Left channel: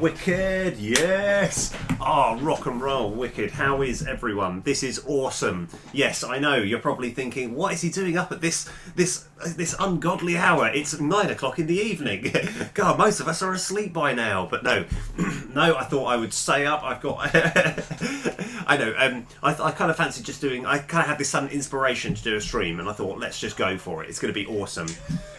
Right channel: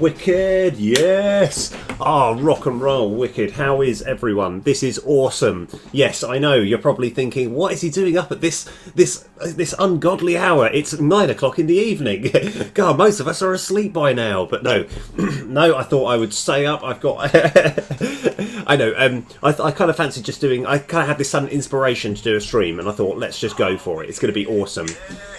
Wicked, yes! Rock and roll, wicked. How is everyone? This is awesome. Yes, I know, you're probably thinking, what is he doing up at this ungodly hour? It's 9 o'clock in the evening. God, most of us are asleep by now. But no, no, I thought I would stay up. I've got... I know, I kind of fancied just doing... I kind of had this sudden inspiration to do a stream, and I thought, let's just go for it. It's going to be awesome.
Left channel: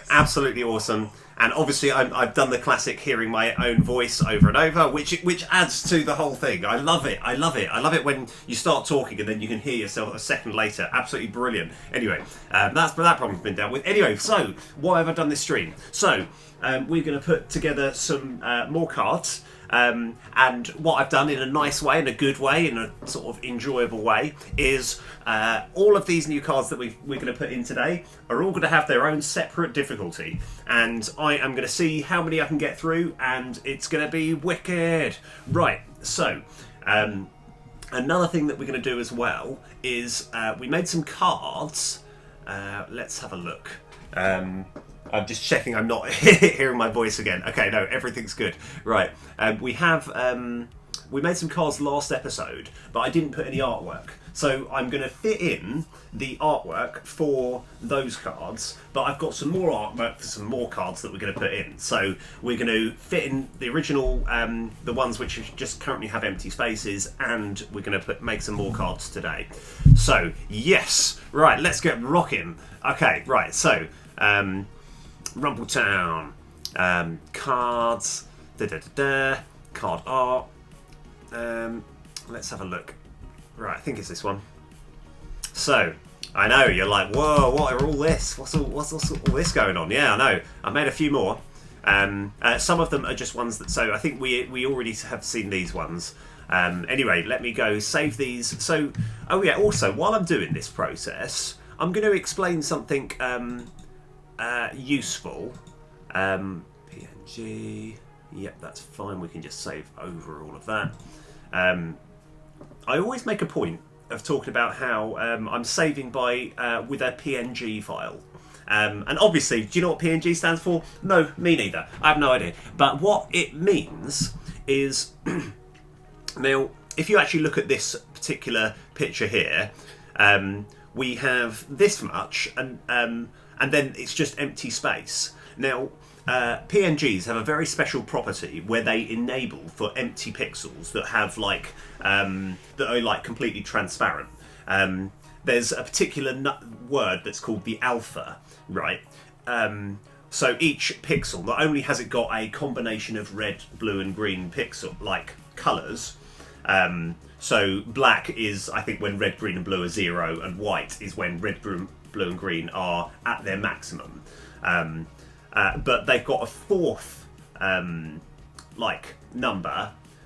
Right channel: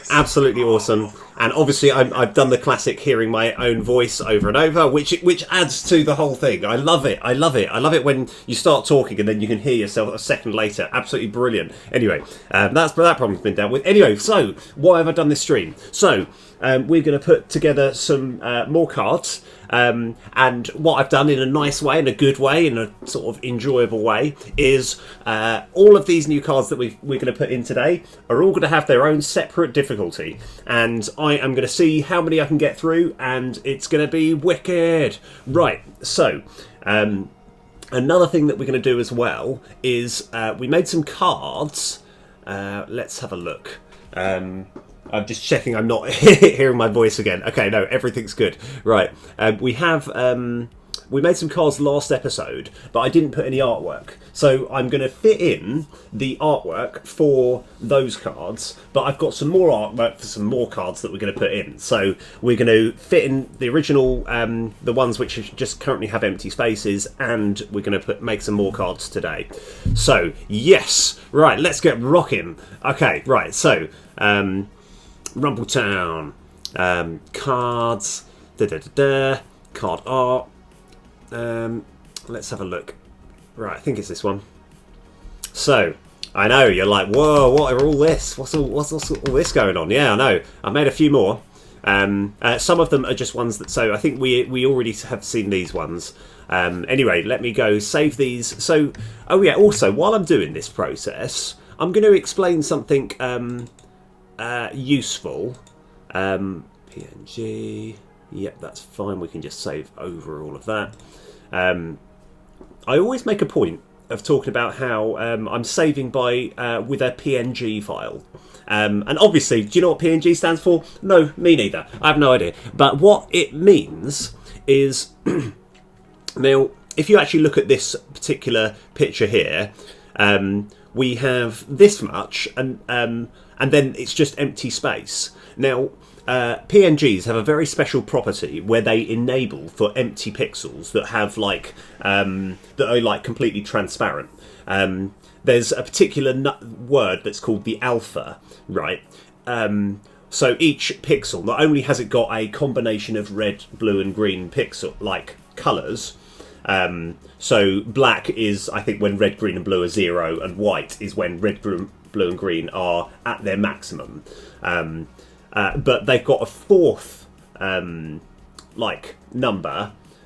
Absolutely awesome. And obviously I've done the classic hearing my own voice over and over, which adds to the whole thing. I love it. I love it. I love it when you start talking and then you can hear yourself a second later. Absolutely brilliant. Anyway, that problem's been dealt with. Anyway, so why have I done this stream? So we're going to put together some more cards. And what I've done in a nice way, in a good way, in a sort of enjoyable way, is all of these new cards that we're going to put in today are all going to have their own separate difficulty. And I am going to see how many I can get through, and it's going to be wicked. Right, so... another thing that we're going to do as well is we made some cards. Let's have a look. I'm just checking I'm not hearing my voice again. Okay, no, everything's good. Right, we made some cards last episode, but I didn't put any artwork. So I'm going to fit in the artwork for those cards, but I've got some more artwork for some more cards that we're going to put in. So we're going to fit in the original, the ones which just currently have empty spaces, and we're going to make some more cards today. So, yes, right, let's get rocking. Okay, right, so... Rumbletown, cards, card art. Let's have a look. Right, I think it's this one. So, I know you're like, whoa, what are all this? What's all this going on? Yeah, I know. I made a few more. Some of them are just ones that. So I think we already have seen these ones. Anyway, let me go save these. So, oh yeah. Also, while I'm doing this process, I'm going to explain something. Useful. PNG. Yep, that's fine. We can just save over all of that. I always make a point of talking about how I'm saving by with a PNG file. And obviously, do you know what PNG stands for? No, me neither. I have no idea. But what it means is, now, if you actually look at this particular picture here, we have this much, and then it's just empty space. Now, PNGs have a very special property where they enable for empty pixels that have that are like completely transparent. There's a particular word that's called the alpha, right? So each pixel not only has it got a combination of red, blue, and green pixel like colours. So black is, I think, when red, green, and blue are 0, and white is when red, blue, and green are at their maximum. But they've got a fourth number,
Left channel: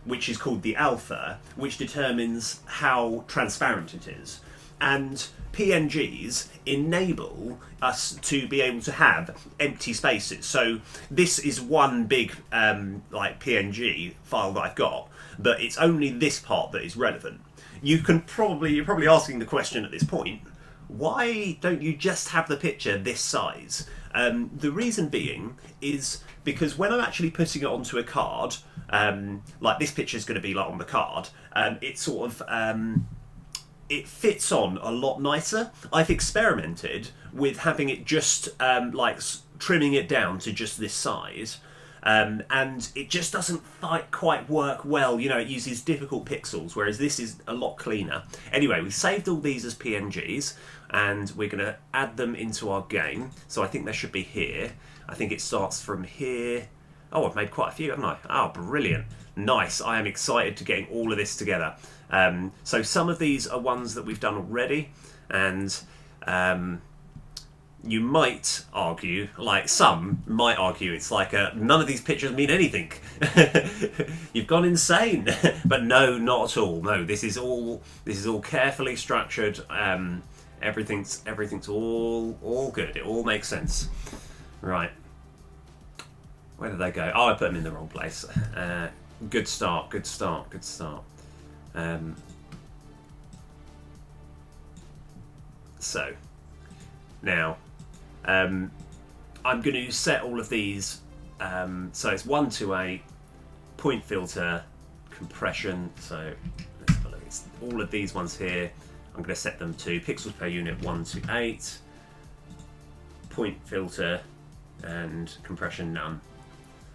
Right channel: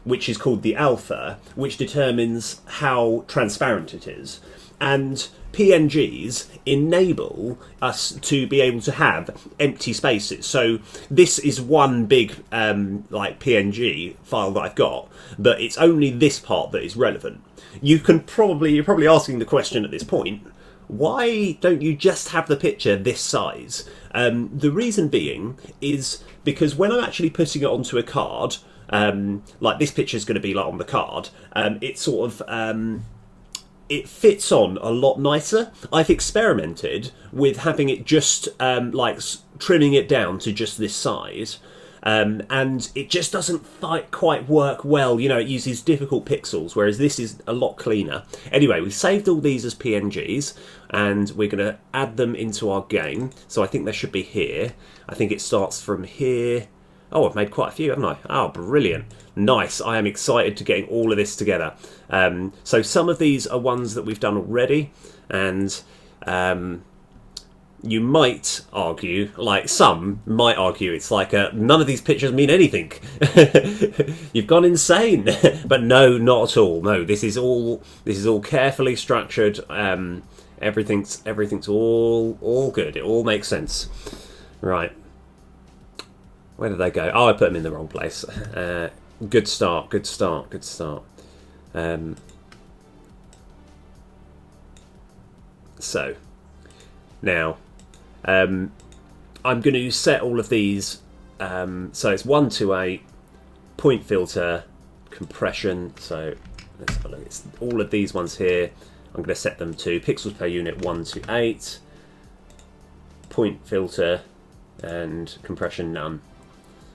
which is called the alpha, which determines how transparent it is. And PNGs enable us to be able to have empty spaces. So this is one big PNG file that I've got, but it's only this part that is relevant. You're probably asking the question at this point, why don't you just have the picture this size? The reason being is because when I'm actually putting it onto a card, like this picture is going to be like on the card, it sort of it fits on a lot nicer. I've experimented with having it just trimming it down to just this size. And it just doesn't quite work well. You know, it uses difficult pixels, whereas this is a lot cleaner. Anyway, we saved all these as PNGs, and we're going to add them into our game. So I think they should be here. I think it starts from here. Oh, I've made quite a few, haven't I? Oh, brilliant. Nice. I am excited to getting all of this together. So some of these are ones that we've done already, and... you might argue, some might argue, it's like none of these pictures mean anything. You've gone insane. But no, not at all. No, this is all carefully structured. Everything's all good. It all makes sense. Right. Where did they go? Oh, I put them in the wrong place. Good start. So now. I'm going to set all of these, so it's 1 to 8, point filter, compression. So let's have a look. It's all of these ones here. I'm going to set them to pixels per unit 1 to 8. Point filter and compression none.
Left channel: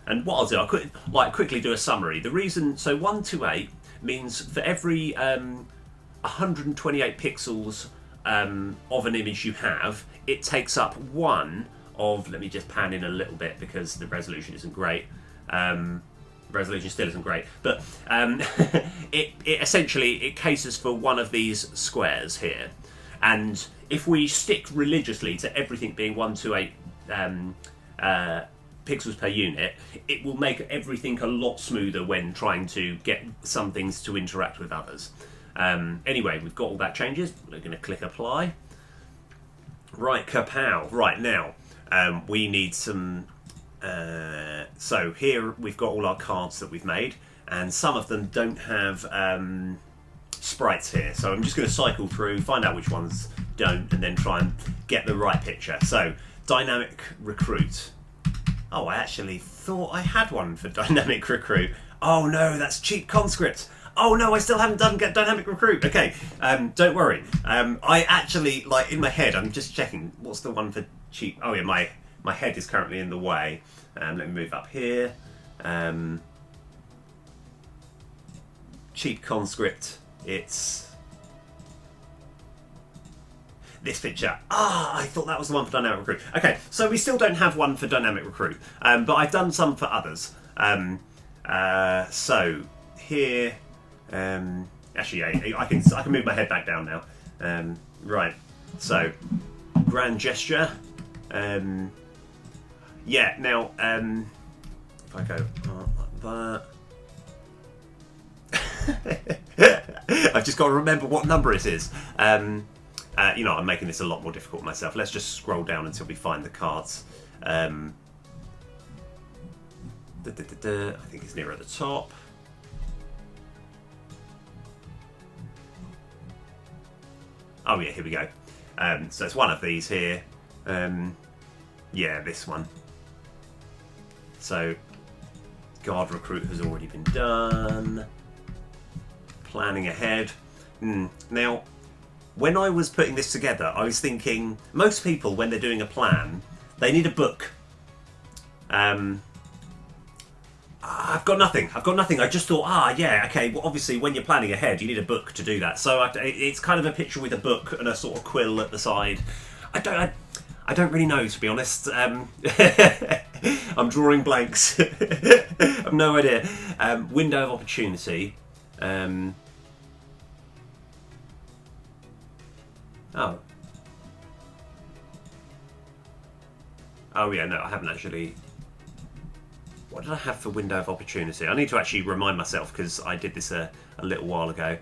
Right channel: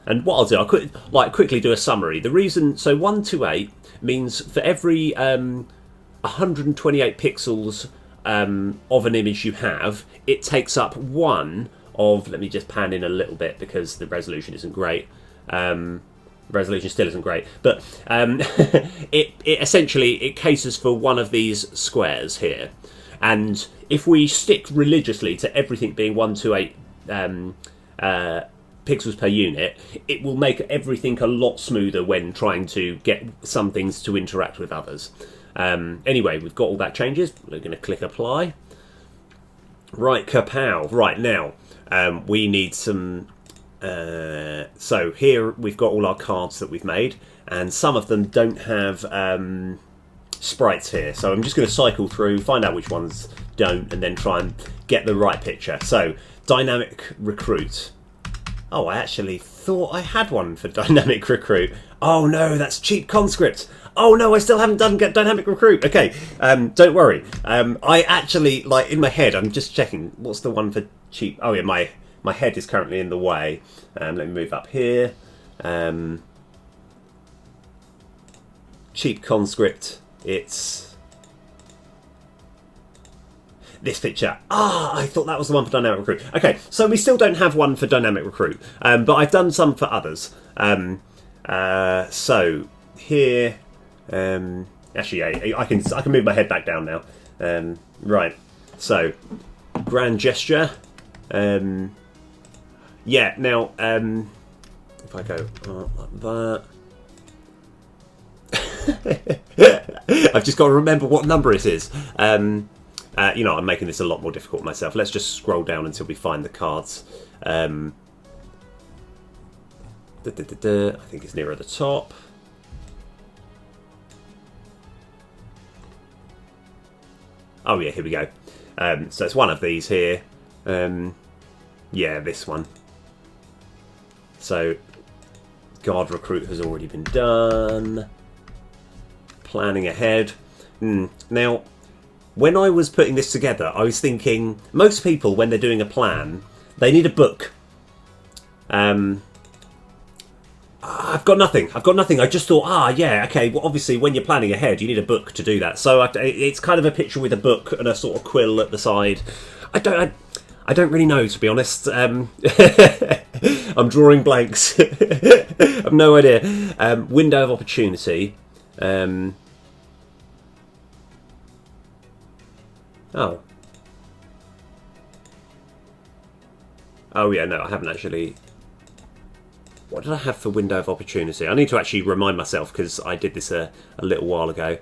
And what I'll do, I'll quickly do a summary. The reason, so 1 to 8 means for every 128 pixels of an image you have, it takes up one of, let me just pan in a little bit because the resolution isn't great. Resolution still isn't great, but it essentially it caters for one of these squares here. And if we stick religiously to everything being 1 to 8 pixels per unit, it will make everything a lot smoother when trying to get some things to interact with others. Anyway, we've got all that changes. We're going to click apply. Right, kapow. Right, now we need some... so here we've got all our cards that we've made, and some of them don't have sprites here. So I'm just going to cycle through, find out which ones don't, and then try and get the right picture. So, dynamic recruit. Oh, I actually thought I had one for dynamic recruit. Oh no, that's cheap conscript. Oh no, I still haven't done dynamic recruit. Okay, don't worry. I actually, like, in my head, I'm just checking what's the one for cheap. Oh yeah, my head is currently in the way. Let me move up here. Cheap conscript. It's this picture. Ah, I thought that was the one for dynamic recruit. Okay, so we still don't have one for dynamic recruit, but I've done some for others. So here, actually, yeah, I can move my head back down now. Right. So, grand gesture. Yeah. Now, if I go like that. I've just got to remember what number it is. You know, I'm making this a lot more difficult myself. Let's just scroll down until we find the cards. I think it's nearer the top. Oh yeah, here we go. So it's one of these here. Yeah, this one. So, guard recruit has already been done. Planning ahead. Now, when I was putting this together, I was thinking, most people, when they're doing a plan, they need a book. I've got nothing. I just thought, yeah, okay, well, obviously, when you're planning ahead, you need a book to do that. So it's kind of a picture with a book and a sort of quill at the side. I don't really know, to be honest. I'm drawing blanks. I've no idea. Window of opportunity. Oh. Oh yeah, no, I haven't actually... What did I have for window of opportunity? I need to actually remind myself, because I did this a little while ago.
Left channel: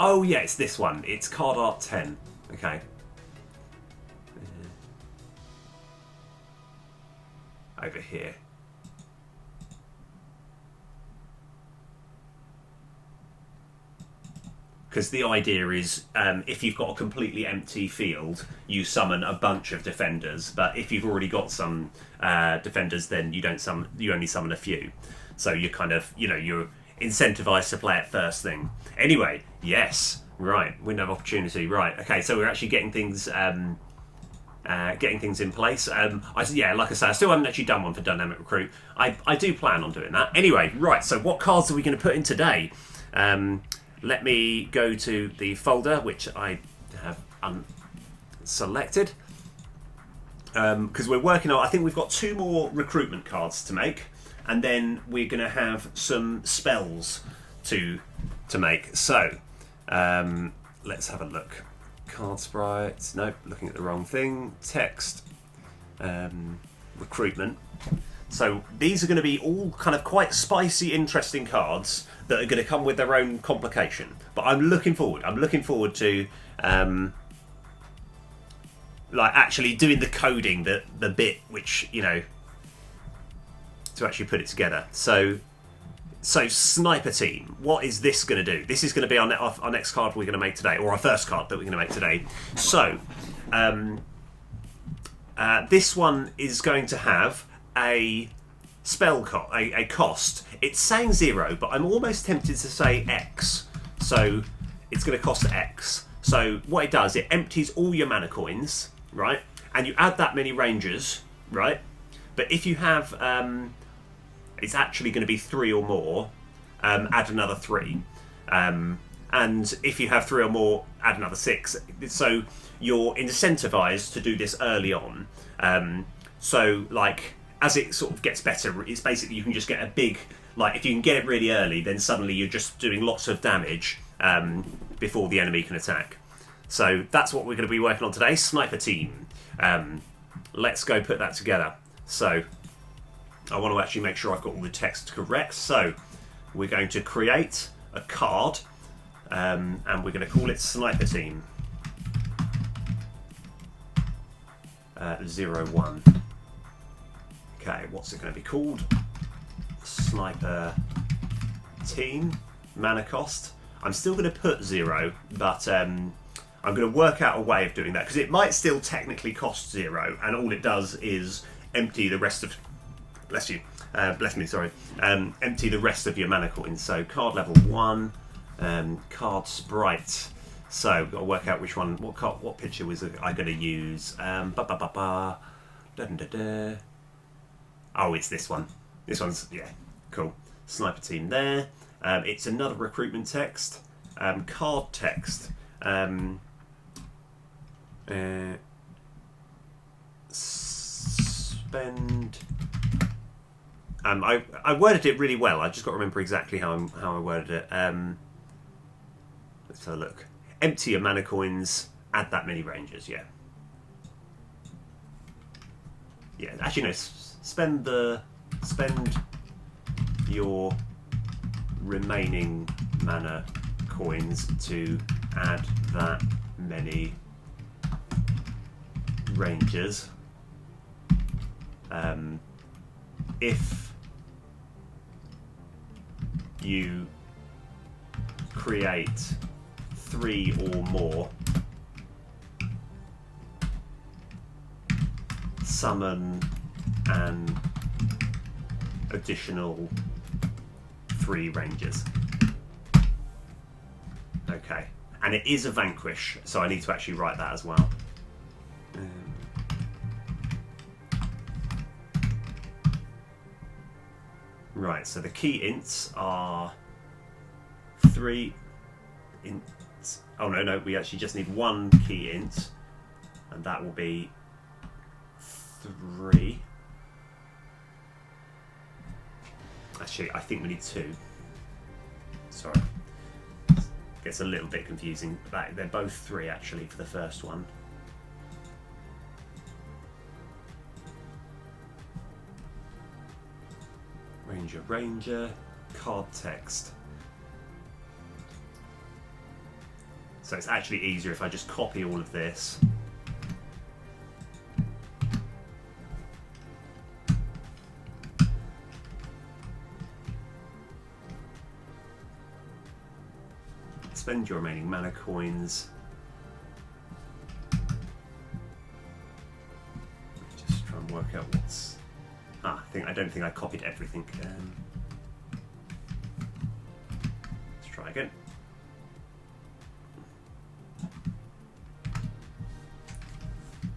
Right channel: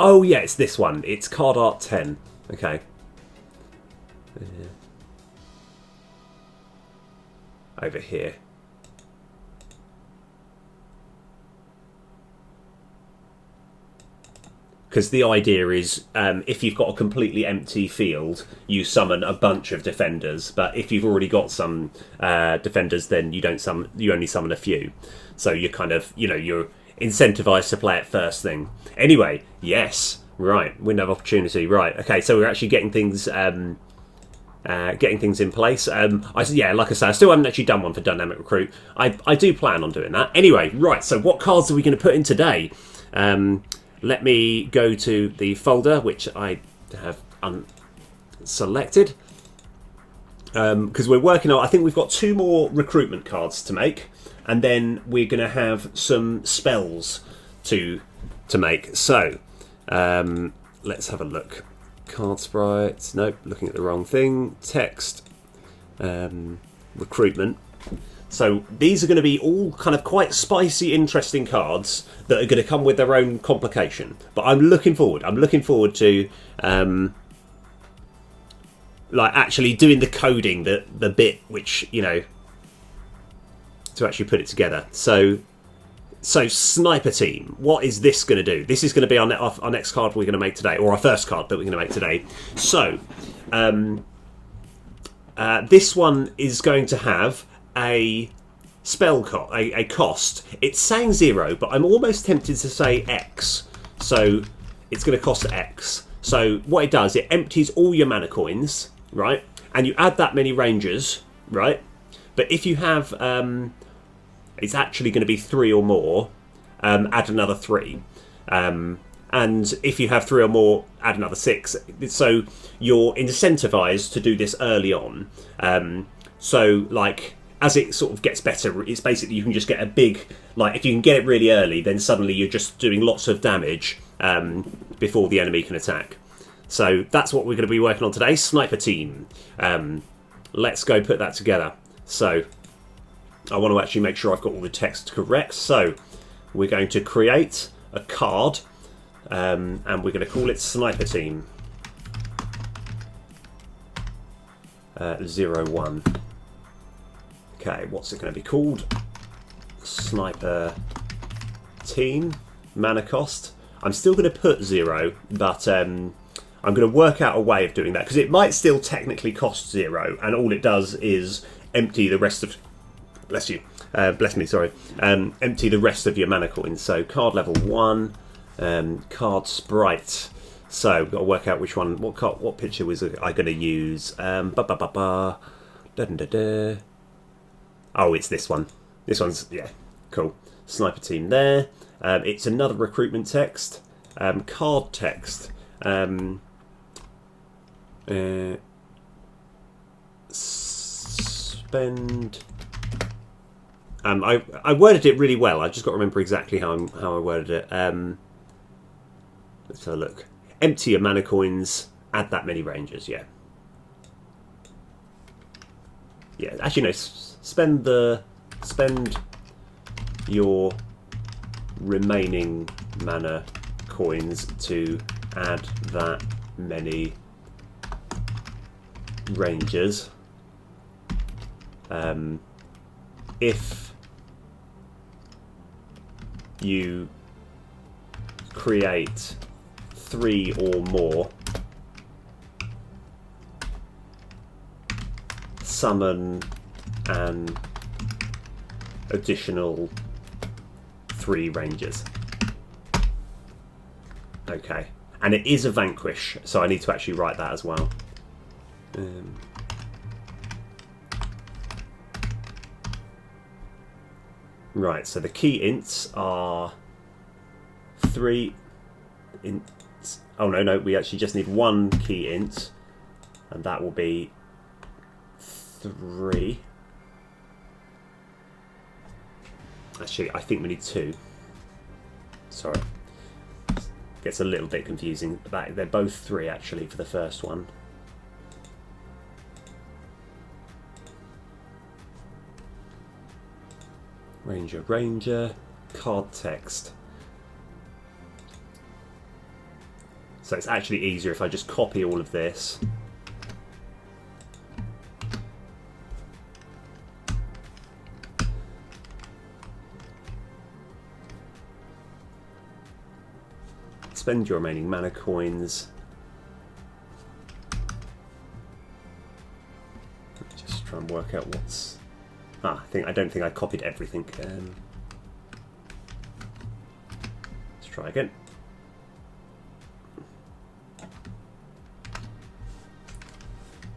Oh yeah, it's this one. It's card art 10. Okay. Over here. Because the idea is, if you've got a completely empty field, you summon a bunch of defenders. But if you've already got some defenders, then you don't summon. You only summon a few. So you're kind of, you know, you're incentivized to play it first thing. Anyway, yes, right, window of opportunity. Right, okay. So we're actually getting things, in place. Yeah, like I say, I still haven't actually done one for dynamic recruit. I do plan on doing that. Anyway, right. So what cards are we going to put in today? Let me go to the folder, which I have unselected. Because we're working on, I think we've got 2 more recruitment cards to make. And then we're going to have some spells to make. So, let's have a look. Card sprites. Nope, looking at the wrong thing. Text. Recruitment. So these are going to be all kind of quite spicy, interesting cards that are going to come with their own complication. But I'm looking forward. I'm looking forward to like actually doing the coding, the bit which, you know, to actually put it together. So Sniper Team, what is this going to do? This is going to be our next card we're going to make today, or our first card that we're going to make today. So this one is going to have a a cost. It's saying 0, but I'm almost tempted to say X. So it's going to cost X. So what it does, it empties all your mana coins, right? And you add that many rangers, right? But if you have, it's actually going to be 3 or more, add another 3. And if you have 3 or more, add another 6. So you're incentivized to do this early on. So, like, as it sort of gets better, it's basically you can just get a big... Like, if you can get it really early, then suddenly you're just doing lots of damage before the enemy can attack. So that's what we're going to be working on today. Sniper team. Let's go put that together. So I want to actually make sure I've got all the text correct. So we're going to create a card, and we're going to call it Sniper Team 01. Okay, what's it going to be called? Sniper Team. Mana cost. I'm still going to put 0, but I'm going to work out a way of doing that, because it might still technically cost 0, and all it does is empty the rest of... Bless you. Bless me, sorry. Empty the rest of your mana coins. So card level 1, card sprite. So we've got to work out which one, what picture was I going to use? Da-da-da-da. Oh, it's this one. This one's, yeah, cool. Sniper team there. It's another recruitment text. Card text. Spend... I worded it really well. I just got to remember exactly how I worded it. Let's have a look. Empty your mana coins. Add that many rangers. Yeah. Yeah. Actually, no. Spend your remaining mana coins to add that many rangers. If you create 3 or more, summon an additional 3 rangers. Okay, and it is a vanquish, so I need to actually write that as well. Right, so the key ints are 3 ints. Oh no, we actually just need 1 key int, and that will be 3. Actually, I think we need 2. Sorry. Gets a little bit confusing. They're both 3 actually for the first one. Ranger, card text. So it's actually easier if I just copy all of this. Spend your remaining mana coins. Just try and work out what's... I don't think I copied everything. Let's try again.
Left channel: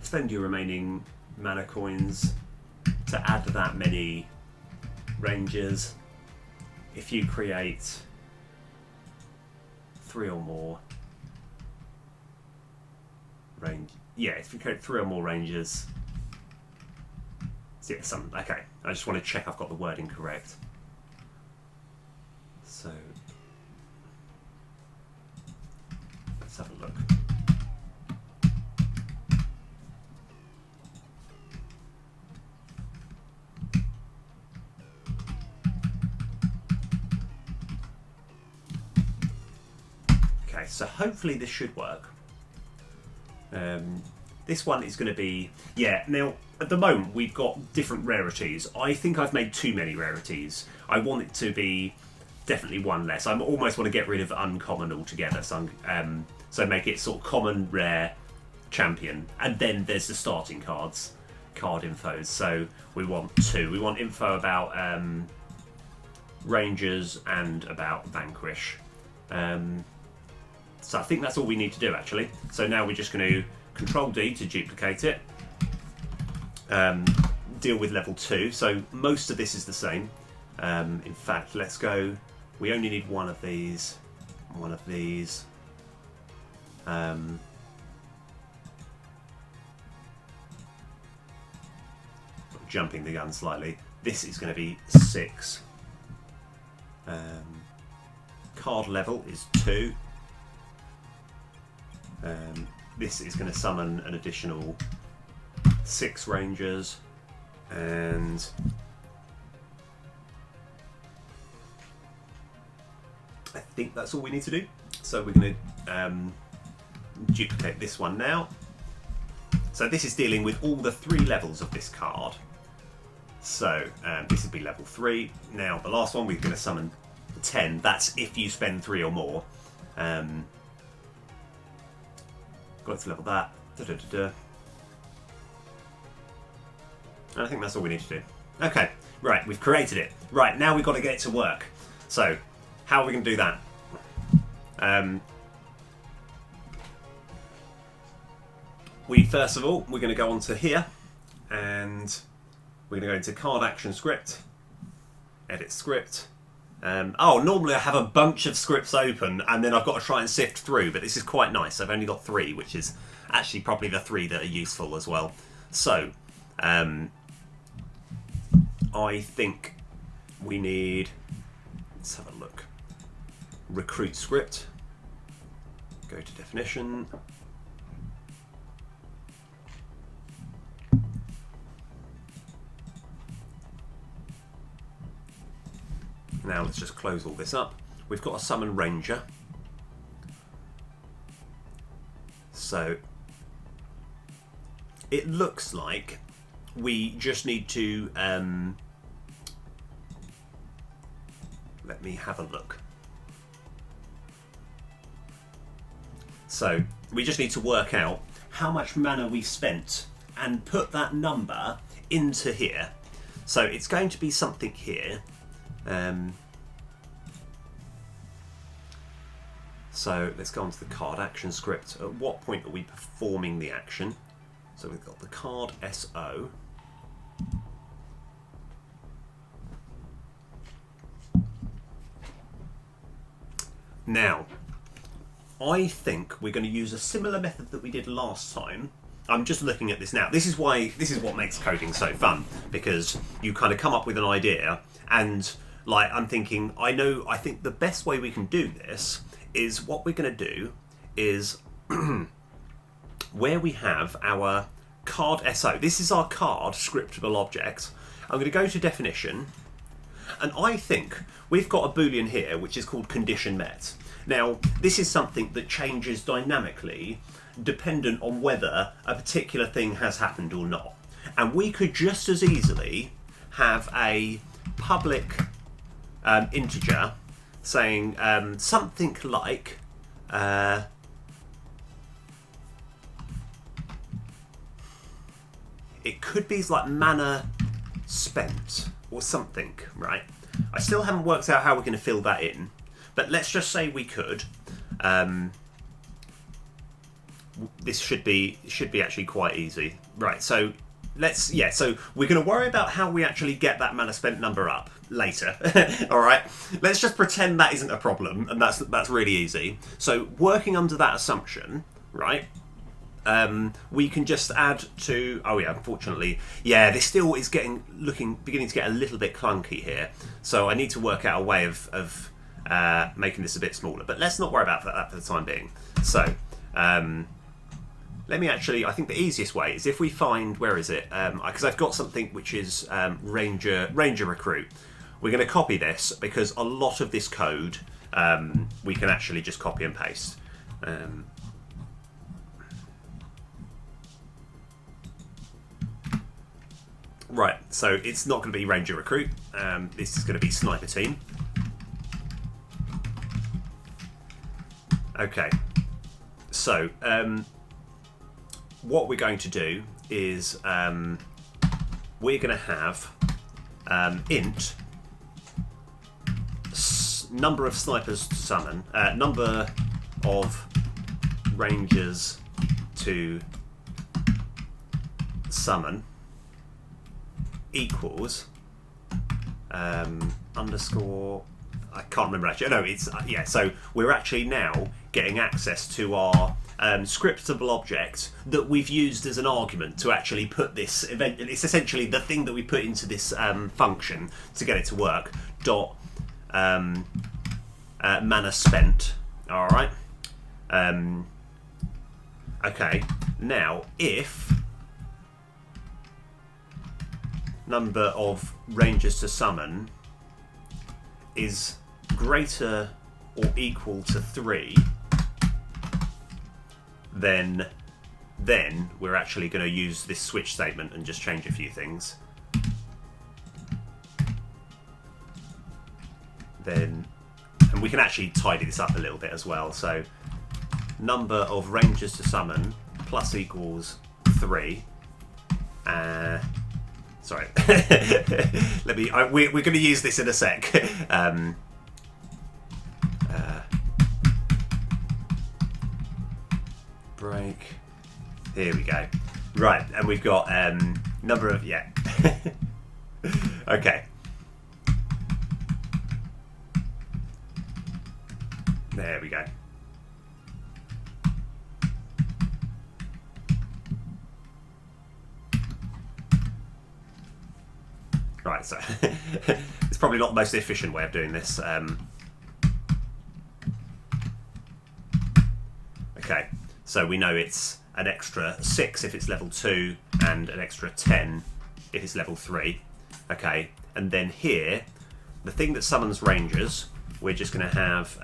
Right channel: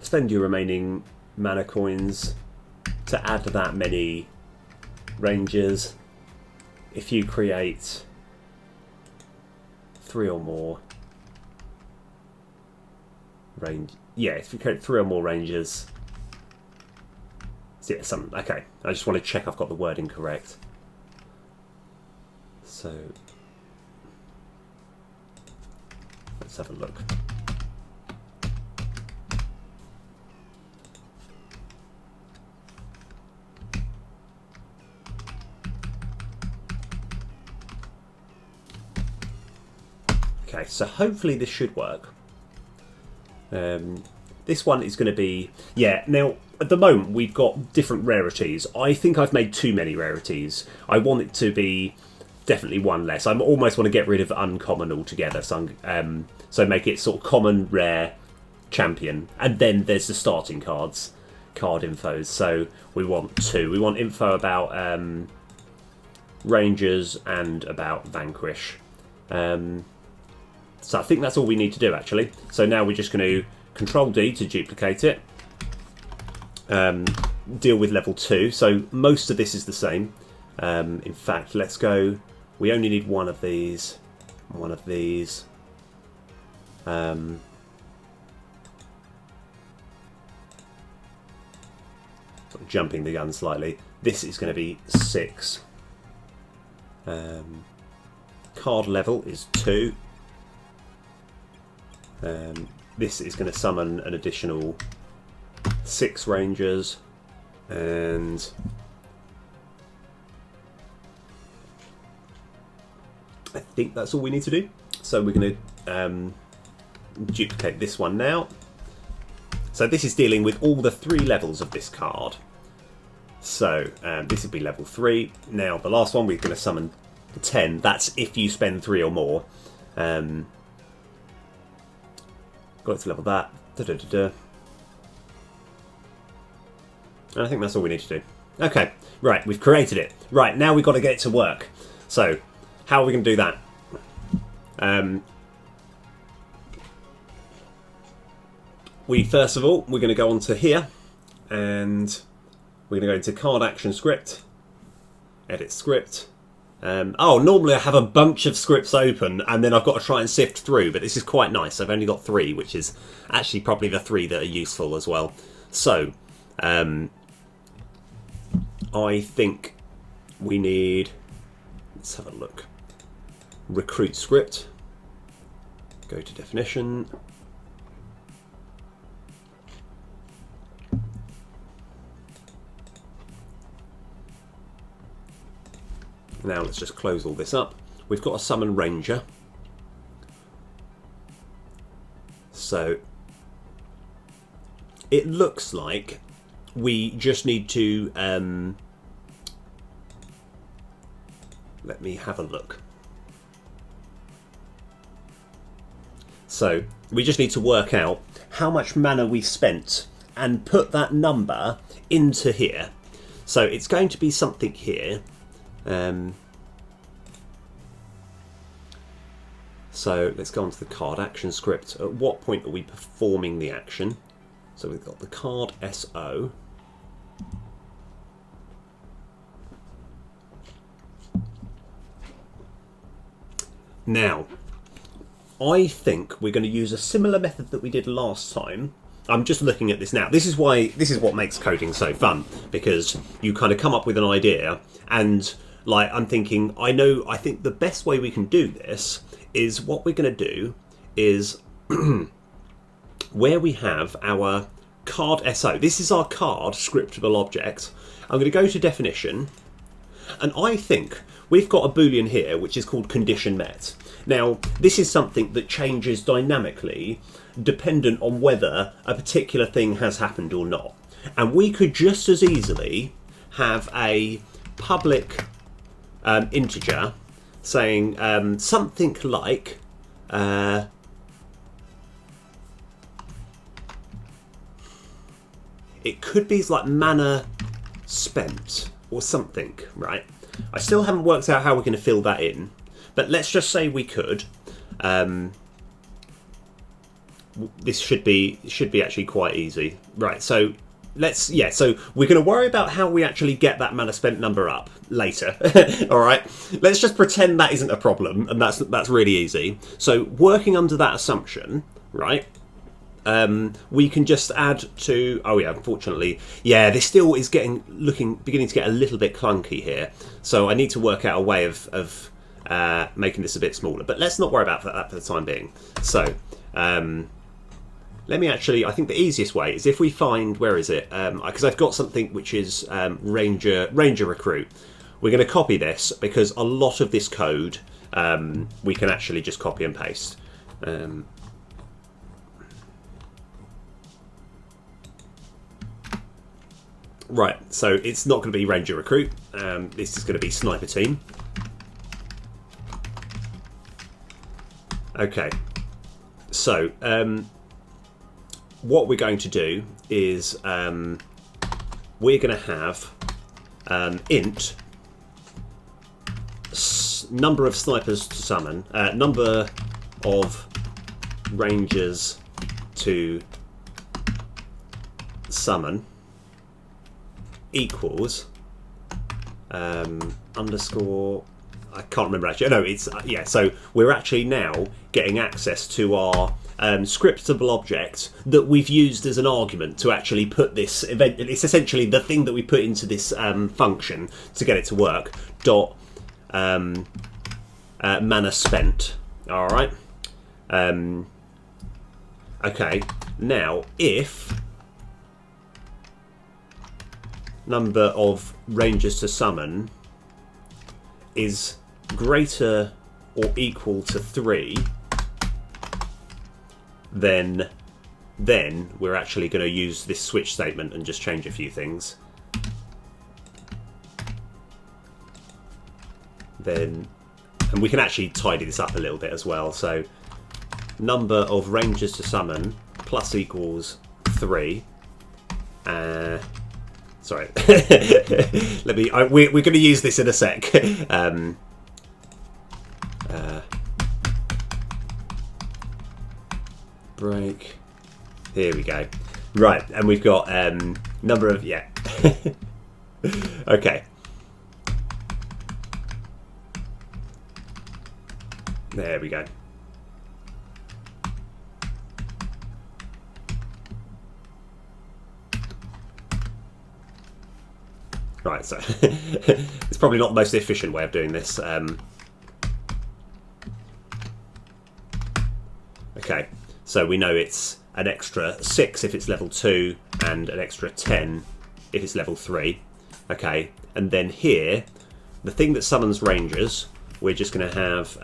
Spend your remaining mana coins to add that many rangers. If you create 3 or more if you create 3 or more rangers. Yeah, okay, I just want to check I've got the wording correct. So let's have a look. Okay, so hopefully this should work. This one is going to be... Yeah, now, at the moment, we've got different rarities. I think I've made too many rarities. I want it to be definitely one less. I almost want to get rid of uncommon altogether. So make it sort of common, rare, champion. And then there's the starting cards. card infos. So we want 2. We want info about Rangers and about Vanquish. So I think that's all we need to do, actually. So now we're just going to Control D to duplicate it. Deal with level 2. So most of this is the same. In fact, let's go. We only need one of these. One of these. Jumping the gun slightly. This is going to be 6. Card level is 2. This is going to summon an additional 6 Rangers, and I think that's all we need to do. So we're going to duplicate this one now. So this is dealing with all the 3 levels of this card. So this would be level 3. Now the last one we're going to summon 10. That's if you spend 3 or more. Got to level that. And I think that's all we need to do. Okay, right, we've created it. Right, now we've got to get it to work. So, how are we going to do that? First of all, we're going to go onto here, and we're going to go into Card Action Script, Edit Script. Normally I have a bunch of scripts open and then I've got to try and sift through, but this is quite nice. I've only got 3, which is actually probably the 3 that are useful as well. So, I think we need, let's have a look. Recruit script, go to definition. Now let's just close all this up. We've got a summon Ranger. So it looks like we just need to let me have a look. So we just need to work out how much mana we've spent and put that number into here. So it's going to be something here. So let's go on to the card action script. At what point are we performing the action? So we've got the card SO. Now, I think we're going to use a similar method that we did last time. I'm just looking at this now. This is what makes coding so fun, because you kind of come up with an idea and like I'm thinking, I think the best way we can do this is what we're going to do is where we have our card SO. This is our card scriptable object. I'm going to go to definition, and I think we've got a boolean here which is called condition met. Now this is something that changes dynamically dependent on whether a particular thing has happened or not. And we could just as easily have a public integer saying something like it could be like mana spent or something, right? I still haven't worked out how we're going to fill that in, but let's just say we could. This should be actually quite easy, right? So so we're going to worry about how we actually get that mana spent number up later. All right, let's just pretend that isn't a problem, and that's really easy. So working under that assumption, right? We can just add to. Oh yeah, unfortunately, yeah, this still is beginning to get a little bit clunky here. So I need to work out a way of making this a bit smaller. But let's not worry about that for the time being. So. Let me actually, I think the easiest way is if we find, where is it? Because I've got something which is Ranger Recruit. We're going to copy this because a lot of this code we can actually just copy and paste. Right, so it's not going to be Ranger Recruit. This is going to be Sniper Team. Okay, so what we're going to do is we're going to have int number of snipers to summon, number of rangers to summon equals underscore, I can't remember actually. No, it's yeah. So we're actually now getting access to our scriptable object that we've used as an argument to actually put this event. It's essentially the thing that we put into this function to get it to work. Dot mana spent. All right. Okay. Now, if number of rangers to summon is greater or equal to 3, then we're actually going to use this switch statement and just change a few things. And we can actually tidy this up a little bit as well. So number of rangers to summon plus equals 3. Sorry, we're going to use this in a sec. Break. Here we go. Right, and we've got number of Okay. There we go. Right, so it's probably not the most efficient way of doing this. Okay, so we know it's an extra 6 if it's level 2 and an extra 10 if it's level 3. Okay, and then here, the thing that summons rangers, we're just going to have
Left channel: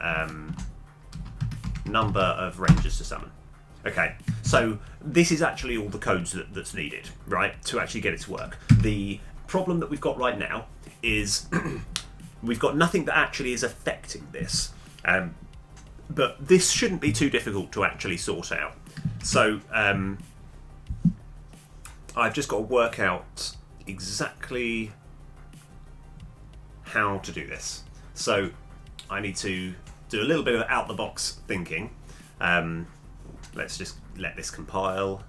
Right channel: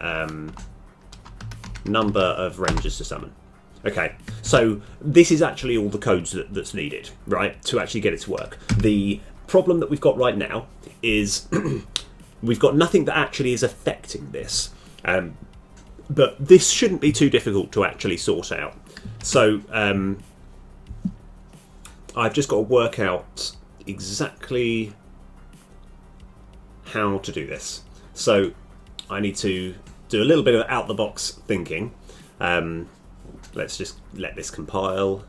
number of rangers to summon. Okay, so this is actually all the codes that's needed, right, to actually get it to work. The problem that we've got right now is we've got nothing that actually is affecting this, but this shouldn't be too difficult to actually sort out. So I've just got to work out exactly how to do this. So I need to do a little bit of out-the-box thinking. Let's just let this compile.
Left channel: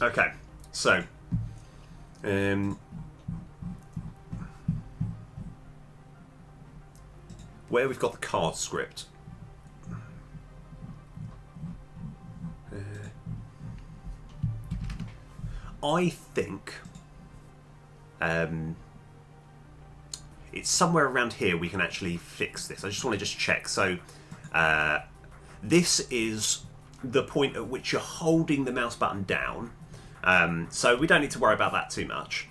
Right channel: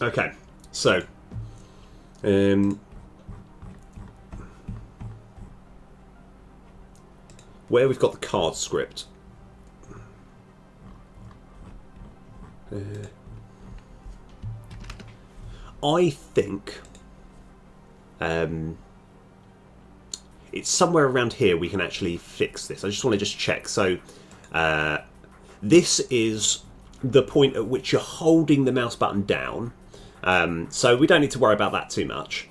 Okay, so where we've got the card script, I think it's somewhere around here we can actually fix this. I just want to check. So this is the point at which you're holding the mouse button down. So we don't need to worry about that too much.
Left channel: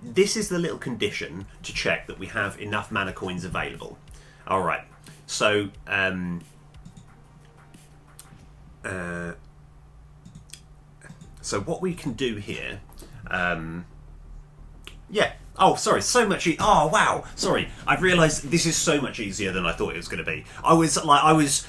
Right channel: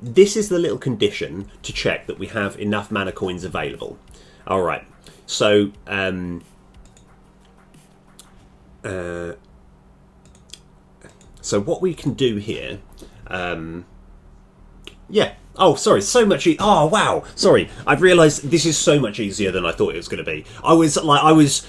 This is the little condition to check that we have enough mana coins available. All right. So so what we can do here, yeah. Oh, sorry, so much. Oh, wow. Sorry, I've realised this is so much easier than I thought it was going to be. I was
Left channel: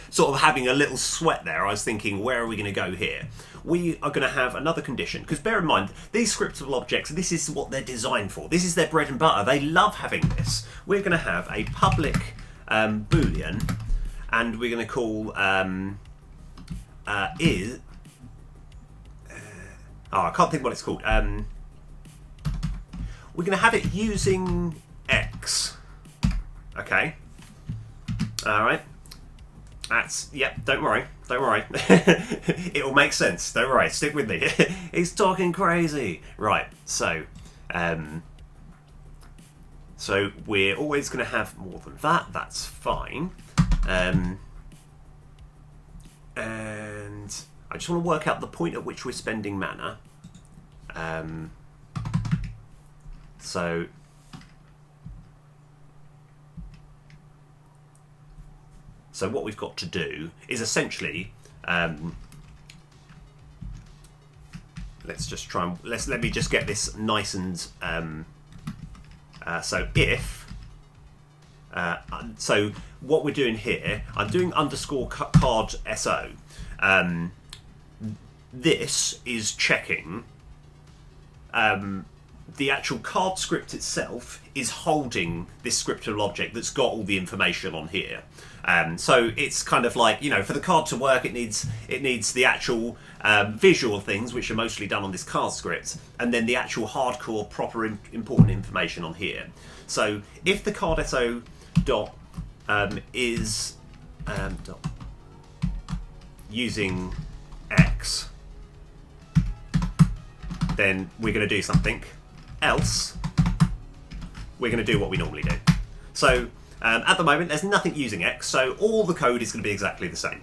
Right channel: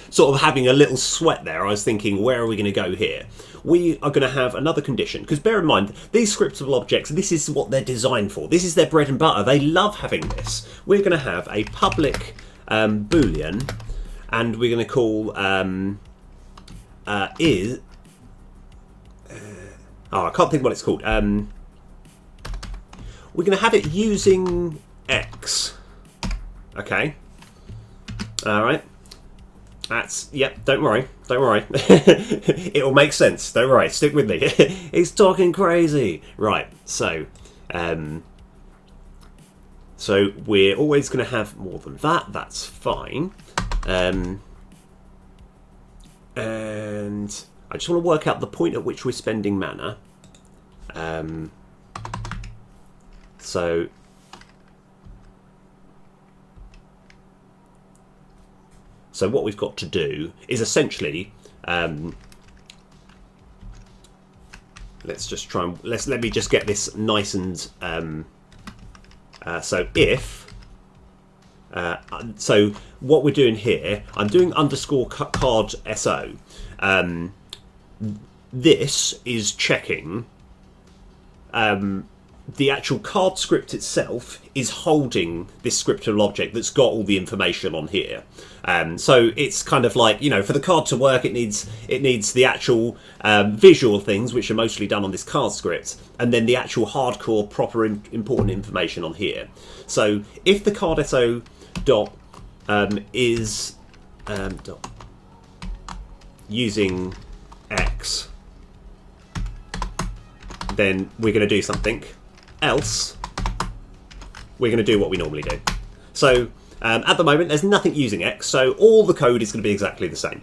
sort of having a little sweat there. I was thinking, where are we going to go here? We are going to have another condition, because bear in mind, these scriptable objects, this is what they're designed for. This is their bread and butter. They love having this. We're going to have a public boolean, and we're going to call is. I can't think what it's called. We're going to have it using X. Okay. All right. That's, yep, don't worry. Don't worry. It'll make sense. Don't worry. Stick with me. He's talking crazy. Right. So, so we're always going to have more than that. That's fine. And I just want to work out the point at which we're spending mana. So what we've got to do is essentially, let's just try and let me just get this nice and so if so what we're doing here, I'm doing underscore card so. this is checking the actual card script itself is holding this scriptable object that's got all the information on here. So it's kind of like, you know, for the card to work, it needs the actual visual things, which are mostly done on this card script, and then the actual hardcore, proper, important information on here. So if the card SO dot is dot using X, then we're going to do something. Else, we're going to do what we normally do. So at the moment, there's nothing using X, so all the code is going to be exactly the same.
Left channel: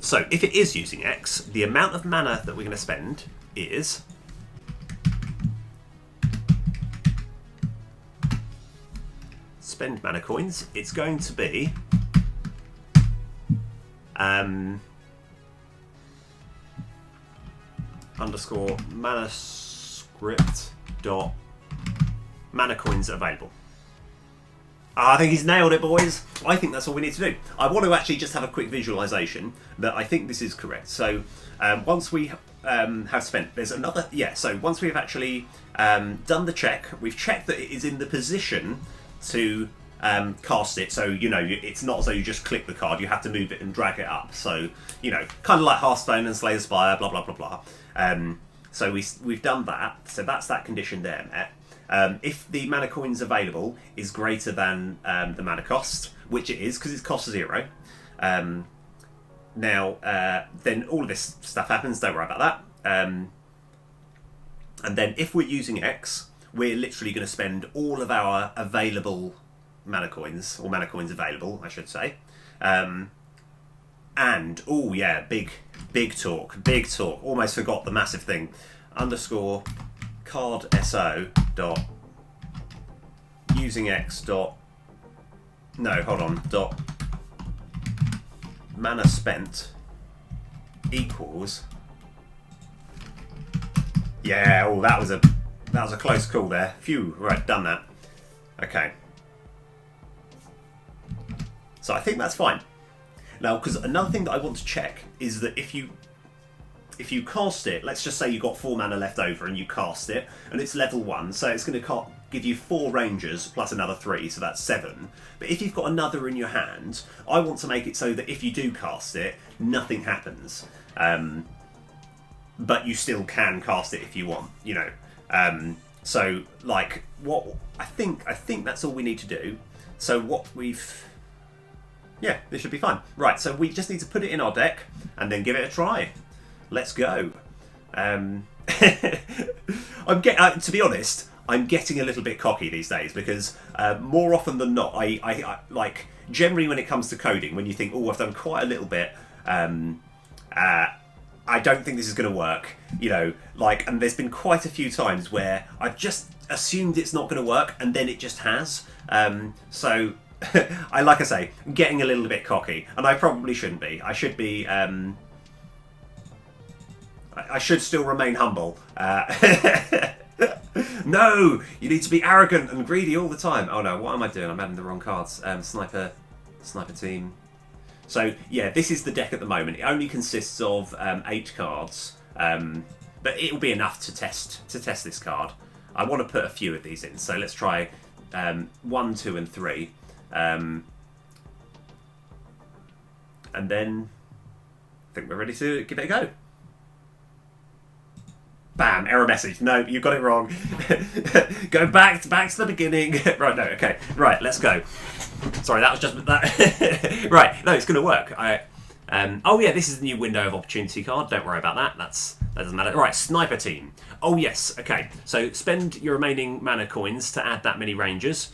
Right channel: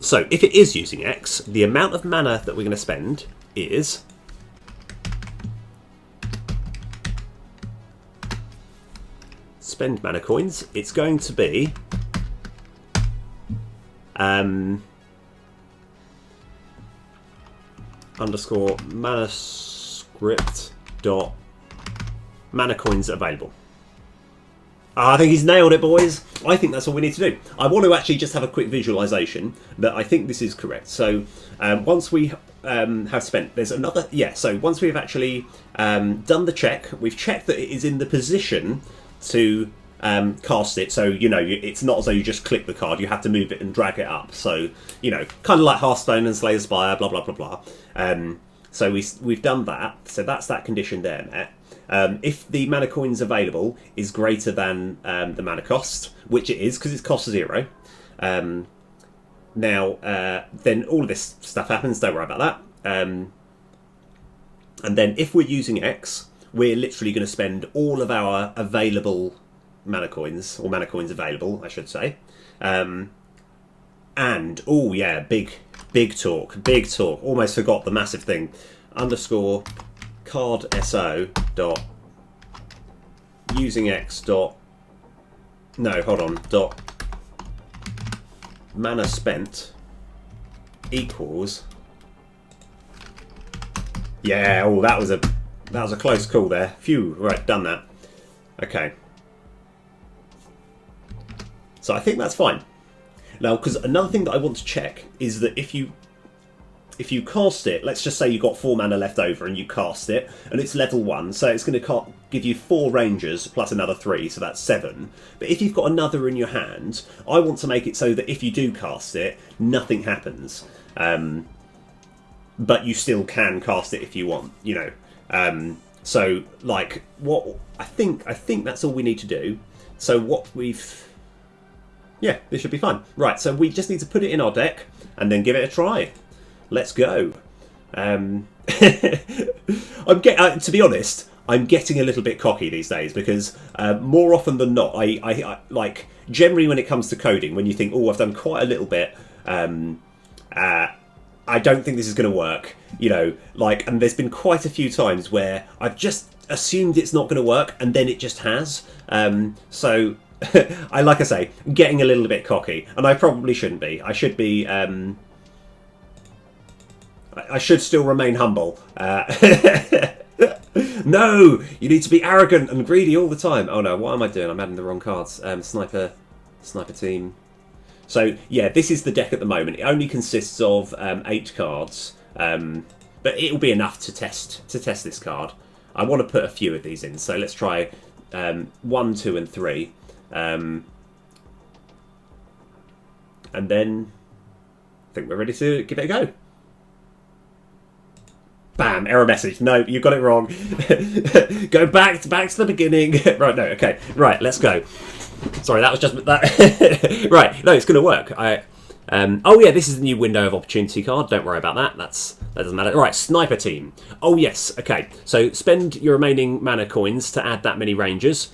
So if it is using X, the amount of mana that we're going to spend is spend mana coins. It's going to be underscore mana script dot mana coins available. I think he's nailed it, boys. I think that's all we need to do. I want to actually just have a quick visualization that I think this is correct. So once we have spent, there's another, so once we've actually done the check, we've checked that it is in the position to cast it. So, you know, it's not as though you just click the card, you have to move it and drag it up. So, you know, kind of like Hearthstone and Slay the Spire, blah, blah, blah, blah. So we've done that. So that's that condition there met. If the mana coins available is greater than the mana cost, which it is because it's cost 0, now then all of this stuff happens. Don't worry about that. And then if we're using X, we're literally going to spend all of our available mana coins, or mana coins available, I should say. And oh yeah, big talk. Almost forgot the massive thing. Underscore card SO dot using X dot dot mana spent equals, yeah, oh that was a close call there. Phew, right, done that. Okay. So I think that's fine. Now, because another thing that I want to check is that if you cast it, let's just say you've got 4 mana left over and you cast it, and it's level 1, so it's going to give you 4 rangers plus another 3, so that's 7. But if you've got another in your hand, I want to make it so that if you do cast it, nothing happens. But you still can cast it if you want, you know. So, like, what I think that's all we need to do. So what we've... Yeah, this should be fine. Right, so we just need to put it in our deck and then give it a try. Let's go. To be honest, I'm getting a little bit cocky these days because more often than not, I like generally when it comes to coding, when you think, oh, I've done quite a little bit, I don't think this is going to work. You know, like, and there's been quite a few times where I've just assumed it's not going to work, and then it just has. So. Like I say, getting a little bit cocky, and I probably shouldn't be. I should be. I should still remain humble. No, you need to be arrogant and greedy all the time. Oh no, what am I doing? I'm adding the wrong cards. Sniper team. So yeah, this is the deck at the moment. It only consists of 8 cards, but it will be enough to test this card. I want to put a few of these in, so let's try 1, 2, and 3. And then I think we're ready to give it a go. Bam! Error message. No, you got it wrong. Go back to the beginning. Right, no, okay. Right, let's go. Sorry, that was just that. Right, no, it's going to work. Oh yeah, this is the new window of opportunity card. Don't worry about that. That doesn't matter. Right, sniper team. Oh yes, okay. So spend your remaining mana coins to add that many rangers.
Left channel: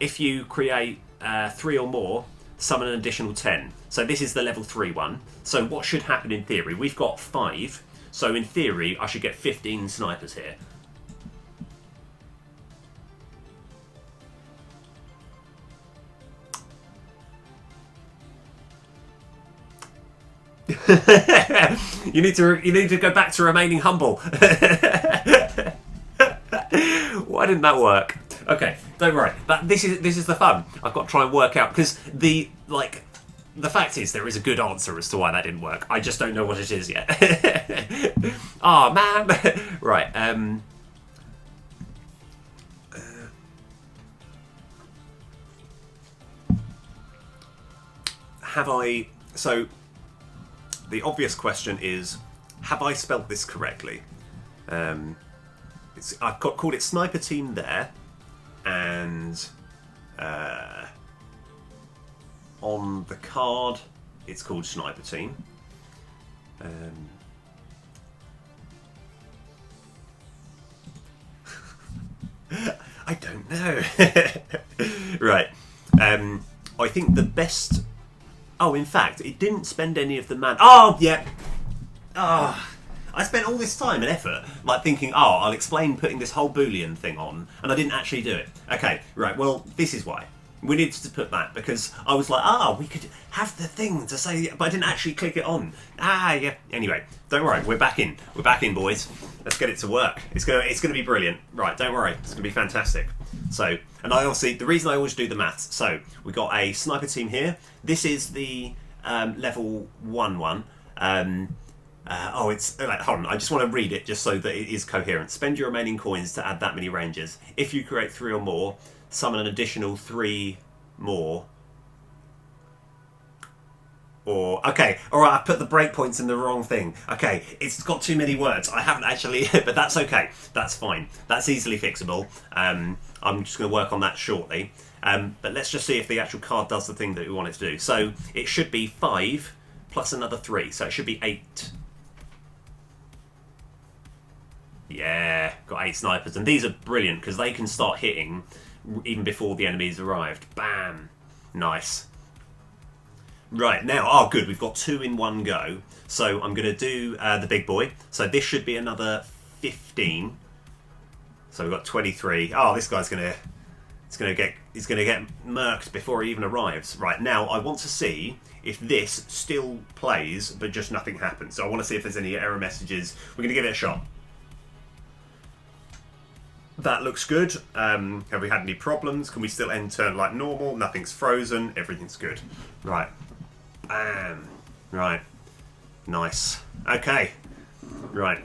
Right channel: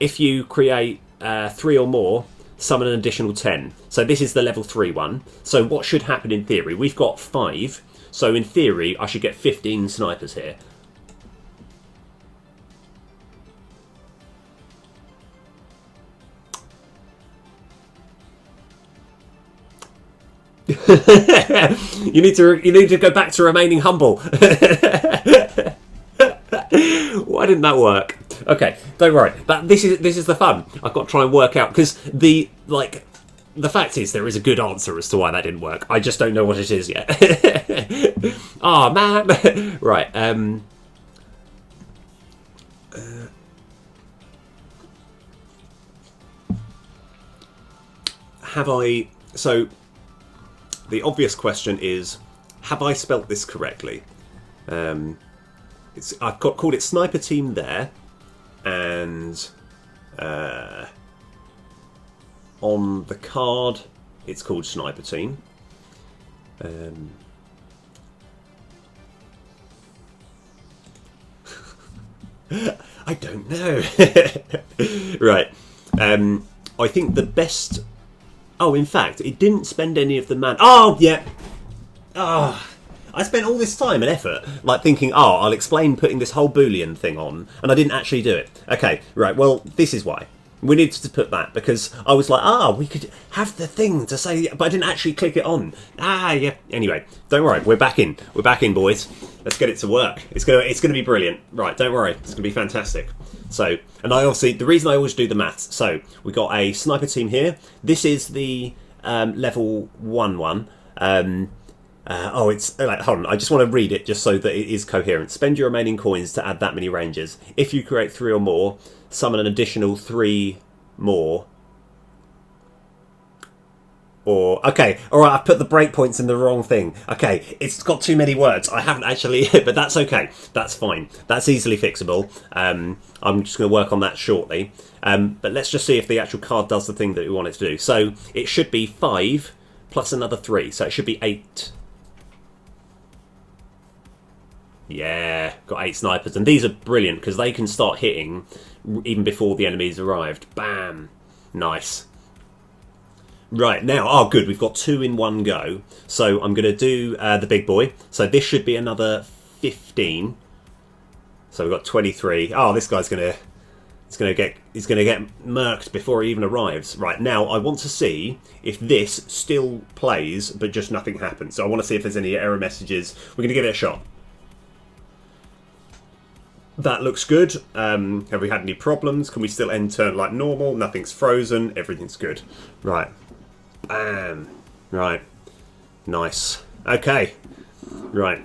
If you create 3 or more, summon an additional 10. So this is the level 3 one. So what should happen in theory? We've got 5. So in theory, I should get 15 snipers here. You need to go back to remaining humble. Why didn't that work? Okay, don't worry. This is the fun. I've got to try and work out because the the fact is, there is a good answer as to why that didn't work. I just don't know what it is yet. Oh, man. Right. Have I... So, the obvious question is, have I spelt this correctly? I've called it Sniper Team there, and on the card it's called Sniper Team. I don't know. Right. I think the best... Oh, in fact, it didn't spend any of the man... Oh, yeah. Oh, I spent all this time and effort, like thinking, oh, I'll explain putting this whole Boolean thing on, and I didn't actually do it. Okay, right, well, this is why. We needed to put that, because I was like, we could have the thing to say, but I didn't actually click it on. Yeah. Anyway, don't worry, we're back in. We're back in, boys. Let's get it to work. It's gonna be brilliant. Right, don't worry, it's gonna be fantastic. So, and I obviously, the reason I always do the maths, so we got a Sniper Team here. This is the level 1-1. It's like, hold on, I just want to read it just so that it is coherent. Spend your remaining coins to add that many ranges. If you create 3 or more, summon an additional 3 more. Or, okay, alright, I put the breakpoints in the wrong thing. Okay, it's got too many words. I haven't actually, but that's okay. That's fine. That's easily fixable. I'm just going to work on that shortly. But let's just see if the actual card does the thing that we want it to do. So, it should be 5 plus another 3. So, it should be 8. Yeah, got 8 snipers. And these are brilliant because they can start hitting even before the enemies arrived. Bam. Nice. Right, now, good, we've got 2 in one go. So I'm going to do the big boy. So this should be another 15. So we've got 23. Oh, this guy's going to... he's going to get murked before he even arrives. Right, now I want to see if this still plays, but just nothing happens. So I want to see if there's any error messages. We're going to give it a shot. That looks good. Have we had any problems? Can we still end turn like normal? Nothing's frozen. Everything's good. Right. Bam. Right. Nice. Okay. Right.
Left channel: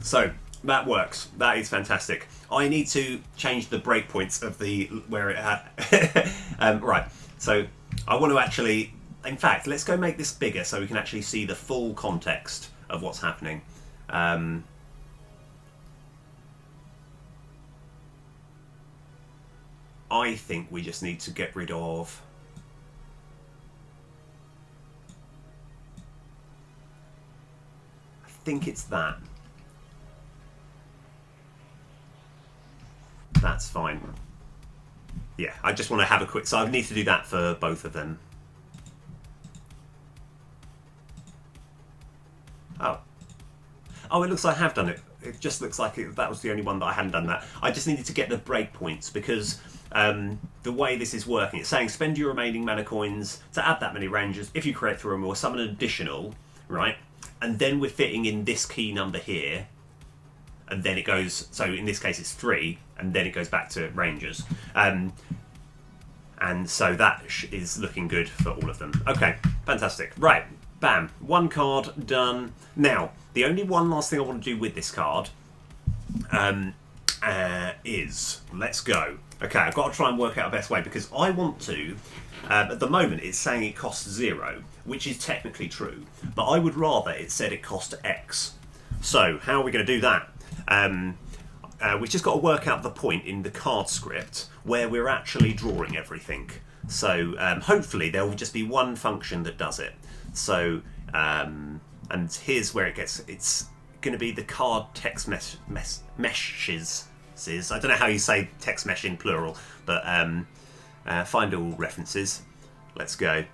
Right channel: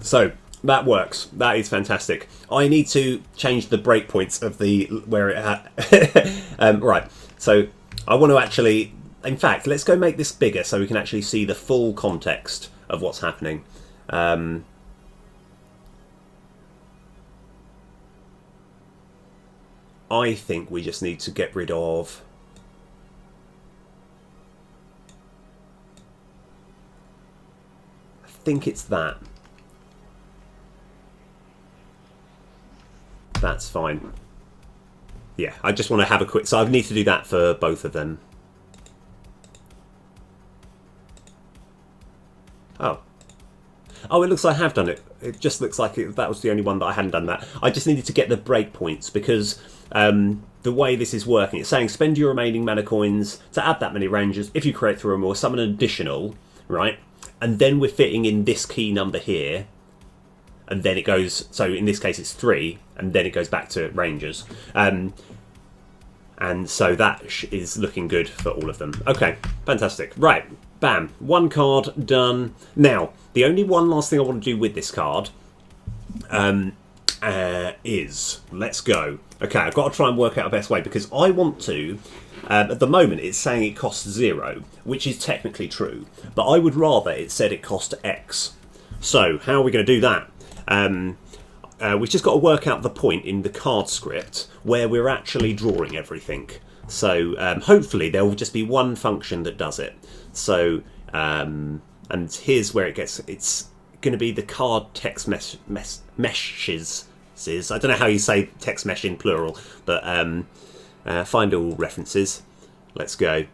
So, that works. That is fantastic. I need to change the breakpoints of the... where it had... right. So, I want to actually... In fact, let's go make this bigger so we can actually see the full context of what's happening. I think we just need to get rid of... I think it's that. That's fine. Yeah, I just want to have a quick... So I need to do that for both of them. Oh, it looks like I have done it. It just looks like that was the only one that I hadn't done that. I just needed to get the breakpoints because the way this is working, it's saying spend your remaining mana coins to add that many ranges. If you create 3 or more, summon an additional, right? And then we're fitting in this key number here. And then it goes, so in this case it's 3, and then it goes back to rangers. And so that is looking good for all of them. Okay, fantastic. Right, bam, 1 card done. Now, the only one last thing I want to do with this card is, let's go. Okay, I've got to try and work out a best way because I want to, at the moment it's saying it costs 0, which is technically true, but I would rather it said it cost X. So, how are we going to do that? We've just got to work out the point in the card script where we're actually drawing everything. So hopefully there will just be one function that does it. So and here's where it gets. It's going to be the card text meshes. I don't know how you say text mesh in plural, but find all references. Let's go.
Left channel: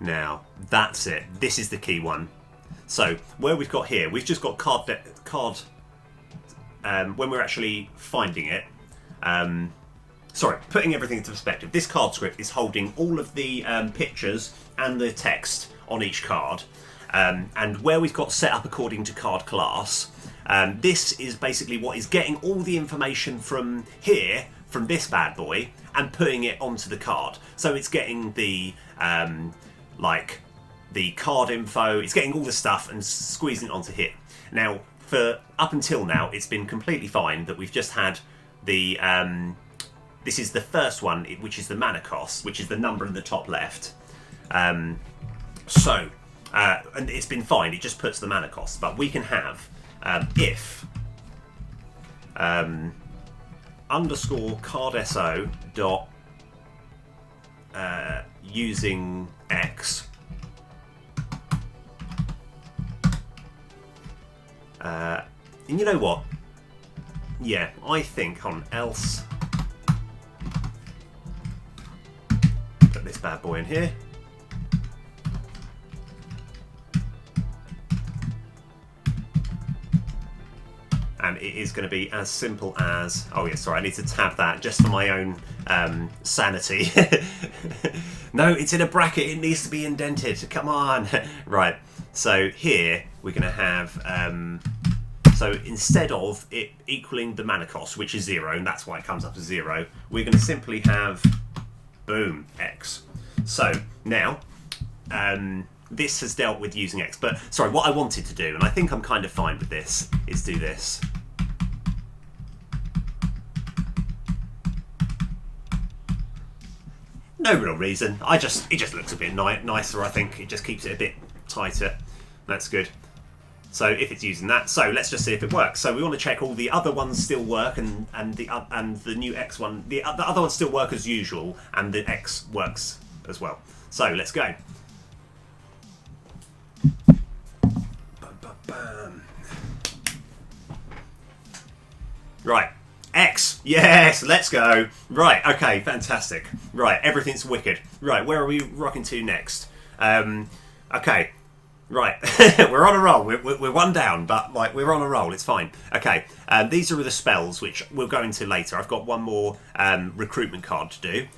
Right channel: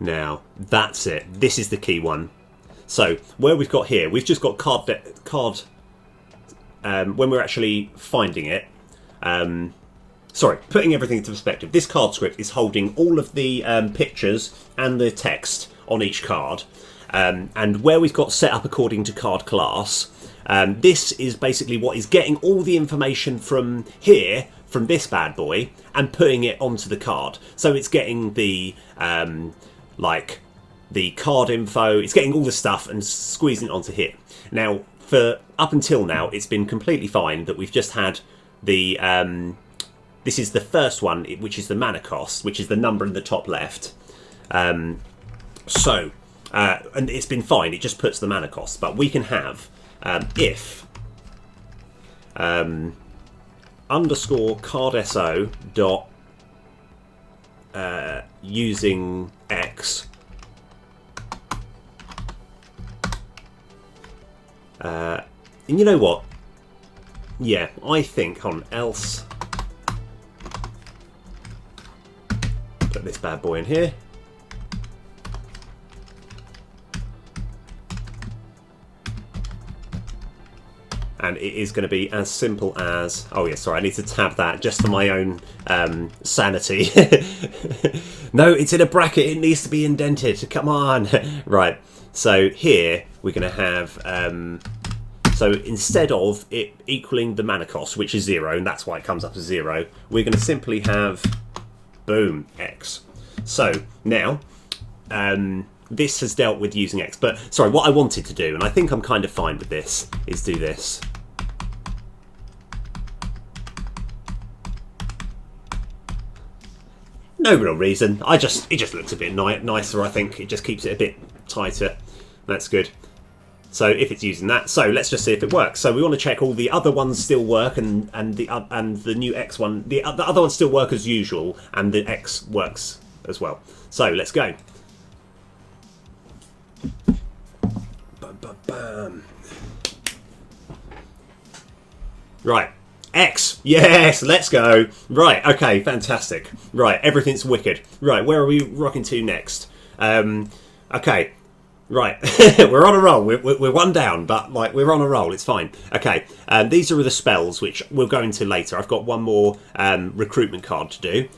Now, that's it. This is the key one. So, where we've got here, we've just got when we're actually finding it, sorry, putting everything into perspective, this card script is holding all of the pictures and the text on each card. And where we've got set up according to card class, This is basically what is getting all the information from here, from this bad boy, and putting it onto the card. So it's getting the like the card info, it's getting all the stuff and squeezing it onto here. Now, for up until now, it's been completely fine that we've just had the this is the first one, which is the mana cost, which is the number in the top left. And it's been fine, it just puts the mana cost. But we can have if underscore card SO dot using X and you know what? Yeah, I think on else put this bad boy in here. And it is going to be as simple as... Oh, yeah, sorry, I need to tab that just for my own sanity. No, it's in a bracket. It needs to be indented. Come on. Right. So here we're going to have... so instead of it equaling the mana cost, which is 0, and that's why it comes up as 0, we're going to simply have... Boom, X. So now... this has dealt with using X, but sorry, what I wanted to do, and I think I'm kind of fine with this, is do this. No real reason. It just looks a bit nicer, I think. It just keeps it a bit tighter. That's good. So if it's using that, so let's just see if it works. So we want to check all the other ones still work, and the new X one, the other ones still work as usual, and the X works as well. So let's go. Bum, bum, bum. Right, X, yes, let's go. Right, okay, fantastic. Right, everything's wicked. Right, where are we rocking to next? Okay, right, we're on a roll. We're one down, but like we're on a roll. It's fine. Okay, these are the spells which we'll go into later. I've got one more recruitment card to do.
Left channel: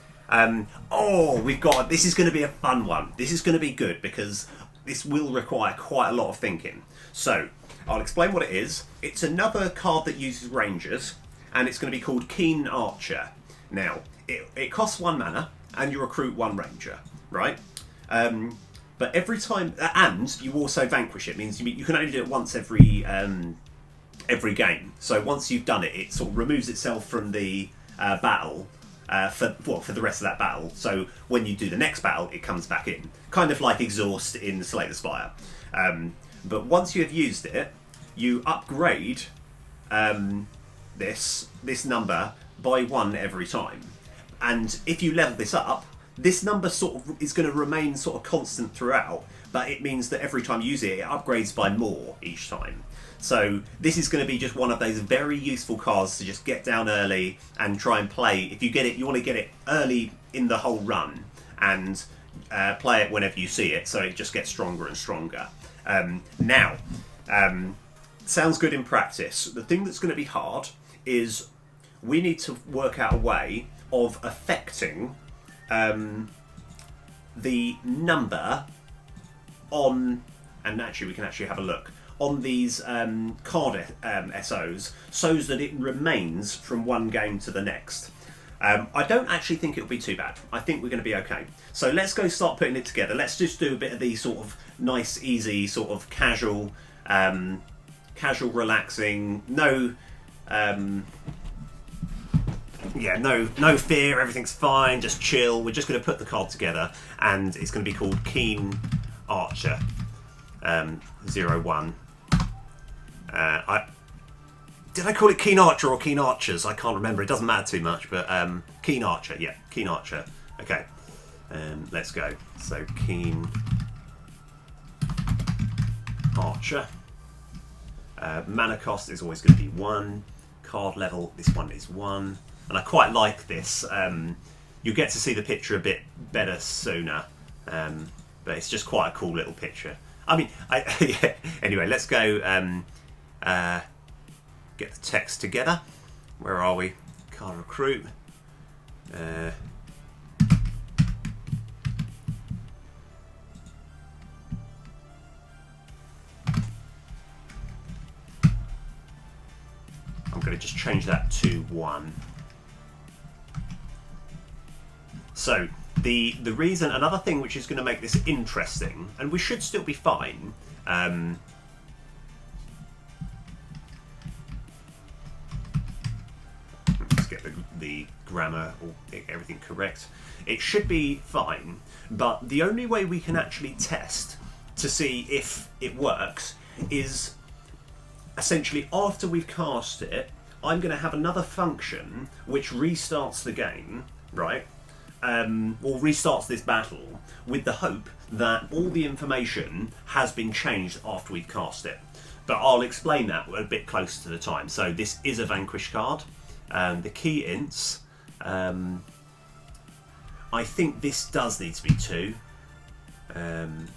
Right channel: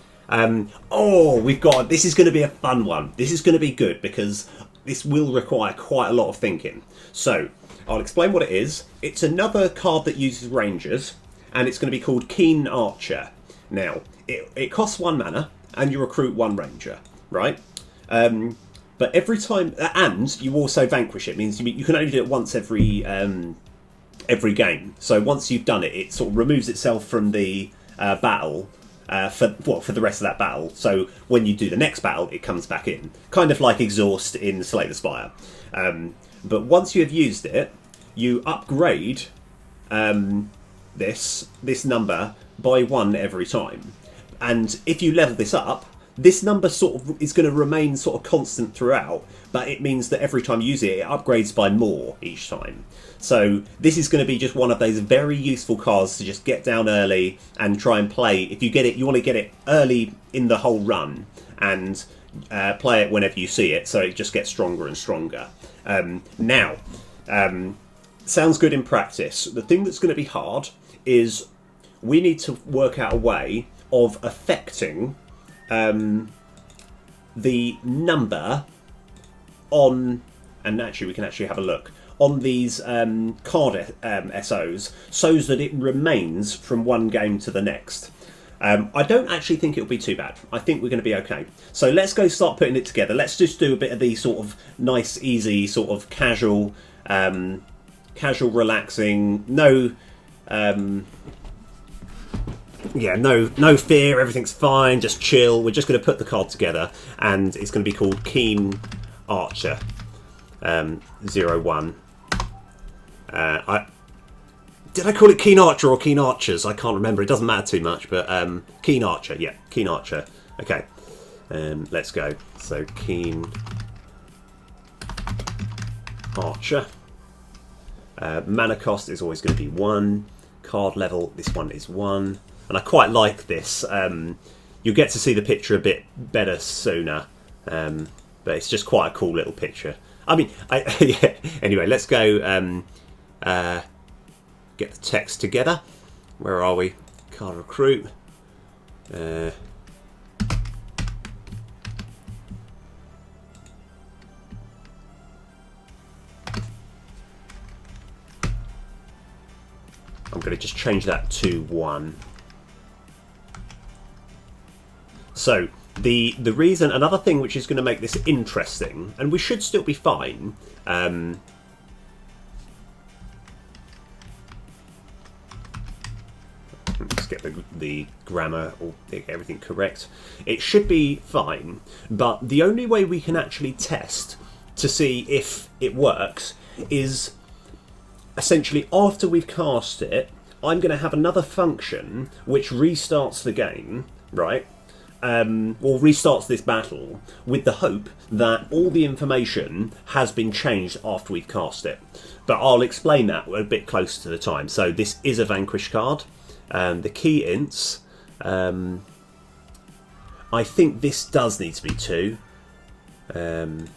Oh, we've got. This is going to be a fun one. This is going to be good because this will require quite a lot of thinking. So I'll explain what it is. It's another card that uses rangers, and it's going to be called Keen Archer. Now, it costs 1 mana, and you recruit 1 ranger, right? But every time, and you also vanquish it. Means you can only do it once every game. So once you've done it, it sort of removes itself from the battle. For the rest of that battle. So when you do the next battle, it comes back in, kind of like exhaust in Slay the Spire. But once you have used it, you upgrade this number by 1 every time. And if you level this up, this number sort of is going to remain sort of constant throughout, but it means that every time you use it, it upgrades by more each time. So this is going to be just one of those very useful cards to just get down early and try and play. If you get it, you want to get it early in the whole run and play it whenever you see it, so it just gets stronger and stronger. Now, sounds good in practice. The thing that's going to be hard is we need to work out a way of affecting the number on, and actually we can actually have a look on these card SOs so that it remains from one game to the next. I don't actually think it'll be too bad. I think we're going to be okay. So let's go start putting it together. Let's just do a bit of the sort of nice, easy, sort of casual, relaxing, no fear, everything's fine, just chill. We're just going to put the card together, and it's going to be called Keen Archer 01. Did I call it Keen Archer or Keen Archers? I can't remember. It doesn't matter too much, but Keen Archer, yeah, Keen Archer. Okay, let's go. So Keen Archer. Mana cost is always going to be 1. Card level, this one is 1. And I quite like this. You'll get to see the picture a bit better sooner, but it's just quite a cool little picture. I mean, yeah. Anyway, let's go get the text together. Where are we? Card recruit. I'm going to just change that to 1. So the reason, another thing which is going to make this interesting, and we should still be fine. Let's get the grammar or everything correct. It should be fine, but the only way we can actually test to see if it works is essentially after we've cast it, I'm going to have another function which restarts the game, right? Or restarts this battle with the hope that all the information has been changed after we've cast it. But I'll explain that a bit closer to the time. So this is a Vanquish card. The key ints, I think this does need to be 2. And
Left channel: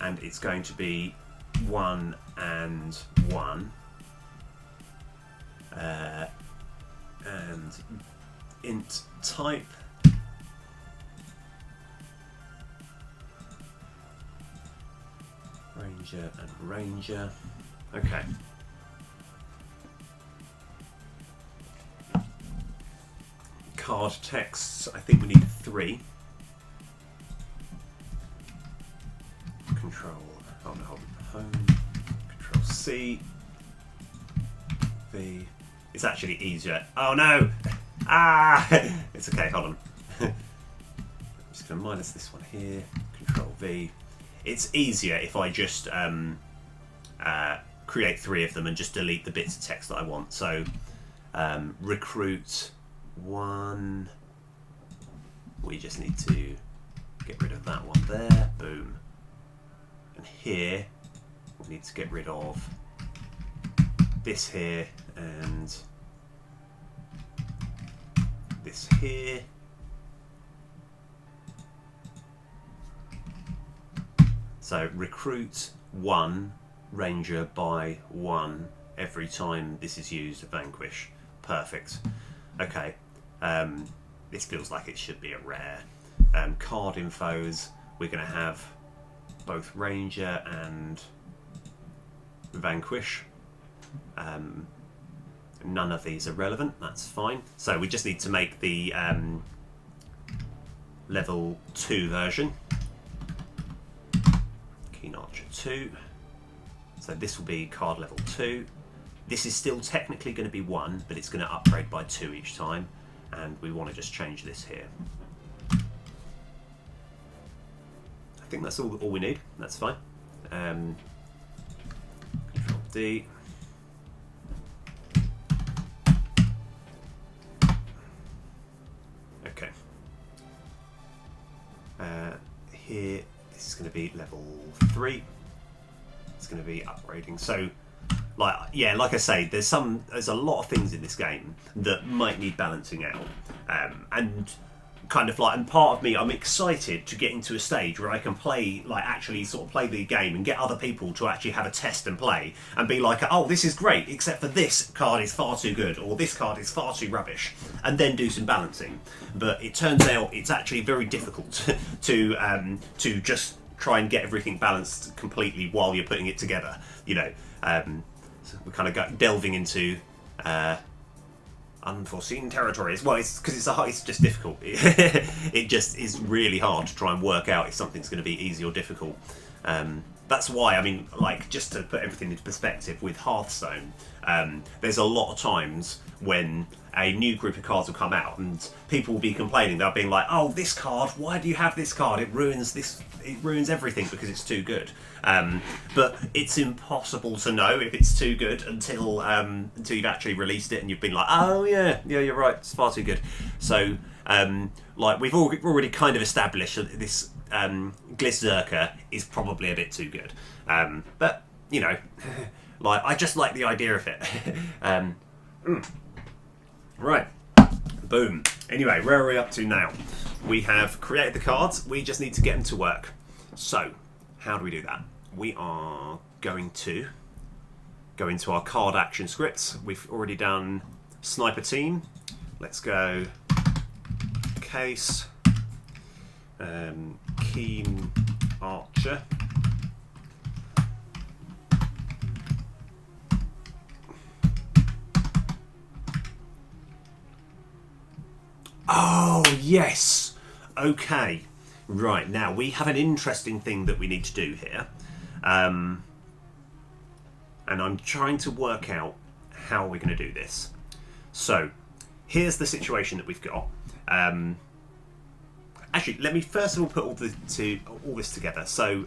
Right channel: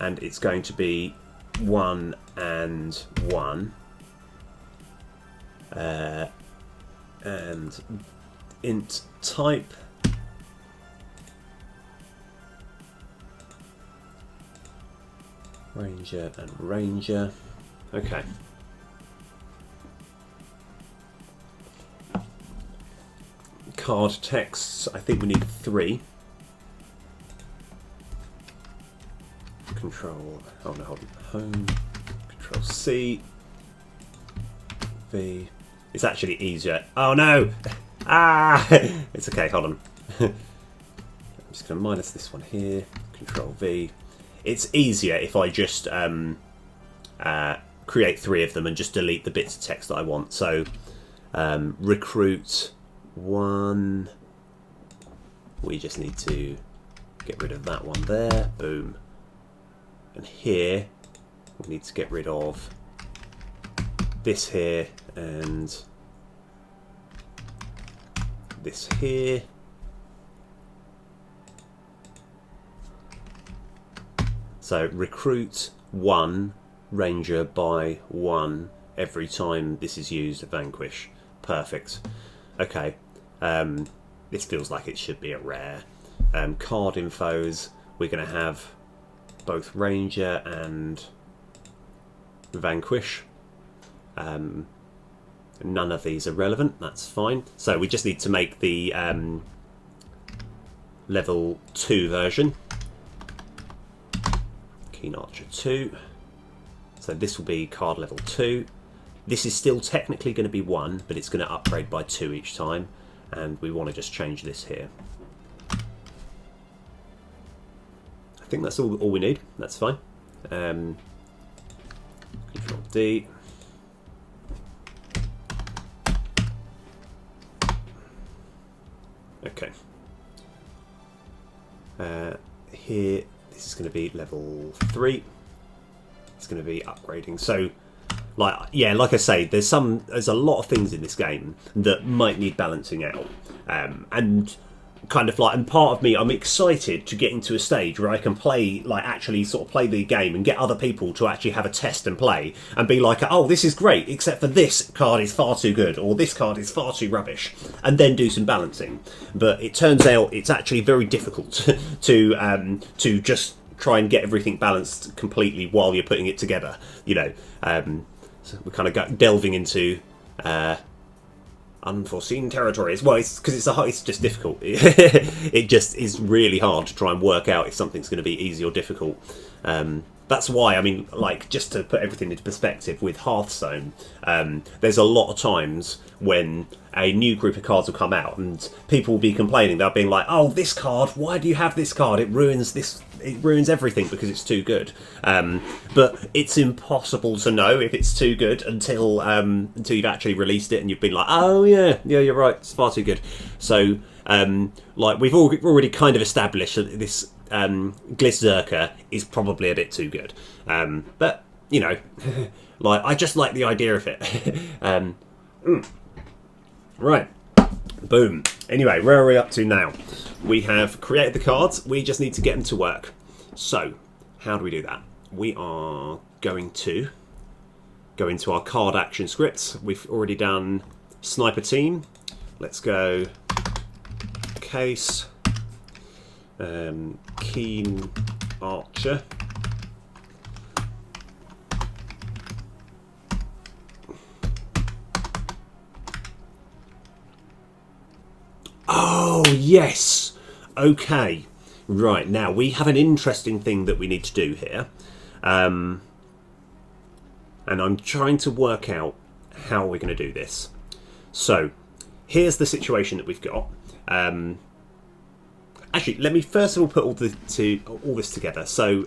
it's going to be 1 and 1. And int type. Ranger and Ranger. Okay. Card texts, I think we need 3. Control, oh no, hold on. Home, Control C, V. It's actually easier. Oh no! Ah! It's okay, hold on. I'm just going to minus this one here. Control V. It's easier if I just create 3 of them and just delete the bits of text that I want. So recruit 1. We just need to get rid of that one there. Boom. And here we need to get rid of this here and this here. So recruit 1 Ranger by 1 every time this is used at Vanquish. Perfect. Okay. This feels like it should be a rare. Card infos, we're going to have both Ranger and Vanquish. None of these are relevant, that's fine. So we just need to make the level 2 version. Keen Archer 2. So this will be card level 2. This is still technically going to be 1, but it's going to upgrade by 2 each time. And we want to just change this here. I think that's all we need. That's fine. Control D. Okay. Here, this is going to be level 3. It's going to be upgrading. So, like I say, there's a lot of things in this game that might need balancing out, and kind of like, and part of me, I'm excited to get into a stage where I can play, like actually sort of play the game and get other people to actually have a test and play and be like, oh, this is great, except for this card is far too good, or this card is far too rubbish, and then do some balancing. But it turns out it's actually very difficult to just try and get everything balanced completely while you're putting it together. You know, so we're kind of delving into unforeseen territories. Well, it's because it's just difficult. It just is really hard to try and work out if something's going to be easy or difficult. That's why, I mean, like, just to put everything into perspective with Hearthstone, there's a lot of times when a new group of cards will come out and people will be complaining. They'll be like, oh, this card, why do you have this card? It ruins everything because it's too good. But it's impossible to know if it's too good until you've actually released it and you've been like, oh yeah, you're right, it's far too good. So, like, we've already kind of established that this Glyzerker is probably a bit too good. But, you know, like, I just like the idea of it. Right. Boom. Anyway, where are we up to now? We have created the cards. We just need to get them to work. So, how do we do that? We are going to go into our card action scripts. We've already done Sniper Team. Let's go Case, Keen Archer. yes. Okay. Right, now we have an interesting thing that we need to do here. And I'm trying to work out how we're going to do this. So, here's the situation that we've got. Actually, let me first of all put all this together. So,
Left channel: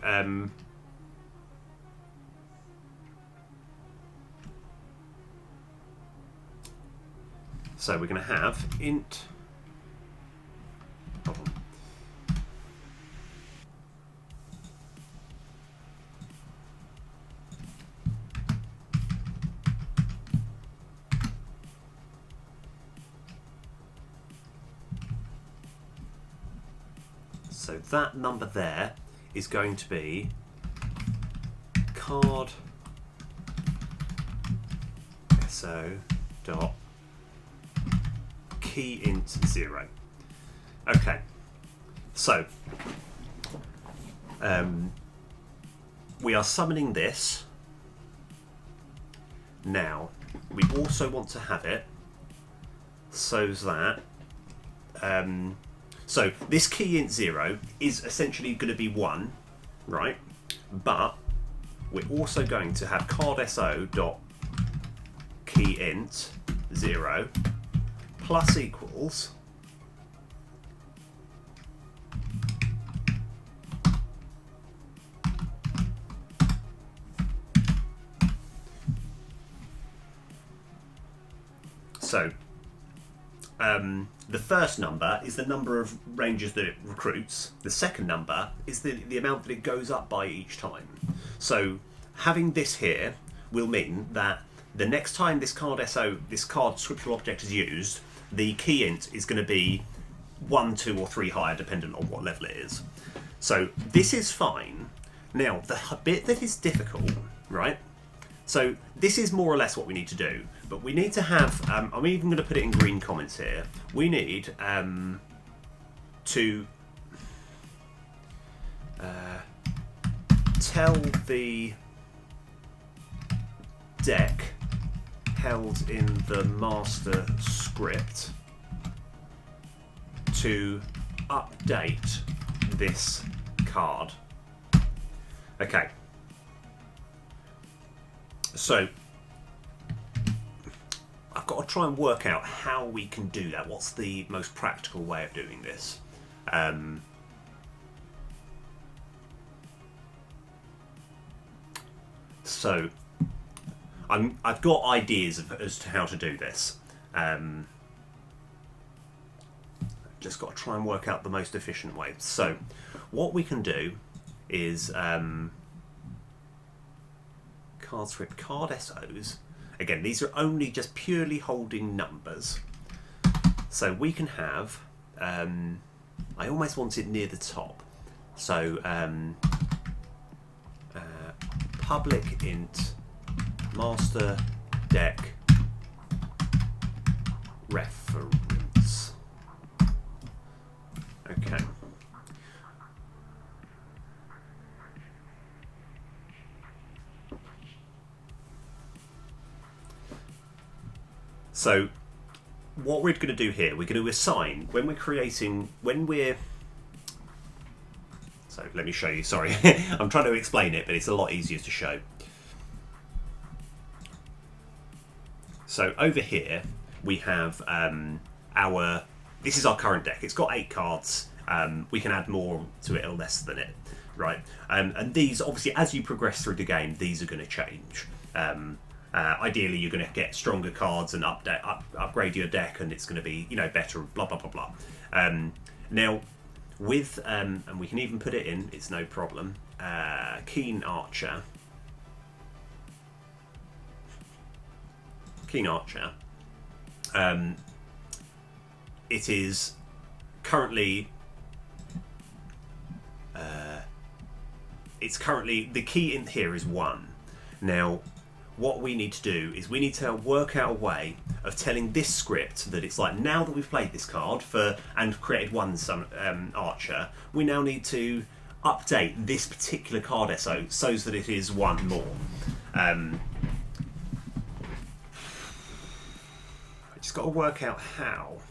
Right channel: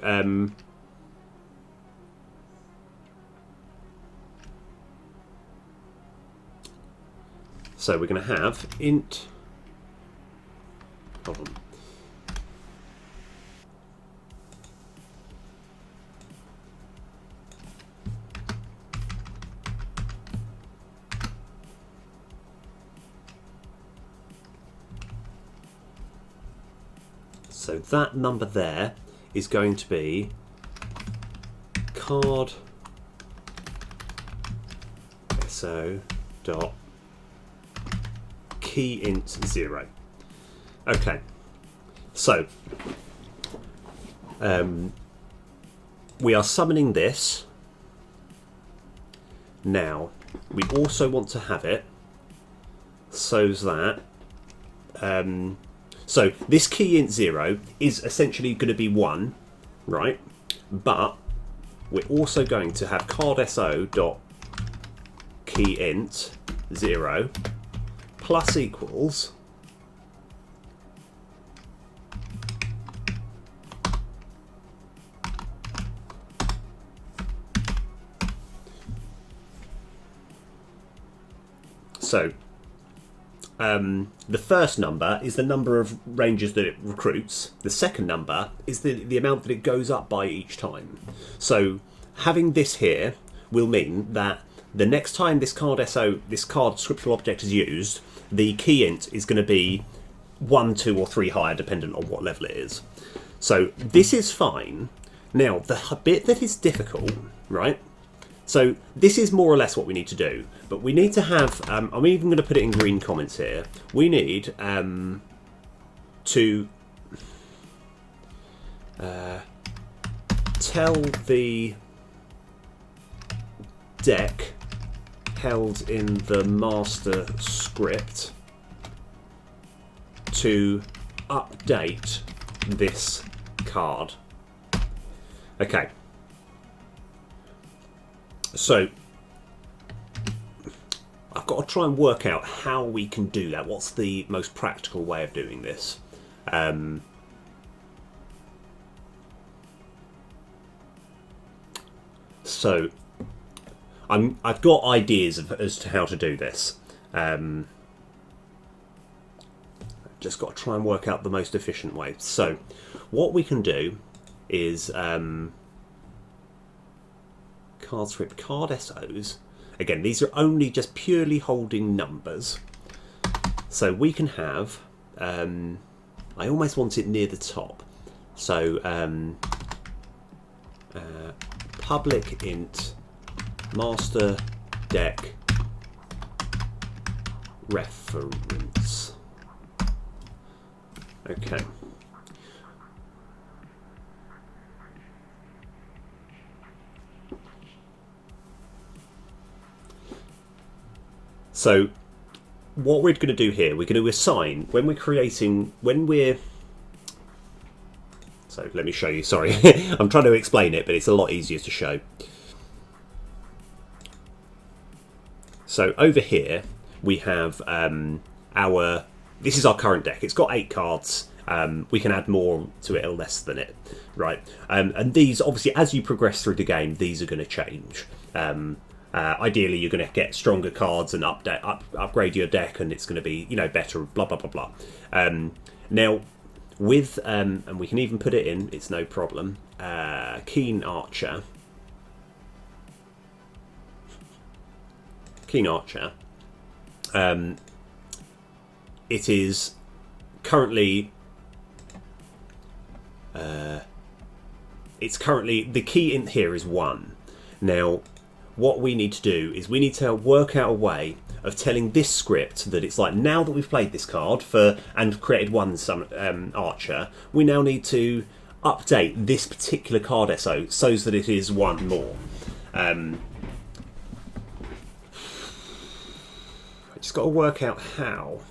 we're going to have int. Hold on. So that number there is going to be card so dot key int 0. Okay, so we are summoning this. Now we also want to have it so that so this key int 0 is essentially going to be 1, right? But we're also going to have card so dot key int 0 plus equals so the first number is the number of rangers that it recruits. The second number is the amount that it goes up by each time. So having this here will mean that the next time this card scriptural object is used, the key int is going to be 1, 2 or 3 higher dependent on what level it is. So this is fine. Now the bit that is difficult, right? So this is more or less what we need to do, but we need to have, I'm even going to put it in green comments here, we need to tell the deck held in the master script to update this card. Okay. So I've got to try and work out how we can do that. What's the most practical way of doing this? So I've got ideas as to how to do this. Just got to try and work out the most efficient way. So what we can do is card script card SOs. Again, these are only just purely holding numbers. So we can have, I almost want it near the top. So public int master deck reference. Okay. So what we're going to do here, we're going to assign, when we're so let me show you, sorry. I'm trying to explain it, but it's a lot easier to show. So over here, we have this is our current deck. It's got 8 cards. We can add more to it or less than it, right? And these, obviously, as you progress through the game, these are going to change. Ideally, you're going to get stronger cards and upgrade your deck, and it's going to be, better. Blah blah blah blah. Now, with and we can even put it in. It's no problem. Keen Archer. It is currently. It's currently the key in here is 1. Now, what we need to do is we need to work out a way of telling this script that it's like, now that we've played this card and created one archer, we now need to update this particular card SO so that it is 1 more. I just got to work out how.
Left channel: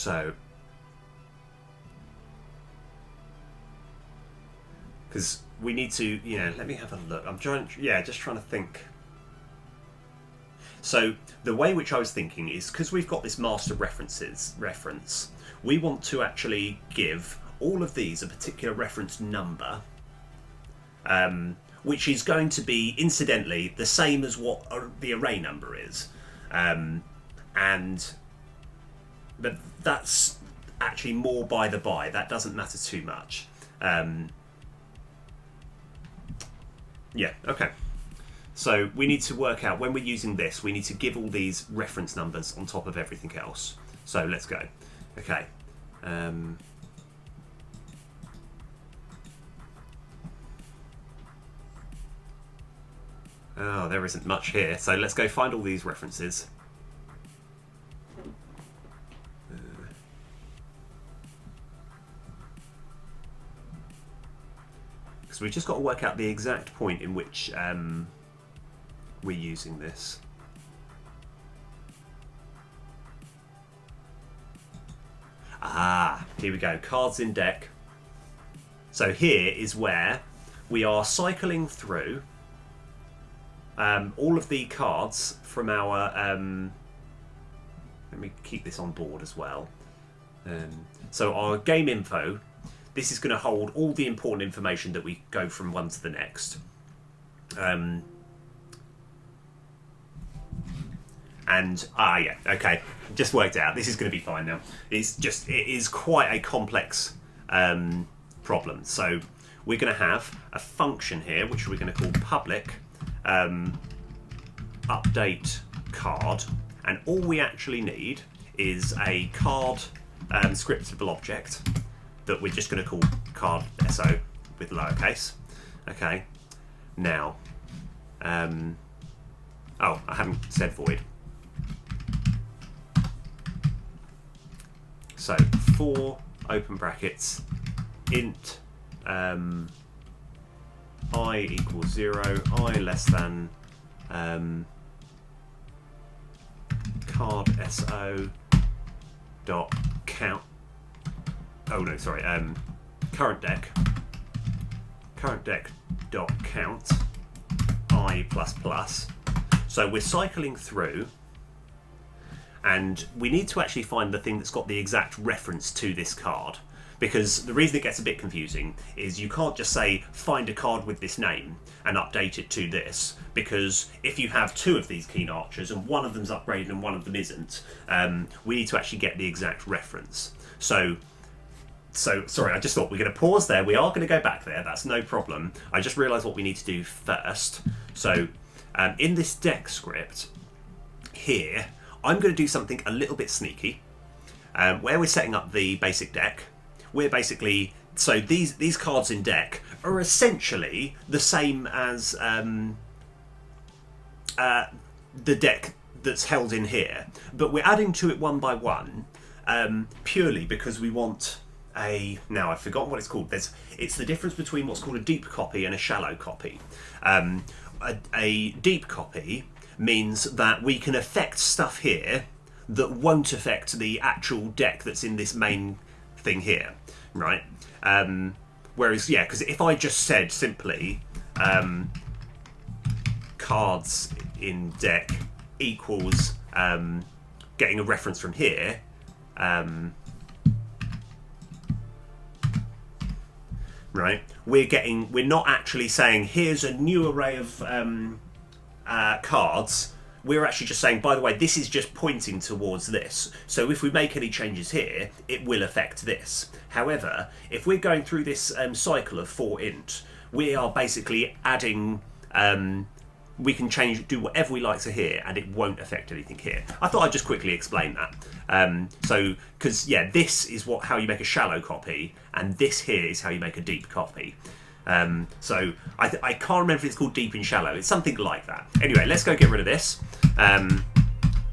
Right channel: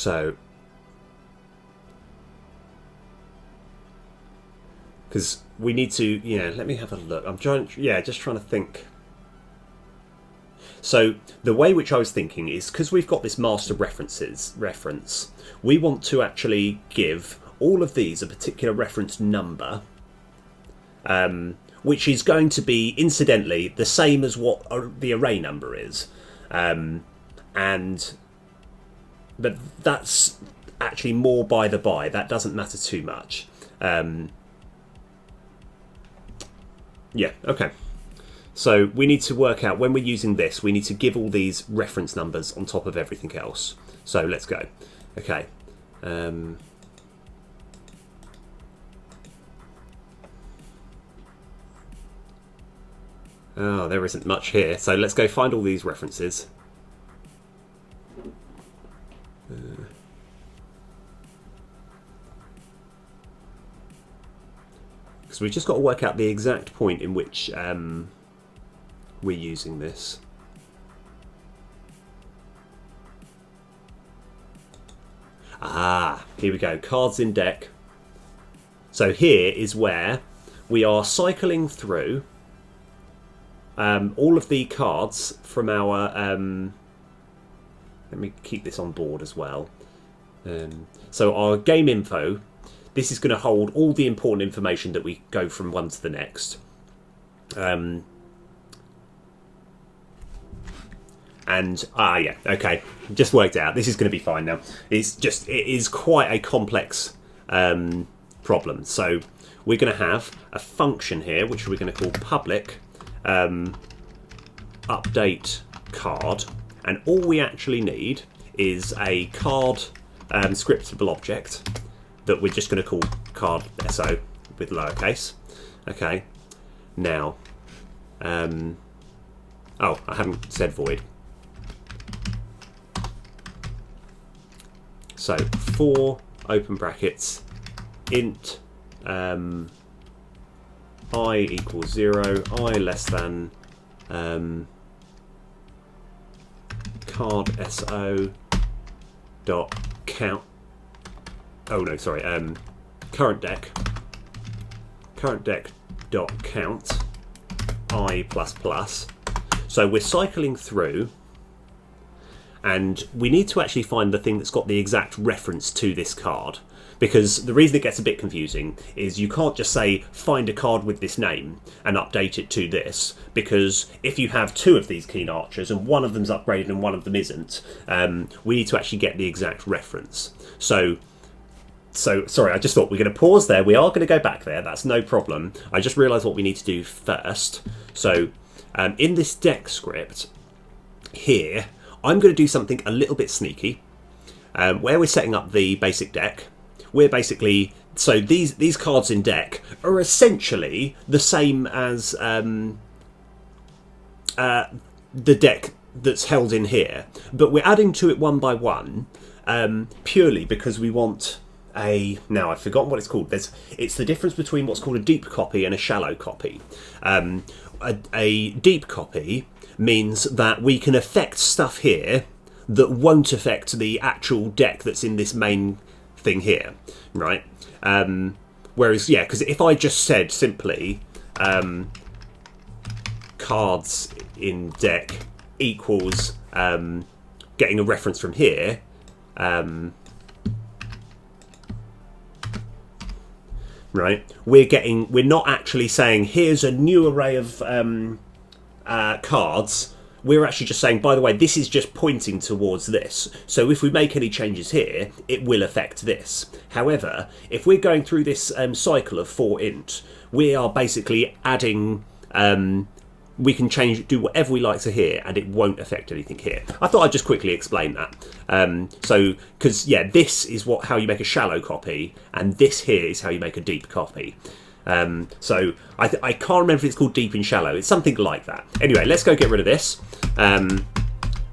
So, because we need to, let me have a look. I'm just trying to think. So the way which I was thinking is, because we've got this master reference, we want to actually give all of these a particular reference number, which is going to be, incidentally, the same as what the array number is. But that's actually more by the by. That doesn't matter too much. Yeah, okay. So we need to work out, when we're using this, we need to give all these reference numbers on top of everything else. So let's go. Okay. Oh, there isn't much here. So let's go find all these references. Because we've just got to work out the exact point in which we're using this. Ah, here we go. Cards in deck. So here is where we are cycling through all of the cards from our... let me keep this on board as well. So our game info, this is going to hold all the important information that we go from one to the next. Yeah, okay, just worked out. This is going to be fine now. It is quite a complex problem. So we're going to have a function here, which we're going to call public update card, and all we actually need is a card scriptable object that we're just going to call card so with lowercase. Okay, now, oh, I haven't said void. So for open brackets int I equals 0, I less than card so dot count. Oh no, sorry. Current deck dot count I plus plus. So we're cycling through, and we need to actually find the thing that's got the exact reference to this card. Because the reason it gets a bit confusing is you can't just say find a card with this name and update it to this, because if you have two of these keen archers and one of them's upgraded and one of them isn't, we need to actually get the exact reference. So sorry, I just thought we're going to pause there. We are going to go back there. That's no problem. I just realised what we need to do first. So in this deck script here, I'm going to do something a little bit sneaky. Where we're setting up the basic deck, we're basically... So these cards in deck are essentially the same as the deck that's held in here. But we're adding to it one by one, purely because we want... Now I've forgotten what it's called. It's the difference between what's called a deep copy and a shallow copy. A deep copy means that we can affect stuff here that won't affect the actual deck that's in this main thing here, right? Whereas, yeah, because if I just said simply cards in deck equals getting a reference from here, right? We're not actually saying here's a new array of cards. We're actually just saying, by the way, this is just pointing towards this. So if we make any changes here, it will affect this. However, if we're going through this cycle of for int, we are basically adding... we can do whatever we like to here, and it won't affect anything here. I thought I'd just quickly explain that. Because, yeah, this is how you make a shallow copy, and this here is how you make a deep copy. So I can't remember if it's called deep and shallow. It's something like that. Anyway, let's go get rid of this.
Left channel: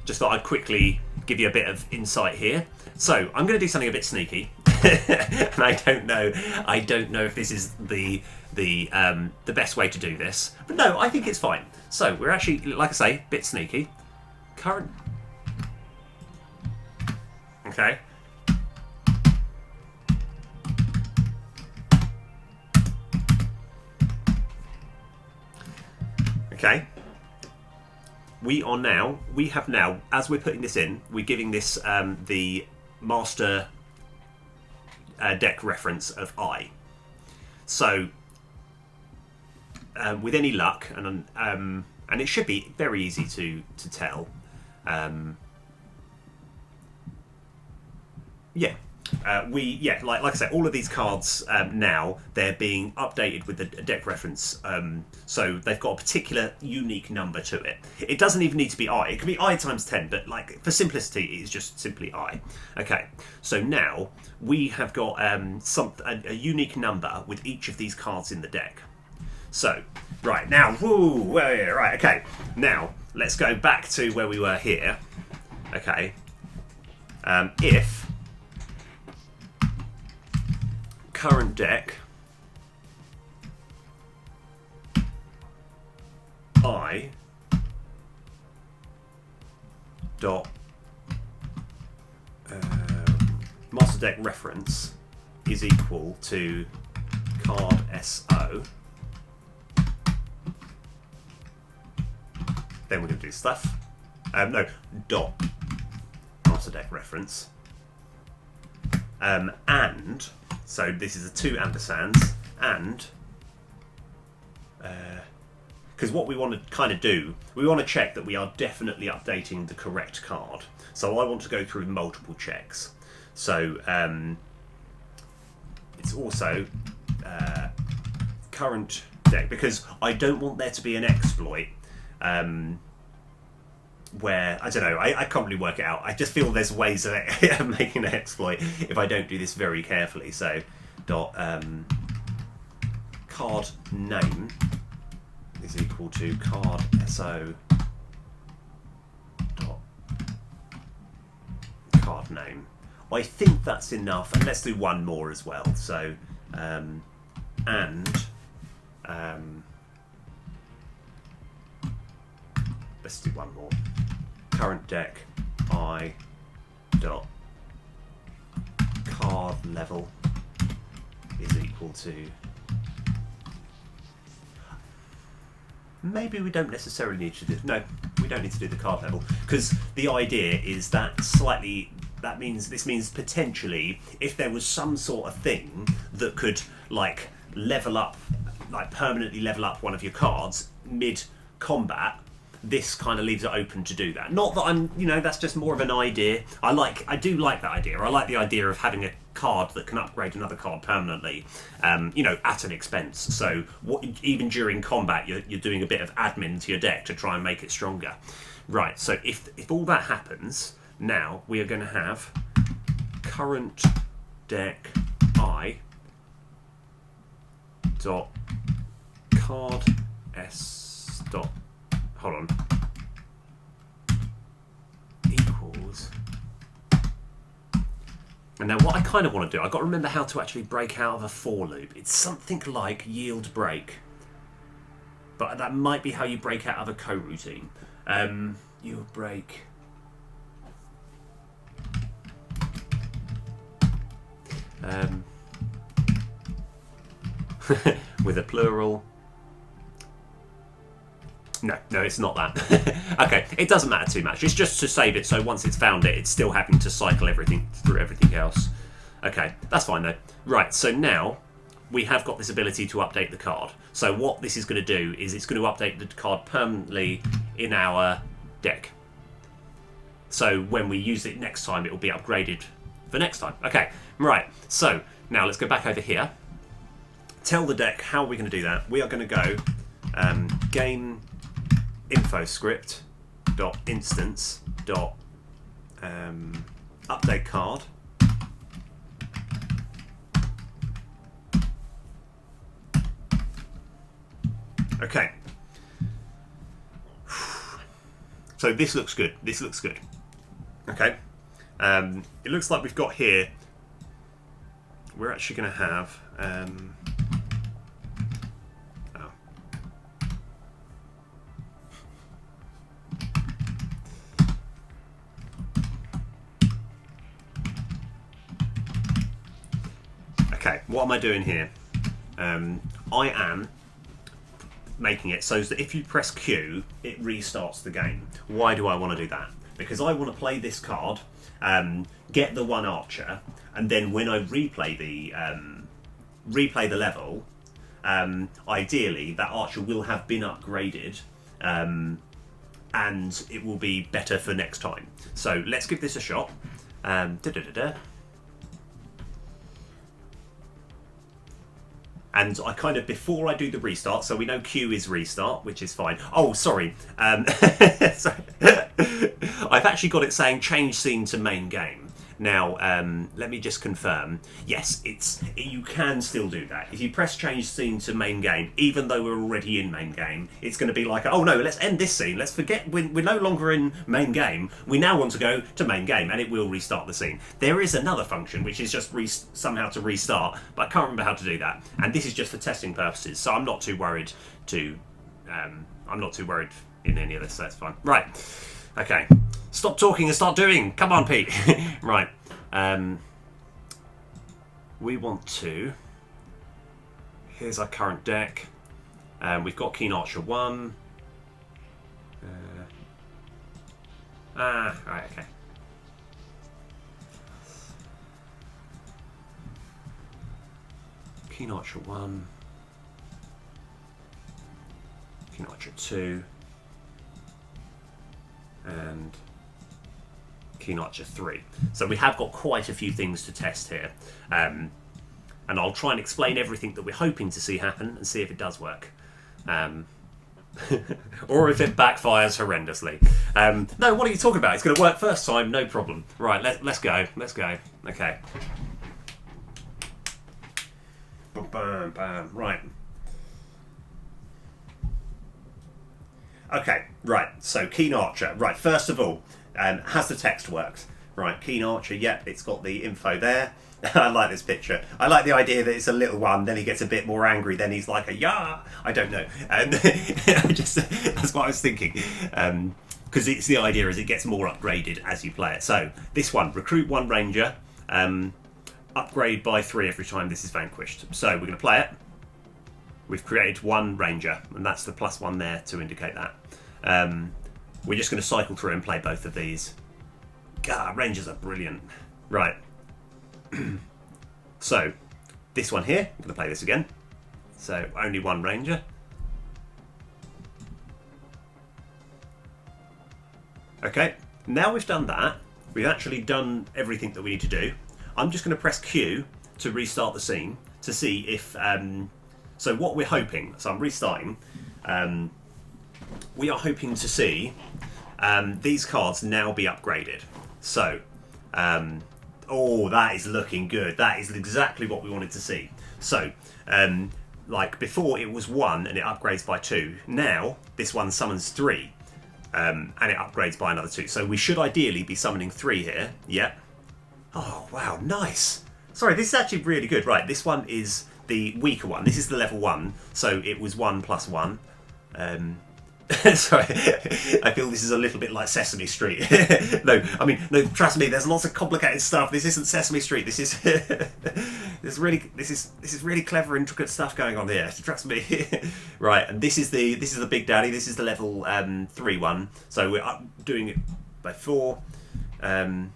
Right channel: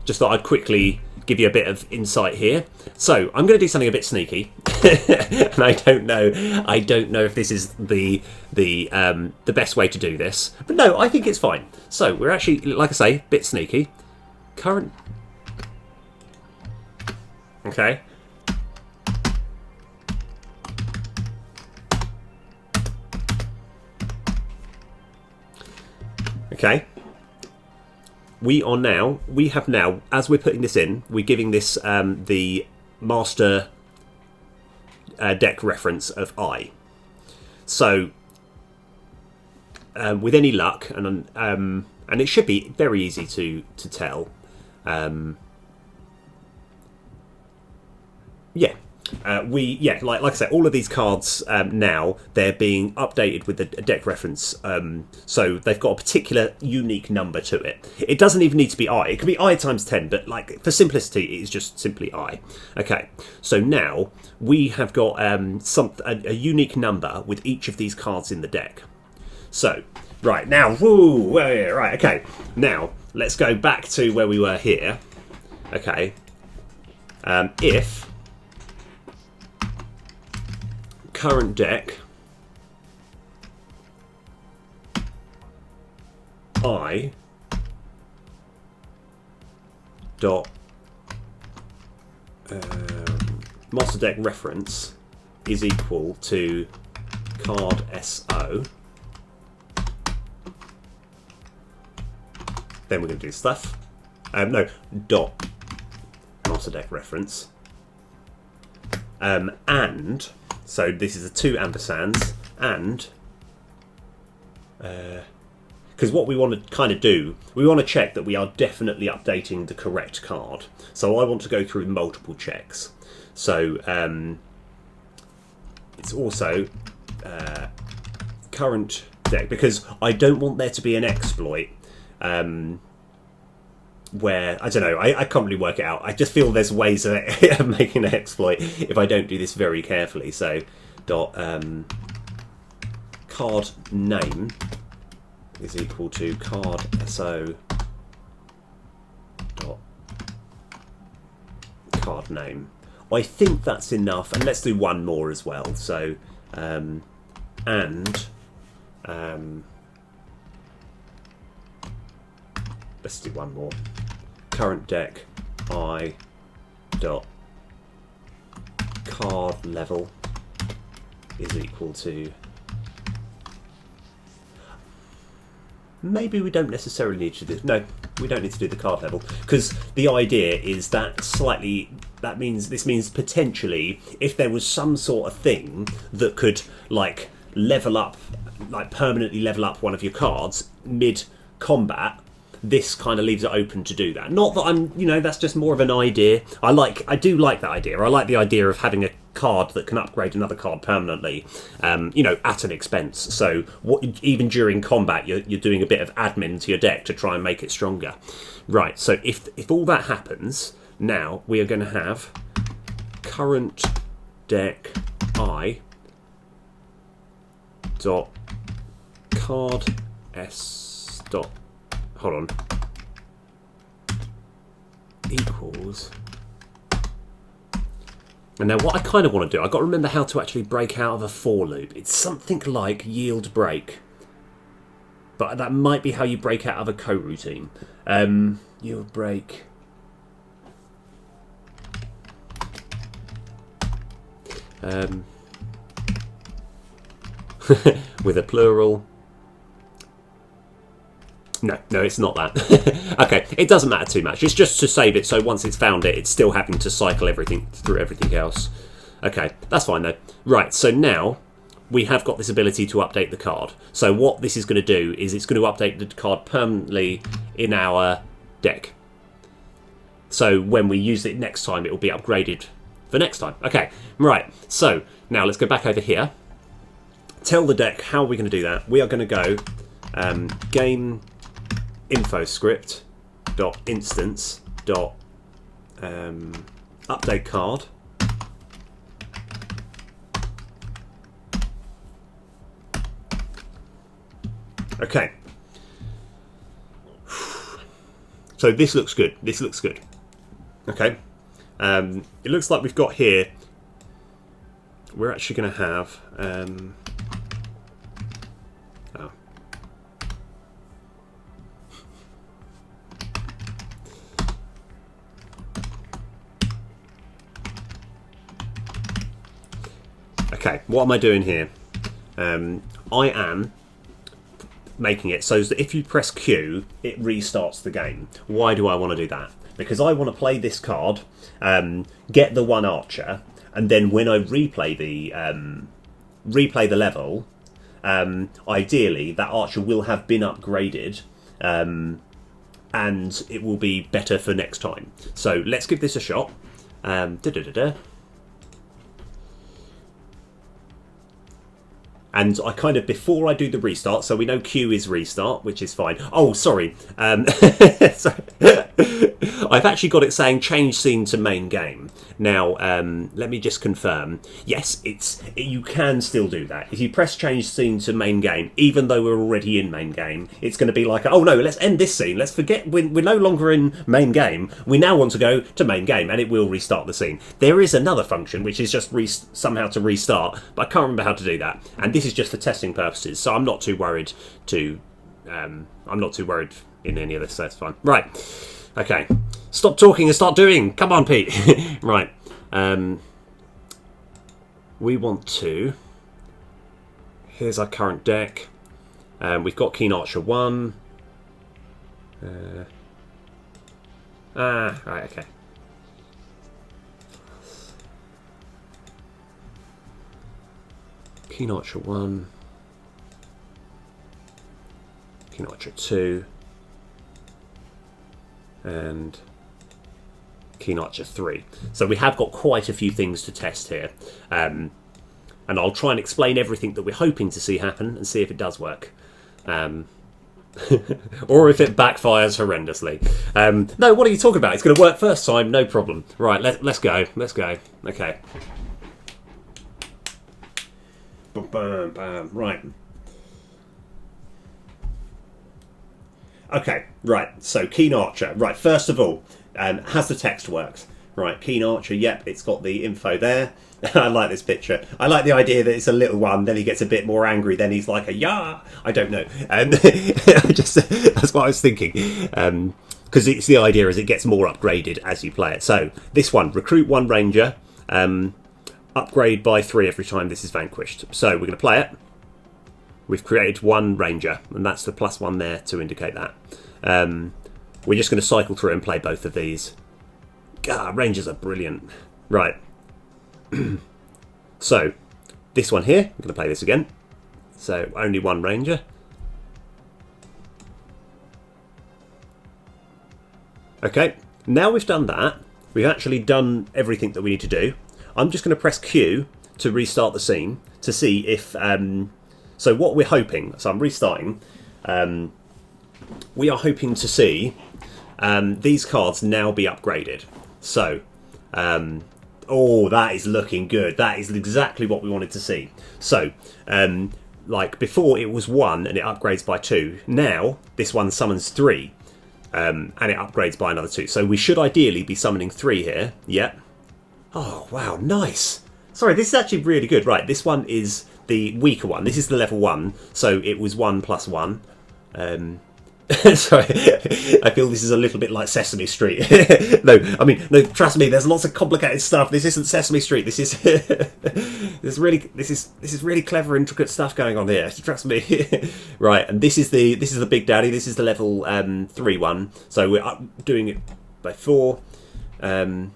Just thought I'd quickly give you a bit of insight here. So I'm going to do something a bit sneaky, and I don't know if this is the best way to do this, but no, I think it's fine. So we're actually, like I say, a bit sneaky. Current. Okay. Okay. We have now, as we're putting this in, we're giving this the master deck reference of I. So, with any luck, and it should be very easy to tell. Like I said, all of these cards now, they're being updated with the deck reference, so they've got a particular unique number to it. It doesn't even need to be I. It can be I times 10, but like for simplicity, it's just simply I. Okay, so now we have got a unique number with each of these cards in the deck. So right now, right, okay. Now let's go back to where we were here. Okay, if current deck I dot master deck reference is equal to card SO, then we're going to do stuff. Dot master deck reference, and so this is a 2 ampersands, and because what we want to kind of do, we want to check that we are definitely updating the correct card. So I want to go through multiple checks. So it's also current deck, because I don't want there to be an exploit where, I don't know, I can't really work it out. I just feel there's ways of making an exploit if I don't do this very carefully. So dot card name is equal to card SO dot card name. I think that's enough, and let's do one more as well. So let's do one more. Current deck I dot card level is equal to. Maybe we don't necessarily need to do. No, we don't need to do the card level, because the idea is that this means potentially if there was some sort of thing that could like level up, like permanently level up one of your cards mid combat, this kind of leaves it open to do that. Not that I'm, that's just more of an idea. I do like that idea. I like the idea of having a card that can upgrade another card permanently, at an expense. So even during combat, you're doing a bit of admin to your deck to try and make it stronger. Right, so if all that happens, now we are going to have current deck I dot card S dot, hold on, equals. And now what I kind of want to do, I've got to remember how to actually break out of a for loop. It's something like yield break, but that might be how you break out of a coroutine. Yield break. With a plural. No, it's not that. Okay, it doesn't matter too much. It's just to save it, so once it's found it, it's still having to cycle everything through everything else. Okay, that's fine though. Right, so now we have got this ability to update the card. So what this is going to do is it's going to update the card permanently in our deck. So when we use it next time, it will be upgraded for next time. Okay, right, so now let's go back over here. Tell the deck how we're going to do that. We are going to go game info script dot instance dot update card, okay. So this looks good. Okay, it looks like we've got here, we're actually going to have okay, what am I doing here? I am making it so that if you press Q, it restarts the game. Why do I want to do that? Because I want to play this card, get the one archer, and then when I replay the level, ideally that archer will have been upgraded, and it will be better for next time. So let's give this a shot. And I kind of, before I do the restart, so we know Q is restart, which is fine. Oh, sorry. Sorry. I've actually got it saying change scene to main game. Now, let me just confirm. Yes, you can still do that. If you press change scene to main game, even though we're already in main game, it's going to be like, oh no, let's end this scene. Let's forget, we're no longer in main game. We now want to go to main game, and it will restart the scene. There is another function, which is just somehow to restart, but I can't remember how to do that. And this is just for testing purposes, so I'm not too worried in any of this, so that's fine. Right. Okay. Stop talking and start doing. Come on, Pete. Right. We want to... Here's our current deck. We've got Keen Archer 1. Right, okay. Keen Archer 1. Keen Archer 2. And Keen Archer 3. So we have got quite a few things to test here. And I'll try and explain everything that we're hoping to see happen and see if it does work. Or if it backfires horrendously. No, what are you talking about? It's going to work first time, no problem. Right, let's go. Let's go. Okay. Bam, bam. Right. Okay, right, so Keen Archer. Right, first of all, has the text worked? Right, Keen Archer, yep, it's got the info there. I like this picture. I like the idea that it's a little one, then he gets a bit more angry, then he's like a yah! I don't know. That's what I was thinking. Because it's the idea is it gets more upgraded as you play it. So, this one, recruit 1 ranger, upgrade by 3 every time this is vanquished. So, we're going to play it. We've created 1 ranger, and that's the +1 there to indicate that. We're just going to cycle through and play both of these. God, rangers are brilliant. Right. So, this one here, I'm going to play this again. So, only 1 ranger. Okay, now we've done that, we've actually done everything that we need to do. I'm just going to press Q to restart the scene to see if... So what we're hoping, so I'm restarting, we are hoping to see these cards now be upgraded. So, oh, that is looking good. That is exactly what we wanted to see. So, like before it was 1 and it upgrades by 2. Now, this one summons 3 and it upgrades by another 2. So we should ideally be summoning 3 here. Yep. Oh, wow, nice. Sorry, this is actually really good. Right, this one is... the weaker one. This is the level 1, so it was 1 + 1. Sorry, I feel this is a little bit like Sesame Street. No, trust me. There's lots of complicated stuff. This isn't Sesame Street. This is this is really clever, intricate stuff going on here. Trust me. Right, and this is the Big Daddy. This is the level 3 one. So we're doing it by 4, and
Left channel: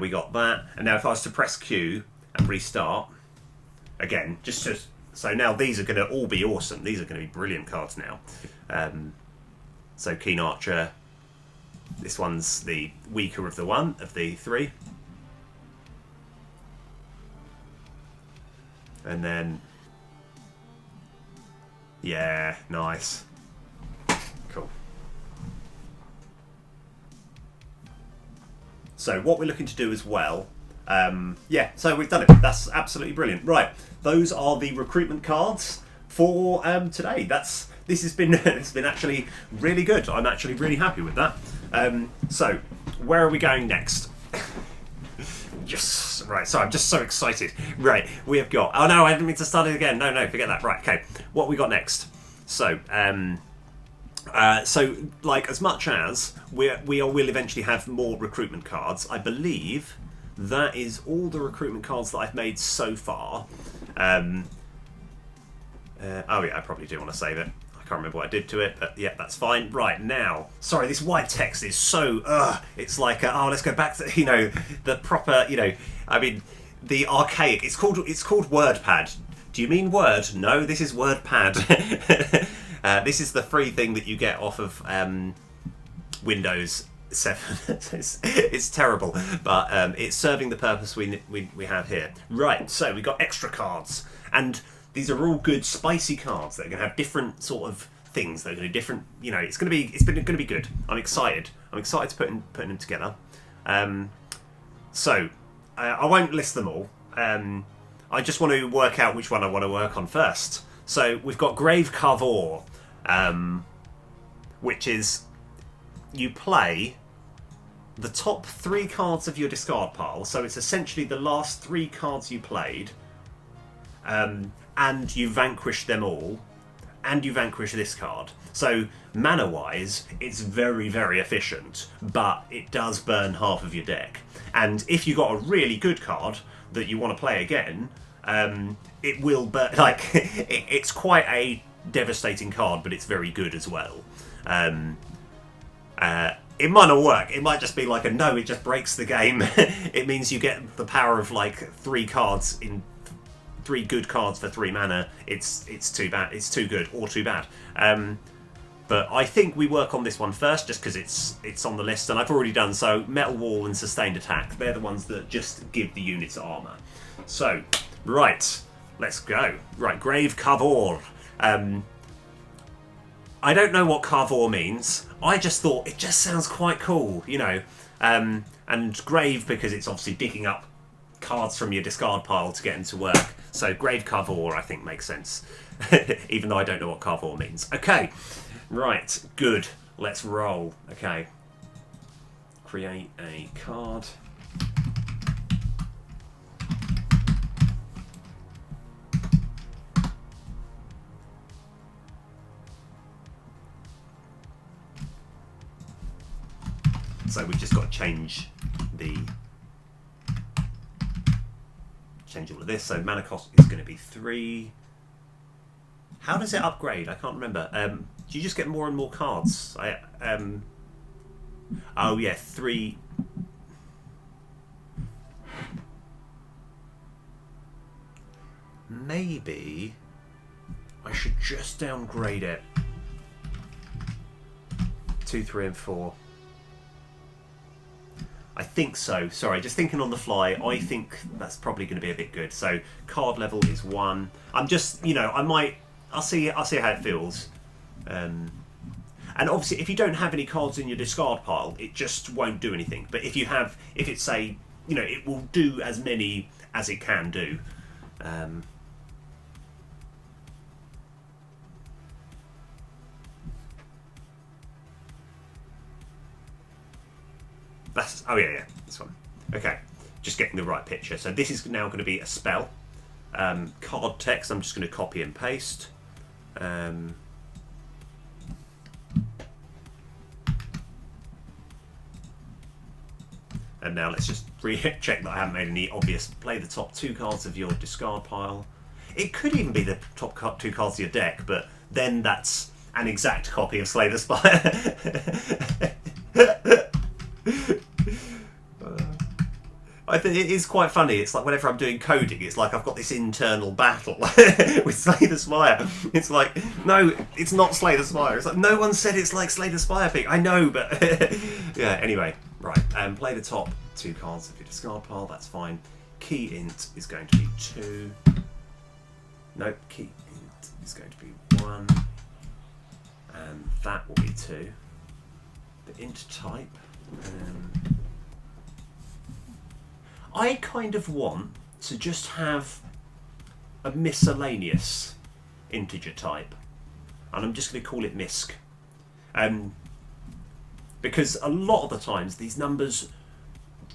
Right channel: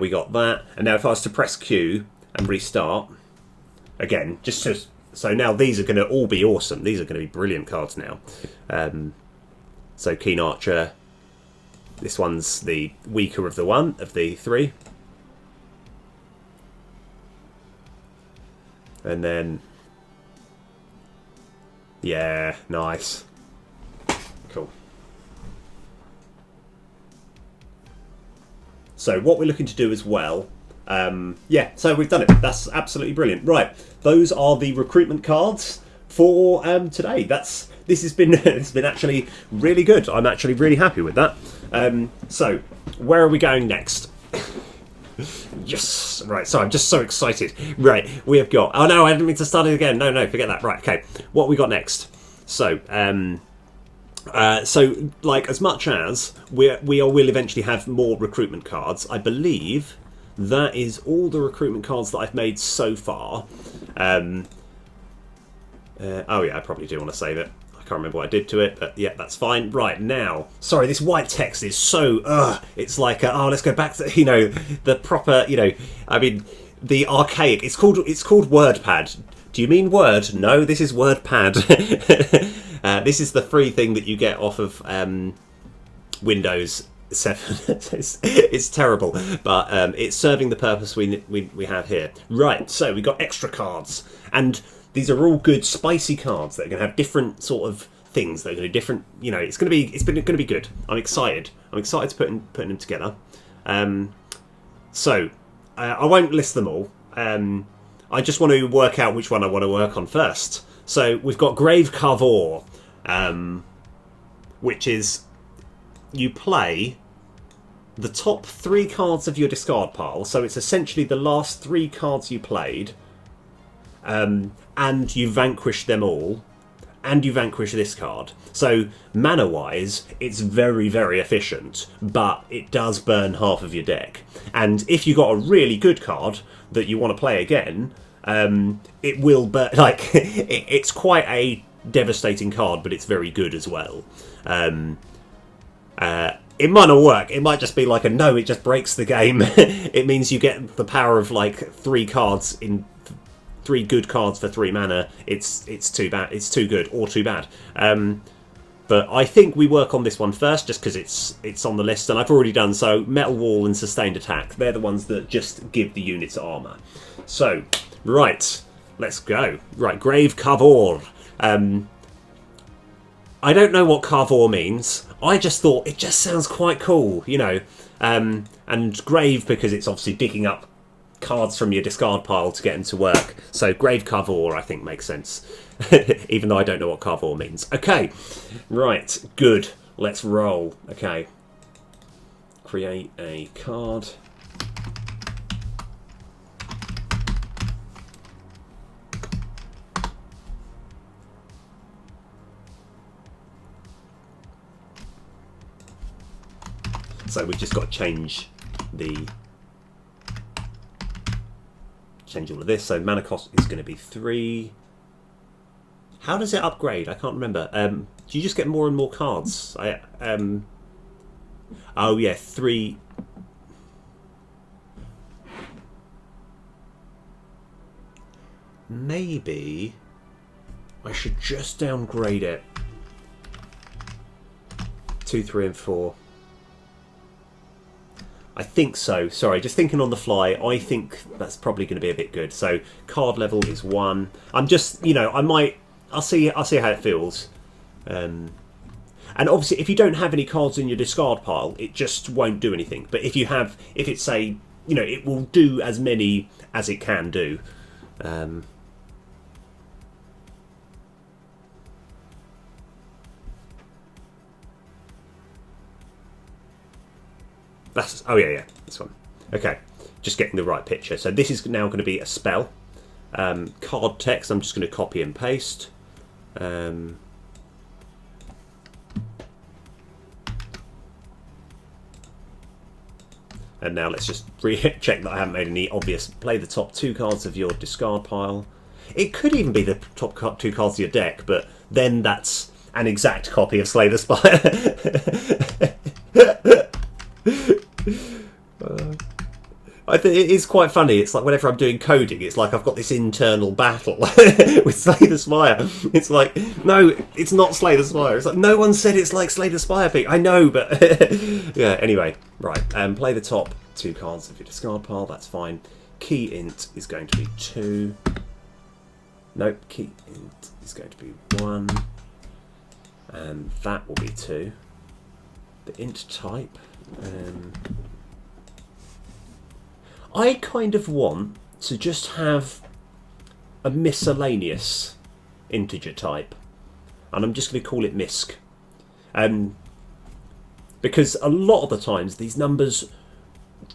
we got that. And now if I was to press Q and restart. Again, so now these are going to all be awesome. These are going to be brilliant cards now. So Keen Archer, this one's the weaker of the 3. And then, yeah, nice. Cool. So what we're looking to do as well, yeah, so we've done it. That's absolutely brilliant. Right, those are the recruitment cards for today. This has been it's been actually really good. I'm actually really happy with that. So where are we going next? Yes, right. So I'm just so excited. Right, we have got. Oh no, I didn't mean to start it again. No, forget that. Right, okay. What we got next? So so like as much as we'll eventually have more recruitment cards, I believe. That is all the recruitment cards that I've made so far. Oh yeah, I probably do want to save it. I can't remember what I did to it, but yeah, that's fine. Right, now, sorry, this white text is so, it's like, oh, let's go back to, the proper, I mean, the archaic, it's called WordPad. Do you mean Word? No, this is WordPad. This is the free thing that you get off of Windows 7. It's terrible, but it's serving the purpose we have here. Right, so we got extra cards, and these are all good spicy cards that are going to have different sort of things. They're going to be different. It's going to be good. I'm excited. To putting them together. So I won't list them all. I just want to work out which one I want to work on first. So we've got Grave Carver, which is you play the top 3 cards of your discard pile. So it's essentially the last 3 cards you played, and you vanquish them all, and you vanquish this card. So mana-wise, it's very, very efficient, but it does burn half of your deck. And if you got a really good card that you want to play again, it will burn. Like, it's quite a devastating card, but it's very good as well. It might not work. It might just be like it just breaks the game. It means you get the power of like 3 cards in 3 good cards for 3 mana. It's too bad. It's too good or too bad. But I think we work on this one first, just because it's on the list, and I've already done so. Metal Wall and Sustained Attack. They're the ones that just give the units armor. So, right, let's go. Right, Grave Carver. I don't know what Carver means. I just thought it just sounds quite cool, and Grave, because it's obviously digging up cards from your discard pile to get them to work. So Grave Carver, I think, makes sense. Even though I don't know what Carver means. Okay, right, good. Let's roll. Okay. Create a card. So we've just got to change all of this. So mana cost is going to be 3. How does it upgrade? I can't remember. Do you just get more and more cards? Oh yeah, 3. Maybe I should just downgrade it. 2, 3, and 4. I think so. Sorry, just thinking on the fly. I think that's probably going to be a bit good. So card level is 1. I'm just, I'll see how it feels. And obviously, if you don't have any cards in your discard pile, it just won't do anything. But if it's say, it will do as many as it can do. Oh yeah, this one. Okay, just getting the right picture. So this is now going to be a spell. Card text, I'm just going to copy and paste. And now let's just check that I haven't made any obvious. Play the top 2 cards of your discard pile. It could even be the top 2 cards of your deck, but then that's an exact copy of Slay the Spire. I think it is quite funny. It's like whenever I'm doing coding, it's like I've got this internal battle with Slay the Spire. It's like, no, it's not Slay the Spire. It's like, no one said it's like Slay the Spire thing. I know, but yeah. Anyway, right. Play the top 2 cards of your discard pile. That's fine. Key int is going to be 2. Nope. Key int is going to be 1, and that will be 2. The int type. I kind of want to just have a miscellaneous integer type, and I'm just going to call it misc. Because a lot of the times these numbers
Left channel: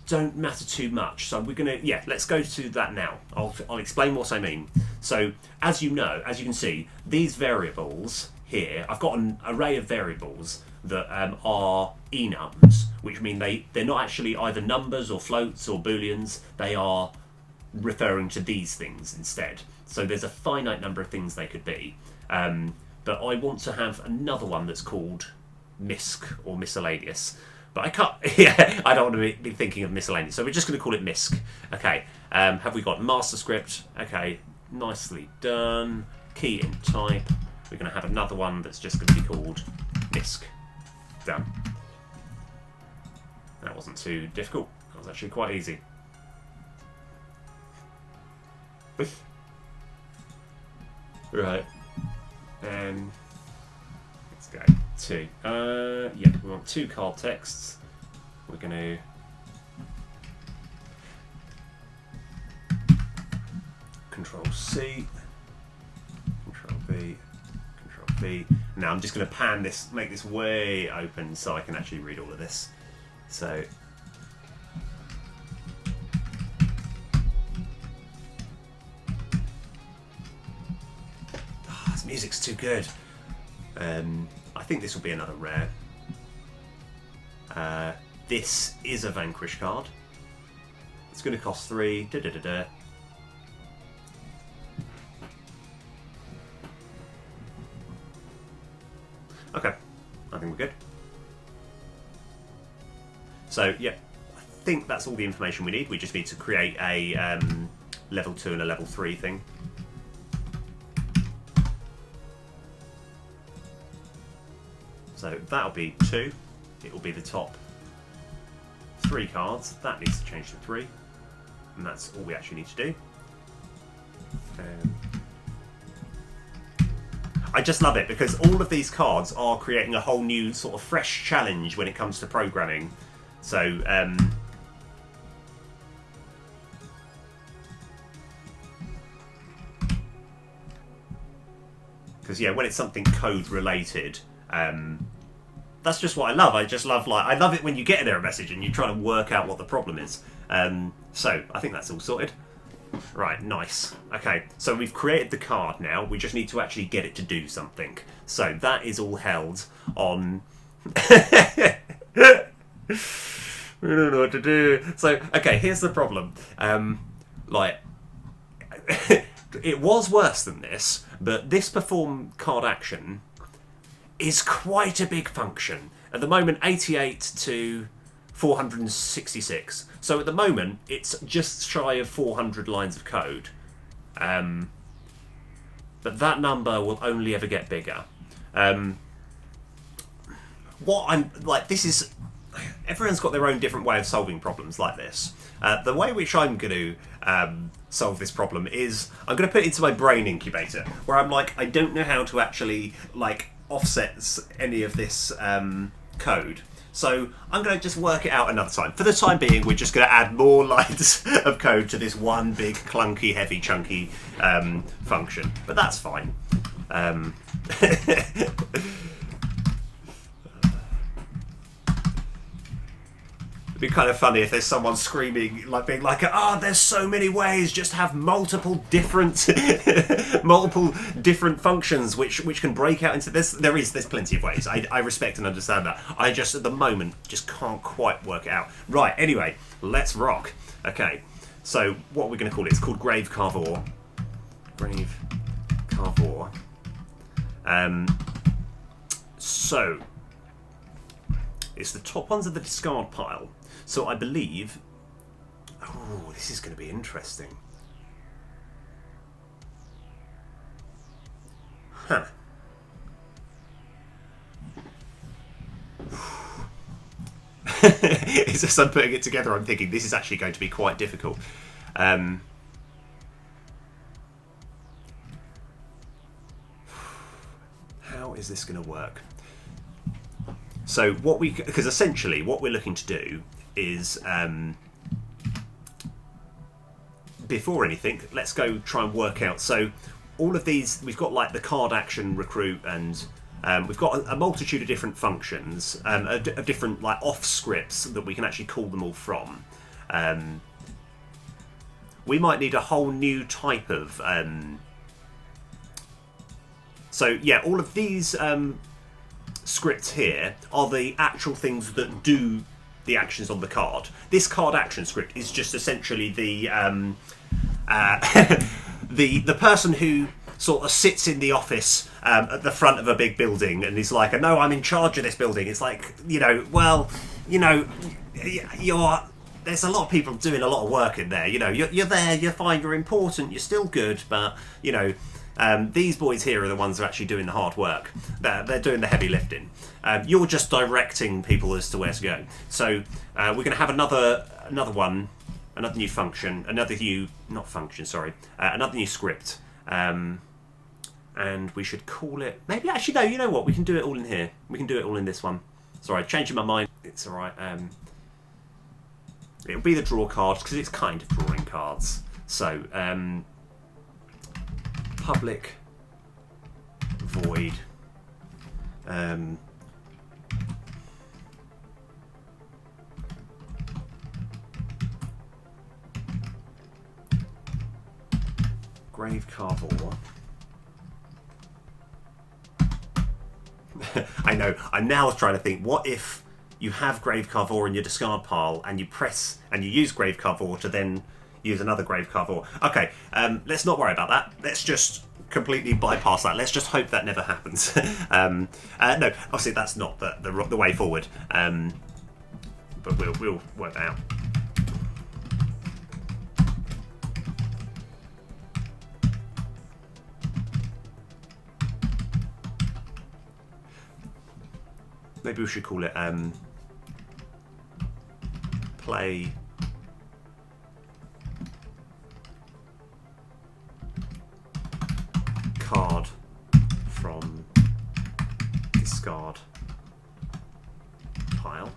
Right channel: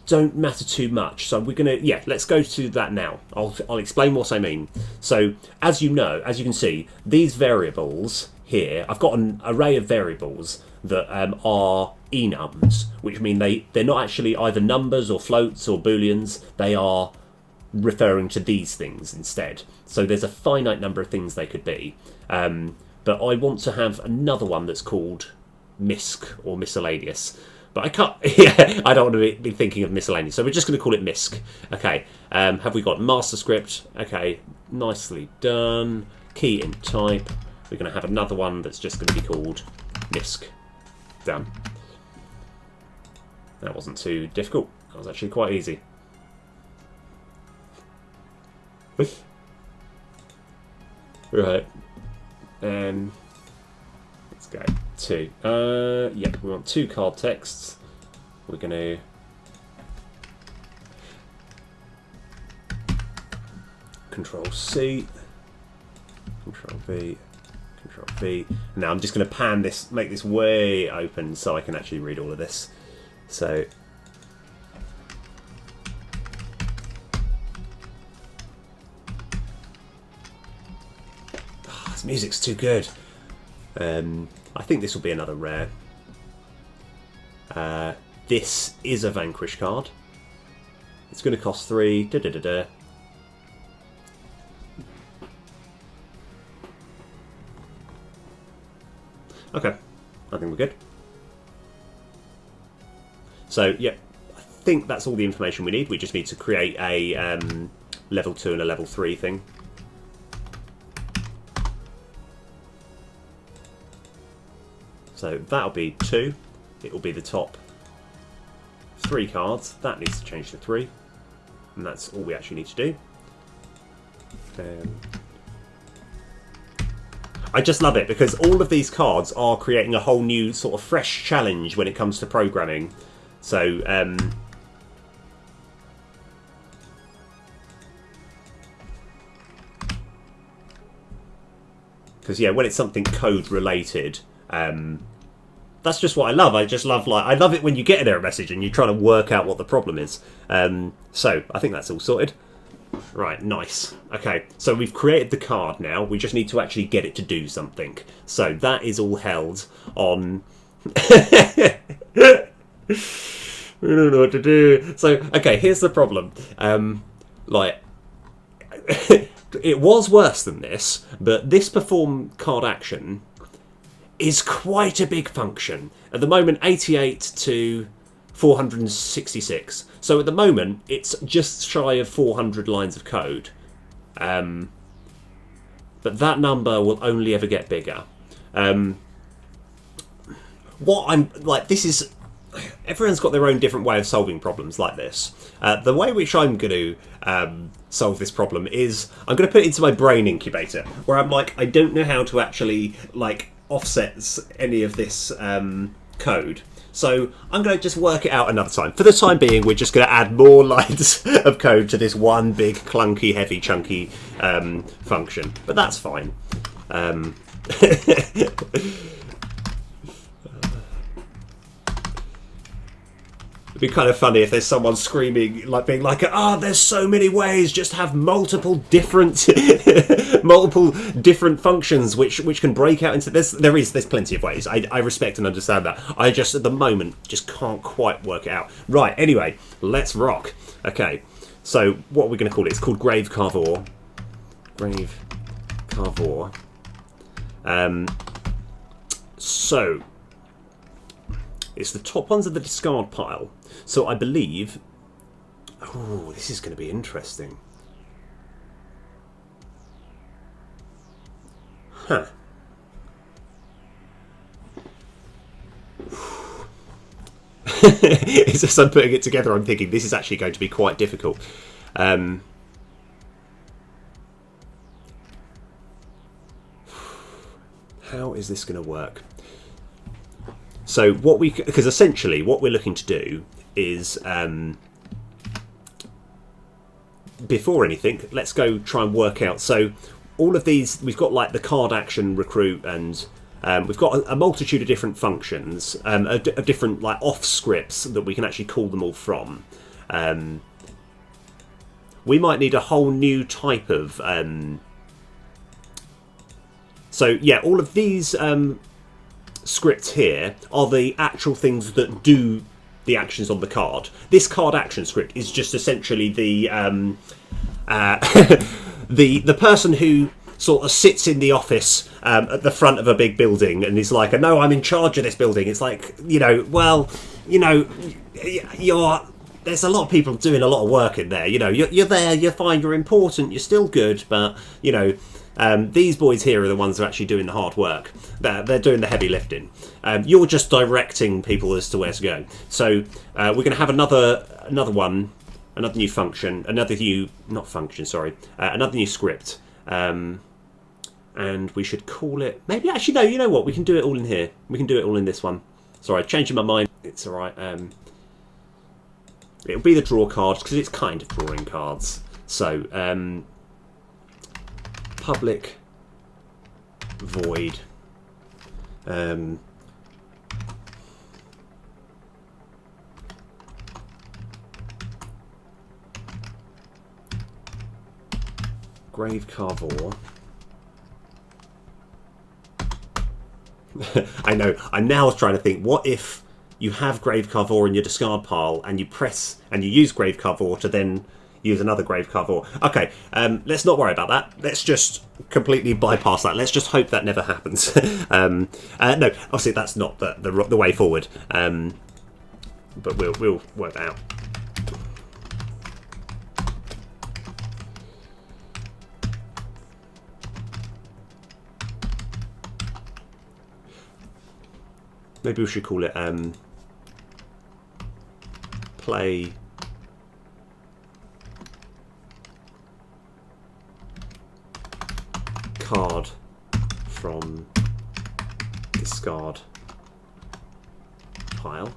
don't matter too much. So we're going to, let's go to that now. I'll explain what I mean. So as you can see, these variables here, I've got an array of variables that are enums, which mean they're not actually either numbers or floats or booleans. They are referring to these things instead. So there's a finite number of things they could be. but I want to have another one that's called MISC or miscellaneous. But I can't. Yeah, I don't want to be thinking of miscellaneous, so we're just going to call it MISC. Okay. Have we got master script? Okay, nicely done. Key in type. We're going to have another one that's just going to be called MISC. Done. That wasn't too difficult. That was actually quite easy. Right. Let's go. 2. Yeah, we want 2 card texts. We're going to Control C, Control V, Control V. Now I'm just going to pan this, make this way open so I can actually read all of this. So this music's too good. I think this will be another rare. This is a Vanquish card. It's going to cost 3. Da, da, da, da. Okay, I think we're good. So, yeah, I think that's all the information we need. We just need to create a level 2 and a level 3 thing. So that'll be 2. It will be the top 3 cards. That needs to change to 3. And that's all we actually need to do. I just love it because all of these cards are creating a whole new sort of fresh challenge when it comes to programming. So, because yeah, when it's something code related, that's just what I love. I just love, like, I love it when you get an error message and you're trying to work out what the problem is. So I think that's all sorted. Right, nice. Okay, so we've created the card now. We just need to actually get it to do something. So that is all held on... We don't know what to do. So, okay, here's the problem. Like, it was worse than this, but this perform card action is quite a big function. At the moment, 88 to 466. So at the moment, it's just shy of 400 lines of code. But that number will only ever get bigger. What I'm like, this is... Everyone's got their own different way of solving problems like this. The way which I'm going to solve this problem is I'm going to put it into my brain incubator, where I'm like, I don't know how to actually like offset any of this code. So I'm going to just work it out another time. For the time being, we're just going to add more lines of code to this one big, clunky, heavy, chunky function. But that's fine. It'd be kind of funny if there's someone screaming, like being like, "Ah, there's so many ways. Just have multiple different functions which can break out into this." There's plenty of ways. I respect and understand that. I just at the moment just can't quite work it out. Right. Anyway, let's rock. Okay. So what are we going to call it? It's called Grave Carver. Grave Carver. So it's the top ones of the discard pile. So I believe... Oh, this is going to be interesting. Huh. It's just I'm putting it together, I'm thinking this is actually going to be quite difficult. How is this going to work? So what we... Because essentially what we're looking to do is... before anything, let's go try and work out. So all of these, we've got like the card action, recruit, and we've got a multitude of different functions, of different like off scripts that we can actually call them all from. We might need a whole new type of... So yeah, all of these scripts here are the actual things that do the actions on the card. This card action script is just essentially the the person who... sort of sits in the office at the front of a big building and is like, no, I'm in charge of this building. It's like, there's a lot of people doing a lot of work in there. You're there, you're fine, you're important, you're still good, but these boys here are the ones who are actually doing the hard work. They're doing the heavy lifting. You're just directing people as to where to go. So we're going to have another one, another new function, another new script. And we should call it, maybe actually, no, you know what? We can do it all in here. We can do it all in this one. Sorry, changing my mind. It's all right. It'll be the draw cards because it's kind of drawing cards. So, public void. Grave Carver. I know. I'm now trying to think. What if you have Grave Carver in your discard pile and you press and you use Grave Carver to then use another Grave Carver? Okay, let's not worry about that. Let's just completely bypass that. Let's just hope that never happens. No, obviously that's not the way forward. But we'll work that out. Maybe we should call it play card from discard pile.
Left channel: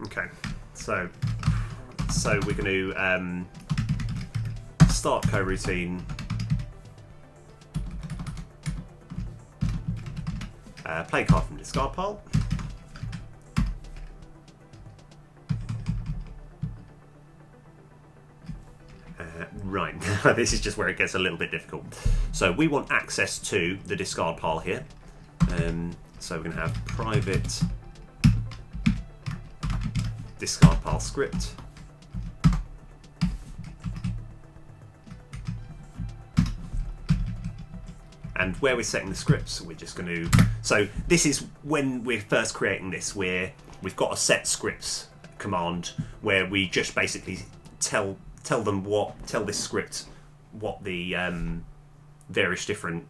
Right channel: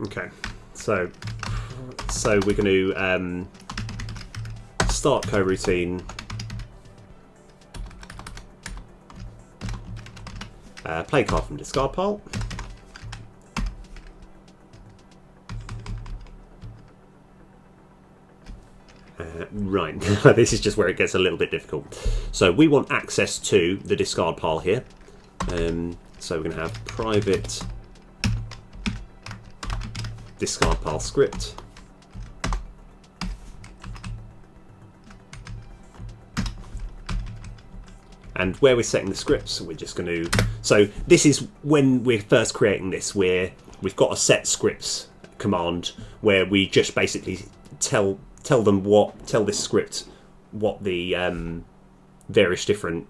Okay, so we're going to start coroutine. Play card from discard pile. Right, this is just where it gets a little bit difficult. So we want access to the discard pile here. So we're going to have private discard pile script. And where we're setting the scripts, we're just going to... So this is when we're first creating this, where we've got a set scripts command where we just basically tell this script what the various different,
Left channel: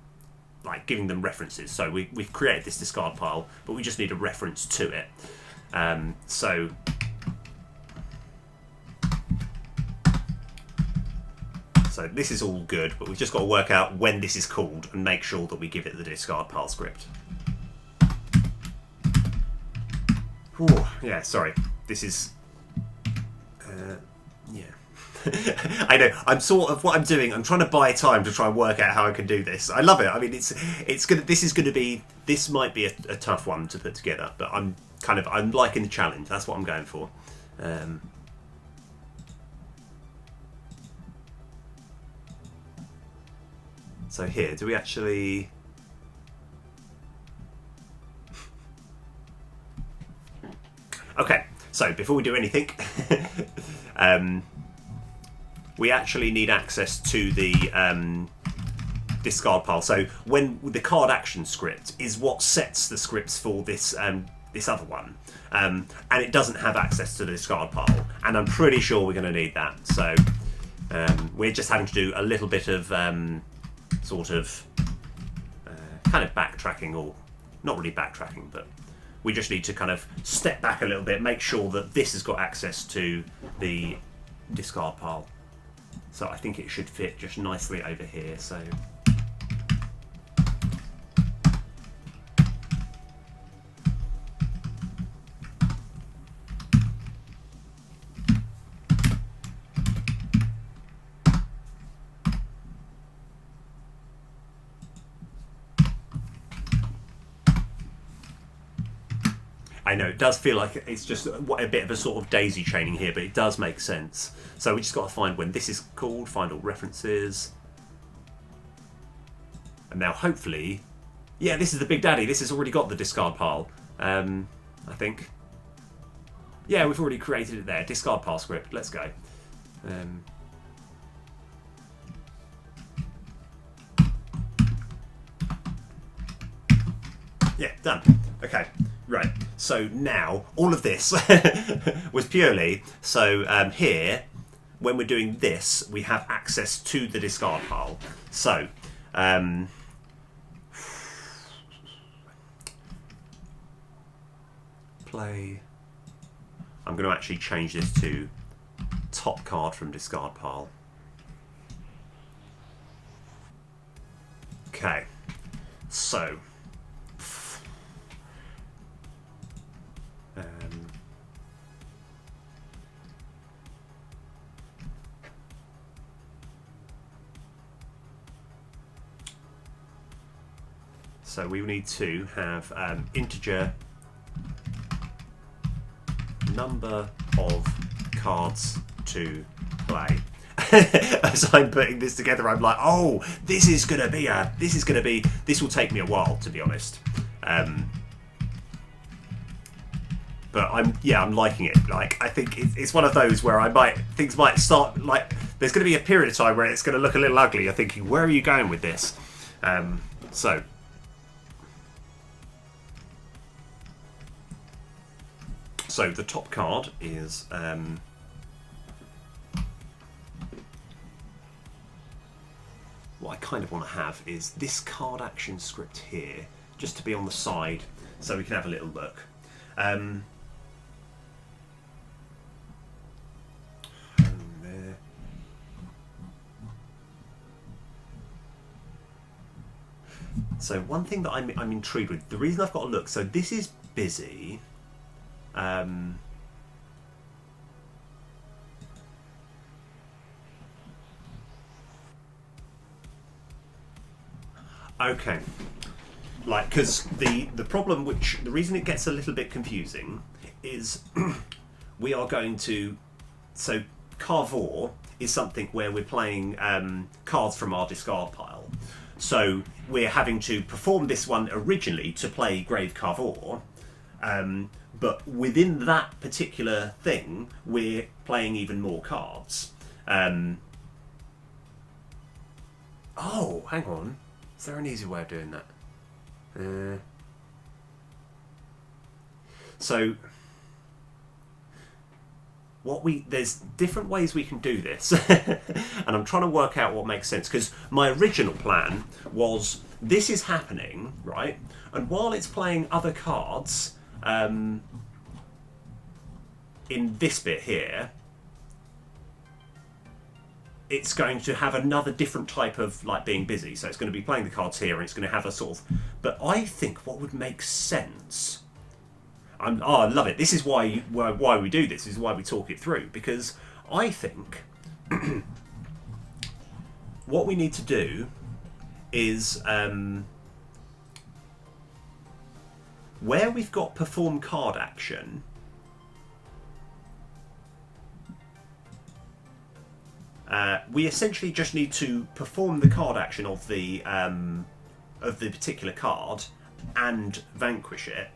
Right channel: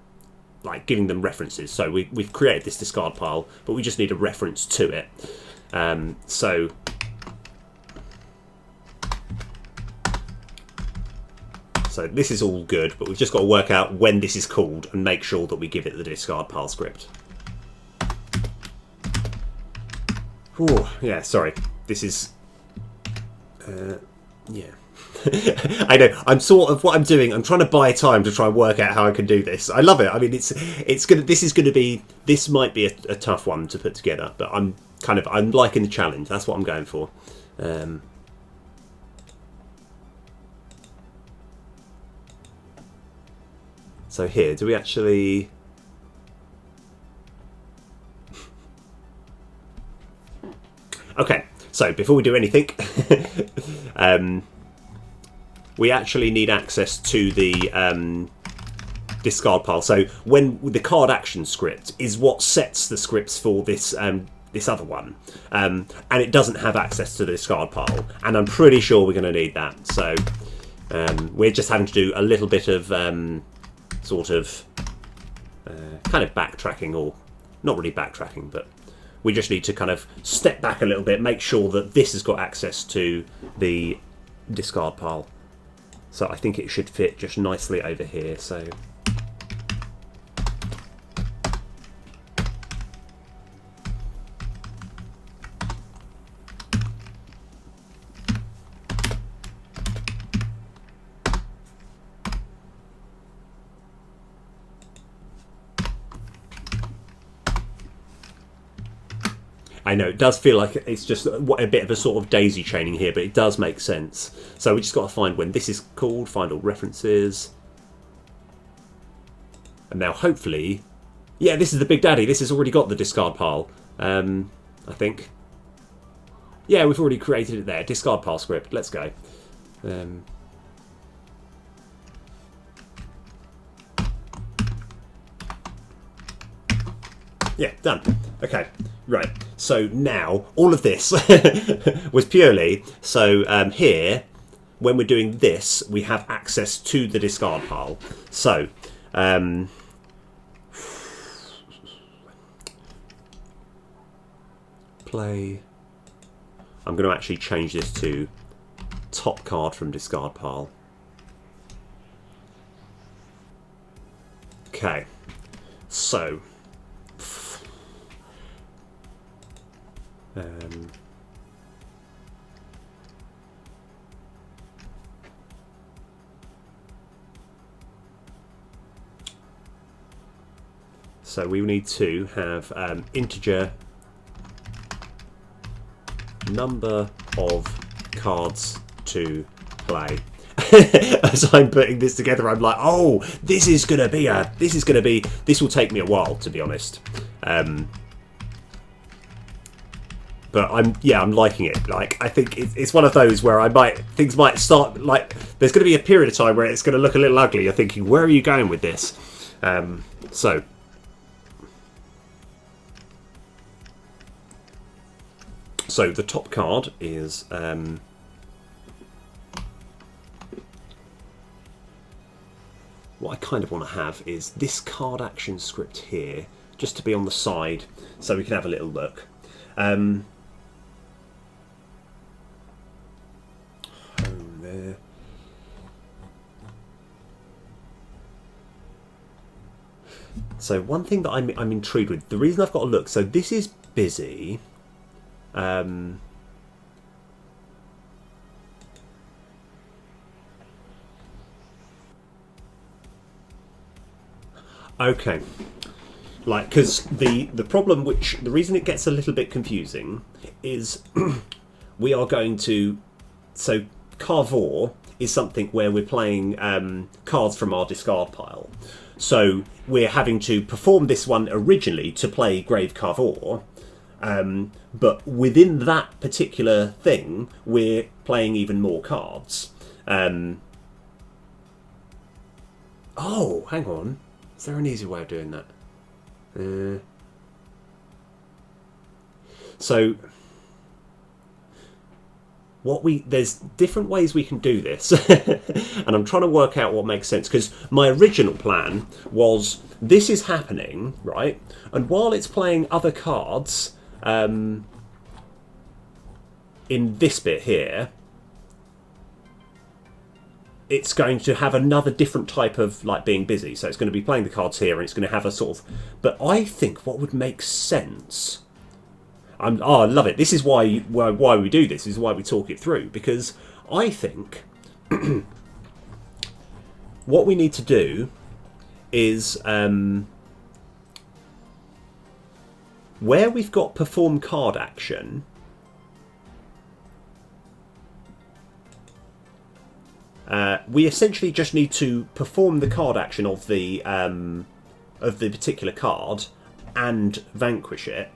like giving them references. So we've created this discard pile, but we just need a reference to it. So this is all good, but we've just got to work out when this is called and make sure that we give it the discard pile script. Ooh, yeah, sorry. This is... yeah. I know. I'm sort of... What I'm doing, I'm trying to buy time to try and work out how I can do this. I love it. I mean, this might be a tough one to put together, but I'm liking the challenge. That's what I'm going for. So here, do we actually... Okay, so before we do anything, we actually need access to the discard pile. So when the card action script is what sets the scripts for this this other one, and it doesn't have access to the discard pile, and I'm pretty sure we're going to need that. So we're just having to do a little bit of sort of kind of backtracking, or not really backtracking, but we just need to kind of step back a little bit, make sure that this has got access to the discard pile. So I think it should fit just nicely over here. So I know it does feel like it's just a bit of a sort of daisy chaining here, but it does make sense. So we just got to find when this is called, find all references. And now hopefully Yeah, this is the Big Daddy. This has already got the discard pile, I think. Yeah, we've already created it there. Discard pile script. Let's go. Yeah, done. Okay, right. So now, all of this was purely, so here, when we're doing this, we have access to the discard pile. So, play. I'm going to actually change this to top card from discard pile. Okay, so so we need to have integer number of cards to play. As I'm putting this together, I'm like, oh, this will take me a while, to be honest. But I'm liking it. Like, I think it's one of those where things might start, like, there's going to be a period of time where it's going to look a little ugly. You're thinking, where are you going with this? So the top card is what I kind of want to have is this card action script here, just to be on the side, so we can have a little look. There. So one thing that I'm intrigued with, the reason I've got to look, so this is busy. Okay, like, because the problem, the reason it gets a little bit confusing is we are going to, so Carver is something where we're playing cards from our discard pile. So we're having to perform this one originally to play Grave Carver, but within that particular thing, we're playing even more cards. Oh, hang on. Is there an easy way of doing that? So there's different ways we can do this, and I'm trying to work out what makes sense, because my original plan was this is happening, right? And while it's playing other cards in this bit here, it's going to have another different type of, like, being busy. So it's going to be playing the cards here, and it's going to have a sort of... But I think what would make sense... I love it. This is why we do this. This is why we talk it through. Because I think what we need to do is... where we've got perform card action... we essentially just need to perform the card action of the particular card and vanquish it,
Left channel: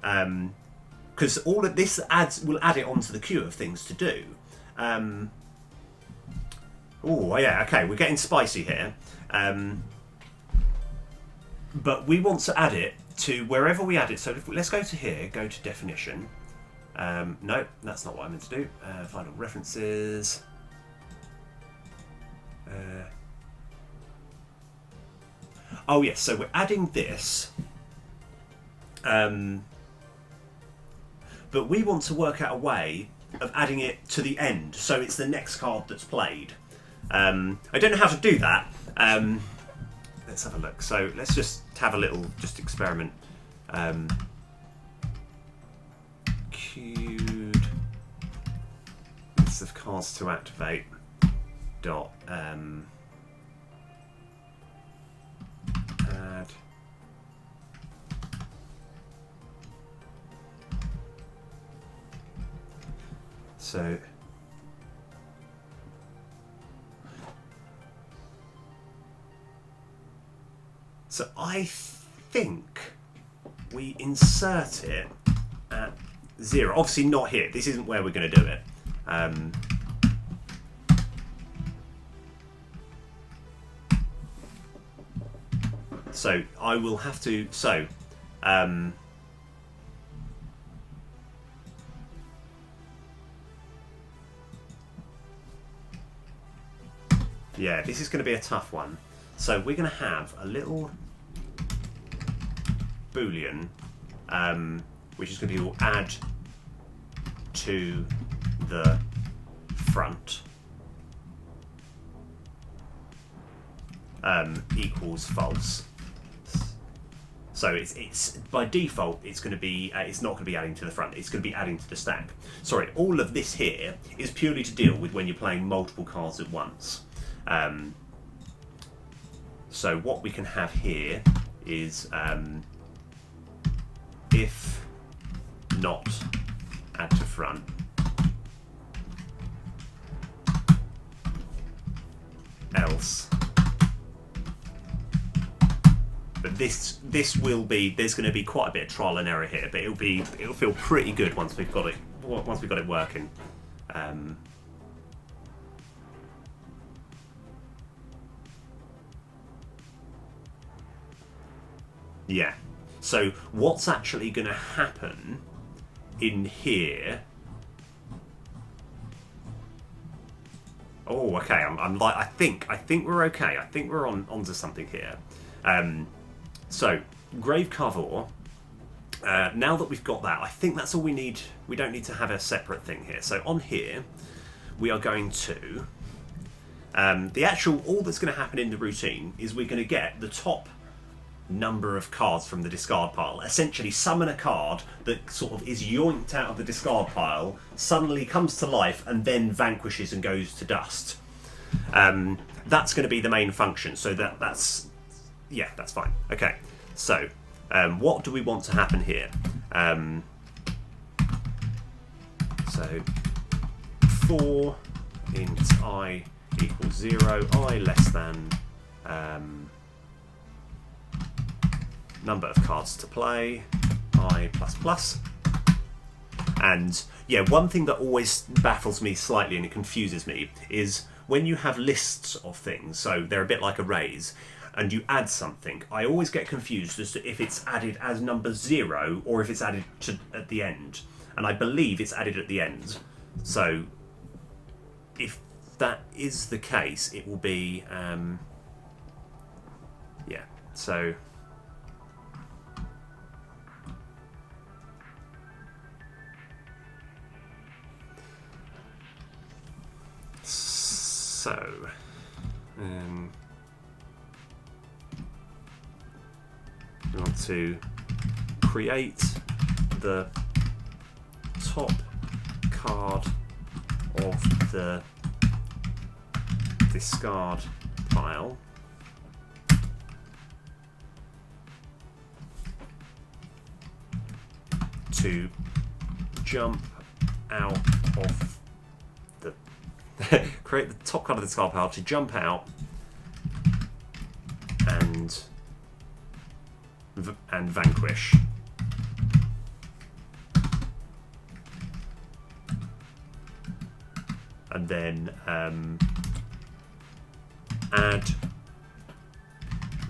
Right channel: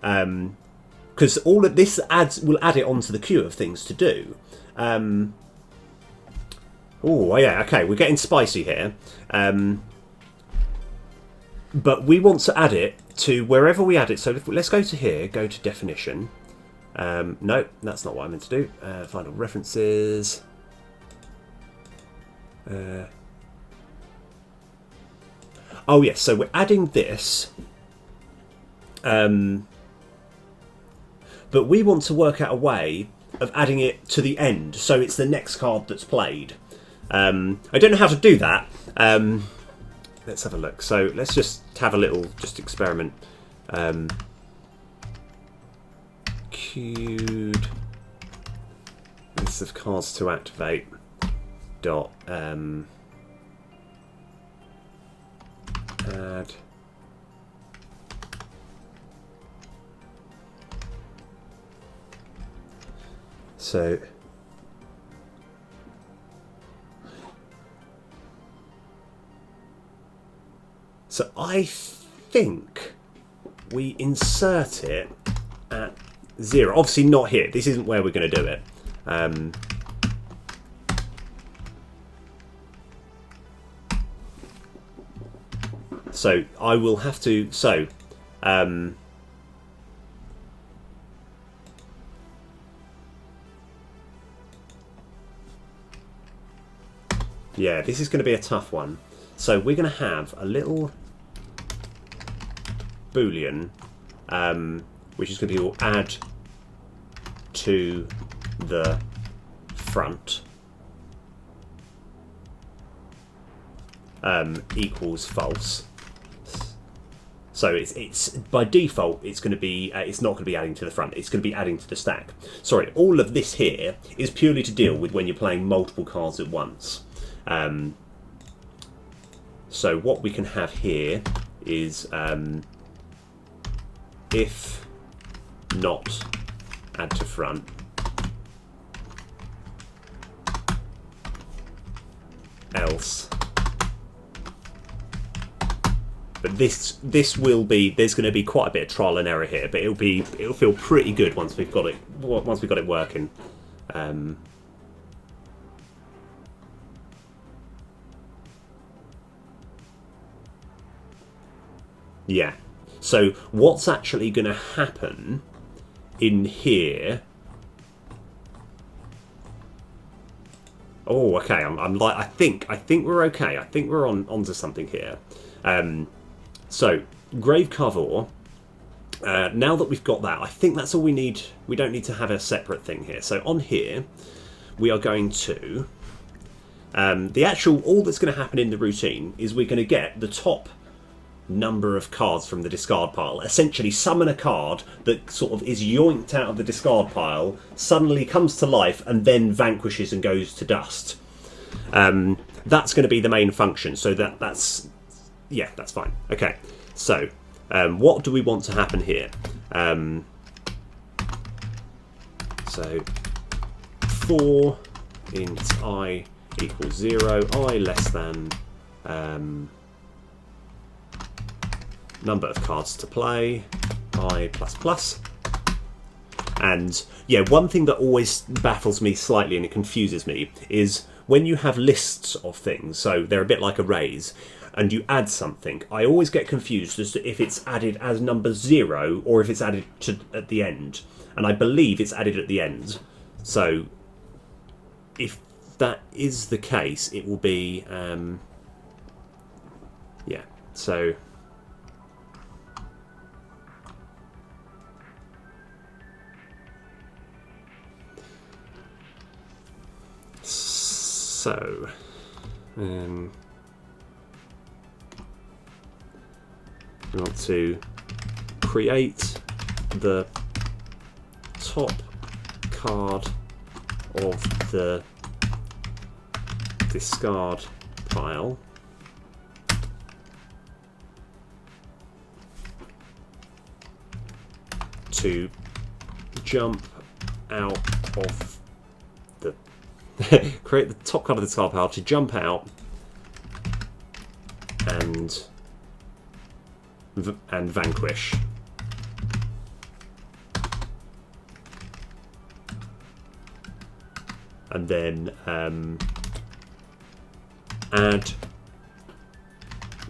because all of this will add it onto the queue of things to do. Oh yeah, okay, we're getting spicy here, but we want to add it to wherever we add it. So let's go to here, go to definition. No, that's not what I meant to do. Final references. Oh yes, so we're adding this, but we want to work out a way of adding it to the end, so it's the next card that's played. I don't know how to do that. Let's have a look. So let's just have a little experiment. Queued list of cards to activate. Dot add so I think we insert it at 0. Obviously not here. This isn't where we're going to do it. So I will have to... So... yeah, this is going to be a tough one. So we're going to have a little boolean, which is going to be all add to the front equals false. So it's by default it's going to be it's not going to be adding to the front. It's going to be adding to the stack. Sorry, all of this here is purely to deal with when you're playing multiple cards at once. So what we can have here is if not add to front, else. But this will be, there's going to be quite a bit of trial and error here, but it'll feel pretty good once we've got it working. Yeah. So what's actually going to happen in here? Oh, okay. I'm like, I think we're okay. I think we're onto something here. So Grave Carver. Now that we've got that, I think that's all we need. We don't need to have a separate thing here. So on here, we are going to all that's going to happen in the routine is we're going to get the top number of cards from the discard pile. Essentially summon a card that sort of is yoinked out of the discard pile, suddenly comes to life, and then vanquishes and goes to dust. That's going to be the main function. So that's fine. Okay, so what do we want to happen here? So for int I equals 0, I less than number of cards to play, I plus. And yeah, one thing that always baffles me slightly and it confuses me is when you have lists of things, so they're a bit like arrays, and you add something, I always get confused as to if it's added as number 0 or if it's added at the end. And I believe it's added at the end. So if that is the case, it will be yeah. So we want to create the top card of the discard pile to jump out of the create the top card of the discard pile to jump out and vanquish. And then add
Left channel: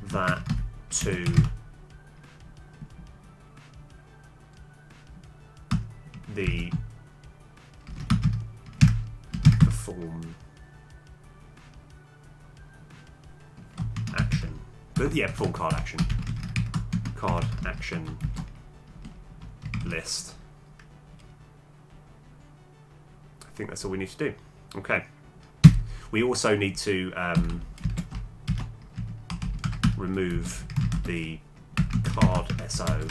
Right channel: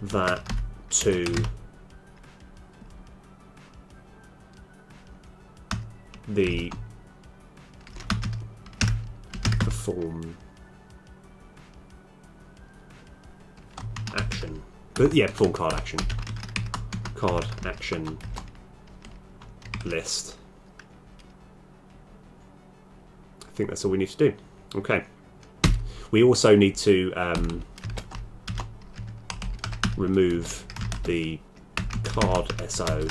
that to the perform action. But yeah, perform card action. Card action list. I think that's all we need to do. Okay. We also need to remove the card SO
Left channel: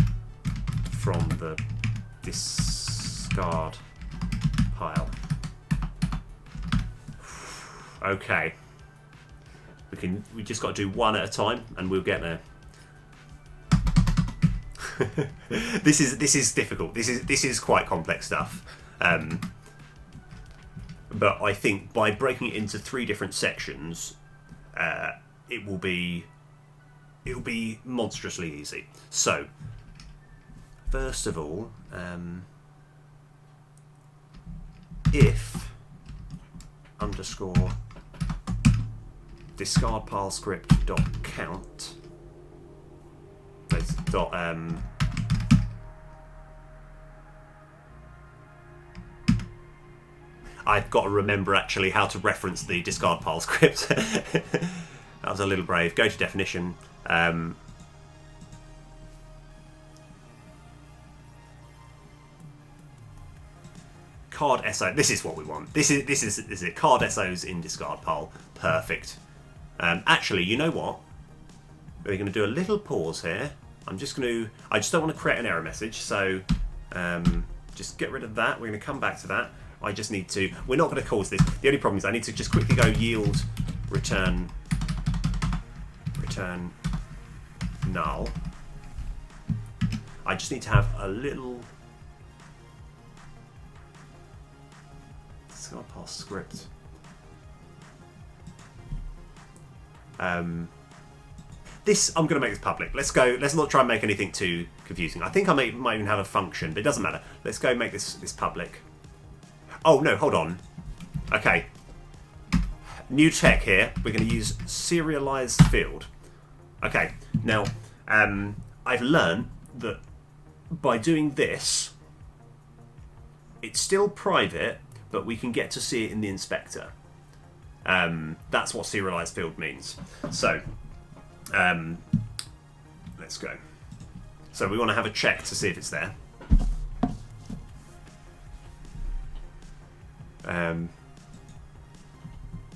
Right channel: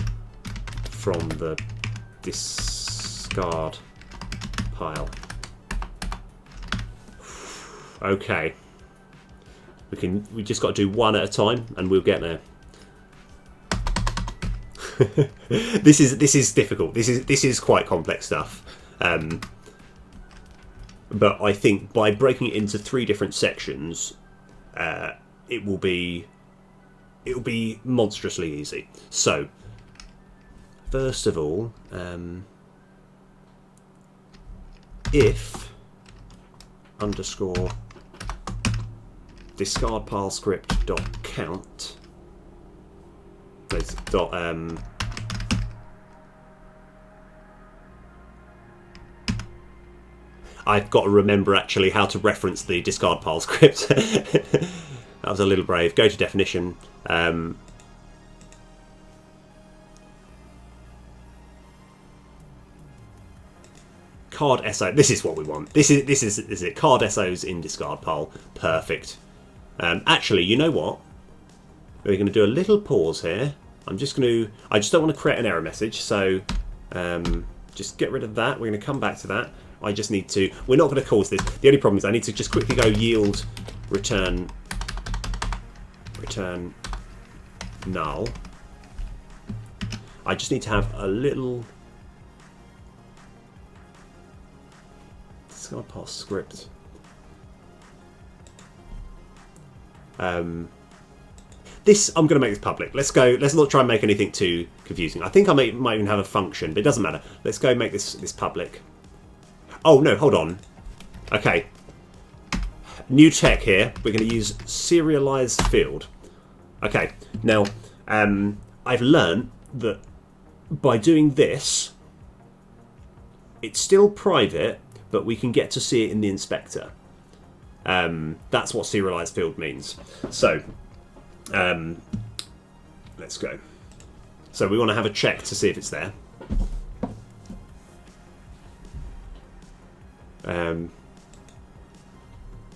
from the discard pile. Okay. We just got to do one at a time and we'll get there. This is difficult. This is quite complex stuff. But I think by breaking it into 3 different sections, it will be it'll be monstrously easy. So, first of all, if underscore discard pile script dot count dot I've got to remember actually how to reference the discard pile script. That was a little brave. Go to definition. Card SO. This is what we want. This is it. Card SOs in discard pile. Perfect. Actually, you know what? We're going to do a little pause here. I just don't want to create an error message. So just get rid of that. We're going to come back to that. I just need to. We're not going to cause this. The only problem is I need to just quickly go yield return null. I just need to have a little discard pile script. This I'm going to make this public. Let's go. Let's not try and make anything too confusing. I think I might even have a function, but it doesn't matter. Let's go make this public. Oh no, hold on. Okay. New tech here. We're going to use serialized field. Okay. Now, I've learned that by doing this, it's still private, but we can get to see it in the inspector. That's what serialized field means. So, let's go. So we want to have a check to see if it's there.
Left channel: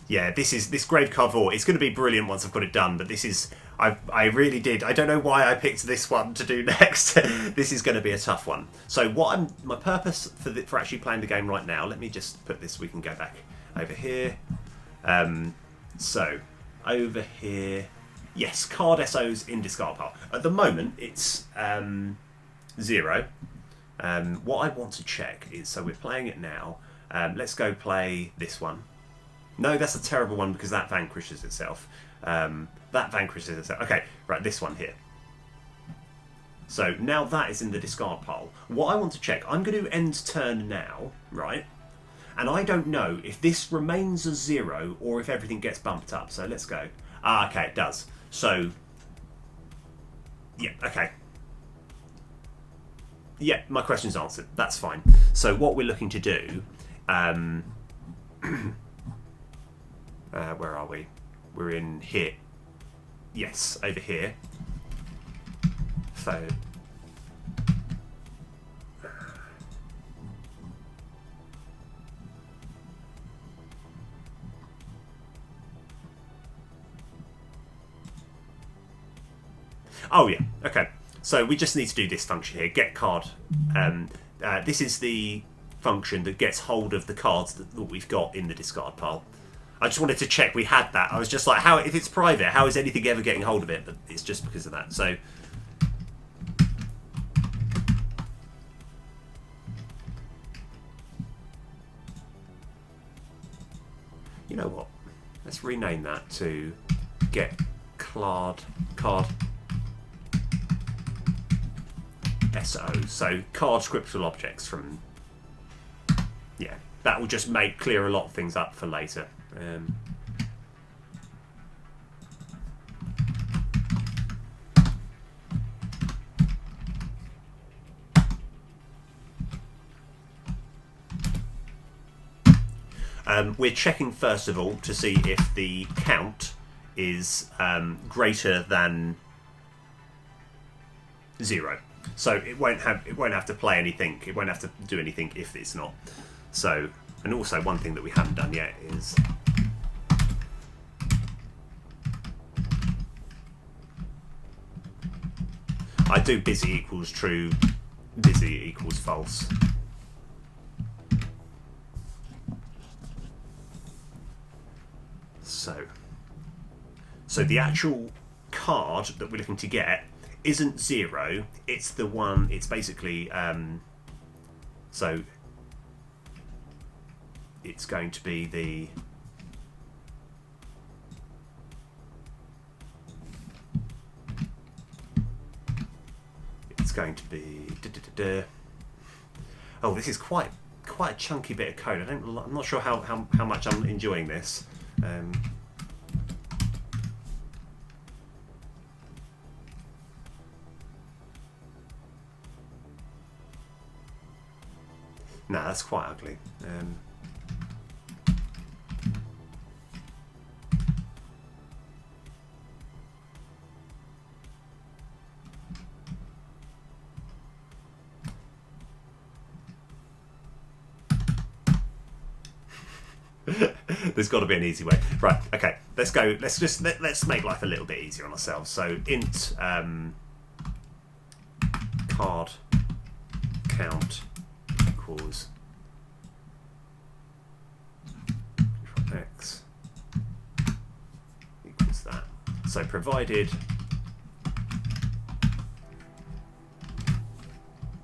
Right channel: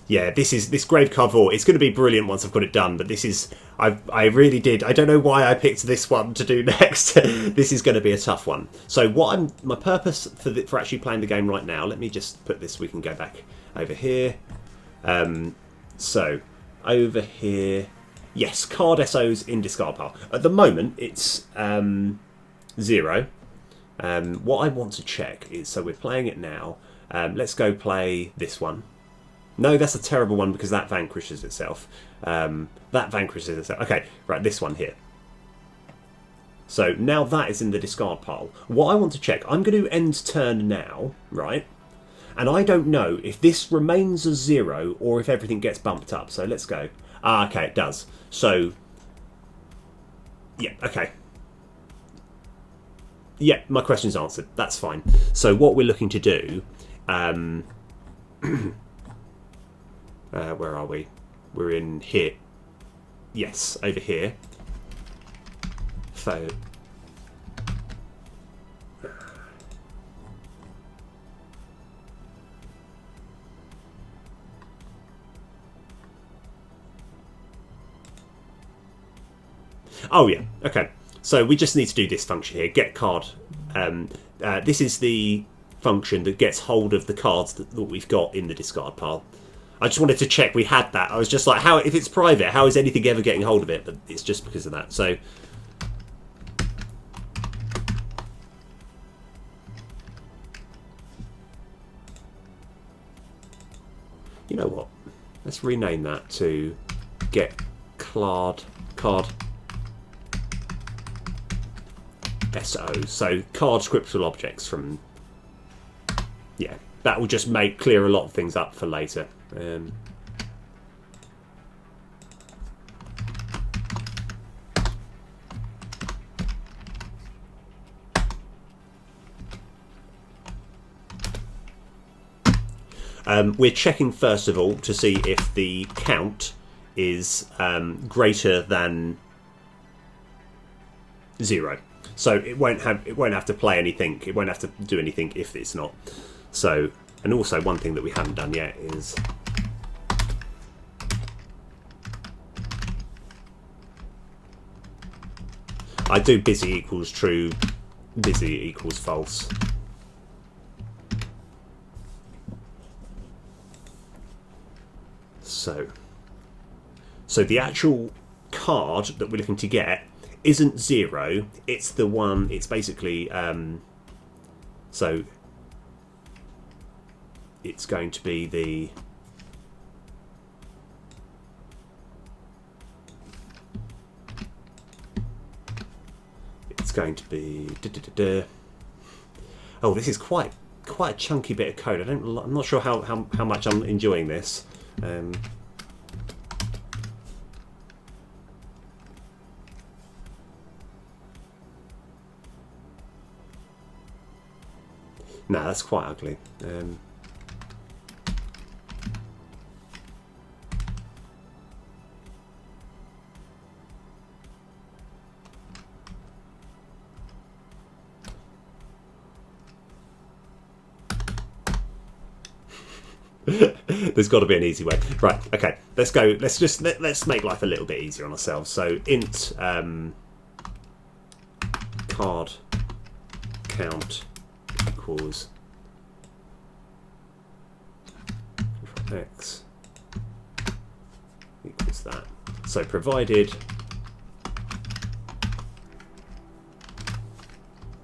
Yeah, this grave Carver. It's going to be brilliant once I've got it done. But this is I really did. I don't know why I picked this one to do next. This is going to be a tough one. So my purpose for actually playing the game right now. Let me just put this. We can go back over here. So over here, yes, card SOs in discard pile. At the moment, it's 0. What I want to check is, so we're playing it now. Let's go play this one. No, that's a terrible one because that vanquishes itself. Okay, right, this one here. So now that is in the discard pile. What I want to check, I'm going to end turn now, right? And I don't know if this remains a 0 or if everything gets bumped up. So let's go. Okay, it does. So, yeah, okay. Yeah, my question's answered. That's fine. So what we're looking to do... where are we? We're in here. Yes, over here. So... Oh yeah, okay. So we just need to do this function here, get card. This is the function that gets hold of the cards that we've got in the discard pile. I just wanted to check we had that. I was just like, how if it's private, how is anything ever getting hold of it? But it's just because of that. So you know what? Let's rename that to get card SO. So card scriptural objects from... Yeah, that will just clear a lot of things up for later. We're checking first of all to see if the count is greater than 0. So it won't have to play anything. It won't have to do anything if it's not. So, and also one thing that we haven't done yet is I do busy equals true, busy equals false. So the actual card that we're looking to get isn't 0, it's the one, it's basically, so it's going to be the, going to be... Oh, this is quite a chunky bit of code. I'm not sure how much I'm enjoying this. No, that's quite ugly. There's got to be an easy way. Right, okay, let's go. Let's make life a little bit easier on ourselves. So int card count equals x equals that. So provided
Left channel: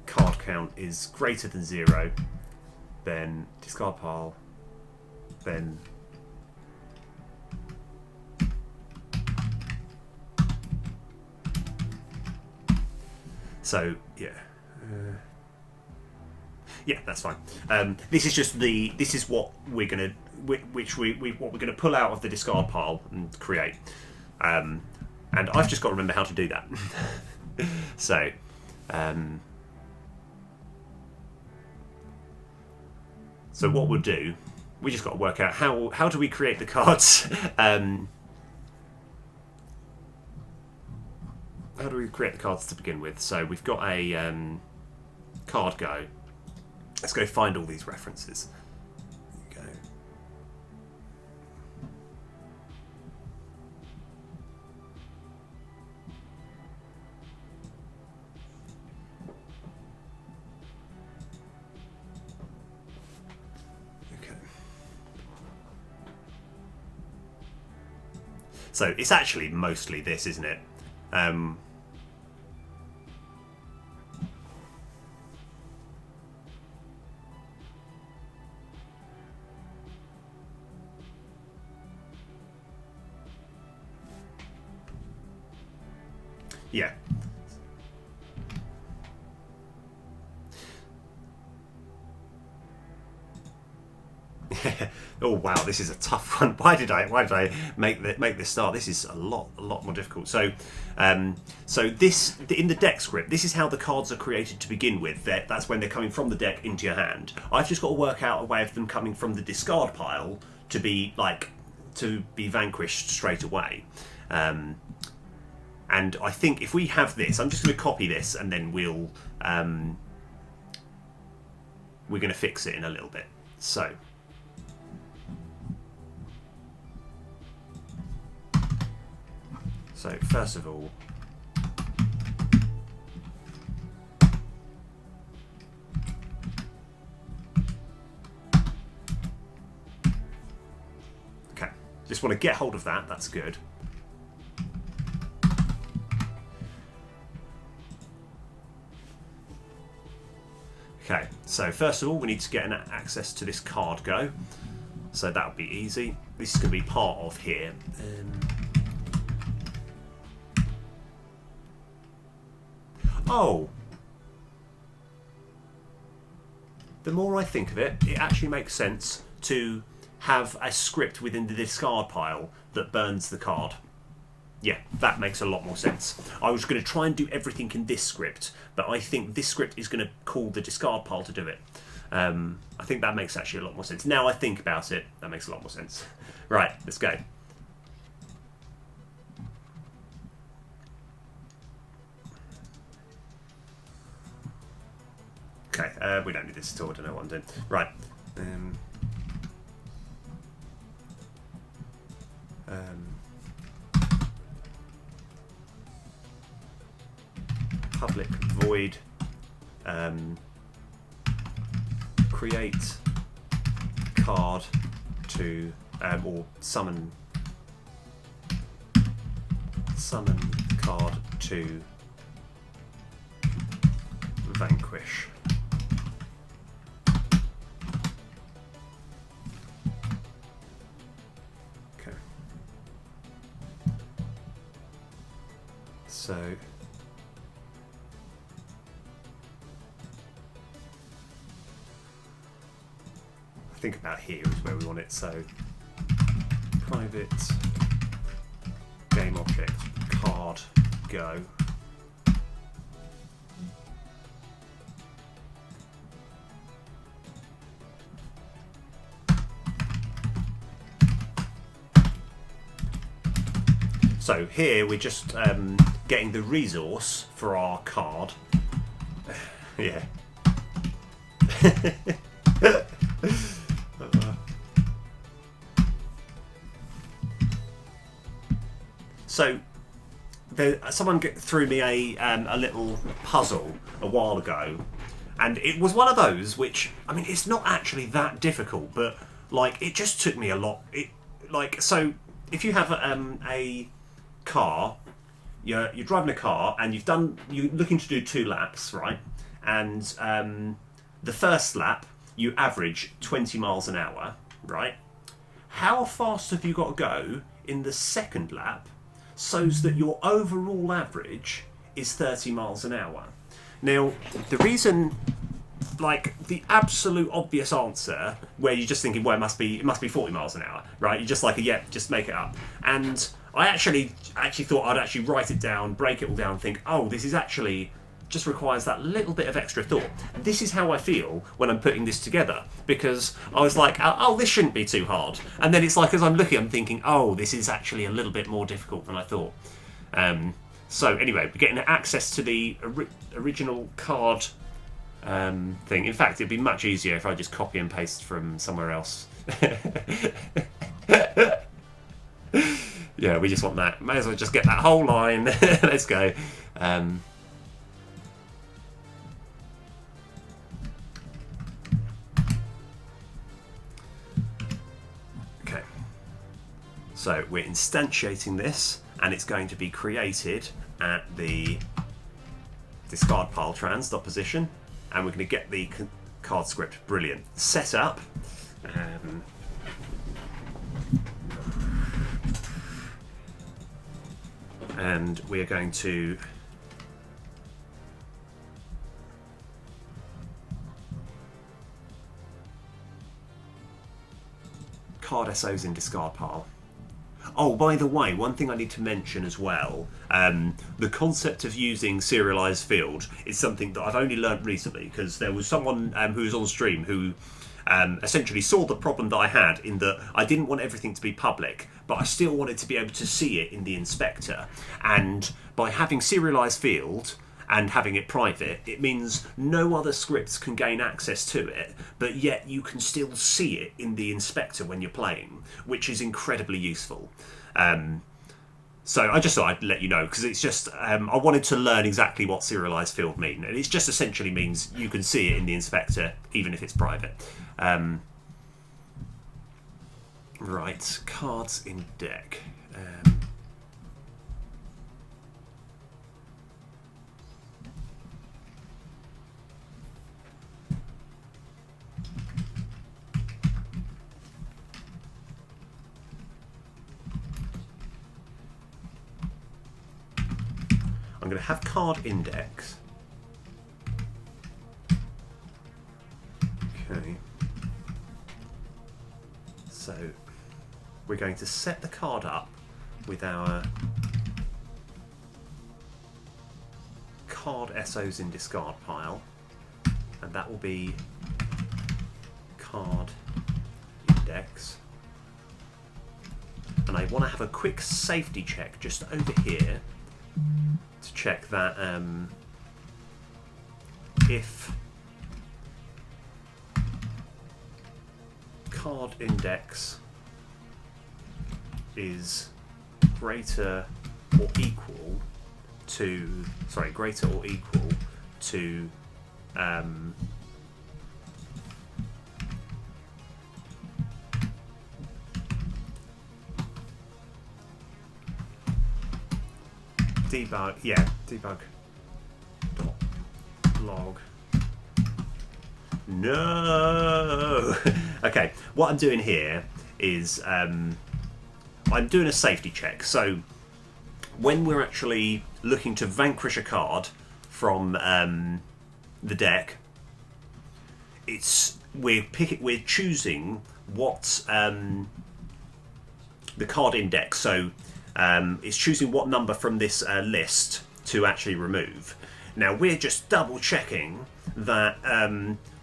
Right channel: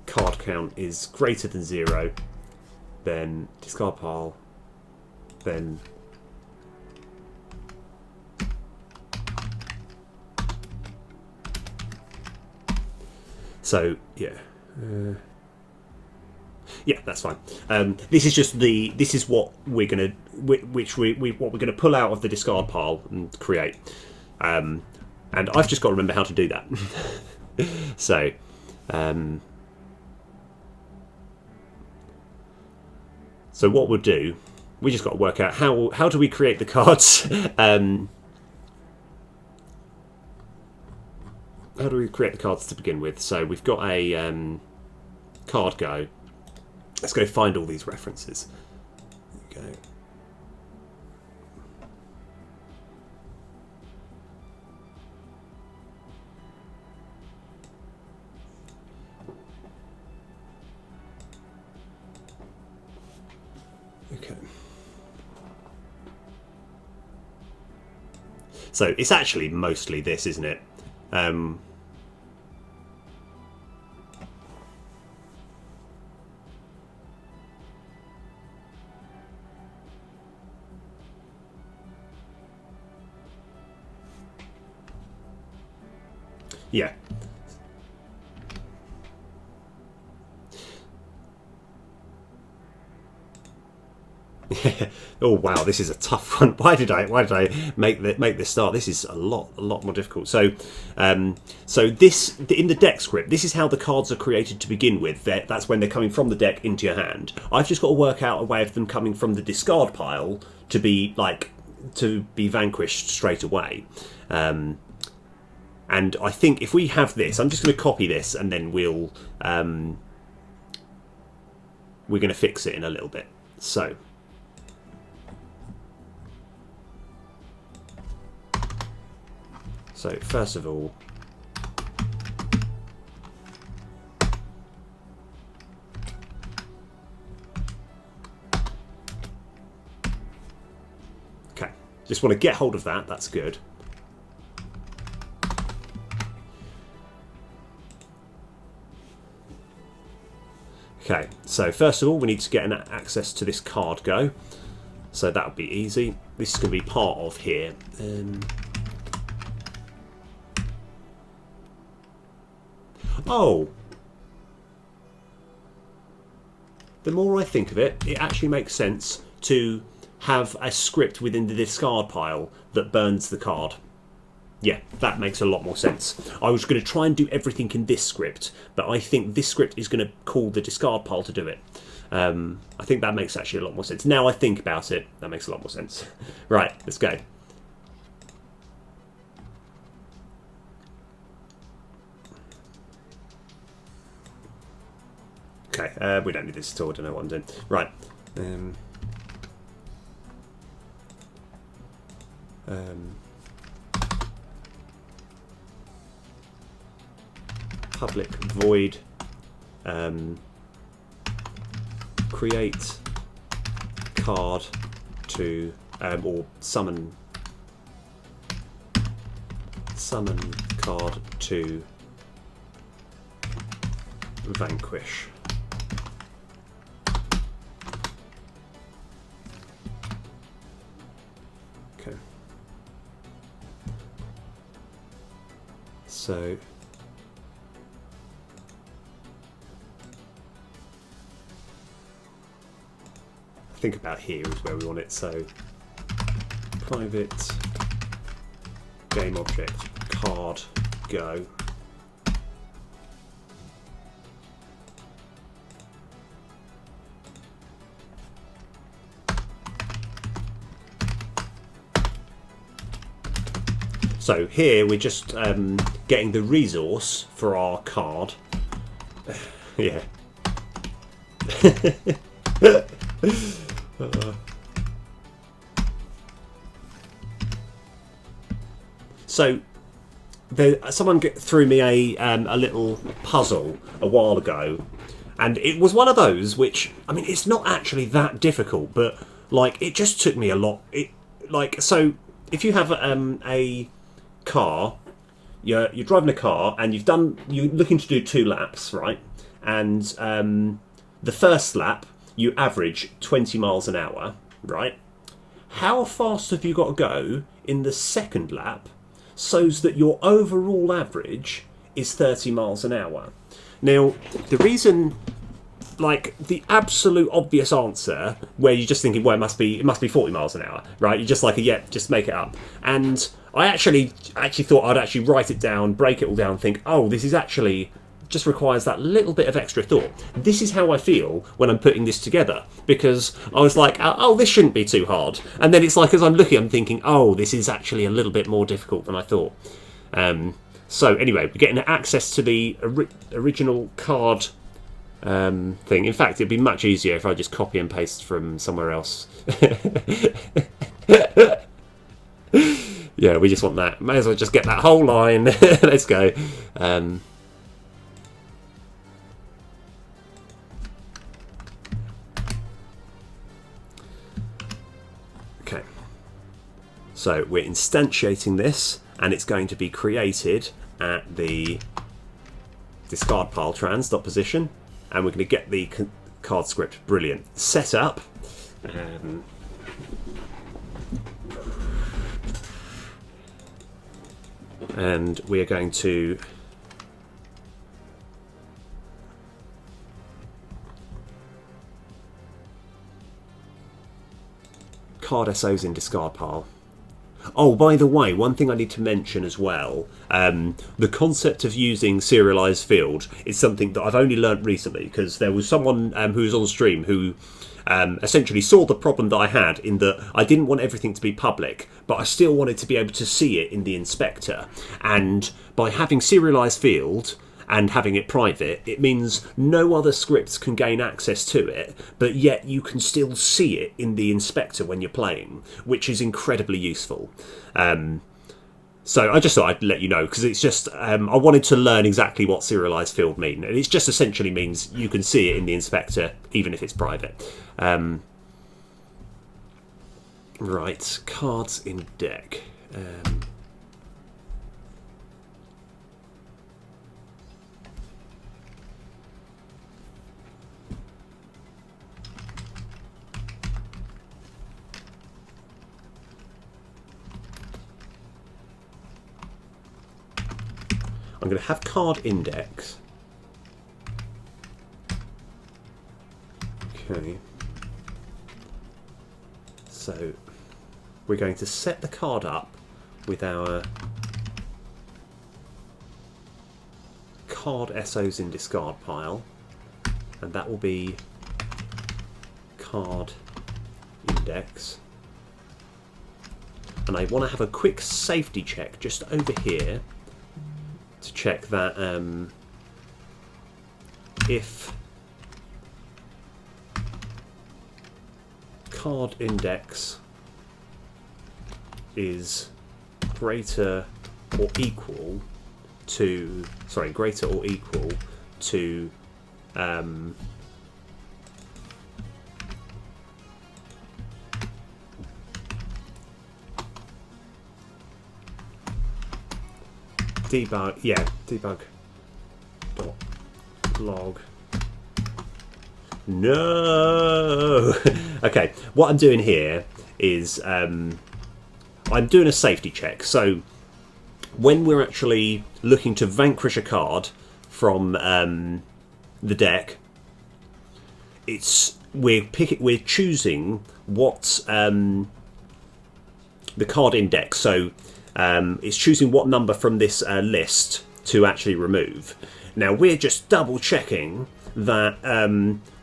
card count is greater than 0, then discard pile, then so yeah. Yeah, that's fine. This is just this is what we're gonna what we're gonna pull out of the discard pile and create. And I've just got to remember how to do that. So so what we'll do, we just got to work out how do we create the cards. How do we create the cards to begin with? So we've got a card go. Let's go find all these references. There you go. Okay. So it's actually mostly this, isn't it? Yeah. Oh wow, this is a tough one. Why did I make this start? This is a lot more difficult. So, so this in the deck script, this is how the cards are created to begin with. That's when they're coming from the deck into your hand. I've just got to work out a way of them coming from the discard pile to be vanquished straight away. And I think if we have this, I'm just going to copy this, and then we're going to fix it in a little bit. So. So first of all, okay, just want to get hold of that. That's good. Okay, so first of all, we need to get an access to this card go. So that would be easy. This is going to be part of here. Oh, the more I think of it, it actually makes sense to have a script within the discard pile that burns the card. Yeah, that makes a lot more sense. I was going to try and do everything in this script, but I think this script is going to call the discard pile to do it. I think that makes actually a lot more sense. Now I think about it, that makes a lot more sense. Right, let's go. Okay, we don't need this at all. I don't know what I'm doing. Right. Public void create card to or summon card to vanquish. Okay. So think about here is where we want it. So private game object card go. So here we're just getting the resource for our card. Yeah. So someone threw me a little puzzle a while ago, and it was one of those which, I mean, it's not actually that difficult, but like it just took me a lot. So if you have a car, you're driving a car and you're looking to do 2 laps, right? And the first lap you average 20 miles an hour, right? How fast have you got to go in the second lap so that your overall average is 30 miles an hour? Now, the reason, like the absolute obvious answer, where you're just thinking, well, it must be 40 miles an hour, right? You're just like, yeah, just make it up. And I actually thought I'd actually write it down, break it all down, think, oh, this is actually just requires that little bit of extra thought. This is how I feel when I'm putting this together, because I was like, oh, this shouldn't be too hard. And then it's like, as I'm looking, I'm thinking, oh, this is actually a little bit more difficult than I thought. So anyway, we're getting access to the original card thing. In fact, it'd be much easier if I just copy and paste from somewhere else. Yeah, we just want that. May as well just get that whole line. Let's go. Okay. So we're instantiating this, and it's going to be created at the discard pile trans.position, and we're going to get the card script. Brilliant. Set up. And we are going to card SOs in discard pile. Oh, by the way, one thing I need to mention as well, the concept of using serialized field is something that I've only learnt recently, because there was someone who was on stream who essentially saw the problem that I had, in that I didn't want everything to be public, but I still wanted to be able to see it in the inspector. And by having serialized field and having it private, it means no other scripts can gain access to it, but yet you can still see it in the inspector when you're playing, which is incredibly useful. So I just thought I'd let you know, because it's just, I wanted to learn exactly what serialized field mean. And it just essentially means you can see it in the inspector, even if it's private. Right, cards in deck. I'm going to have card index. Okay. So we're going to set the card up with our card SOs in discard pile, and that will be card index. And I want to have a quick safety check just over here to check that if card index is greater or equal to debug dot log. No. Okay, what I'm doing here is I'm doing a safety check. So when we're actually looking to vanquish a card from the deck, it's we're choosing what the card index. So it's choosing what number from this list to actually remove. Now we're just double checking that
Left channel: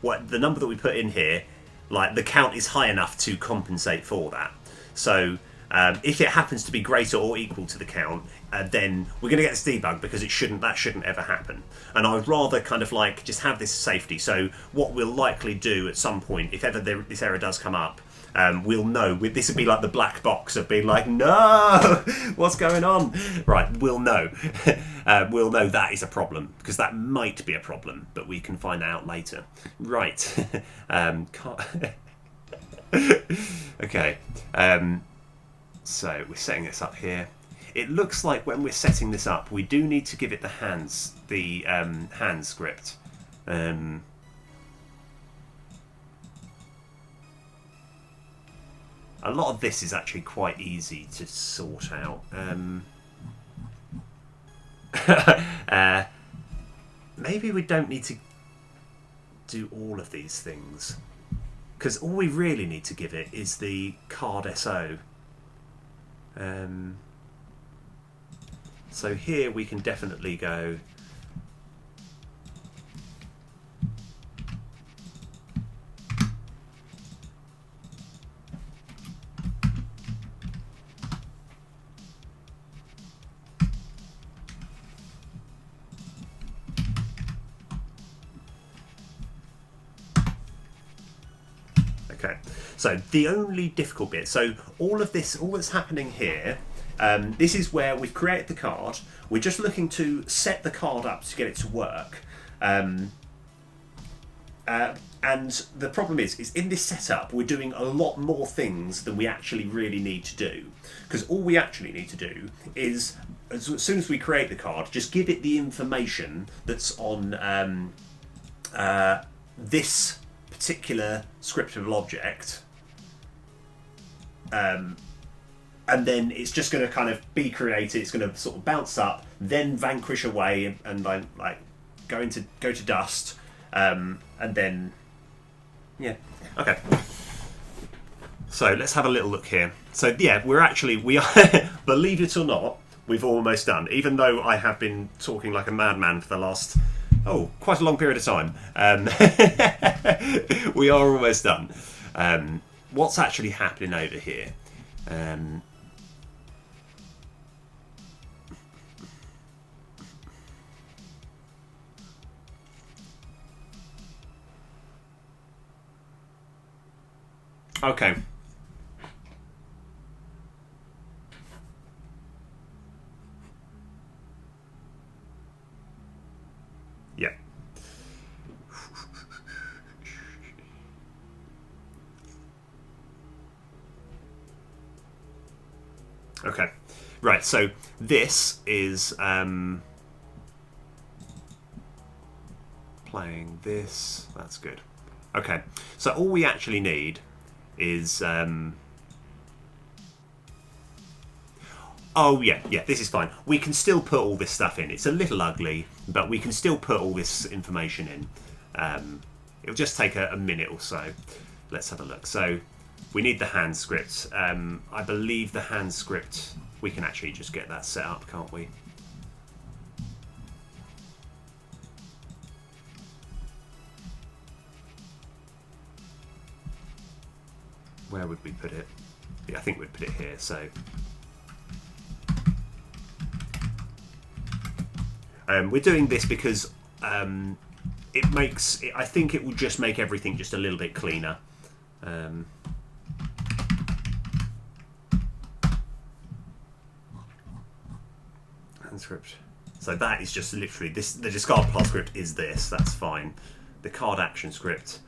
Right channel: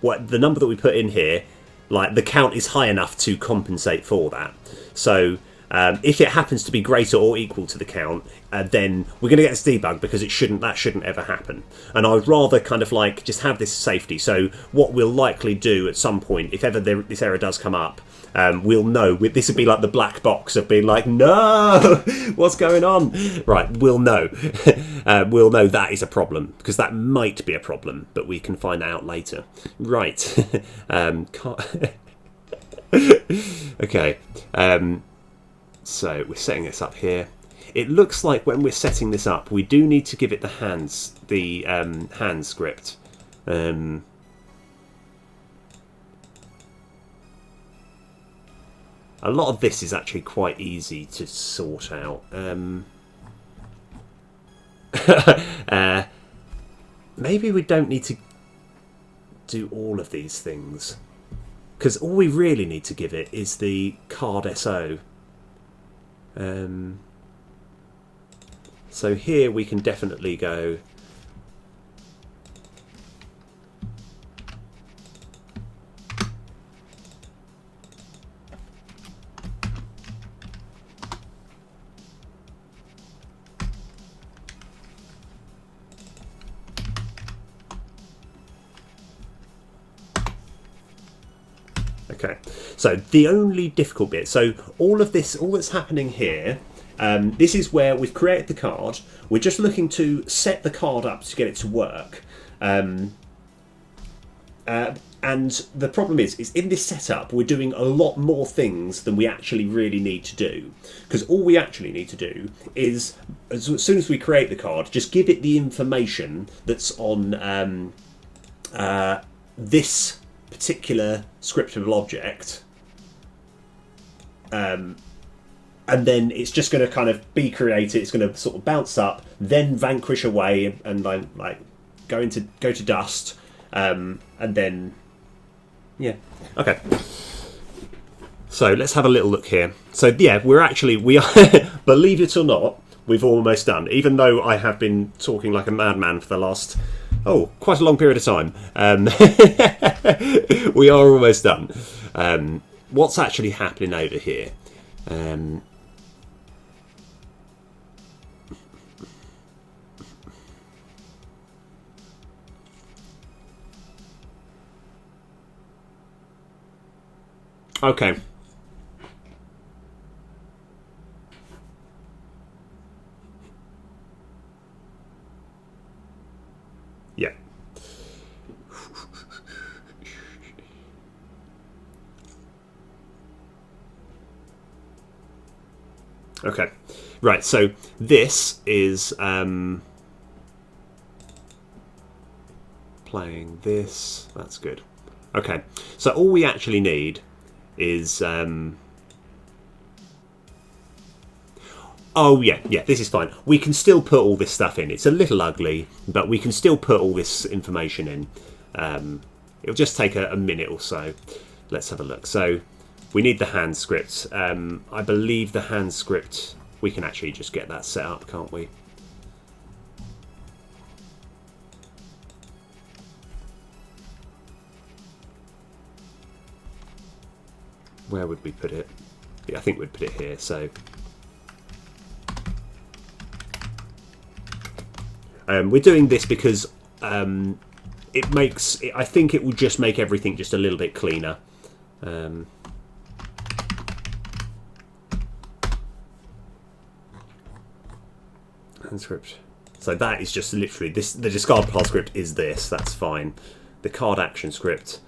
what the number that we put in here, like the count is high enough to compensate for that. So if it happens to be greater or equal to the count, then we're going to get this debug, because that shouldn't ever happen. And I would rather kind of like just have this safety. So what we'll likely do at some point, if ever this error does come up, we'll know. This would be like the black box of being like, no, what's going on? Right, we'll know. We'll know that is a problem, because that might be a problem, but we can find out later. Right. Okay. So we're setting this up here. It looks like when we're setting this up, we do need to give it the hand script. A lot of this is actually quite easy to sort out. Maybe we don't need to do all of these things, because all we really need to give it is the card SO. So here we can definitely go okay. So the only difficult bit, so all that's happening here, this is where we've created the card. We're just looking to set the card up to get it to work. And the problem is in this setup, we're doing a lot more things than we actually really need to do. Because all we actually need to do is, as soon as we create the card, just give it the information that's on this particular scriptable object. And then it's just going to kind of be created. It's going to sort of bounce up, then vanquish away, and then like go to dust, and then yeah. Okay. So let's have a little look here. So yeah, we are believe it or not, we've almost done. Even though I have been talking like a madman for the last quite a long period of time, we are almost done. What's actually happening over here? Okay. Yeah. Okay. Right, so this is playing this. That's good. Okay. So all we actually need is oh yeah, this is fine. We can still put all this stuff in. It's a little ugly, but we can still put all this information in. It'll just take a minute or so. Let's have a look. So we need the hand script. I believe the hand script, we can actually just get that set up, can't we? Where would we put it? Yeah, I think we'd put it here. So we're doing this because it makes. I think it will just make everything just a little bit cleaner. Script. So that is just literally this. The discard path script is this. That's fine. The card action script.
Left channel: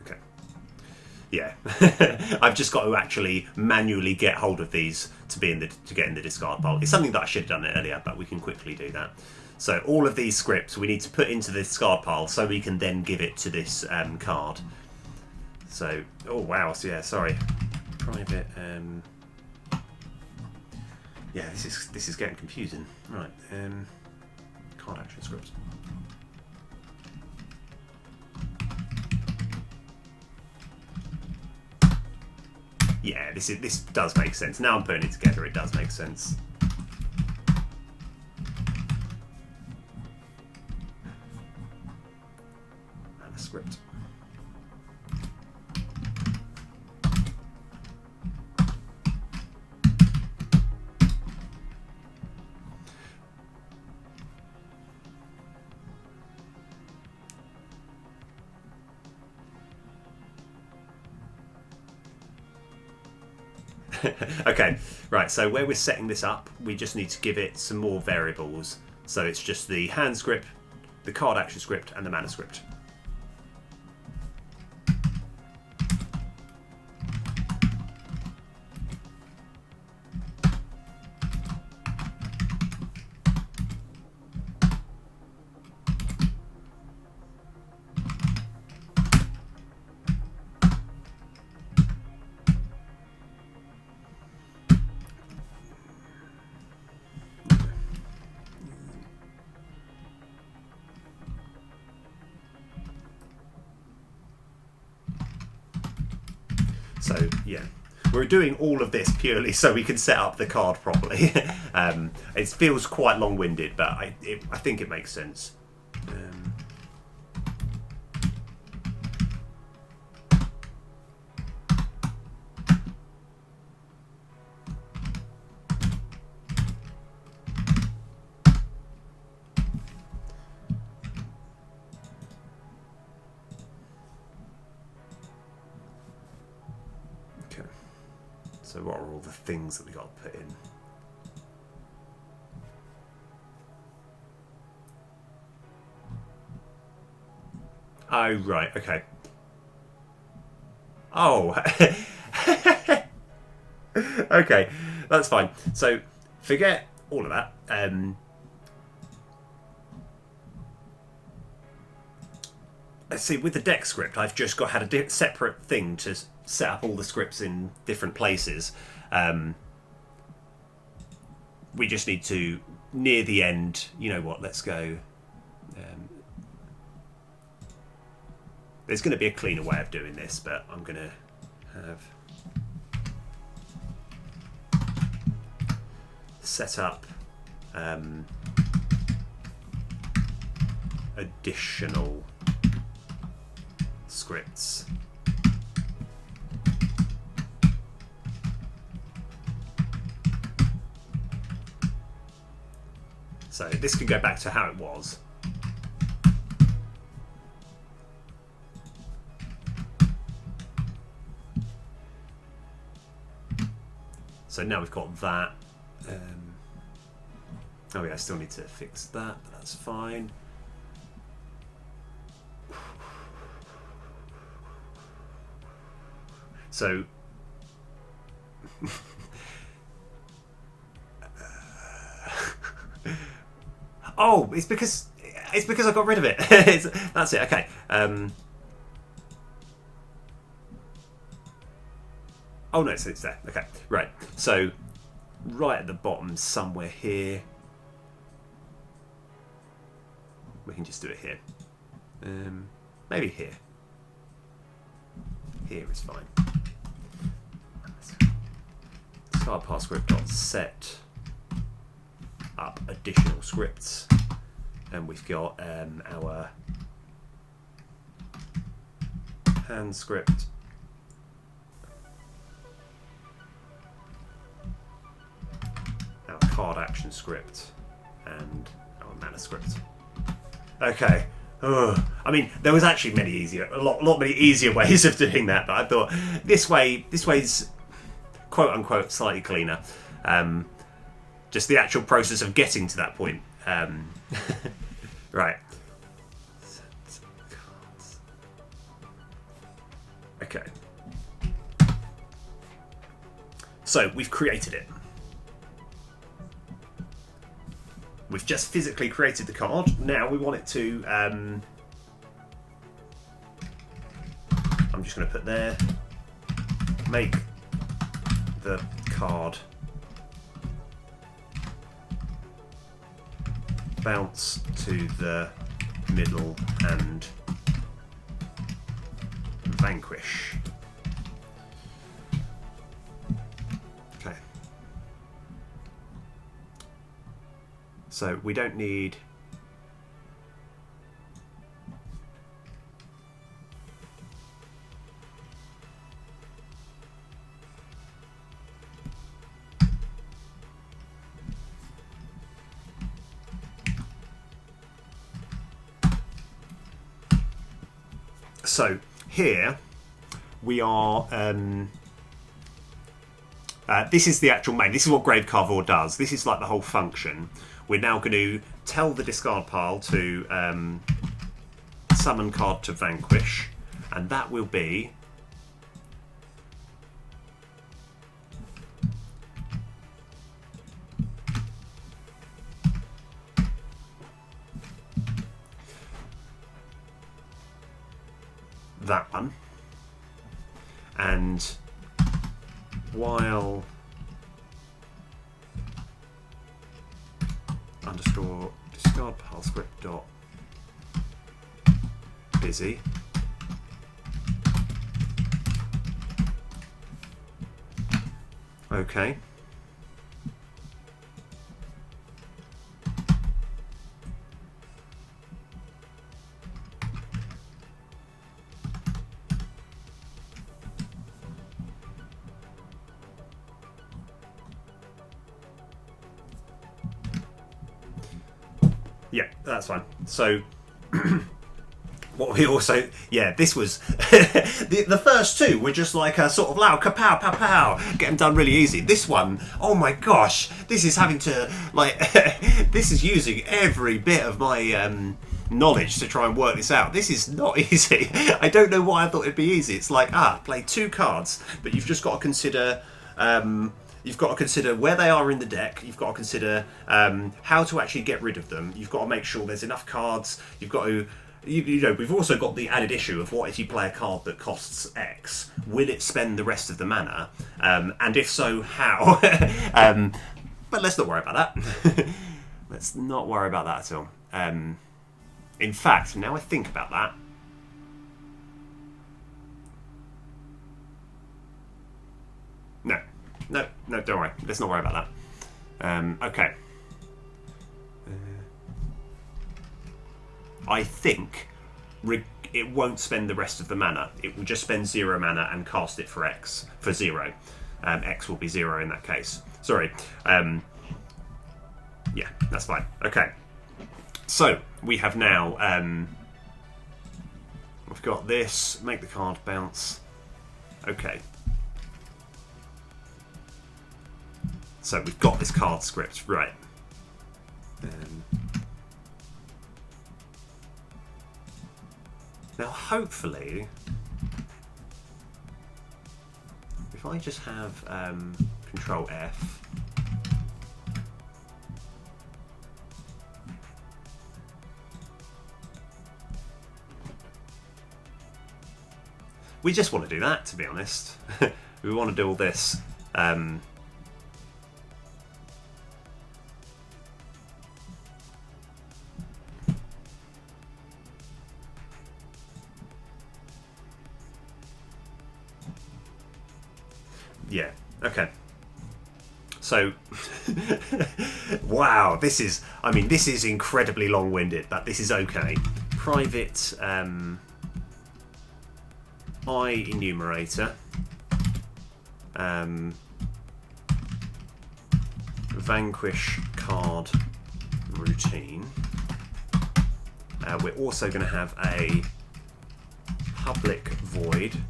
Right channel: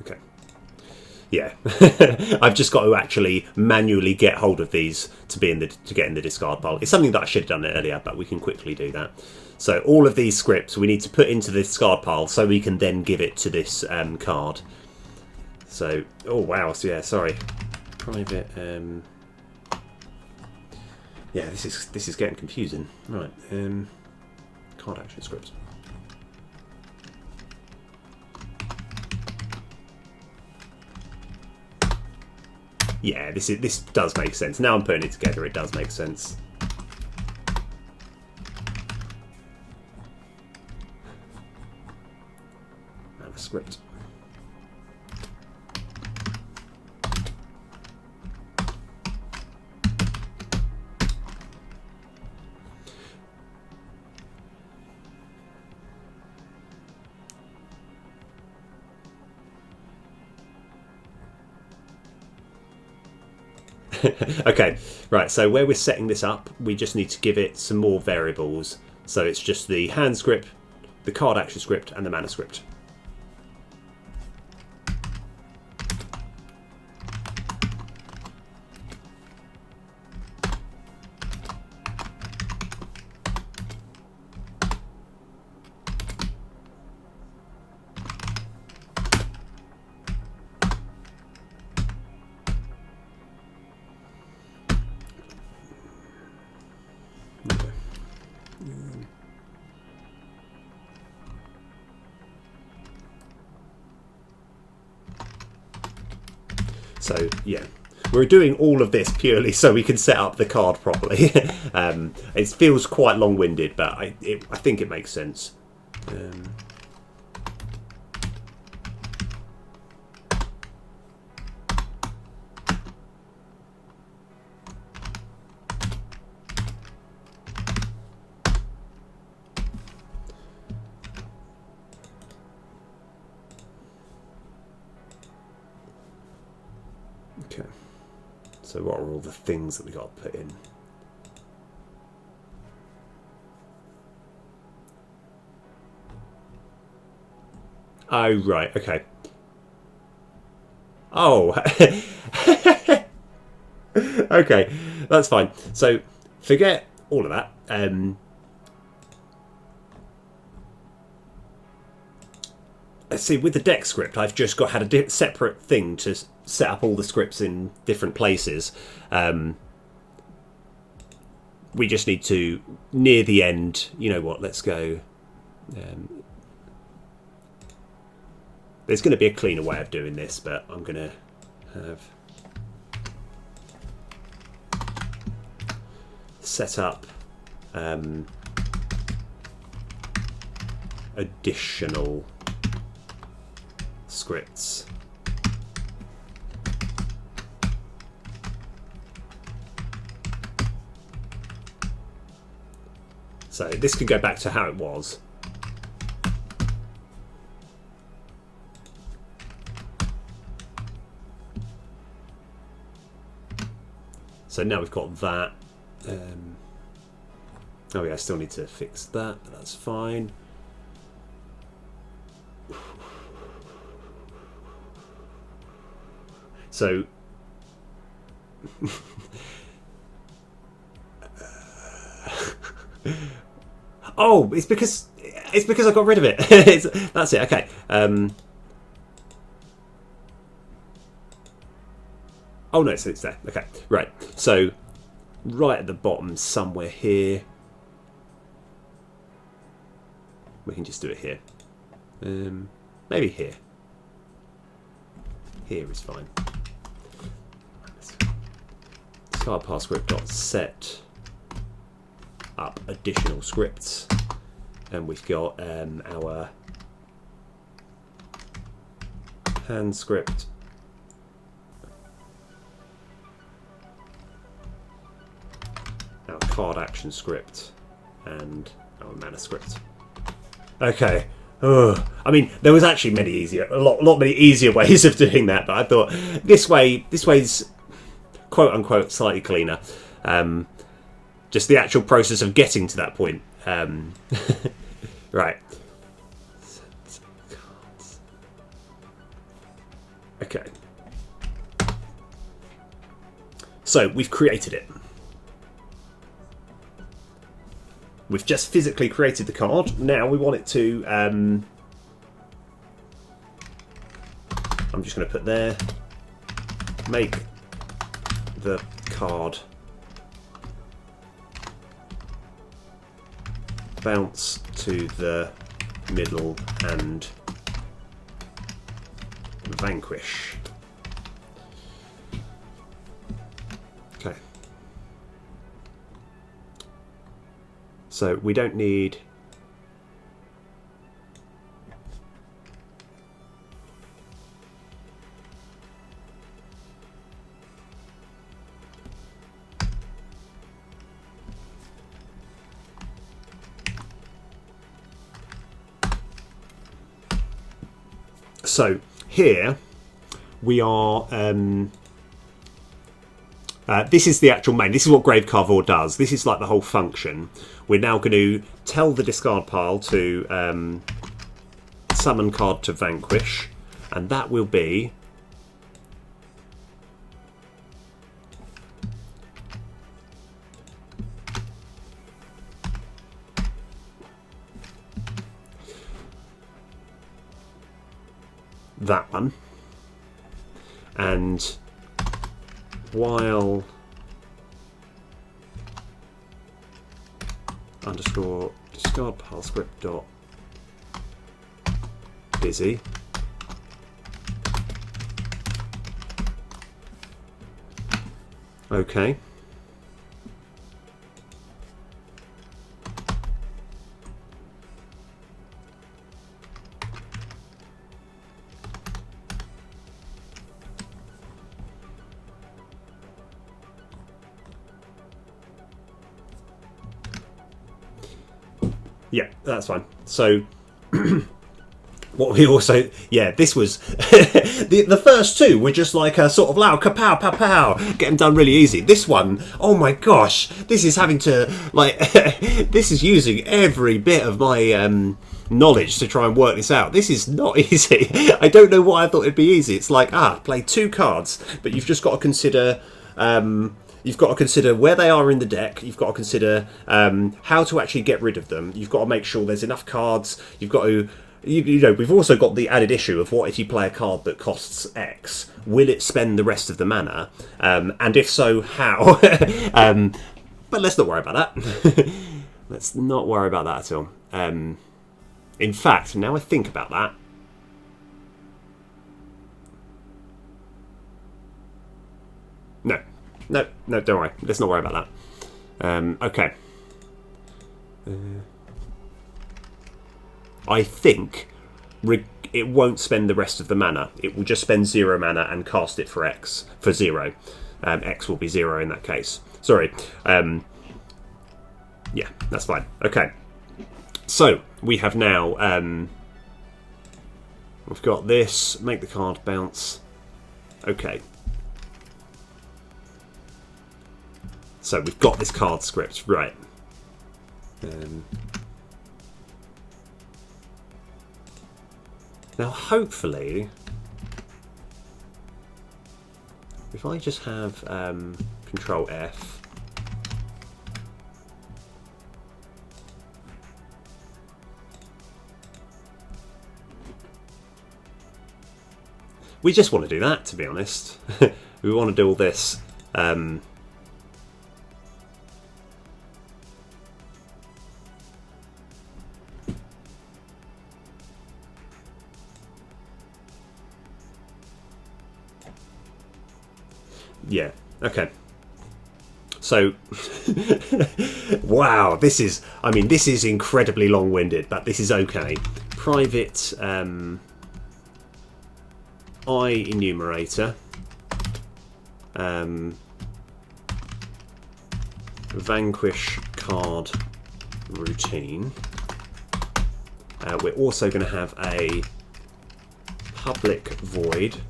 Okay. Yeah, I've just got to actually manually get hold of these to get in the discard pile. It's something that I should have done earlier, but we can quickly do that. So all of these scripts we need to put into the discard pile so we can then give it to this card. So, oh wow, so yeah, sorry, private. Yeah, this is getting confusing. Right, card action scripts. Yeah, this does make sense. Now I'm putting it together, it does make sense. And a script. Okay, right, so where we're setting this up, we just need to give it some more variables. So it's just the hand script, the card action script, and the mana script. So yeah, we're doing all of this purely so we can set up the card properly. It feels quite long-winded, but I think it makes sense. Okay, so what are all the things that we got to put in? Oh, right, okay. Oh, okay, that's fine. So forget all of that. Let's see, with the deck script, I've just had a separate thing to set up all the scripts in different places. We just need to, near the end, you know what, let's go. There's going to be a cleaner way of doing this, but I'm going to have set up additional scripts. So this could go back to how it was. So now we've got that. Oh yeah, I still need to fix that, but that's fine. So oh, it's because I got rid of it. That's it. Okay. Oh no, so it's there. Okay, right. So right at the bottom, somewhere here, we can just do it here. Maybe here. Here is fine. Discard pile script dot set up additional scripts, and we've got our hand script, our card action script, and our mana script. Okay. Ugh. I mean, there was actually a lot many easier ways of doing that, but I thought this way's quote unquote slightly cleaner. Just the actual process of getting to that point. Right. Okay. So we've created it. We've just physically created the card. Now we want it to... I'm just going to put there. Make the card bounce to the middle and vanquish. Okay. So we don't need... So here we are. This is the actual main. This is what Grave Carver does. This is like the whole function. We're now going to tell the discard pile to summon card to vanquish, and that will be that one. And while underscore discard pile script dot busy okay. Yeah, that's fine. So, what we also... Yeah, this was... the first two were just like a sort of loud kapow, pow, pow. Get them done really easy. This one, oh my gosh. This is having to, like... this is using every bit of my knowledge to try and work this out. This is not easy. I don't know why I thought it'd be easy. It's like, play two cards, but you've just got to consider... You've got to consider where they are in the deck. You've got to consider how to actually get rid of them. You've got to make sure there's enough cards. You've got to, you know, we've also got the added issue of what if you play a card that costs X? Will it spend the rest of the mana? And if so, how? But let's not worry about that. Let's not worry about that at all. In fact, now I think about that, No, don't worry. Let's not worry about that. Okay. I think it won't spend the rest of the mana. It will just spend 0 mana and cast it for X, for 0. X will be 0 in that case. Sorry. Yeah, that's fine. Okay. So, we have now... we've got this. Make the card bounce. Okay. So we've got this card script, right. Now hopefully, if I just have Control F, we just want to do that, to be honest. We want to do all this. Yeah, okay. So, wow, this is incredibly long-winded, but this is okay. Private I enumerator, vanquish card routine. We're also going to have a public void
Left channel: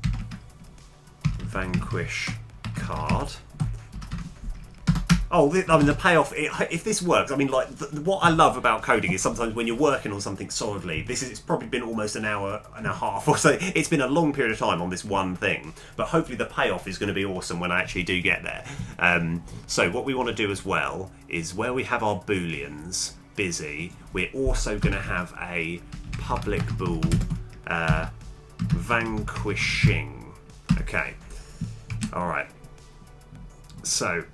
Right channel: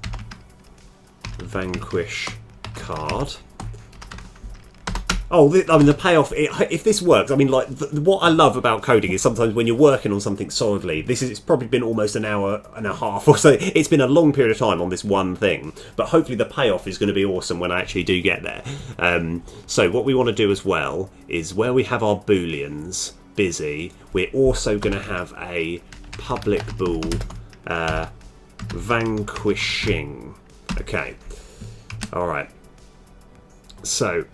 vanquish card, Oh, I mean, the payoff, if this works, I mean, like, what I love about coding is sometimes when you're working on something solidly, it's probably been almost an hour and a half or so. It's been a long period of time on this one thing, but hopefully the payoff is going to be awesome when I actually do get there. So what we want to do as well is where we have our booleans busy, we're also going to have a public bool vanquishing. Okay. All right. So...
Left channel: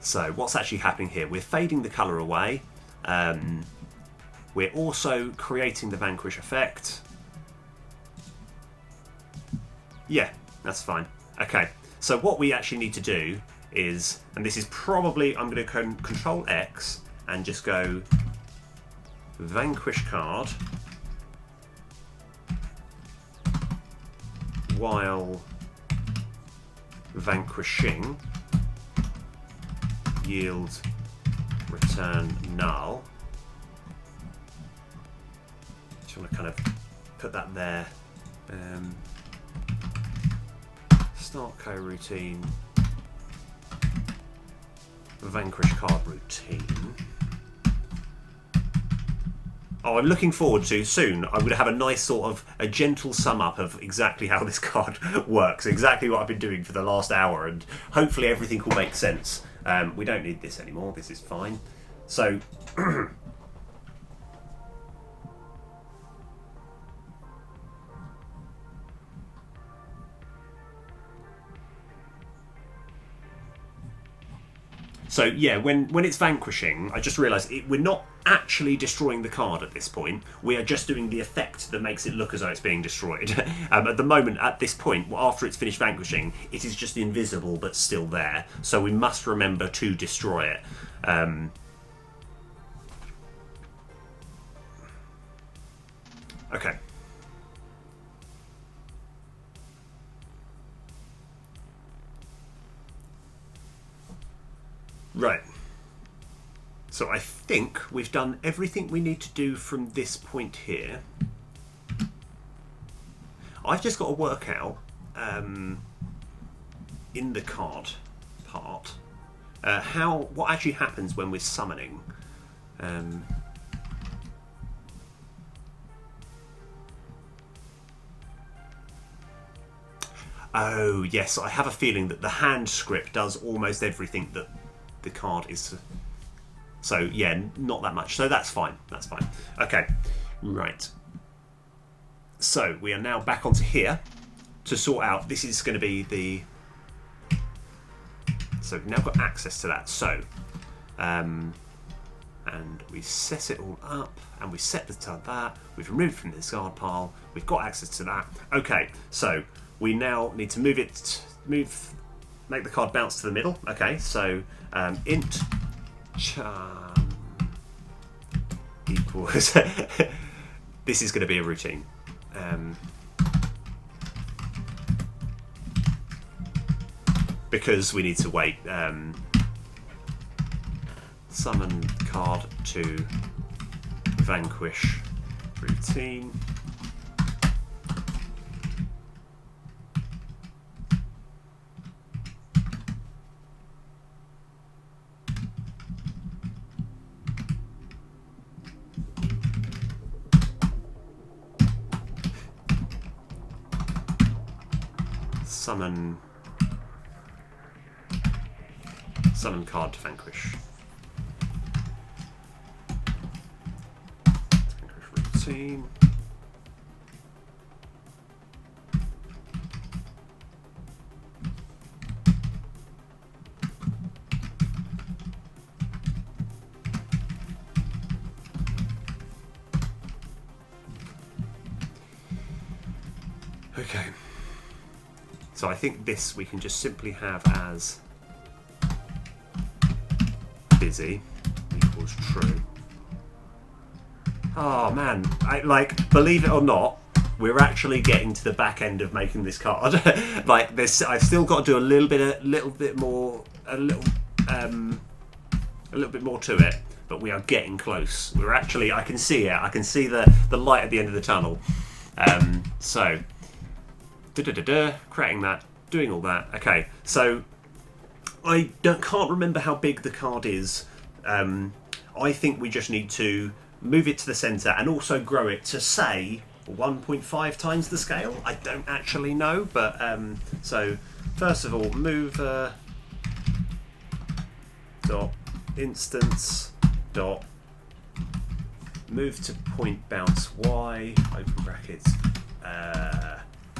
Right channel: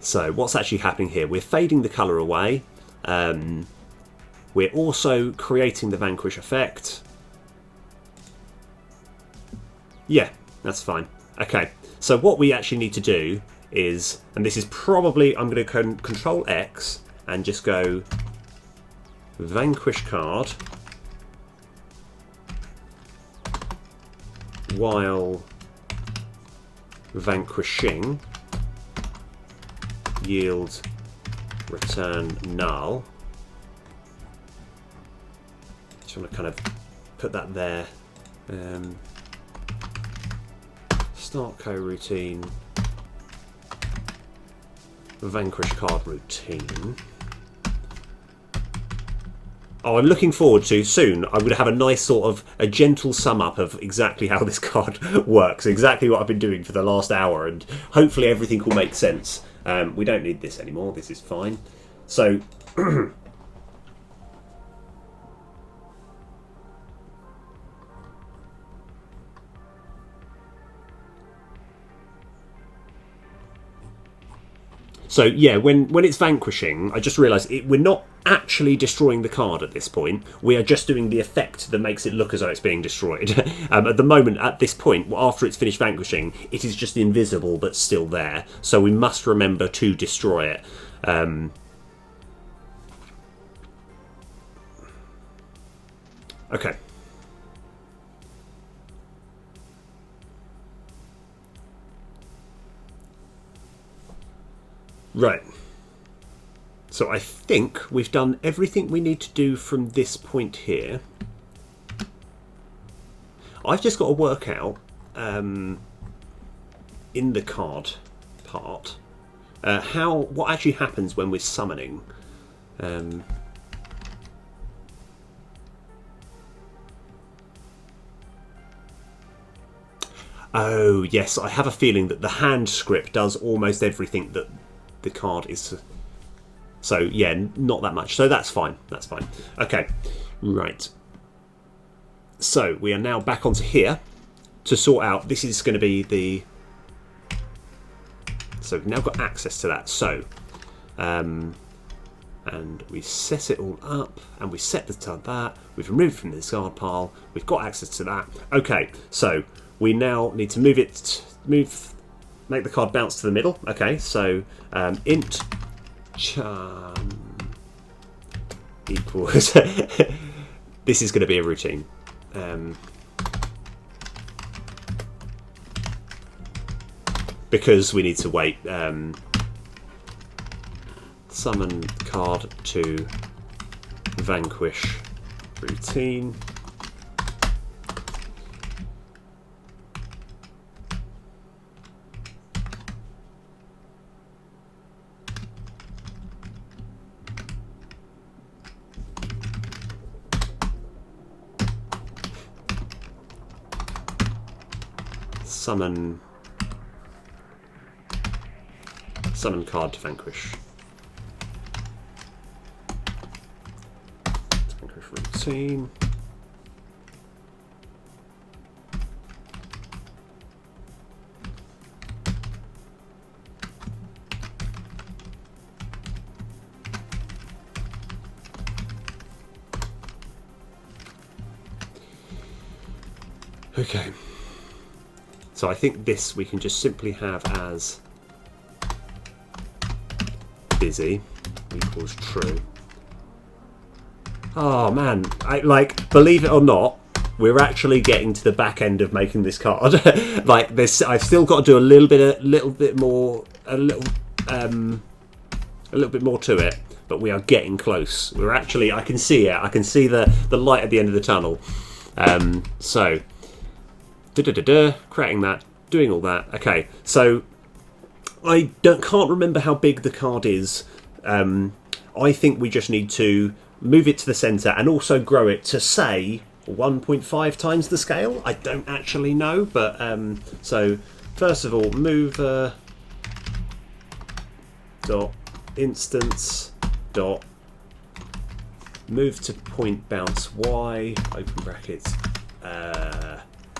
So what's actually happening here? We're fading the colour away. We're also creating the vanquish effect. Yeah, that's fine. Okay, so what we actually need to do is, and this is probably, I'm going to Control X and just go vanquish card while vanquishing yield return null. Just want to kind of put that there. Start coroutine, vanquish card routine. Oh, I'm looking forward to soon. I'm going to have a nice sort of a gentle sum up of exactly how this card works, exactly what I've been doing for the last hour, and hopefully everything will make sense. We don't need this anymore. This is fine. So, so yeah, when it's vanquishing, I just realised we're not actually destroying the card at this point. We are just doing the effect that makes it look as though it's being destroyed. At the moment, at this point, after it's finished vanquishing, it is just invisible but still there. So we must remember to destroy it. Okay. Right. So I think we've done everything we need to do from this point here. I've just got to work out in the card part what actually happens when we're summoning. Oh yes, I have a feeling that the hand script does almost everything that the card is. So yeah, not that much. So that's fine. That's fine. Okay, right. So we are now back onto here to sort out. This is going to be the. So we've now got access to that. So, and we set it all up, and we set that. We've removed from the discard pile. We've got access to that. Okay, so we now need to make the card bounce to the middle. Okay, so int charm equals this is going to be a routine. Because we need to wait. Summon card to vanquish routine. Summon card to vanquish. Vanquish routine. Okay. So I think this we can just simply have as busy equals true. Oh man, believe it or not, we're actually getting to the back end of making this card. I've still got to do a little bit more to it, but we are getting close. We're actually, I can see it. I can see the light at the end of the tunnel. So, creating that, doing all that. Okay, so I can't remember how big the card is. I think we just need to move it to the centre and also grow it to, say, 1.5 times the scale. I don't actually know, but so first of all, move dot instance dot move to point bounce y, open brackets.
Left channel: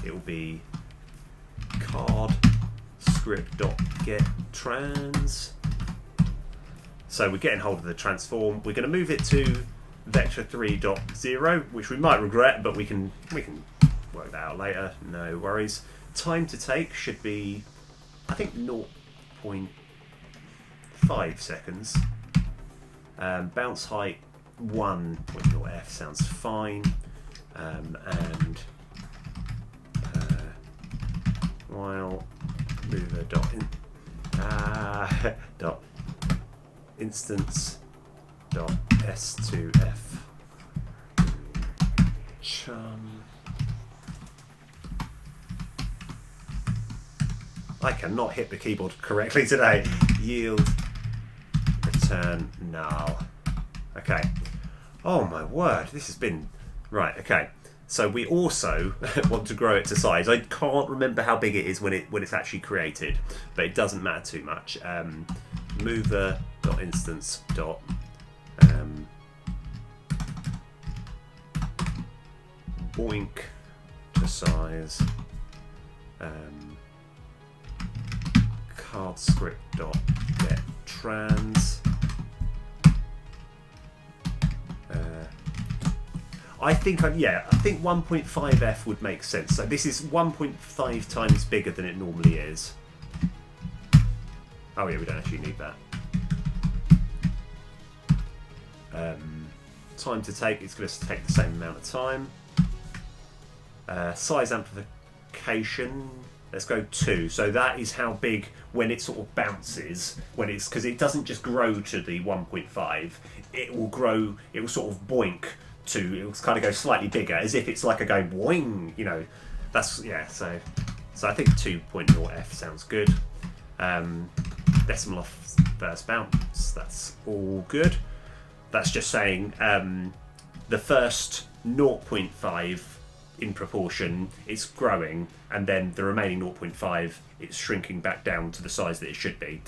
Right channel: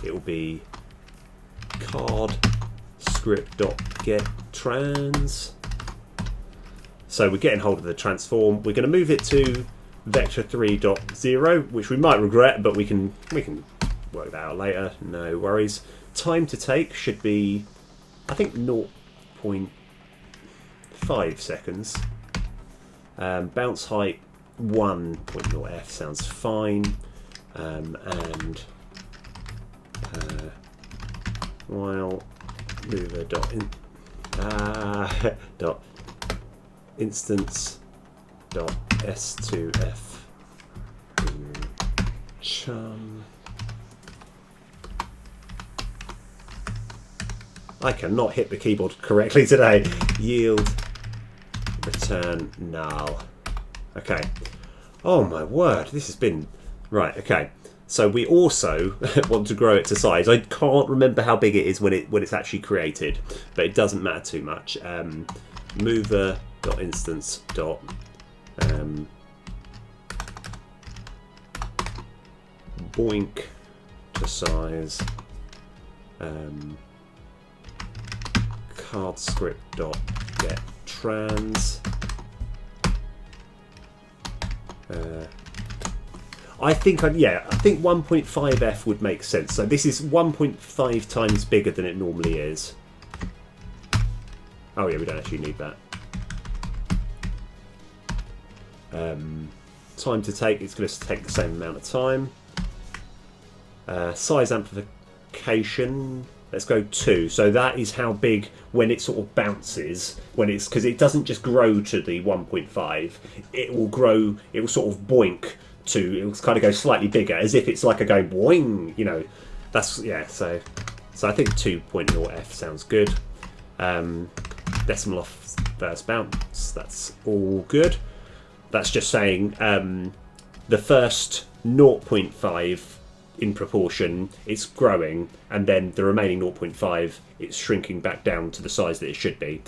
It will be card script dot get trans. So we're getting hold of the transform. We're going to move it to vector3.0, which we might regret, but we can work that out later. No worries. Time to take should be, I think, 0.5 seconds. Bounce height 1.0f sounds fine. And while mover dot instance dot s2f chum. I cannot hit the keyboard correctly today. Yield return null. Okay. Oh my word, this has been right. Okay, so we also want to grow it to size. I can't remember how big it is when it's actually created, but it doesn't matter too much. Mover dot instance dot boink to size card script dot get trans. I think 1.5f would make sense. So this is 1.5 times bigger than it normally is. Oh yeah, we don't actually need that. Time to take, it's going to take the same amount of time. Size amplification, let's go 2. So that is how big when it sort of bounces, because it doesn't just grow to the 1.5, it will grow, it will sort of boink to, it will kind of go slightly bigger, as if it's like a going boing, you know. That's, yeah, so I think 2.0f sounds good. Decimal off first bounce, that's all good. That's just saying the first 0.5 in proportion it's growing, and then the remaining 0.5 it's shrinking back down to the size that it should be.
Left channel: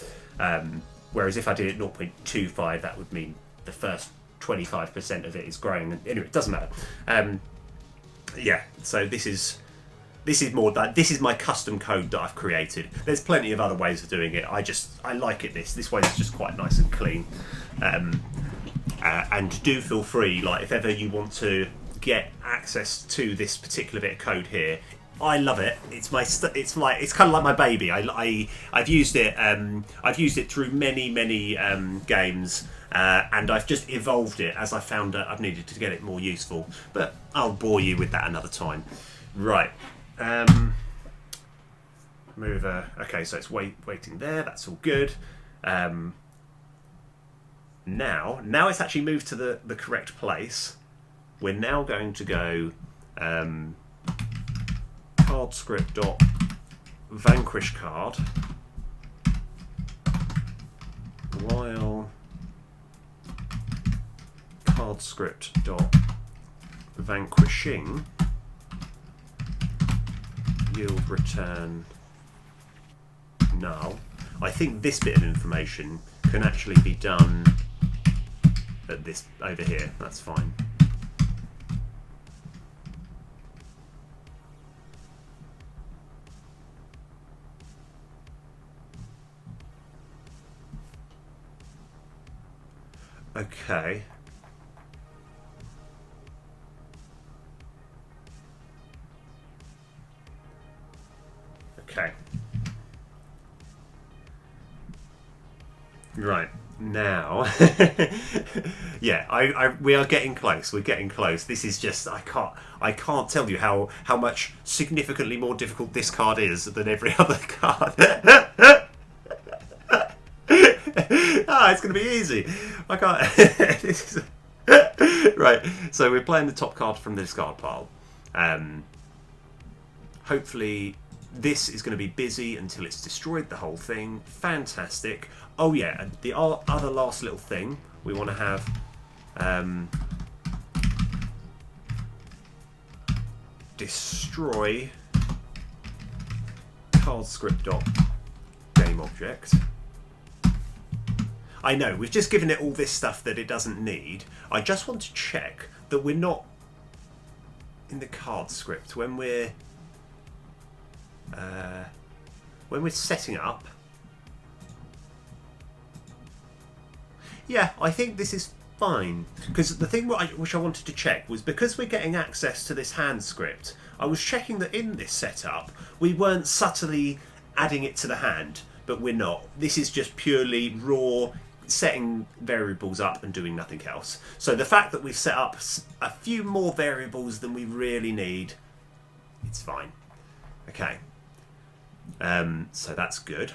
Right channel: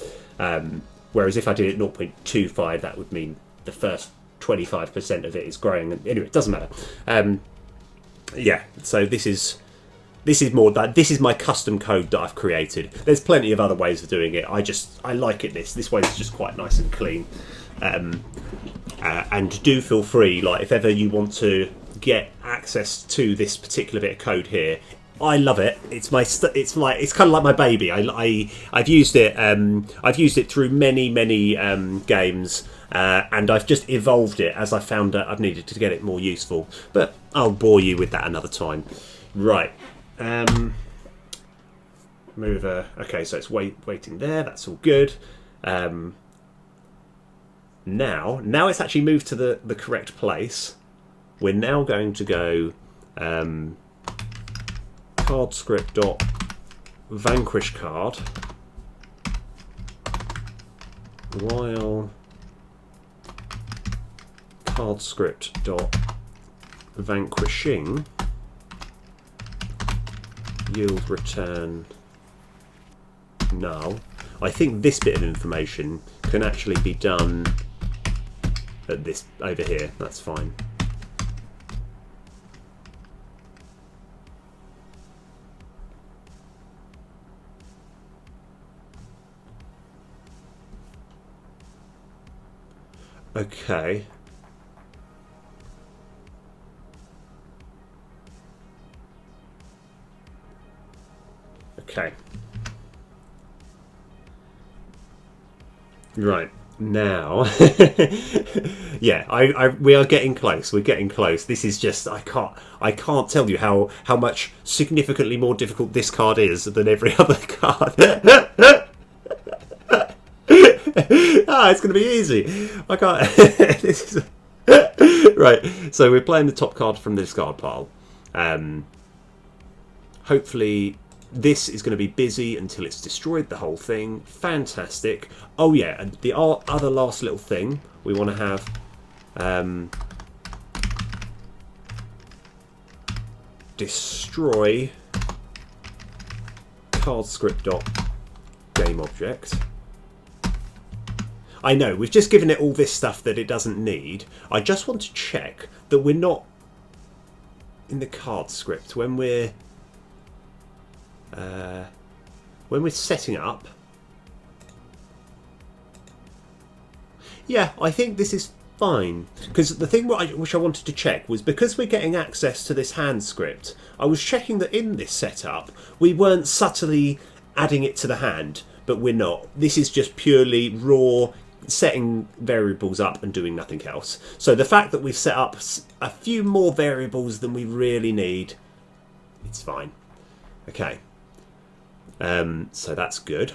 Whereas if I did it 0.25, that would mean the first 25% of it is growing. Anyway, it doesn't matter. Yeah, so this is more that this is my custom code that I've created. There's plenty of other ways of doing it. I like it this way. It's just quite nice and clean. And do feel free, like if ever you want to get access to this particular bit of code here, I love it. It's kind of like my baby. I've used it. I've used it through many games, and I've just evolved it as I found that I've needed to get it more useful. But I'll bore you with that another time. Right. Mover. Okay, so it's waiting there. That's all good. Now it's actually moved to the correct place. We're now going to go card script dot vanquish card while card script dot vanquishing yield return null. I think this bit of information can actually be done at this over here. That's fine. Okay. Okay. Right. Now, yeah, we are getting close. We're getting close. This is just I can't tell you how much significantly more difficult this card is than every other card. It's going to be easy. I can't. This is... Right, so we're playing the top card from the discard pile. Hopefully this is going to be busy until it's destroyed the whole thing. Fantastic. Oh yeah, and the other last little thing we want to have... destroy card script dot game object. I know, we've just given it all this stuff that it doesn't need. I just want to check that we're not in the card script when we're setting up. Yeah, I think this is fine. Because the thing which I wanted to check was, because we're getting access to this hand script, I was checking that in this setup we weren't subtly adding it to the hand, but we're not. This is just purely raw, setting variables up and doing nothing else. So the fact that we've set up a few more variables than we really need, it's fine. Okay. So that's good.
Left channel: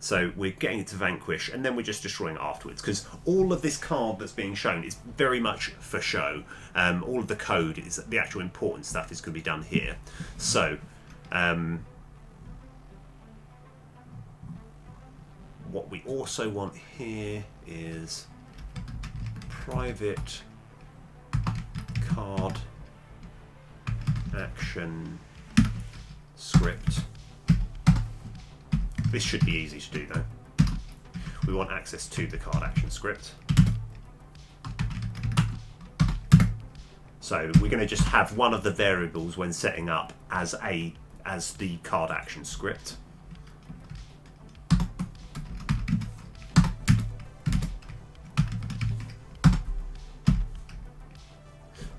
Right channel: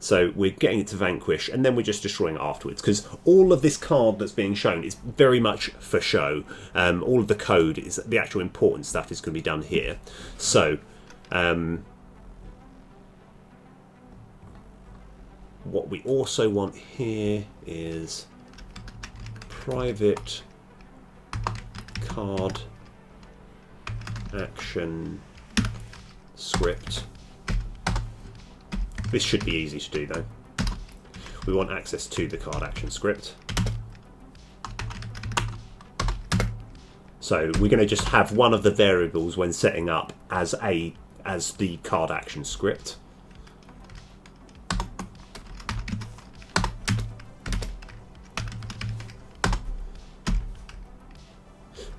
So we're getting it to vanquish, and then we're just destroying it afterwards, because all of this card that's being shown is very much for show. All of the code, is the actual important stuff, is going to be done here. So what we also want here is private card action script. This should be easy to do though. We want access to the card action script. So we're going to just have one of the variables when setting up as the card action script.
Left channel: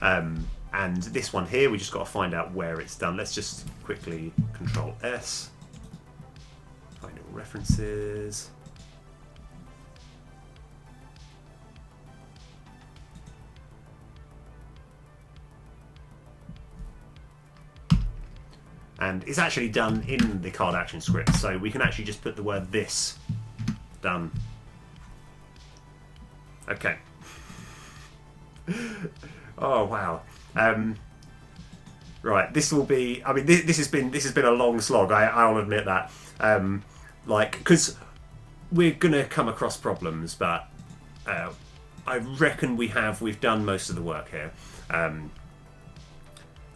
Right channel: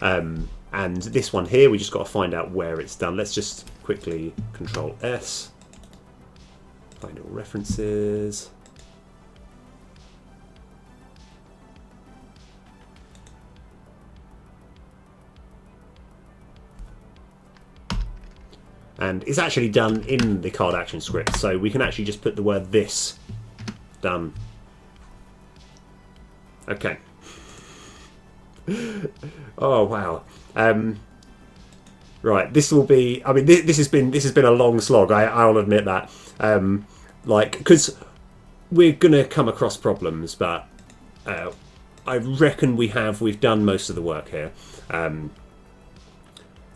And this one here, we just got to find out where it's done. Let's just quickly Control S. Find all references. And it's actually done in the card action script, so we can actually just put the word this done. Okay. Oh wow. Right, this will be. I mean, this has been a long slog. I'll admit that. Like, because we're gonna come across problems, but I reckon we've done most of the work here.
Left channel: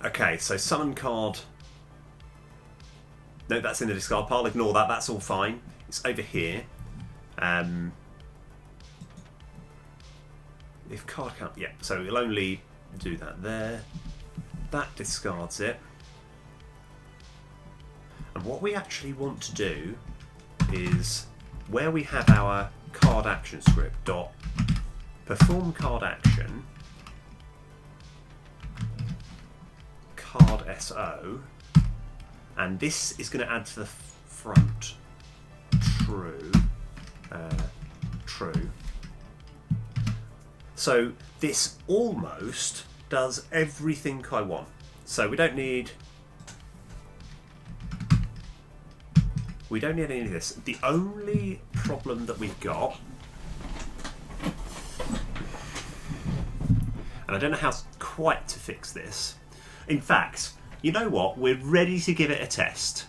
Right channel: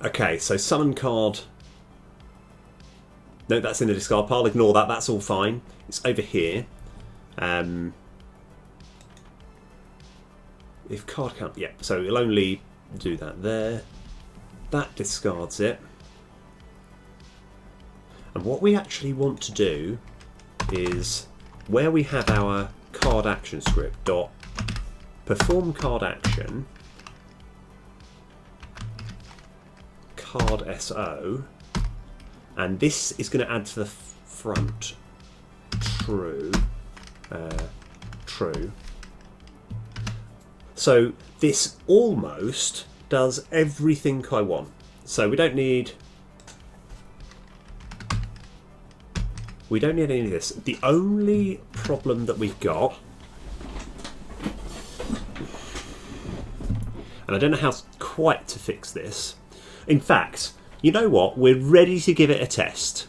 Okay, so summon card. No, that's in the discard pile. Ignore that. That's all fine. It's over here. If card count, yeah. So it'll only do that there. That discards it. And what we actually want to do is, where we have our card action script dot perform card action card SO, and this is going to add to the front true. True. So this almost does everything I want. So we don't need any of this. The only problem that we've got, and I don't know how quite to fix this. In fact, you know what? We're ready to give it a test.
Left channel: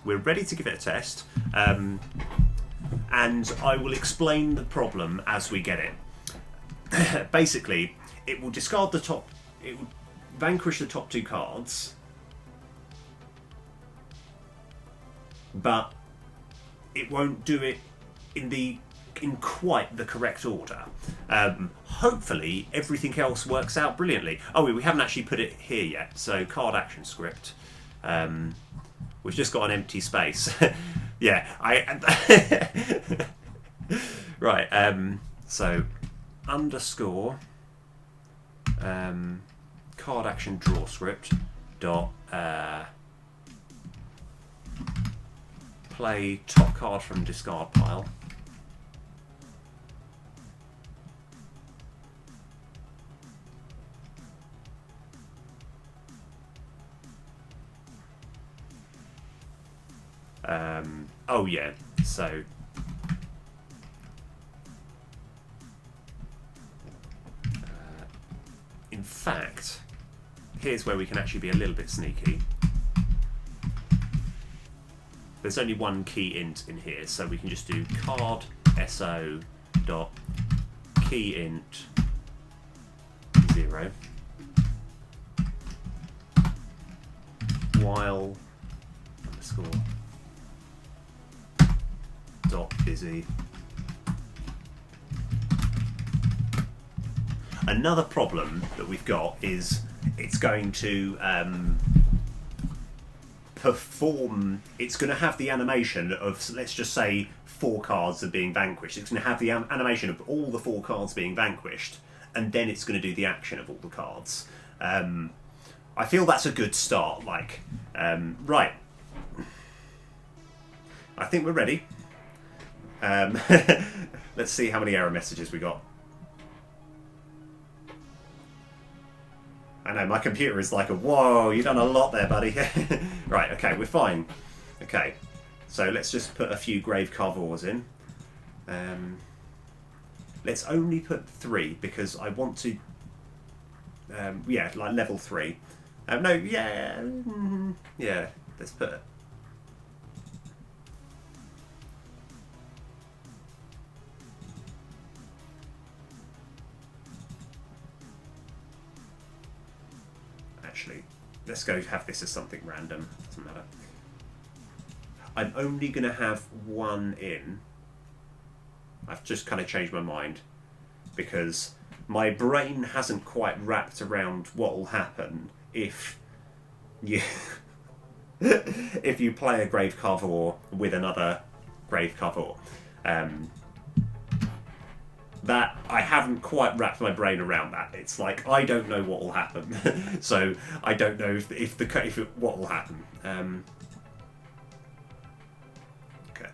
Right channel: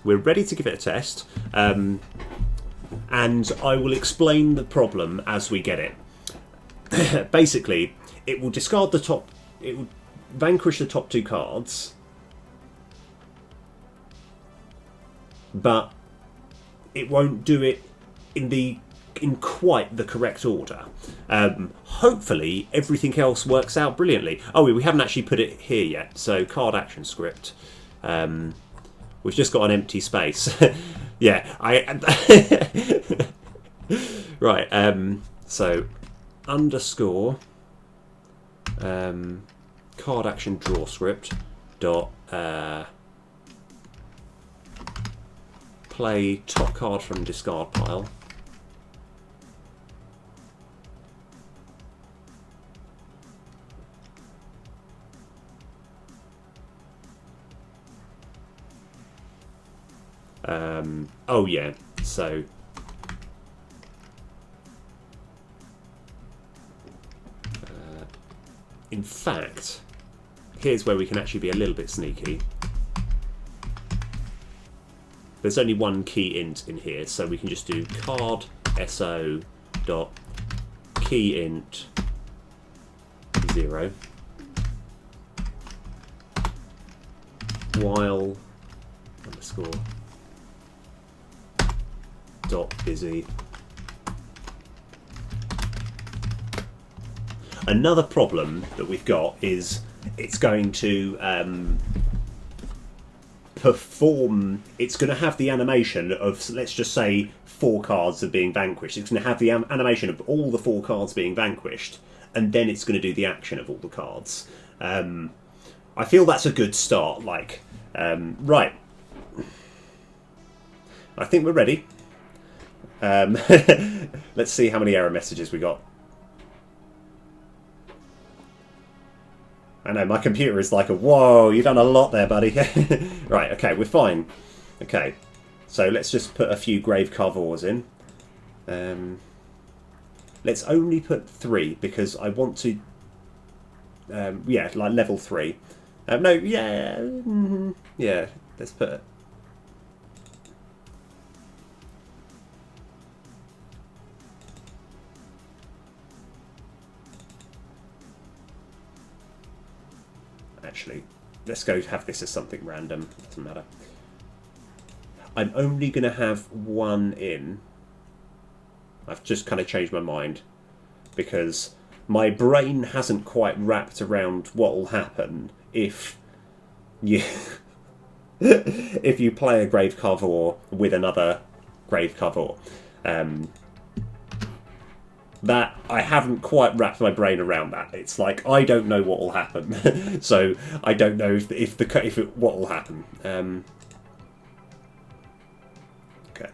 And I will explain the problem as we get it. Basically, it will discard the top. It will vanquish the top two cards, but it won't do it in quite the correct order. Hopefully, everything else works out brilliantly. Oh, we haven't actually put it here yet. So, card action script. We've just got an empty space. Yeah, right. So, underscore card action draw script dot play top card from discard pile. Oh yeah, so in fact, here's where we can actually be a little bit sneaky. There's only one key int in here, so we can just do card so dot key int 0 while underscore dot busy. Another problem that we've got is it's going to perform. It's going to have the animation of, let's just say, 4 cards are being vanquished. It's going to have the animation of all the 4 cards being vanquished, and then it's going to do the action of all the cards. I feel that's a good start. Like, right. I think we're ready. Let's see how many error messages we got. I know, my computer is like whoa, you've done a lot there, buddy. Right, okay, we're fine. Okay, so let's just put a few grave carvors in. Let's only put 3 because I want to... yeah, like level 3. No, yeah, yeah, let's put it. Actually, let's go have this as something random. Doesn't matter. I'm only going to have 1 in. I've just kind of changed my mind because my brain hasn't quite wrapped around what will happen if you if you play a grave carver with another grave carver. That I haven't quite wrapped my brain around that. It's like I don't know what will happen, so I don't know what will happen. Okay,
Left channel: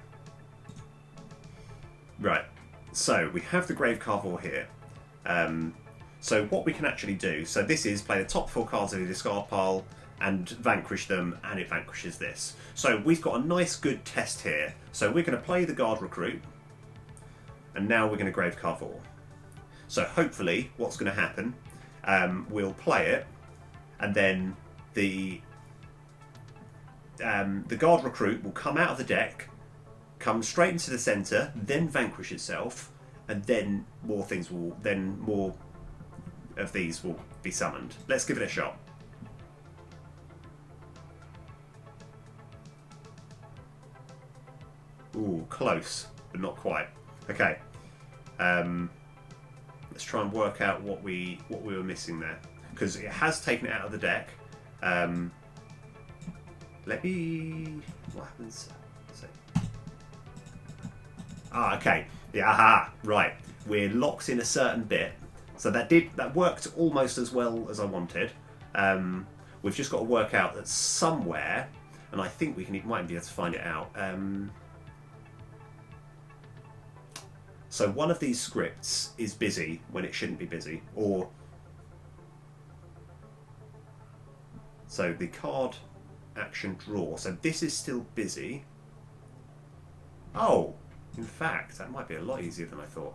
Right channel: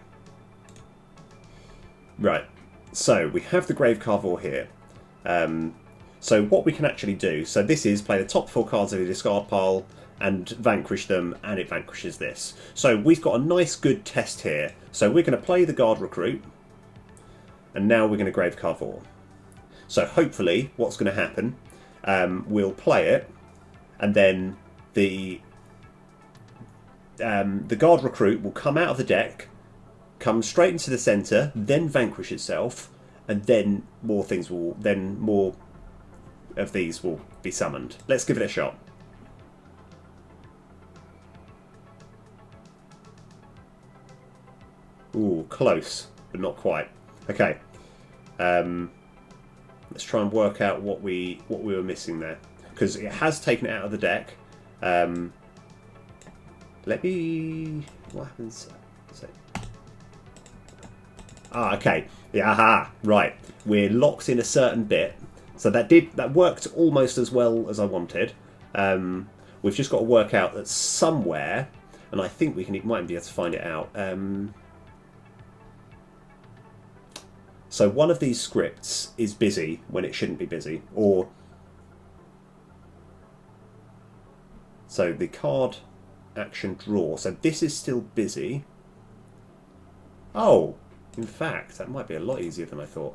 right. So we have the grave carver here. So what we can actually do. So this is play the top 4 cards of the discard pile and vanquish them, and it vanquishes this. So we've got a nice good test here. So we're going to play the guard recruit. And now we're going to grave carver. So hopefully what's going to happen, we'll play it, and then the guard recruit will come out of the deck, come straight into the centre, then vanquish itself, and then more of these will be summoned. Let's give it a shot. Ooh, close, but not quite. Okay. Let's try and work out what we were missing there, because it has taken it out of the deck. Let me. What happens? So, okay. Yeah. Aha. Right. We're locked in a certain bit, so that worked almost as well as I wanted. We've just got to work out that somewhere, and I think we might be able to find it out. So one of these scripts is busy when it shouldn't be busy, or so the card action draw. So this is still busy. Oh, in fact, that might be a lot easier than I thought.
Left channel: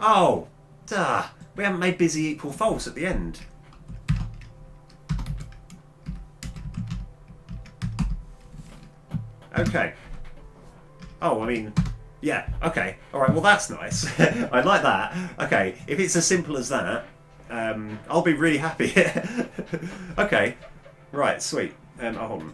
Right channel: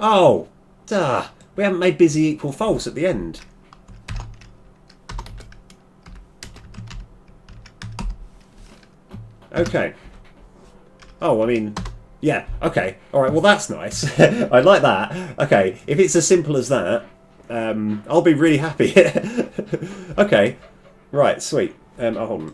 Oh, duh! We haven't made busy equal false at the end. Okay. Oh, I mean, yeah, okay. Alright, well that's nice. I like that. Okay, if it's as simple as that, I'll be really happy. Okay. Right, sweet. Oh, hold on.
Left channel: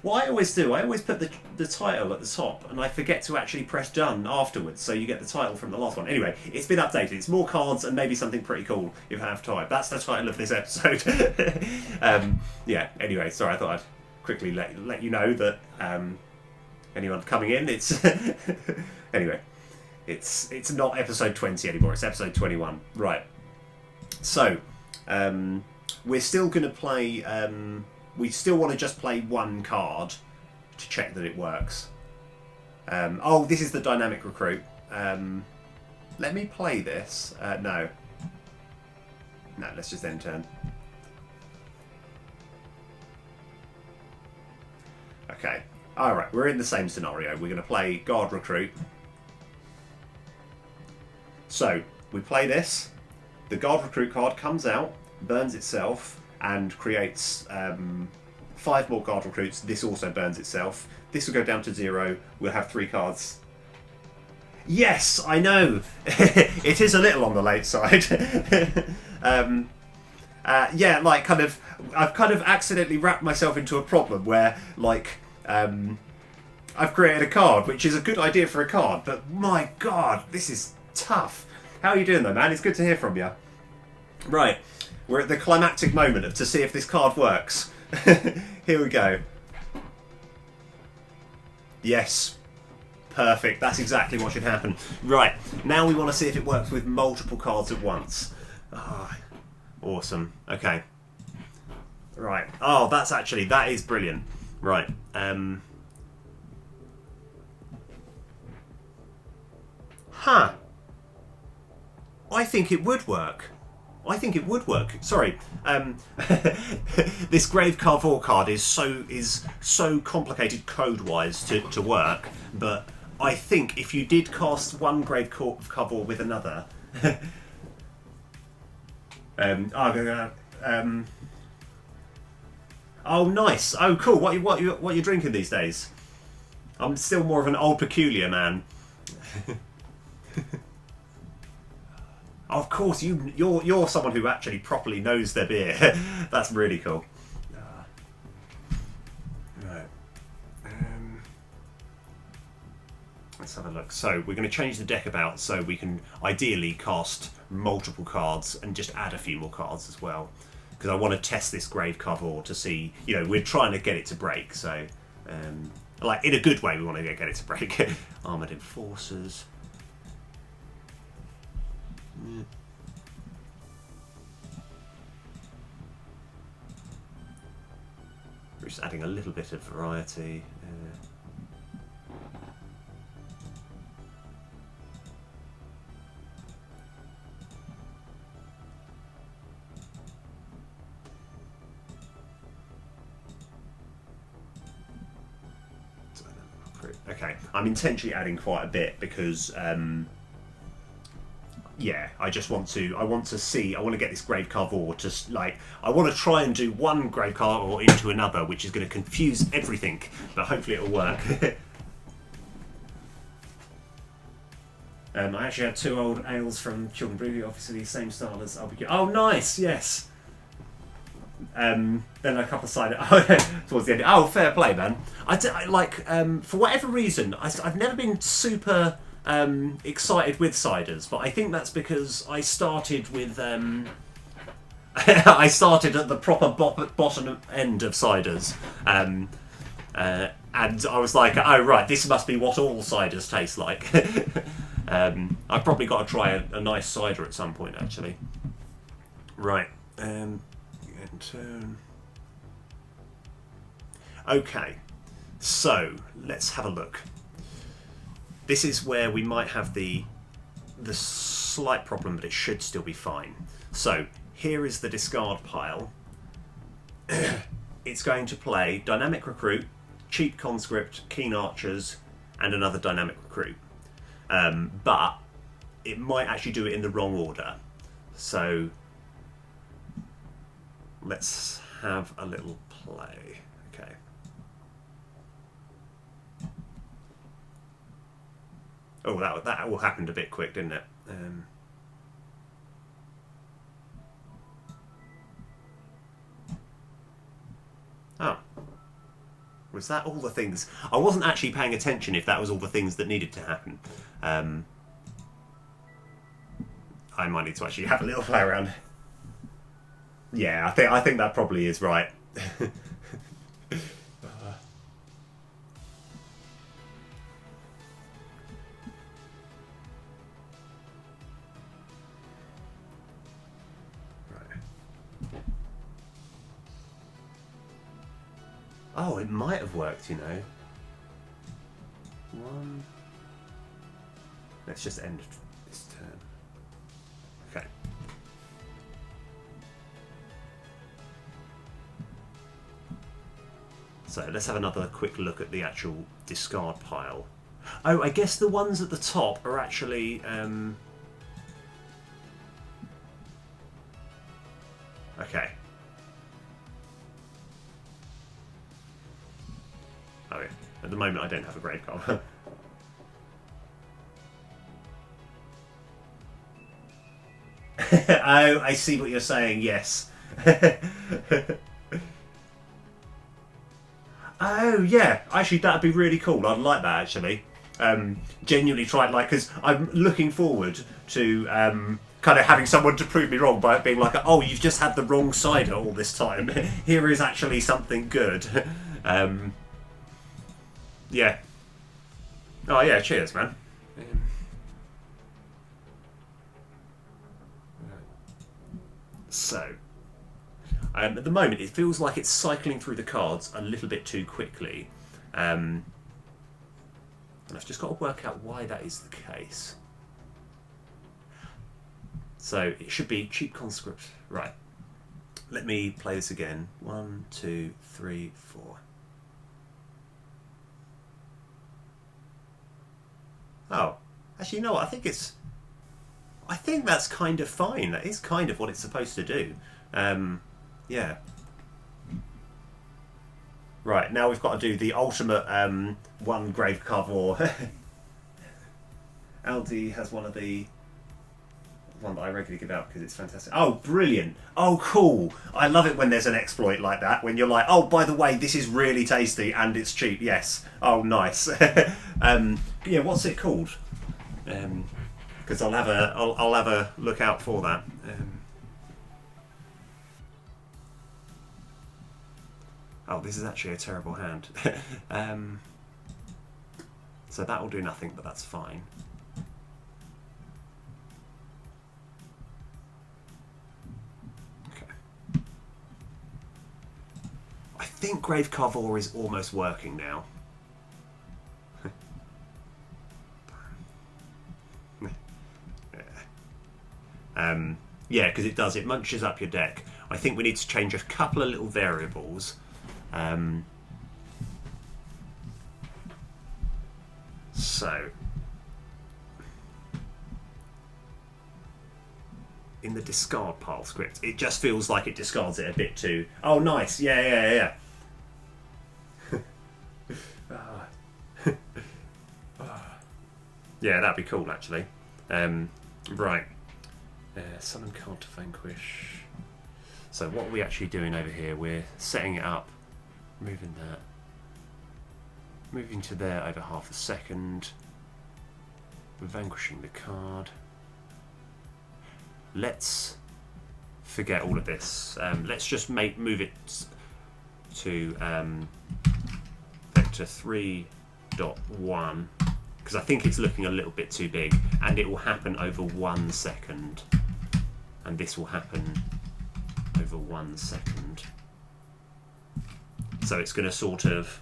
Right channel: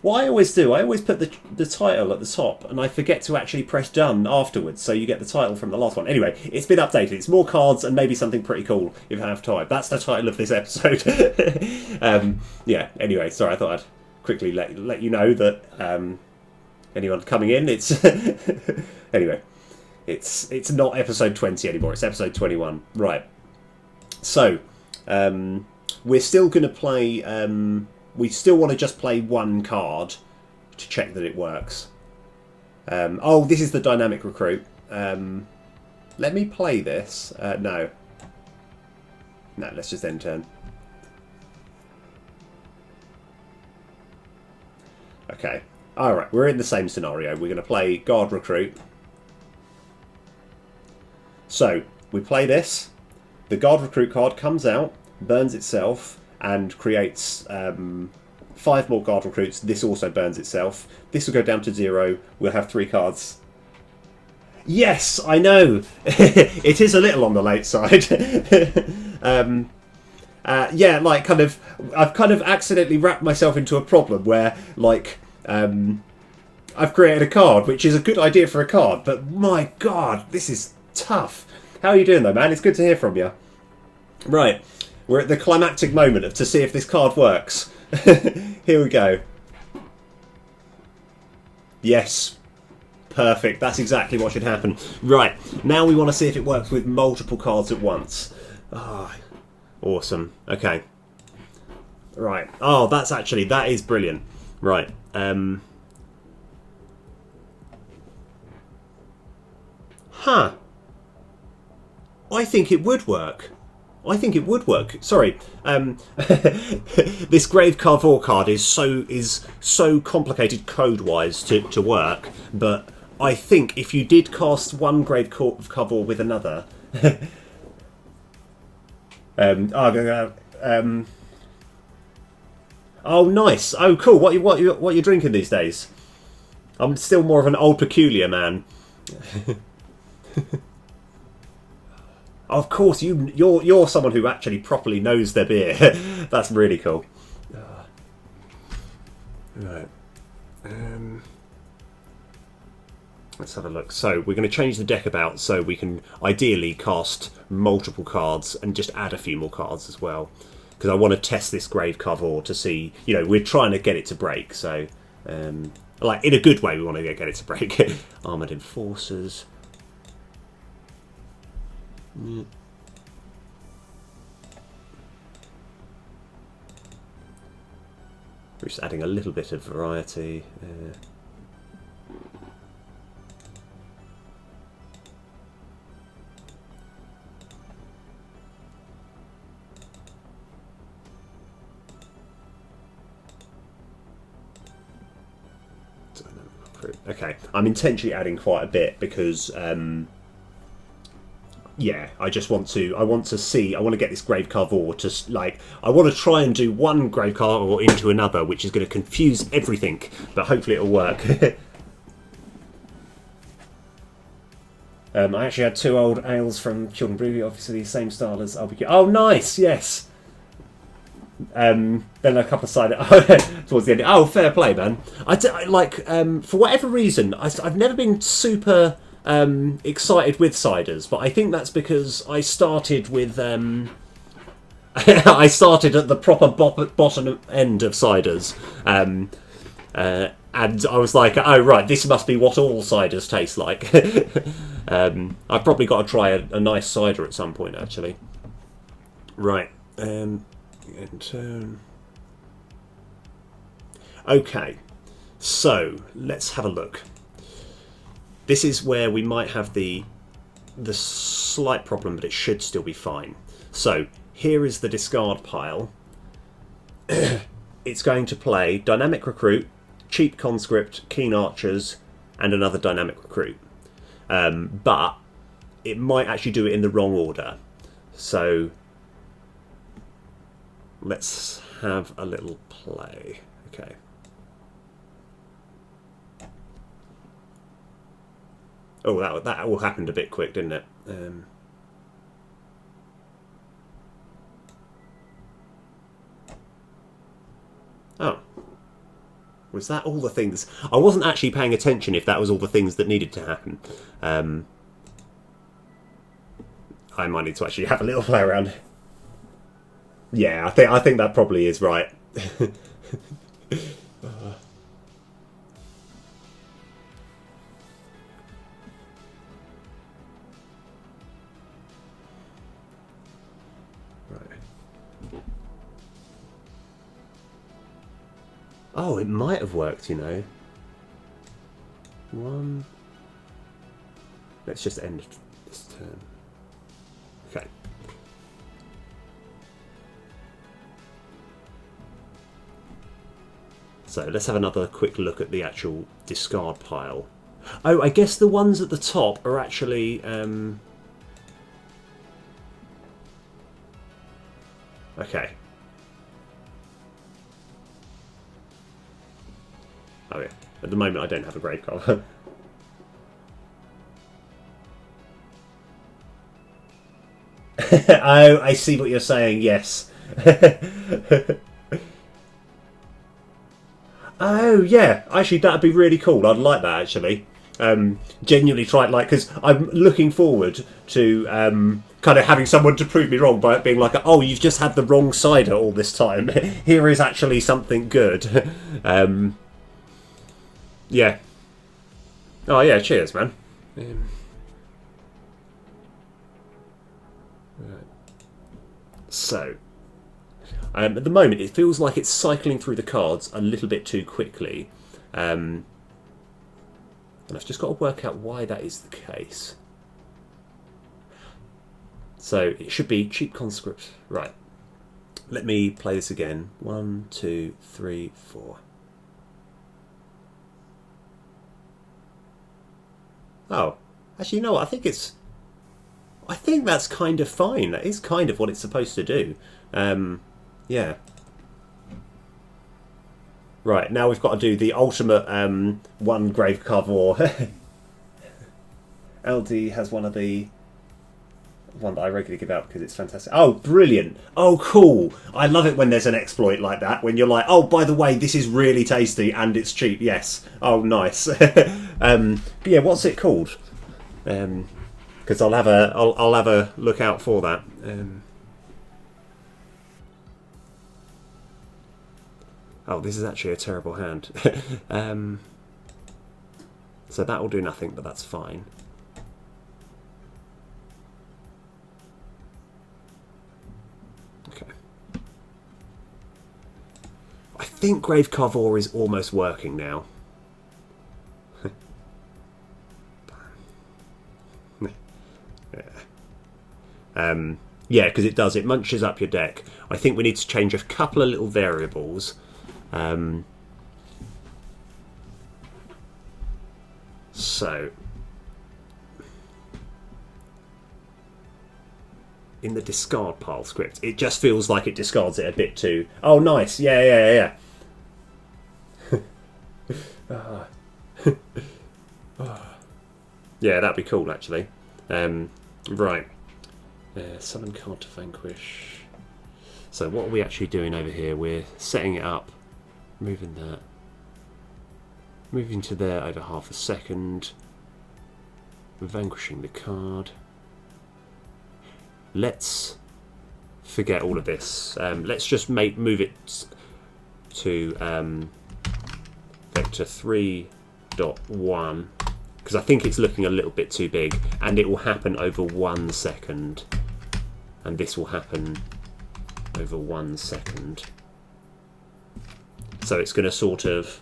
What I always do, I always put the title at the top, and I forget to actually press done afterwards, so you get the title from the last one. Anyway, it's been updated. It's more cards and maybe something pretty cool if I have time. That's the title of this episode. Yeah, anyway, sorry, I thought I'd quickly let you know that anyone coming in, it's anyway, it's not episode 20 anymore, it's episode 21. Right, so we're still going to play, we still want to just play 1 card to check that it works. Oh, this is the dynamic recruit. let me play this. No. No, let's just end turn. Okay. Alright, we're in the same scenario. We're going to play Guard Recruit. So, we play this. The Guard Recruit card comes out, burns itself, and creates 5 more Guard Recruits. This also burns itself. This will go down to 0. We'll have 3 cards. Yes, I know. It is a little on the late side. Yeah, like I've kind of accidentally wrapped myself into a problem where, like, I've created a card, which is a good idea for a card, but my God, this is tough. How are you doing though, man? It's good to hear from you. Right, we're at the climactic moment to see if this card works. Here we go. Yes. Perfect. That's exactly what should happen. Right, now we want to see if it works with multiple cards at once. Ah, awesome. Okay. Right. Oh, that is brilliant. Right. Huh. I think it would work. I think it would work. Sorry, this Grave Carver card is so complicated code-wise to work, but I think if you did cast one Grave Carver with another, oh nice, oh cool. What you drinking these days? I'm still more of an old peculiar man. Of course, you're someone who actually properly knows their beer. That's really cool. Right. Let's have a look. So we're going to change the deck about so we can ideally cast multiple cards and just add a few more cards as well. Because I want to test this Grave Carver to see, we're trying to get it to break. So, like in a good way, we want to get it to break. Armoured Enforcers. Yeah. We're just adding a little bit of variety. Okay, I'm intentionally adding quite a bit because yeah, I want to get this Grave Carver to, like, I want to try and do one Grave Carver into another, which is going to confuse everything, but hopefully it'll work. I actually had 2 old ales from Children Brewery, obviously the same style as I'll be. Oh, nice, yes. Then a couple of cider towards the end. Oh, fair play, man. For whatever reason, I've never been super excited with ciders, but I think that's because I started with I started at the proper bottom end of ciders, and I was like, oh right, this must be what all ciders taste like. I've probably got to try a nice cider at some point, actually. Right. In turn. Okay, so let's have a look. This is where we might have the slight problem, but it should still be fine. So here is the discard pile. It's going to play Dynamic Recruit, Cheap Conscript, Keen Archers, and another Dynamic Recruit. But it might actually do it in the wrong order. So let's have a little play. Okay. Oh, that all happened a bit quick, didn't it? Oh. Was that all the things? I wasn't actually paying attention if that was all the things that needed to happen. I might need to actually have a little play around. Yeah, I think that probably is right. Oh, it might have worked, One. Let's just end its turn. Okay. So let's have another quick look at the actual discard pile. Oh, I guess the ones at the top are actually... Okay. Oh yeah. At the moment I don't have a grave Carver. Oh, I see what you're saying, yes. Oh yeah, actually that'd be really cool. I'd like that actually. Genuinely try it, like, because I'm looking forward to kind of having someone to prove me wrong by it being like, oh, you've just had the wrong cider all this time. Here is actually something good. Yeah. Oh yeah, cheers, man. So, at the moment, it feels like it's cycling through the cards a little bit too quickly. And I've just got to work out why that is the case. So, it should be cheap conscript. Right. Let me play this again. 1, 2, 3, 4. Oh. Actually, you know what? I think that's kind of fine. That is kind of what it's supposed to do. Yeah. Right, now we've got to do the ultimate one grave Carver. LD has one that I regularly give out because it's fantastic. Oh, brilliant. Oh, cool. I love it when there's an exploit like that, when you're like, oh, by the way, this is really tasty and it's cheap. Yes. Oh, nice. Yeah, what's it called? Because I'll have a look out for that. Oh, this is actually a terrible hand. So that will do nothing, but that's fine. Okay. I think Grave Carver is almost working now. Yeah, because it does. It munches up your deck. I think we need to change a couple of little variables. So, in the discard pile script, it just feels like it discards it a bit too... Oh, nice. Yeah. Yeah, that'd be cool, actually. Right. Summon card to vanquish. So what are we actually doing over here? We're setting it up, moving that, moving to there over half a second, vanquishing the card. Let's forget all of this. Let's just move it to vector 3.1 because I think it's looking a little bit too big, and it will happen over 1 second, and this will happen over 1 second. So it's going to sort of...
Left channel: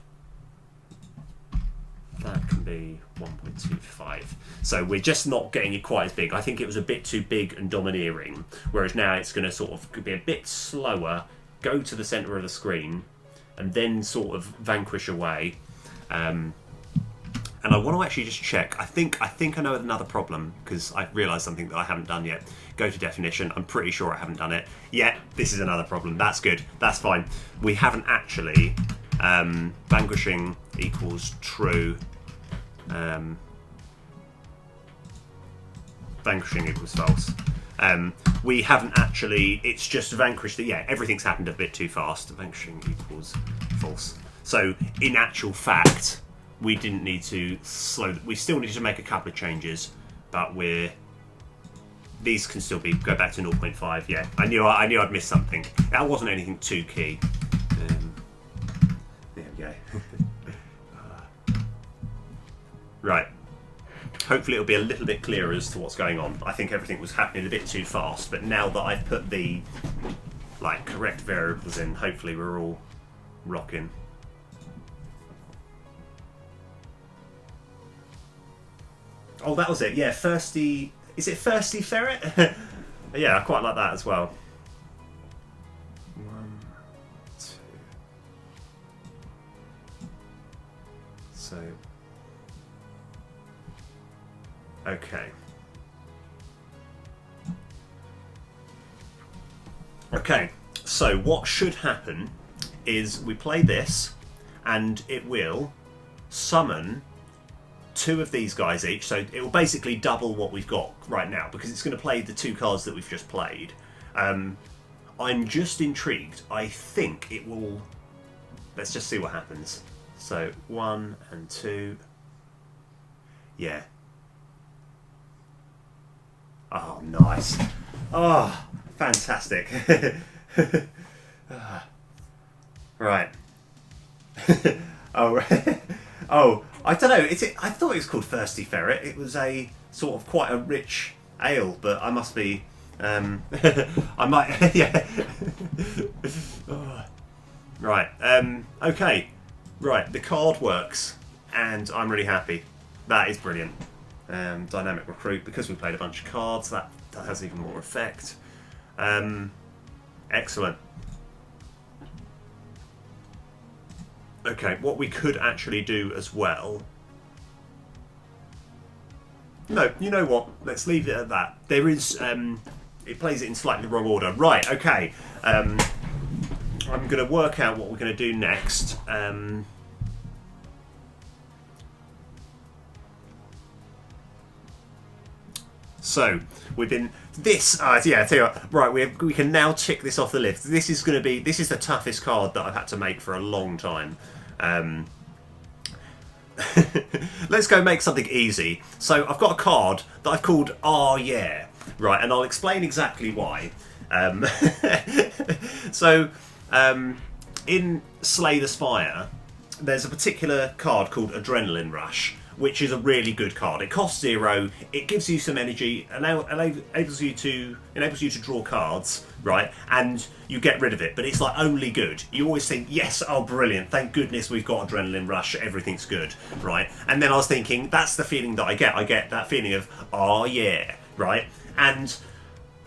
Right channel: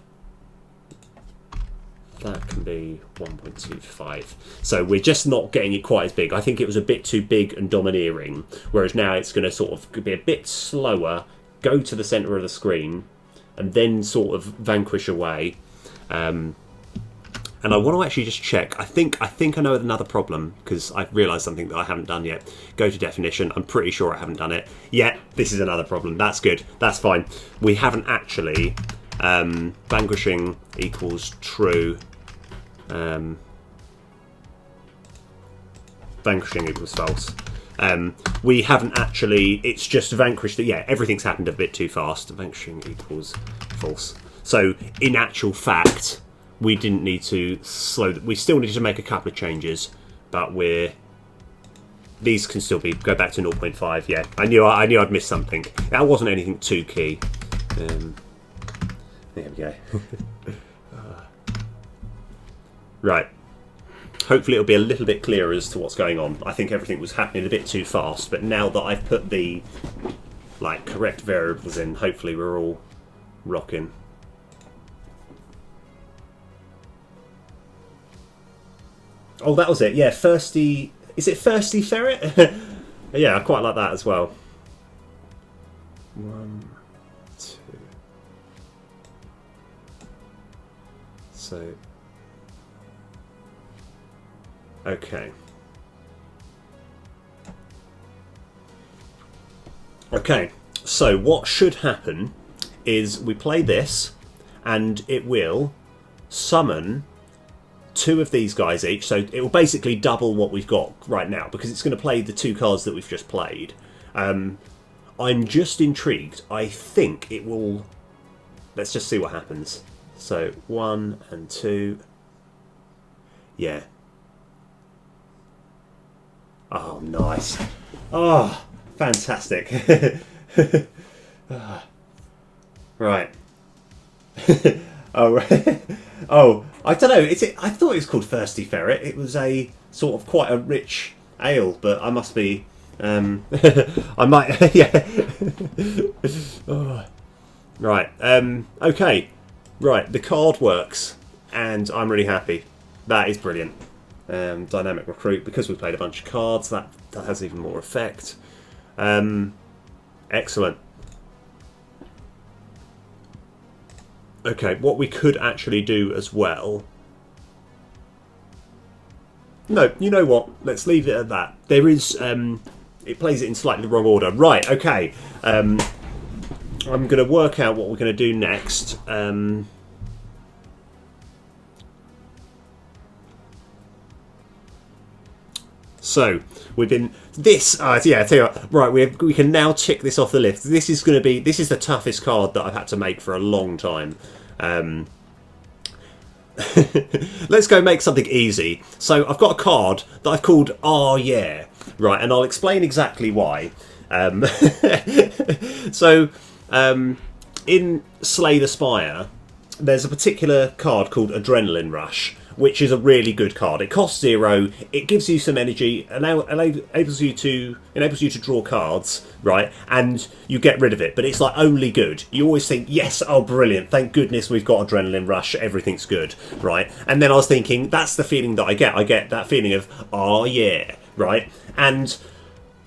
That can be 1.25. So we're just not getting it quite as big. I think it was a bit too big and domineering, whereas now it's going to sort of be a bit slower, go to the centre of the screen, and then sort of vanquish away. And I want to actually just check. I think I know another problem, because I've realised something that I haven't done yet. Go to definition. I'm pretty sure I haven't done it. Yeah, this is another problem. That's good. That's fine. We haven't actually... vanquishing equals true. Vanquishing equals false. We haven't actually... It's just vanquished... Yeah, everything's happened a bit too fast. Vanquishing equals false. So, in actual fact... We didn't need to slow... We still needed to make a couple of changes, but these can still be... Go back to 0.5, yeah. I knew I'd missed something. That wasn't anything too key. There we go. Right. Hopefully it'll be a little bit clearer as to what's going on. I think everything was happening a bit too fast, but now that I've put the correct variables in, hopefully we're all rocking. Oh, that was it. Yeah, Thirsty Is it Thirsty Ferret? Yeah, I quite like that as well. 1, 2. So, okay. Okay, so what should happen is we play this, and it will summon 2 of these guys each. So it will basically double what we've got right now, because it's going to play the 2 cards that we've just played. I'm just intrigued. I think it will... Let's just see what happens. So 1 and 2. Yeah. Oh, nice. Oh, fantastic. Right. Oh, right. Oh, I don't know. I thought it was called Thirsty Ferret. It was a sort of quite a rich ale, but I must be... I might... Yeah. Oh. Right. Okay. Right. The card works, and I'm really happy. That is brilliant. Dynamic Recruit, because we played a bunch of cards, that has even more effect. Excellent. Okay, what we could actually do as well... No, you know what? Let's leave it at that. There is... it plays it in slightly the wrong order. Right, okay. I'm going to work out what we're going to do next. So, we've been... This... yeah, I tell you what. Right, we can now tick this off the list. This is going to be... This is the toughest card that I've had to make for a long time. Let's go make something easy. So, I've got a card that I've called Oh Yeah. Right, and I'll explain exactly why. So, in Slay the Spire, there's a particular card called Adrenaline Rush, which is a really good card. It costs 0. It gives you some energy, enables you to draw cards, right? And you get rid of it, but it's like only good. You always think, yes, oh brilliant, thank goodness we've got Adrenaline Rush, everything's good, right? And then I was thinking, that's the feeling that I get. I get that feeling of, oh yeah, right? And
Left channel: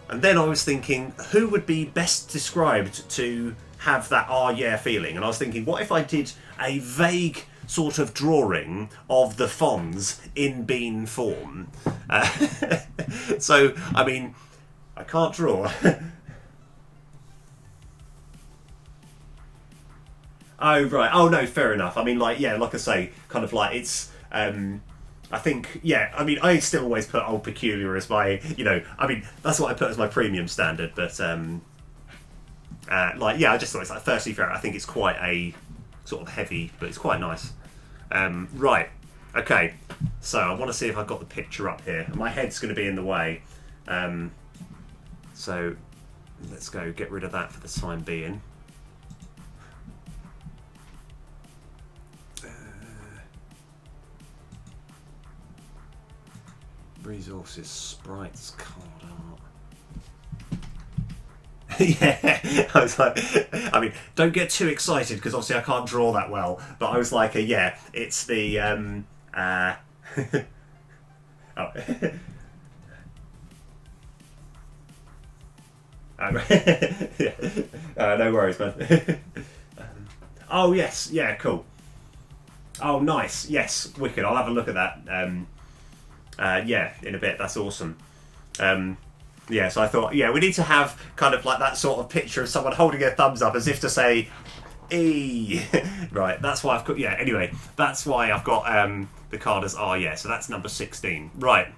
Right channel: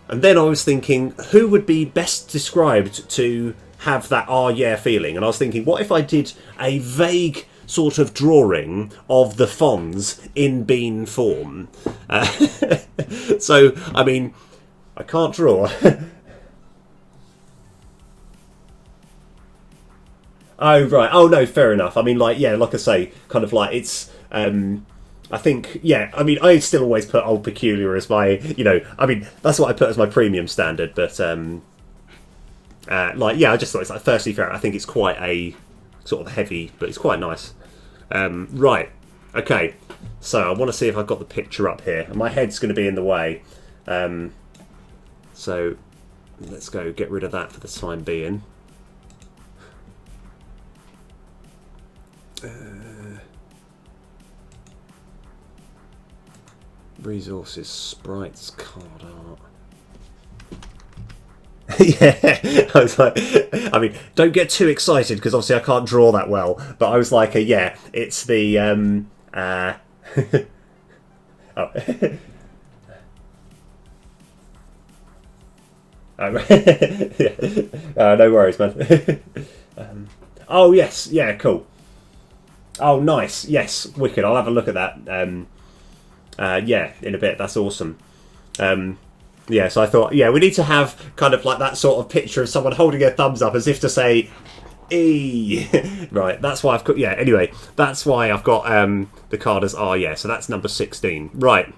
then I was thinking, who would be best described to have that oh yeah feeling? And I was thinking, what if I did a vague sort of drawing of the Fonz in bean form? So, I mean, I can't draw. Oh, right. Oh, no, fair enough. I mean, like, yeah, like I say, kind of like it's... I think, yeah, I mean, I still always put Old Peculiar as my, you know, I mean, that's what I put as my premium standard, but, like, yeah, I just thought it's like Thirsty Ferret. I think it's quite a sort of heavy, but it's quite nice. Right, okay, so I want to see if I've got the picture up here. My head's going to be in the way, so let's go get rid of that for the time being. Resources, sprites, card art. Yeah, I was like, I mean, don't get too excited because obviously I can't draw that well. But I was like, yeah, it's the oh. Yeah. No worries, man. Oh yes, yeah, cool. Oh nice, yes, wicked. I'll have a look at that. Yeah, in a bit. That's awesome. Yeah, so I thought, yeah, we need to have kind of like that sort of picture of someone holding a thumbs up as if to say, E. Right, that's why I've got, yeah, anyway, that's why I've got the card as R, yeah, so that's number 16. Right.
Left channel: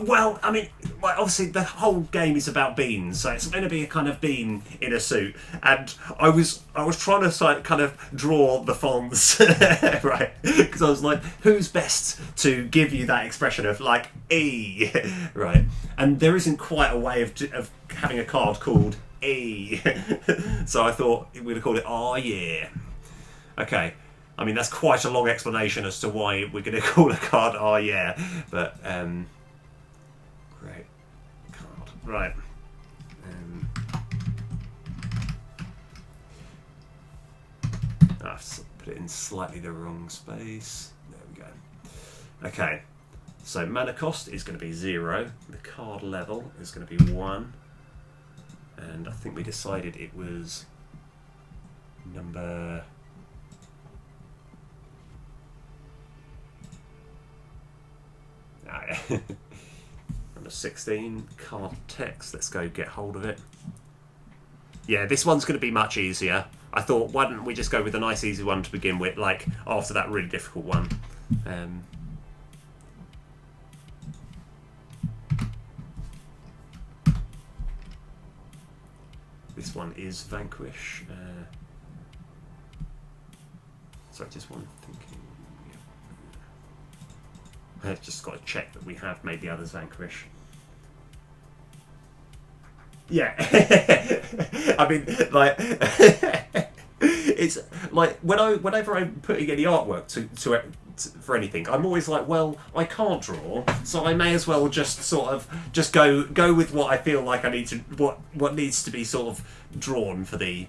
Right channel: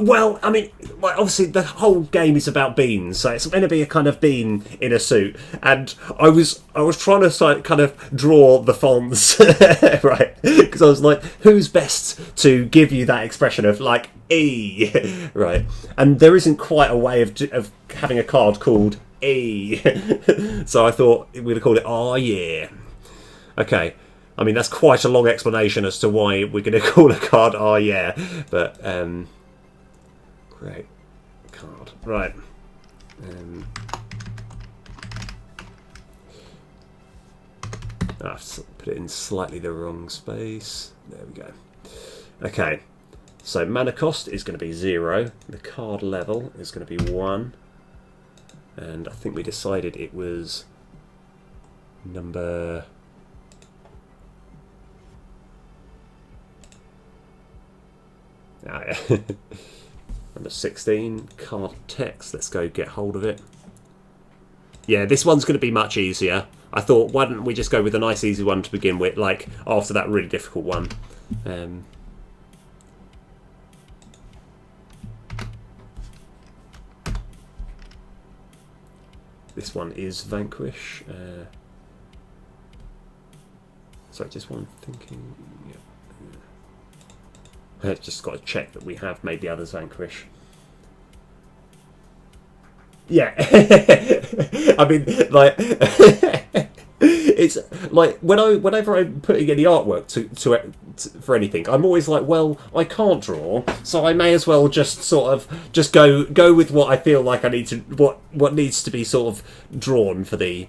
Well, I mean, obviously the whole game is about beans, so it's going to be a kind of bean in a suit. And I was trying to kind of draw the Fonz, right? Because I was like, who's best to give you that expression of like E, right? And there isn't quite a way of having a card called E, so I thought we'd have called it Oh Yeah. Okay. I mean, that's quite a long explanation as to why we're going to call a card Oh Yeah, but great card. Right. I've put it in slightly the wrong space. There we go. Okay. So mana cost is going to be 0. The card level is going to be 1. And I think we decided it was number... number 16. Card text. Let's go get hold of it. Yeah, this one's going to be much easier. I thought, why don't we just go with a nice easy one to begin with, like after that really difficult one. This one is Vanquish. Sorry, just one thinking. Yeah. I've just got to check that we have made the others Vanquish. Yeah. I mean, like, it's like whenever I'm putting any artwork to for anything, I'm always like, well, I can't draw, so I may as well just sort of just go with what I feel like I need to, what needs to be sort of drawn for the,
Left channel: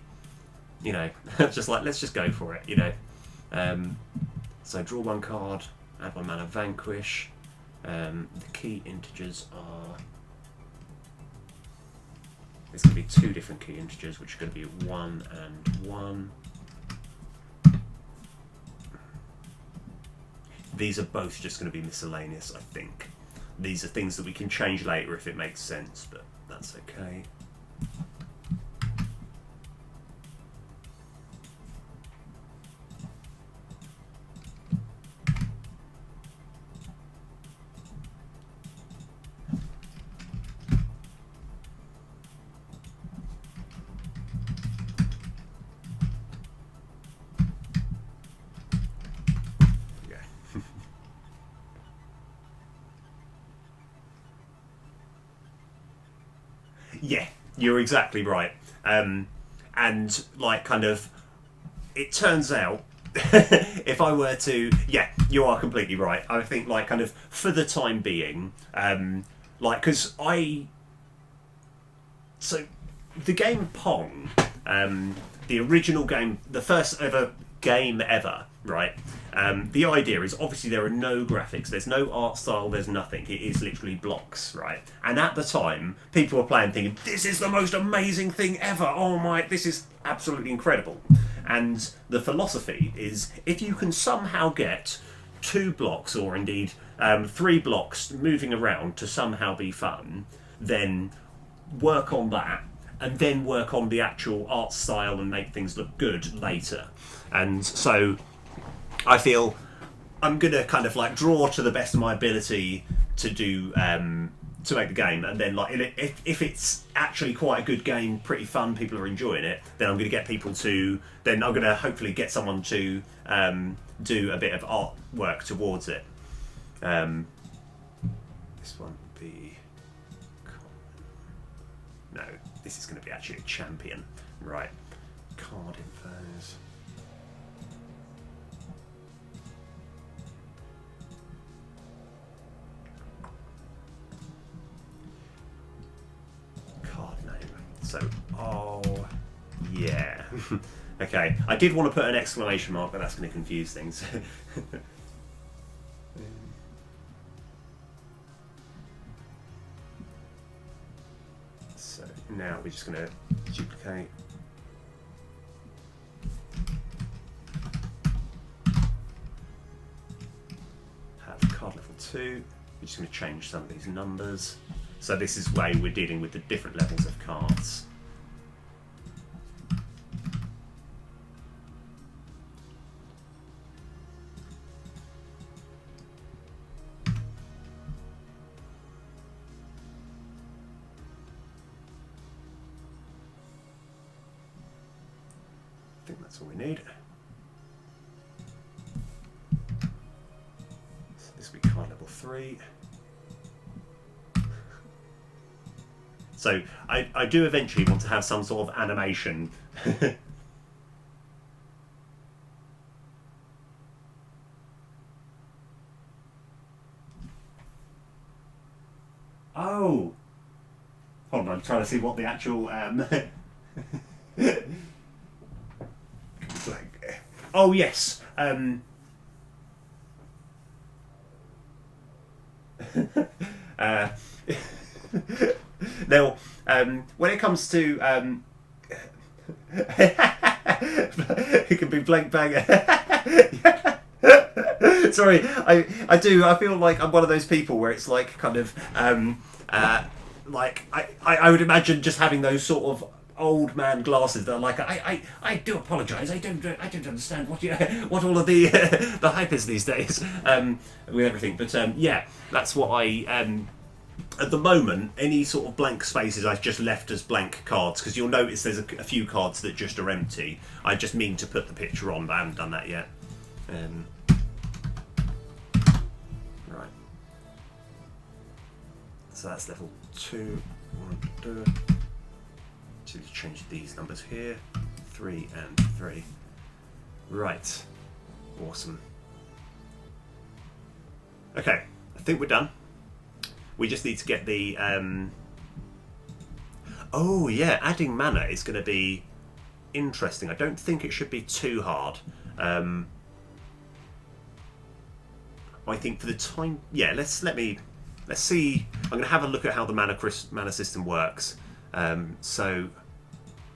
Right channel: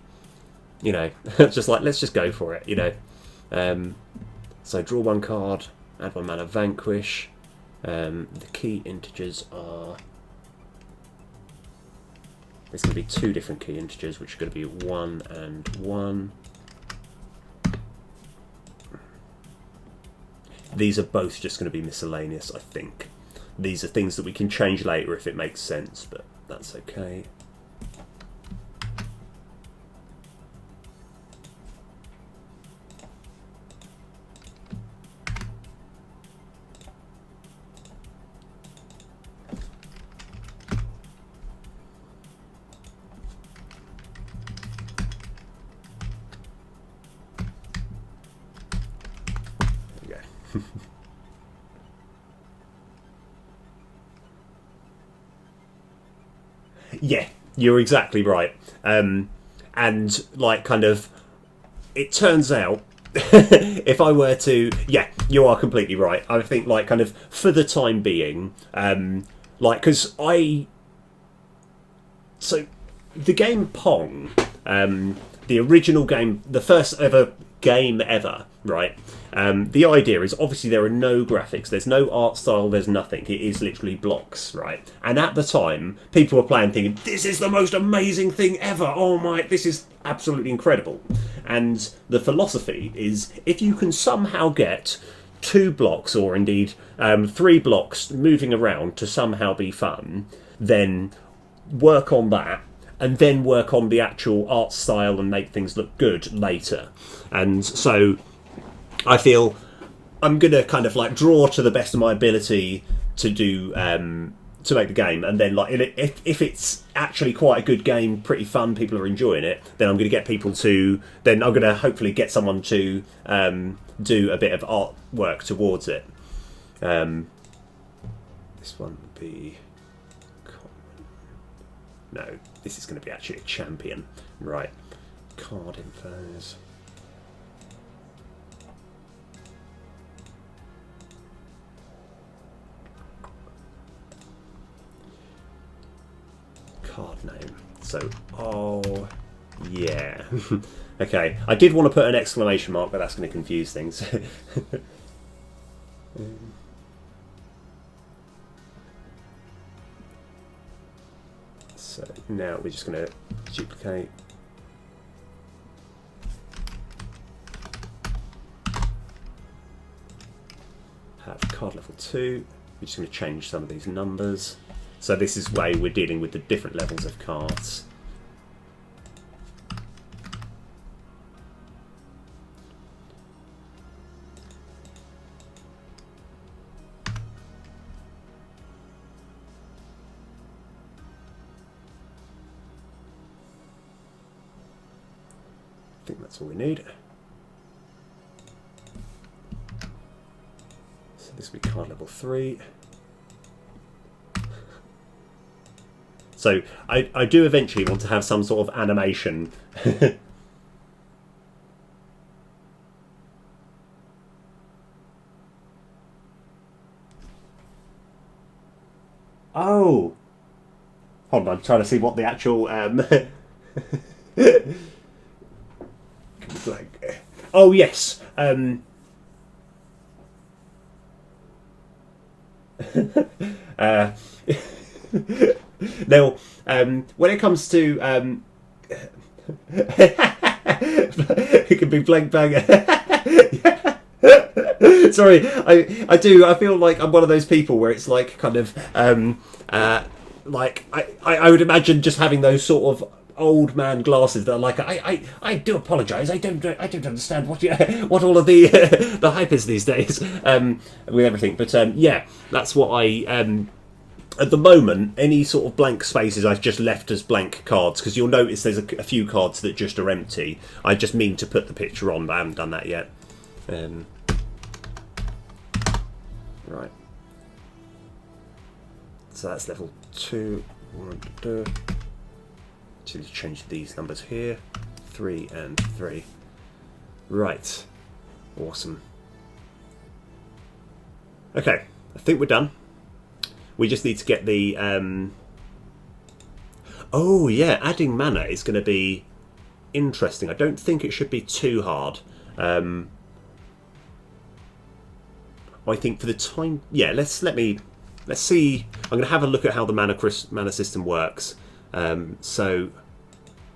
you know, just like, let's just go for it, you know. So draw one card, add one mana, Vanquish. The key integers are... There's going to be 2 different key integers, which are going to be 1 and 1. These are both just going to be miscellaneous, I think. These are things that we can change later if it makes sense, but that's okay. Yeah, you're exactly right. And like, kind of, it turns out, if I were to, yeah, you are completely right. I think, like, kind of, for the time being, like, because so the game Pong, the original game, the first ever game ever, right? The idea is, obviously there are no graphics, there's no art style, there's nothing. It is literally blocks, right? And at the time, people were playing thinking, this is the most amazing thing ever. Oh my, this is absolutely incredible. And the philosophy is, if you can somehow get 2 blocks, or indeed 3 blocks moving around to somehow be fun, then work on that, and then work on the actual art style and make things look good later. And so I feel I'm going to kind of like draw to the best of my ability to do to make the game, and then like if it's actually quite a good game, pretty fun, people are enjoying it, then I'm going to get people to, then I'm going to hopefully get someone to do a bit of artwork towards it. This one would be no, this is going to be actually a champion, right? Card infos. Card name. So, oh, yeah. Okay, I did want to put an exclamation mark, but that's going to confuse things. So now we're just going to duplicate. Have card level 2. We're just going to change some of these numbers. So this is why we're dealing with the different levels of cards. I think that's all we need. So this will be card level 3. So I do eventually want to have some sort of animation. Oh! Hold on, I'm trying to see what the actual... Oh, yes. uh, now, when it comes to it can be blank bang. Sorry, I do. I feel like I'm one of those people where it's like kind of like I would imagine just having those sort of old man glasses that are like I do apologise. I don't understand what all of the the hype is these days with everything. But yeah, that's what I. At the moment, any sort of blank spaces I've just left as blank cards, because you'll notice there's a few cards that just are empty. I just mean to put the picture on, but I haven't done that yet. Right. So that's level 2. So let's change these numbers here. 3 and 3. Right. Awesome. Okay, I think we're done. We just need to get the... Oh, yeah, adding mana is going to be interesting. I don't think it should be too hard. I think for the time... Yeah, let's see. I'm going to have a look at how the mana system works. So,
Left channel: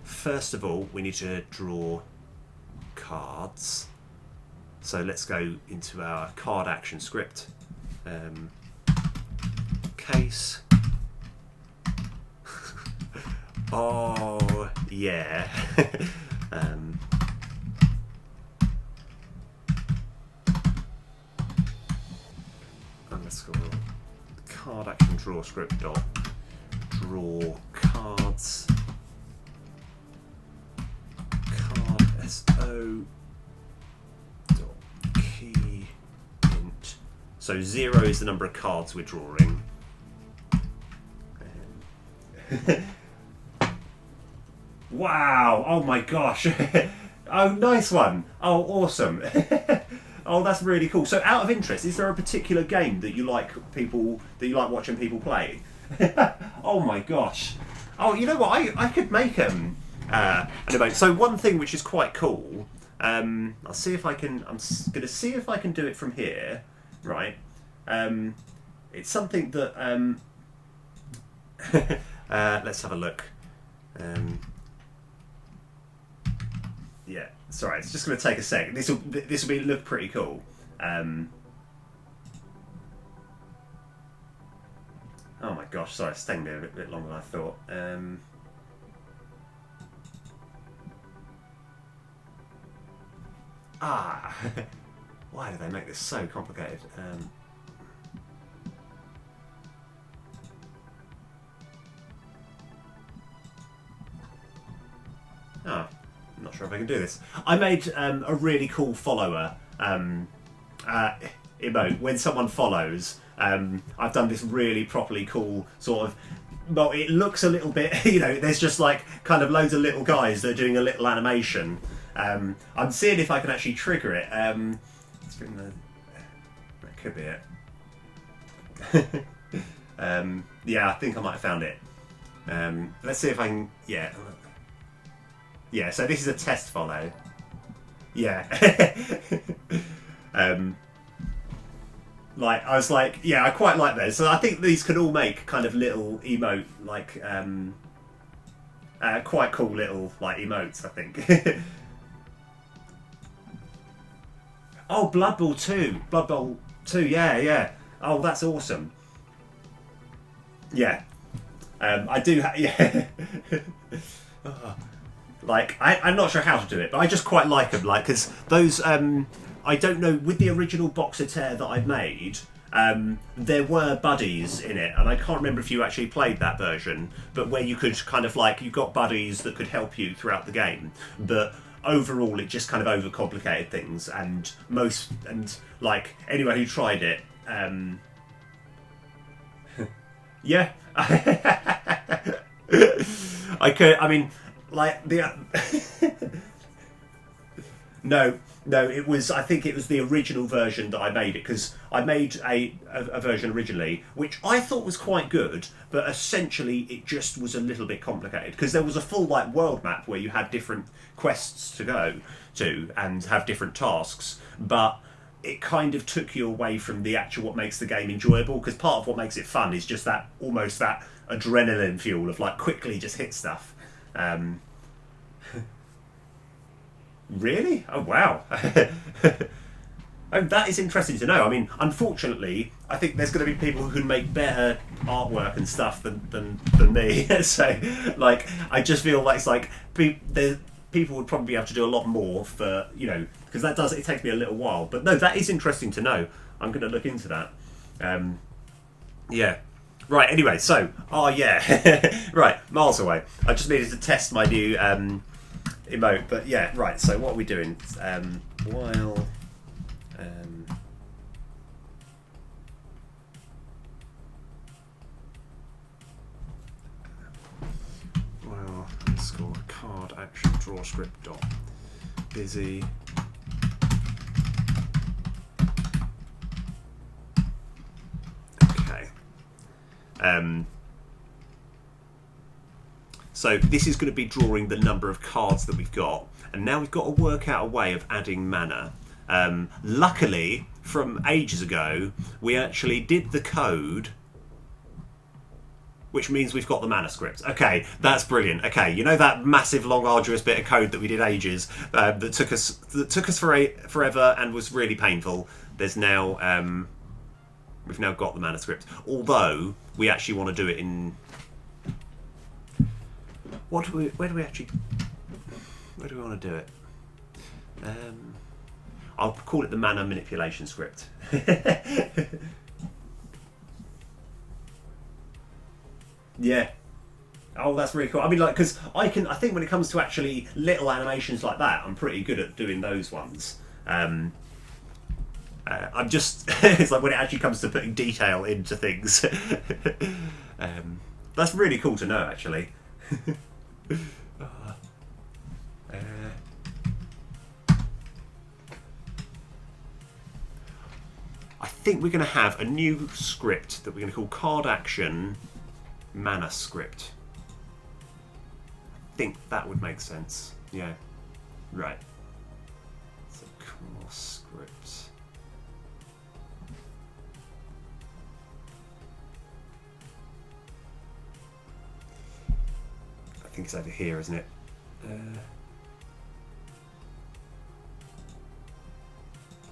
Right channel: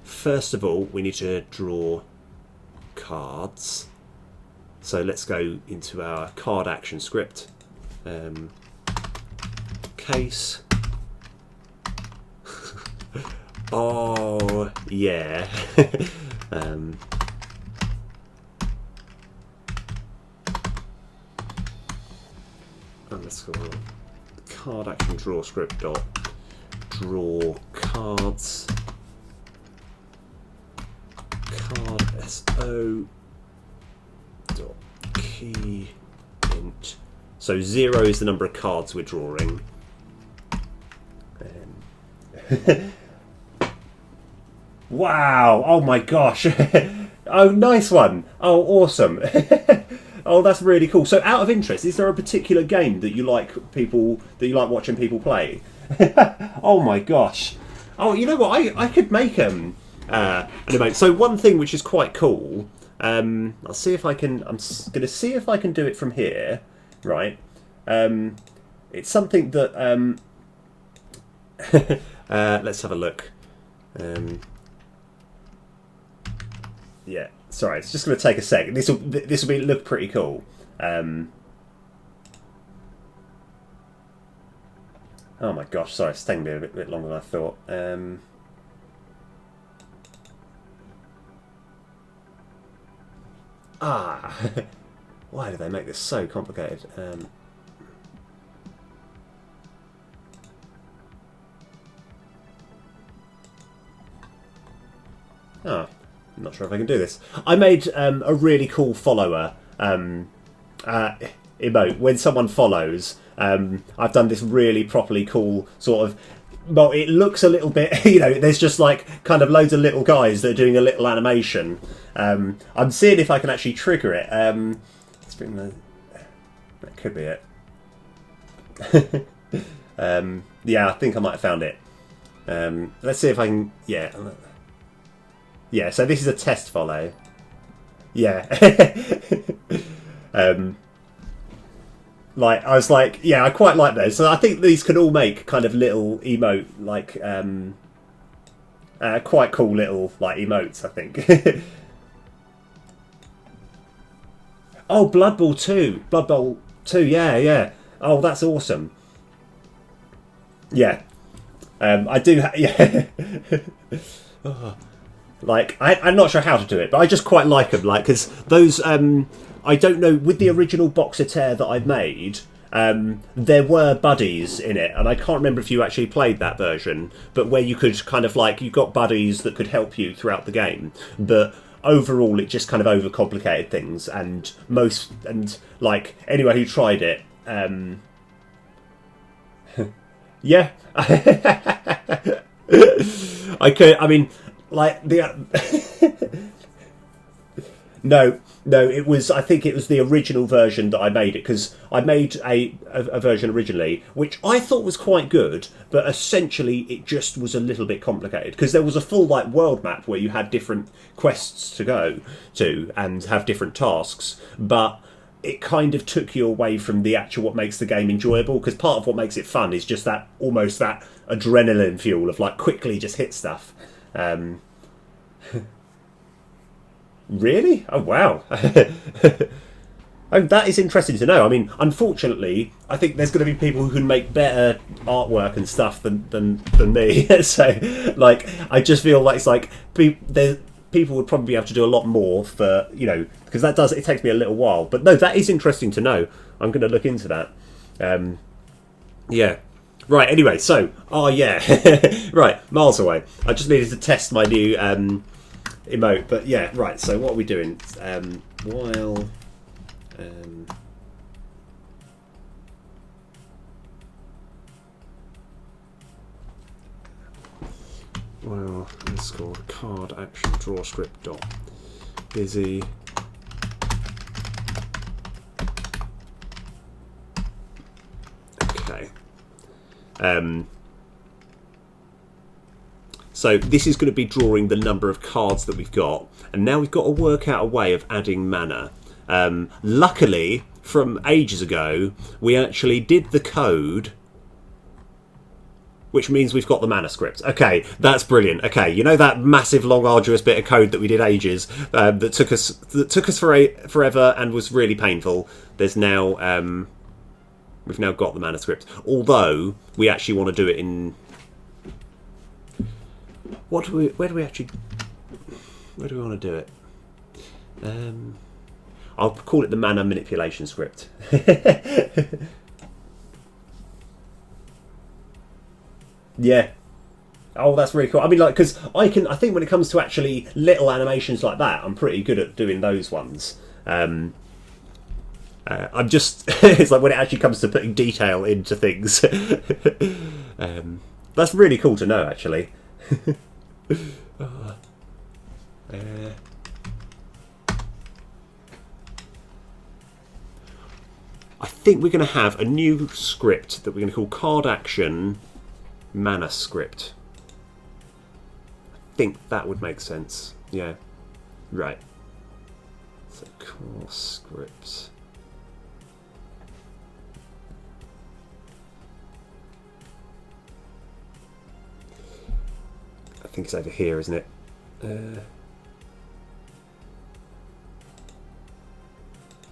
first of all, we need to draw cards. So let's go into our card action script. Case. Oh yeah. Underscore card action draw script dot draw cards card so dot key int. So 0 is the number of cards we're drawing. Wow! Oh my gosh! Oh, nice one! Oh, awesome! Oh, that's really cool. So, out of interest, is there a particular game that you like watching people play? Oh my gosh! Oh, you know what? I could make an emote. So one thing which is quite cool. I'll see if I can. I'm going to see if I can do it from here. Right. It's something that. Let's have a look. Yeah, sorry, it's just going to take a sec. This will look pretty cool. Oh my gosh, sorry, it's taking me a bit longer than I thought. Why do they make this so complicated? I'm not sure if I can do this. I made a really cool follower emote. When someone follows, I've done this really properly cool sort of... Well, it looks a little bit... You know, there's just like kind of loads of little guys that are doing a little animation. I'm seeing if I can actually trigger it. Let's bring the... That could be it. Yeah, I think I might have found it. Let's see if I can... Yeah. Yeah, so this is a test follow. Yeah. Like, I was like, yeah, I quite like those. So I think these could all make kind of little emote, like, quite cool little, like, emotes, I think. Oh, Blood Bowl 2. Blood Bowl 2, yeah, yeah. Oh, that's awesome. Yeah. I do, yeah. Like, I'm not sure how to do it, but I just quite like them. Like, because those, I don't know, with the original Boxer Tear that I've made, there were buddies in it, and I can't remember if you actually played that version, but where you could kind of like, you got buddies that could help you throughout the game, but overall it just kind of overcomplicated things, and like, anyone who tried it, yeah. I mean, like the no, it was. I think it was the original version that I made it, because I made a version originally, which I thought was quite good, but essentially it just was a little bit complicated, because there was a full like world map where you had different quests to go to and have different tasks, but it kind of took you away from the actual what makes the game enjoyable, because part of what makes it fun is just that almost that adrenaline fuel of like quickly just hit stuff. Really? Oh wow. Oh, that is interesting to know. I mean, unfortunately, I think there's going to be people who can make better artwork and stuff than me. So, like, I just feel like it's like people would probably be able to do a lot more for, you know, because it takes me a little while. But no, that is interesting to know. I'm going to look into that. Yeah. Right. Anyway, so yeah, right, miles away. I just needed to test my new emote, but yeah, right. So what are we doing? While well, underscore card action draw script dot busy. Okay. So this is going to be drawing the number of cards that we've got, and now we've got to work out a way of adding mana. Luckily, from ages ago, we actually did the code, which means we've got the mana script. Okay, that's brilliant. Okay, you know that massive, long, arduous bit of code that we did ages, that took us forever and was really painful. There's now we've now got the mana script. Although we actually want to do it in where do we want to do it? I'll call it the mana manipulation script. Yeah. Oh, that's really cool. I mean, like, because I think when it comes to actually little animations like that, I'm pretty good at doing those ones. I'm just it's like when it actually comes to putting detail into things. That's really cool to know, actually. I think we're going to have a new script that we're going to call card action mana script. I think that would make sense. Yeah. Right. So core script. I think it's over here, isn't it?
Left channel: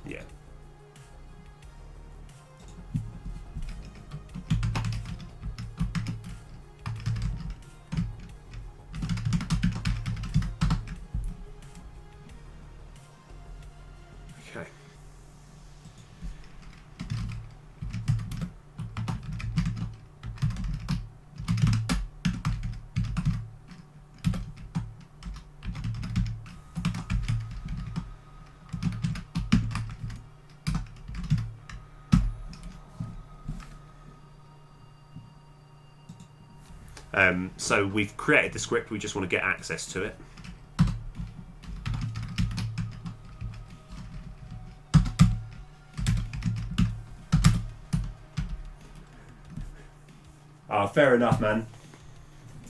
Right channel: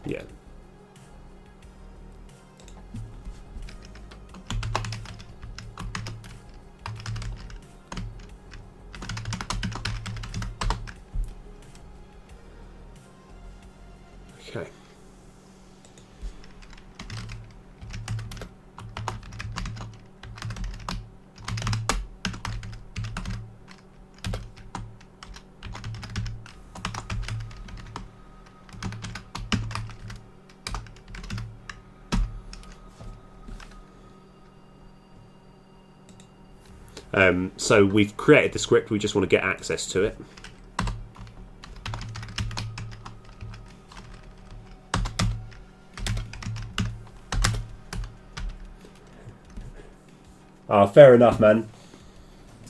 Yeah. Okay. So we've created the script, we just want to get access to it. Fair enough, man.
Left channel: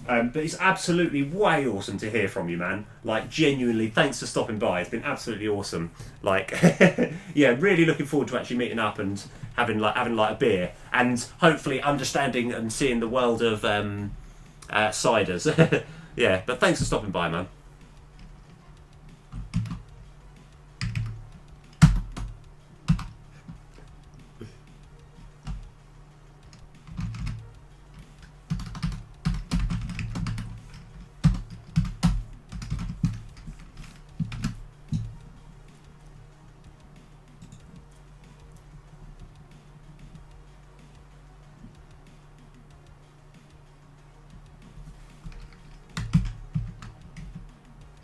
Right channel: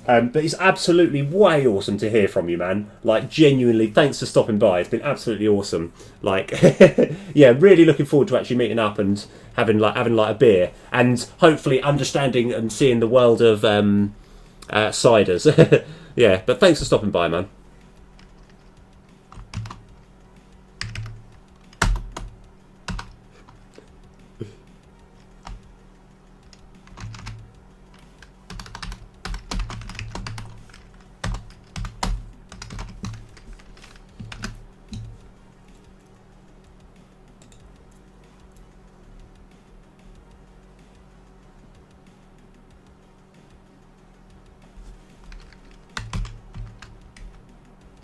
But it's absolutely way awesome to hear from you, man. Like, genuinely, thanks for stopping by. It's been absolutely awesome. Like, yeah, really looking forward to actually meeting up and having a beer, and hopefully understanding and seeing the world of ciders. Yeah, but thanks for stopping by, man.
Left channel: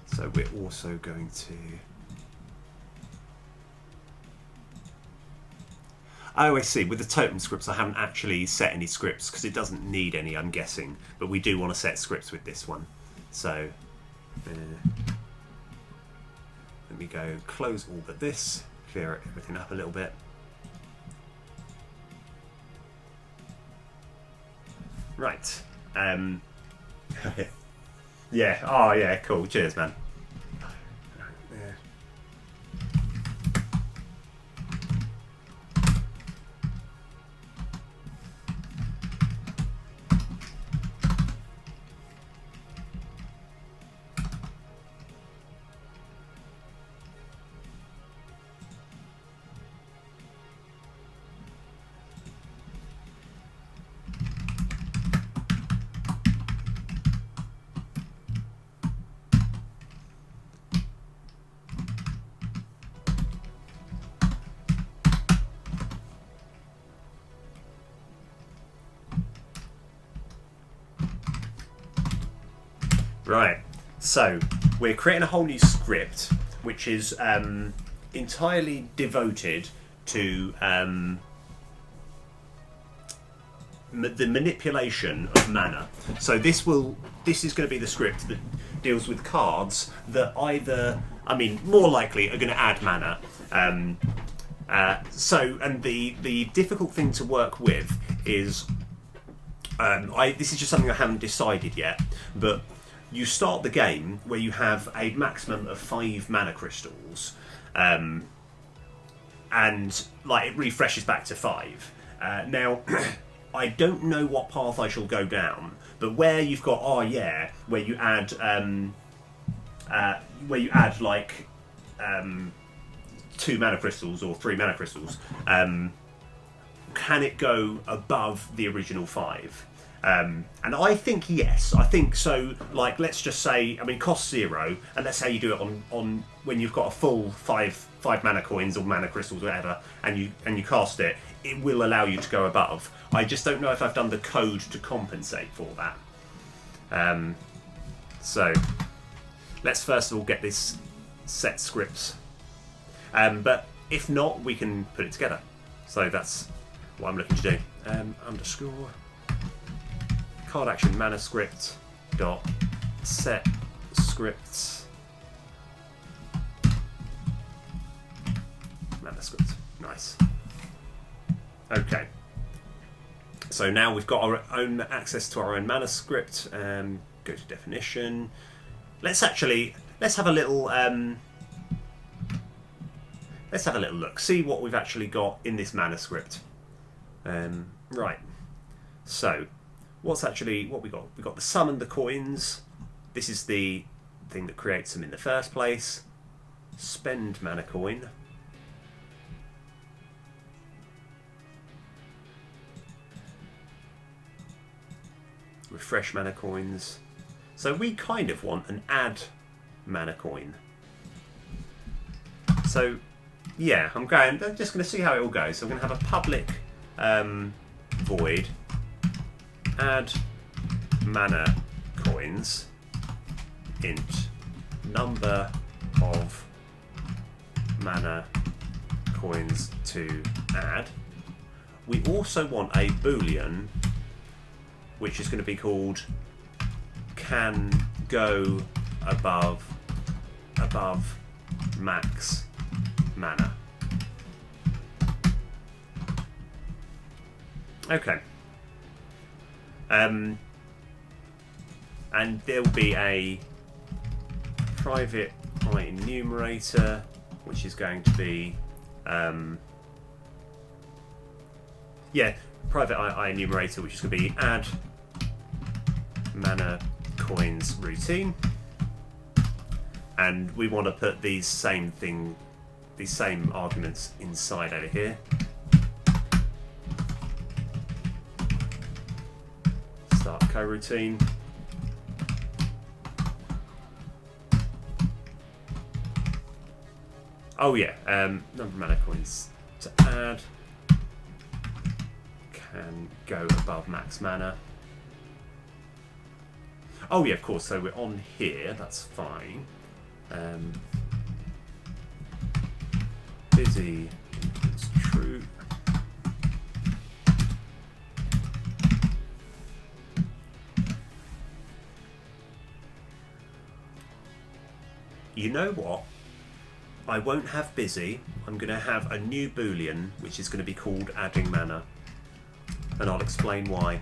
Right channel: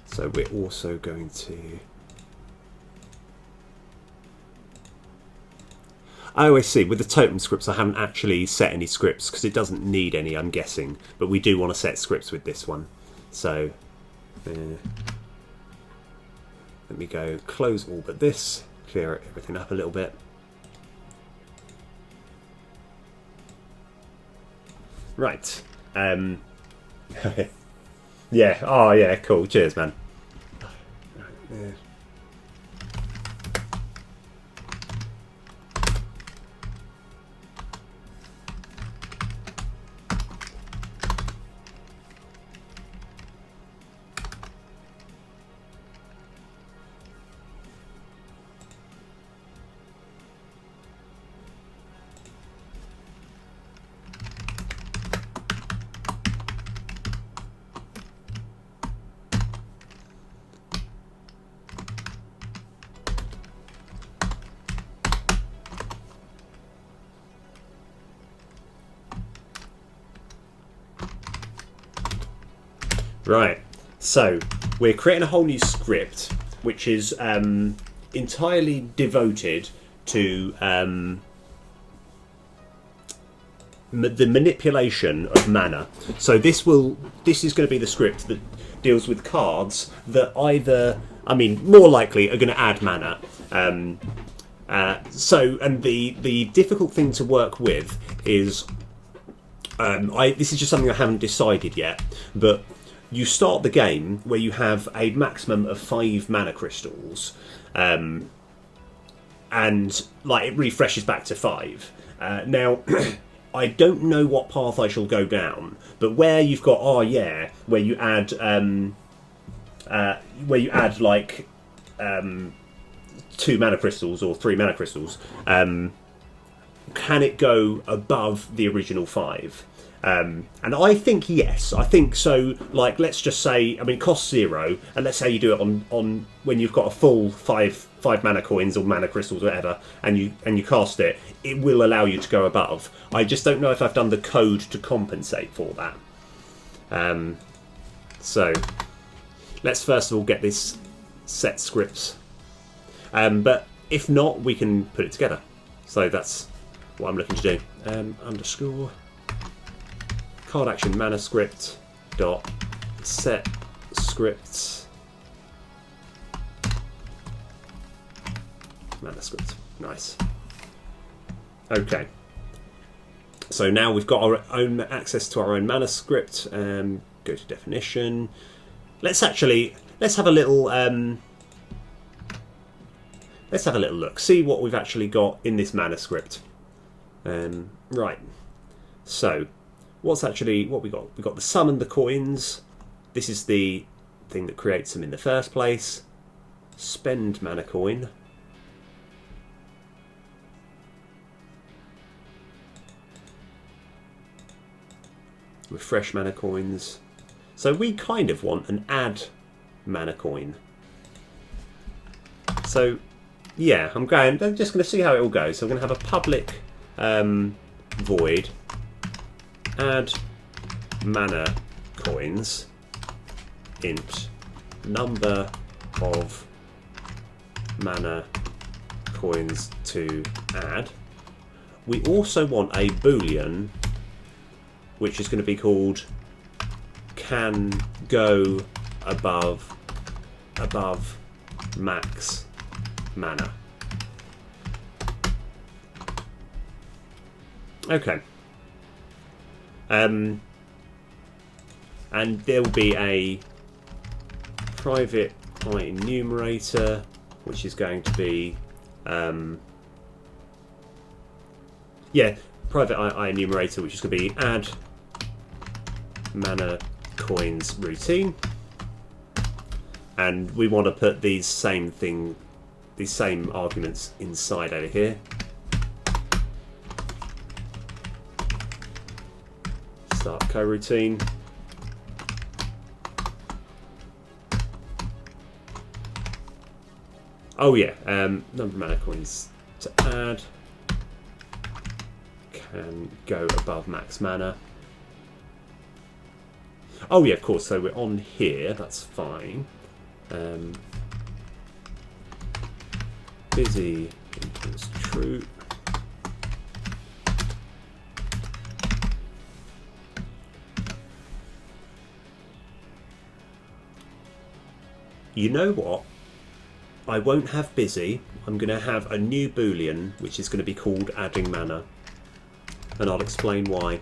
So we're also going to... Oh, I see. With the totem scripts, I haven't actually set any scripts because it doesn't need any, I'm guessing. But we do want to set scripts with this one. So let me go close all but this, clear everything up a little bit. Right. Yeah. Oh, yeah. Cool. Cheers, man. Yeah. Right. So we're creating a whole new script, which is entirely devoted to the manipulation of mana. So this is going to be the script that deals with cards that either, I mean, more likely are going to add mana. And the difficult thing to work with is, this is just something I haven't decided yet, but you start the game where you have a maximum of 5 mana crystals, and like it refreshes back to 5. Now, I don't know what path I shall go down, but where you've got where you add like 2 mana crystals or 3 mana crystals, can it go above the original 5? And I think yes. I think so. Like, let's just say, I mean, it costs 0, and let's say you do it on when you've got a full 5 mana coins or mana crystals, or whatever, and you cast it. It will allow you to go above. I just don't know if I've done the code to compensate for that. So let's first of all get this set scripts. But if not, we can put it together. So that's what I'm looking to do. Underscore card action mana script dot set scripts mana script. Nice. Okay. So now we've got our own access to our own mana script. Go to definition. Let's have a little look. See what we've actually got in this mana script. Right. So what we got? We got the summon the coins. This is the thing that creates them in the first place. Spend mana coin. Refresh mana coins. So we kind of want an add mana coin. So yeah, I'm just going to see how it all goes. So I'm going to have a public void add mana coins int number of mana coins to add. We also want a boolean which is going to be called can go above max mana. Okay. And there'll be a private enumerator, which is going to be private enumerator, which is going to be add mana coins routine, and we want to put these same arguments inside over here. Start coroutine. Oh yeah, number of mana coins to add can go above max mana. Oh yeah, of course, so we're on here, that's fine. Busy equals true. You know what? I won't have busy. I'm going to have a new boolean, which is going to be called adding mana. And I'll explain why.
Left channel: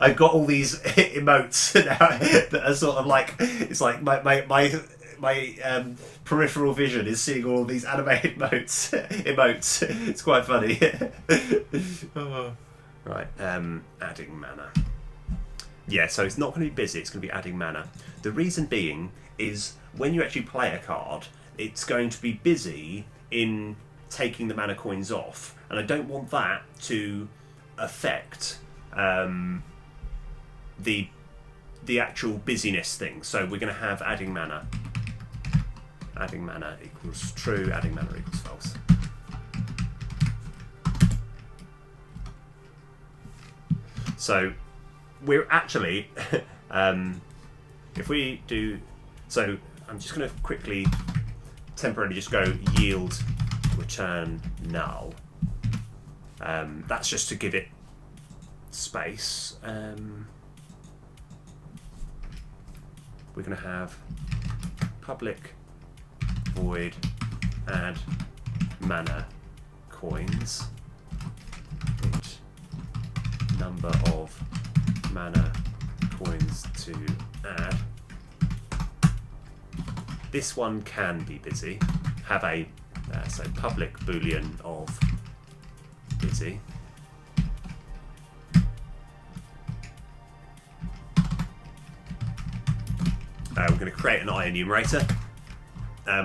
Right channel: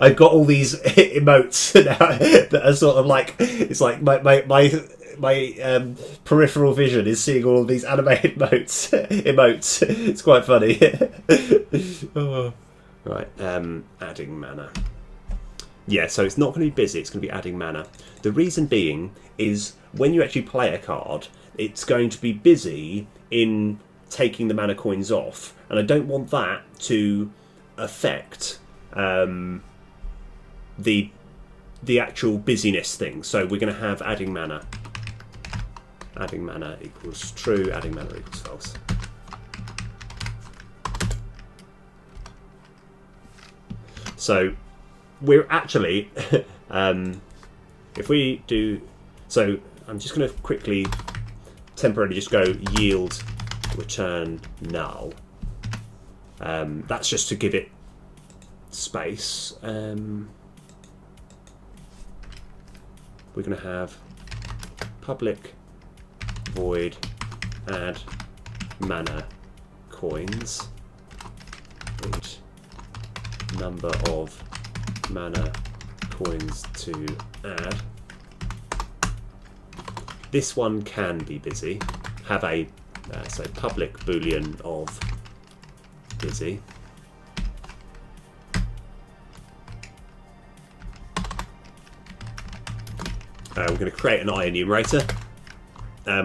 I've got all these emotes now that are sort of like, it's like my peripheral vision is seeing all of these animated emotes. It's quite funny. Oh. Right, adding mana. Yeah, so it's not going to be busy, it's going to be adding mana. The reason being is when you actually play a card, it's going to be busy in taking the mana coins off, and I don't want that to affect the actual busyness thing. So we're going to have adding mana. Adding mana equals true, adding mana equals false. So we're actually, if we do, so I'm just going to quickly temporarily just go yield return null. That's just to give it space. We're going to have public void add mana coins, int number of mana coins to add. This one can be busy. Have a so public boolean of busy. We're going to create an I enumerator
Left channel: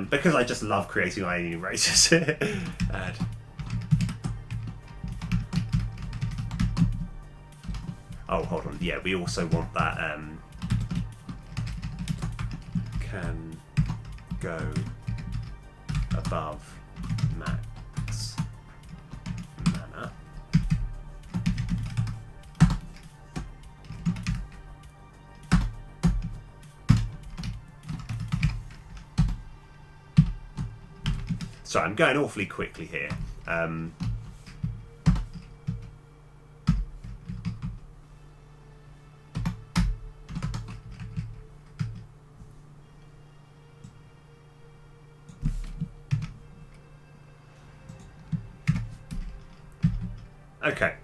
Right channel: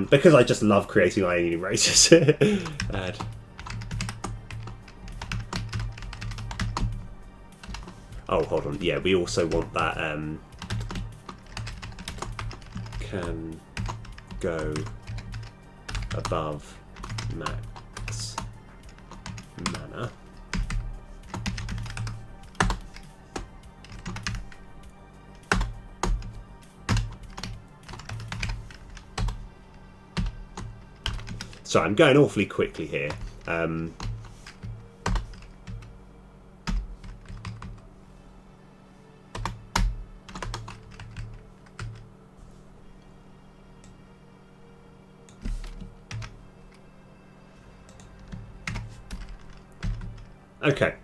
because I just love creating I enumerators. Add. Oh, hold on. Yeah, we also want that can go above max mana. So I'm going awfully quickly here. Okay,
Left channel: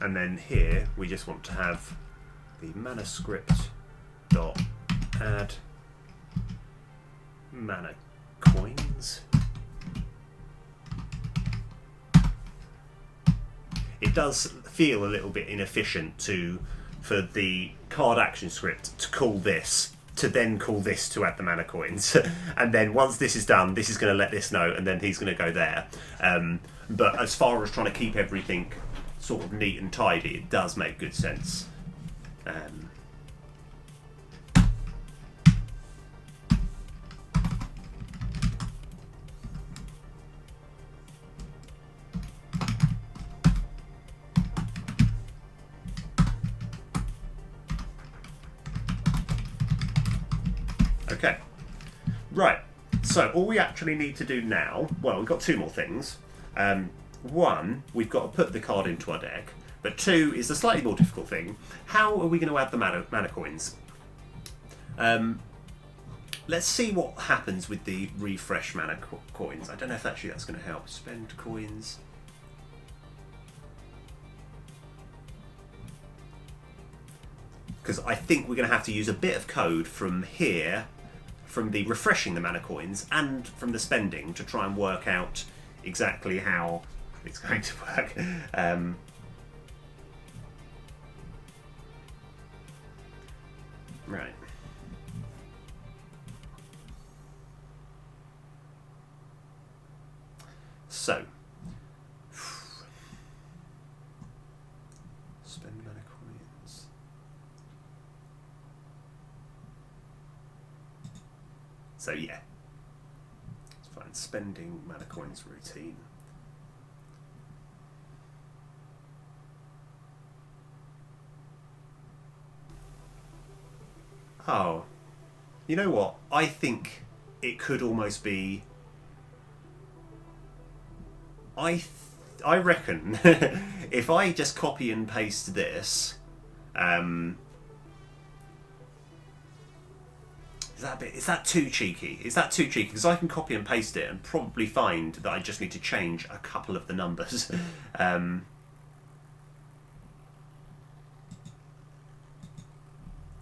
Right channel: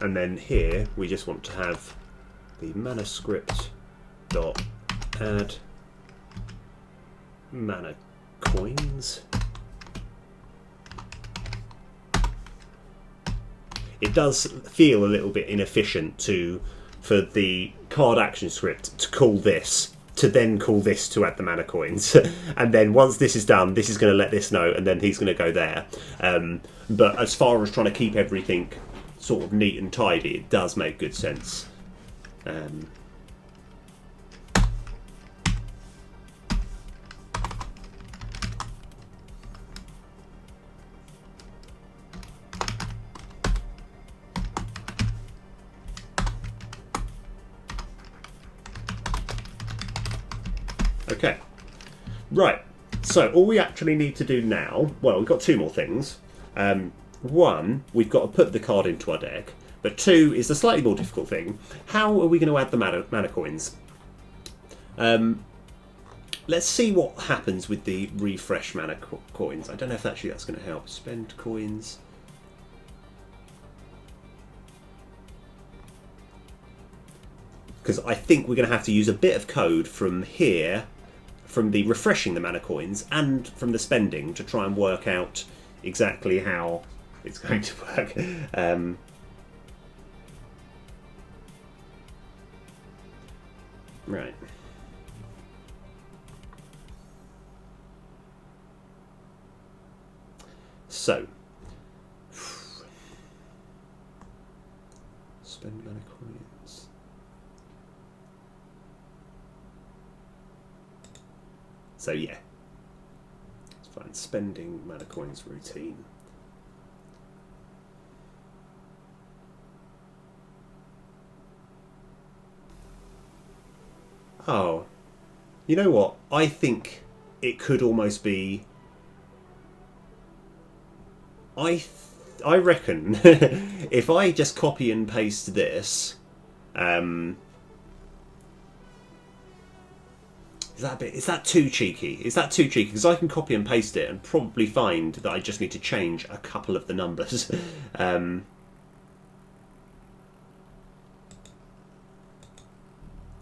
and then here we just want to have the manuscript dot add mana coins. It does feel a little bit inefficient for the card action script to call this, to then call this to add the mana coins. And then once this is done, this is going to let this know, and then he's going to go there. But as far as trying to keep everything sort of neat and tidy, it does make good sense. Okay, right, so all we actually need to do now, well, we've got two more things. One, we've got to put the card into our deck, but two is the slightly more difficult thing. How are we going to add the mana coins? Let's see what happens with the refresh mana coins. I don't know if actually that's going to help. Spend coins. Because I think we're going to have to use a bit of code from here, from the refreshing the mana coins and from the spending, to try and work out exactly how it's going to work. Right. So, spend mana coins. So yeah, it's fine. Spending mana coins routine. Oh, you know what? I think it could almost be. I reckon if I just copy and paste this, is that too cheeky? Is that too cheeky? Because I can copy and paste it and probably find that I just need to change a couple of the numbers.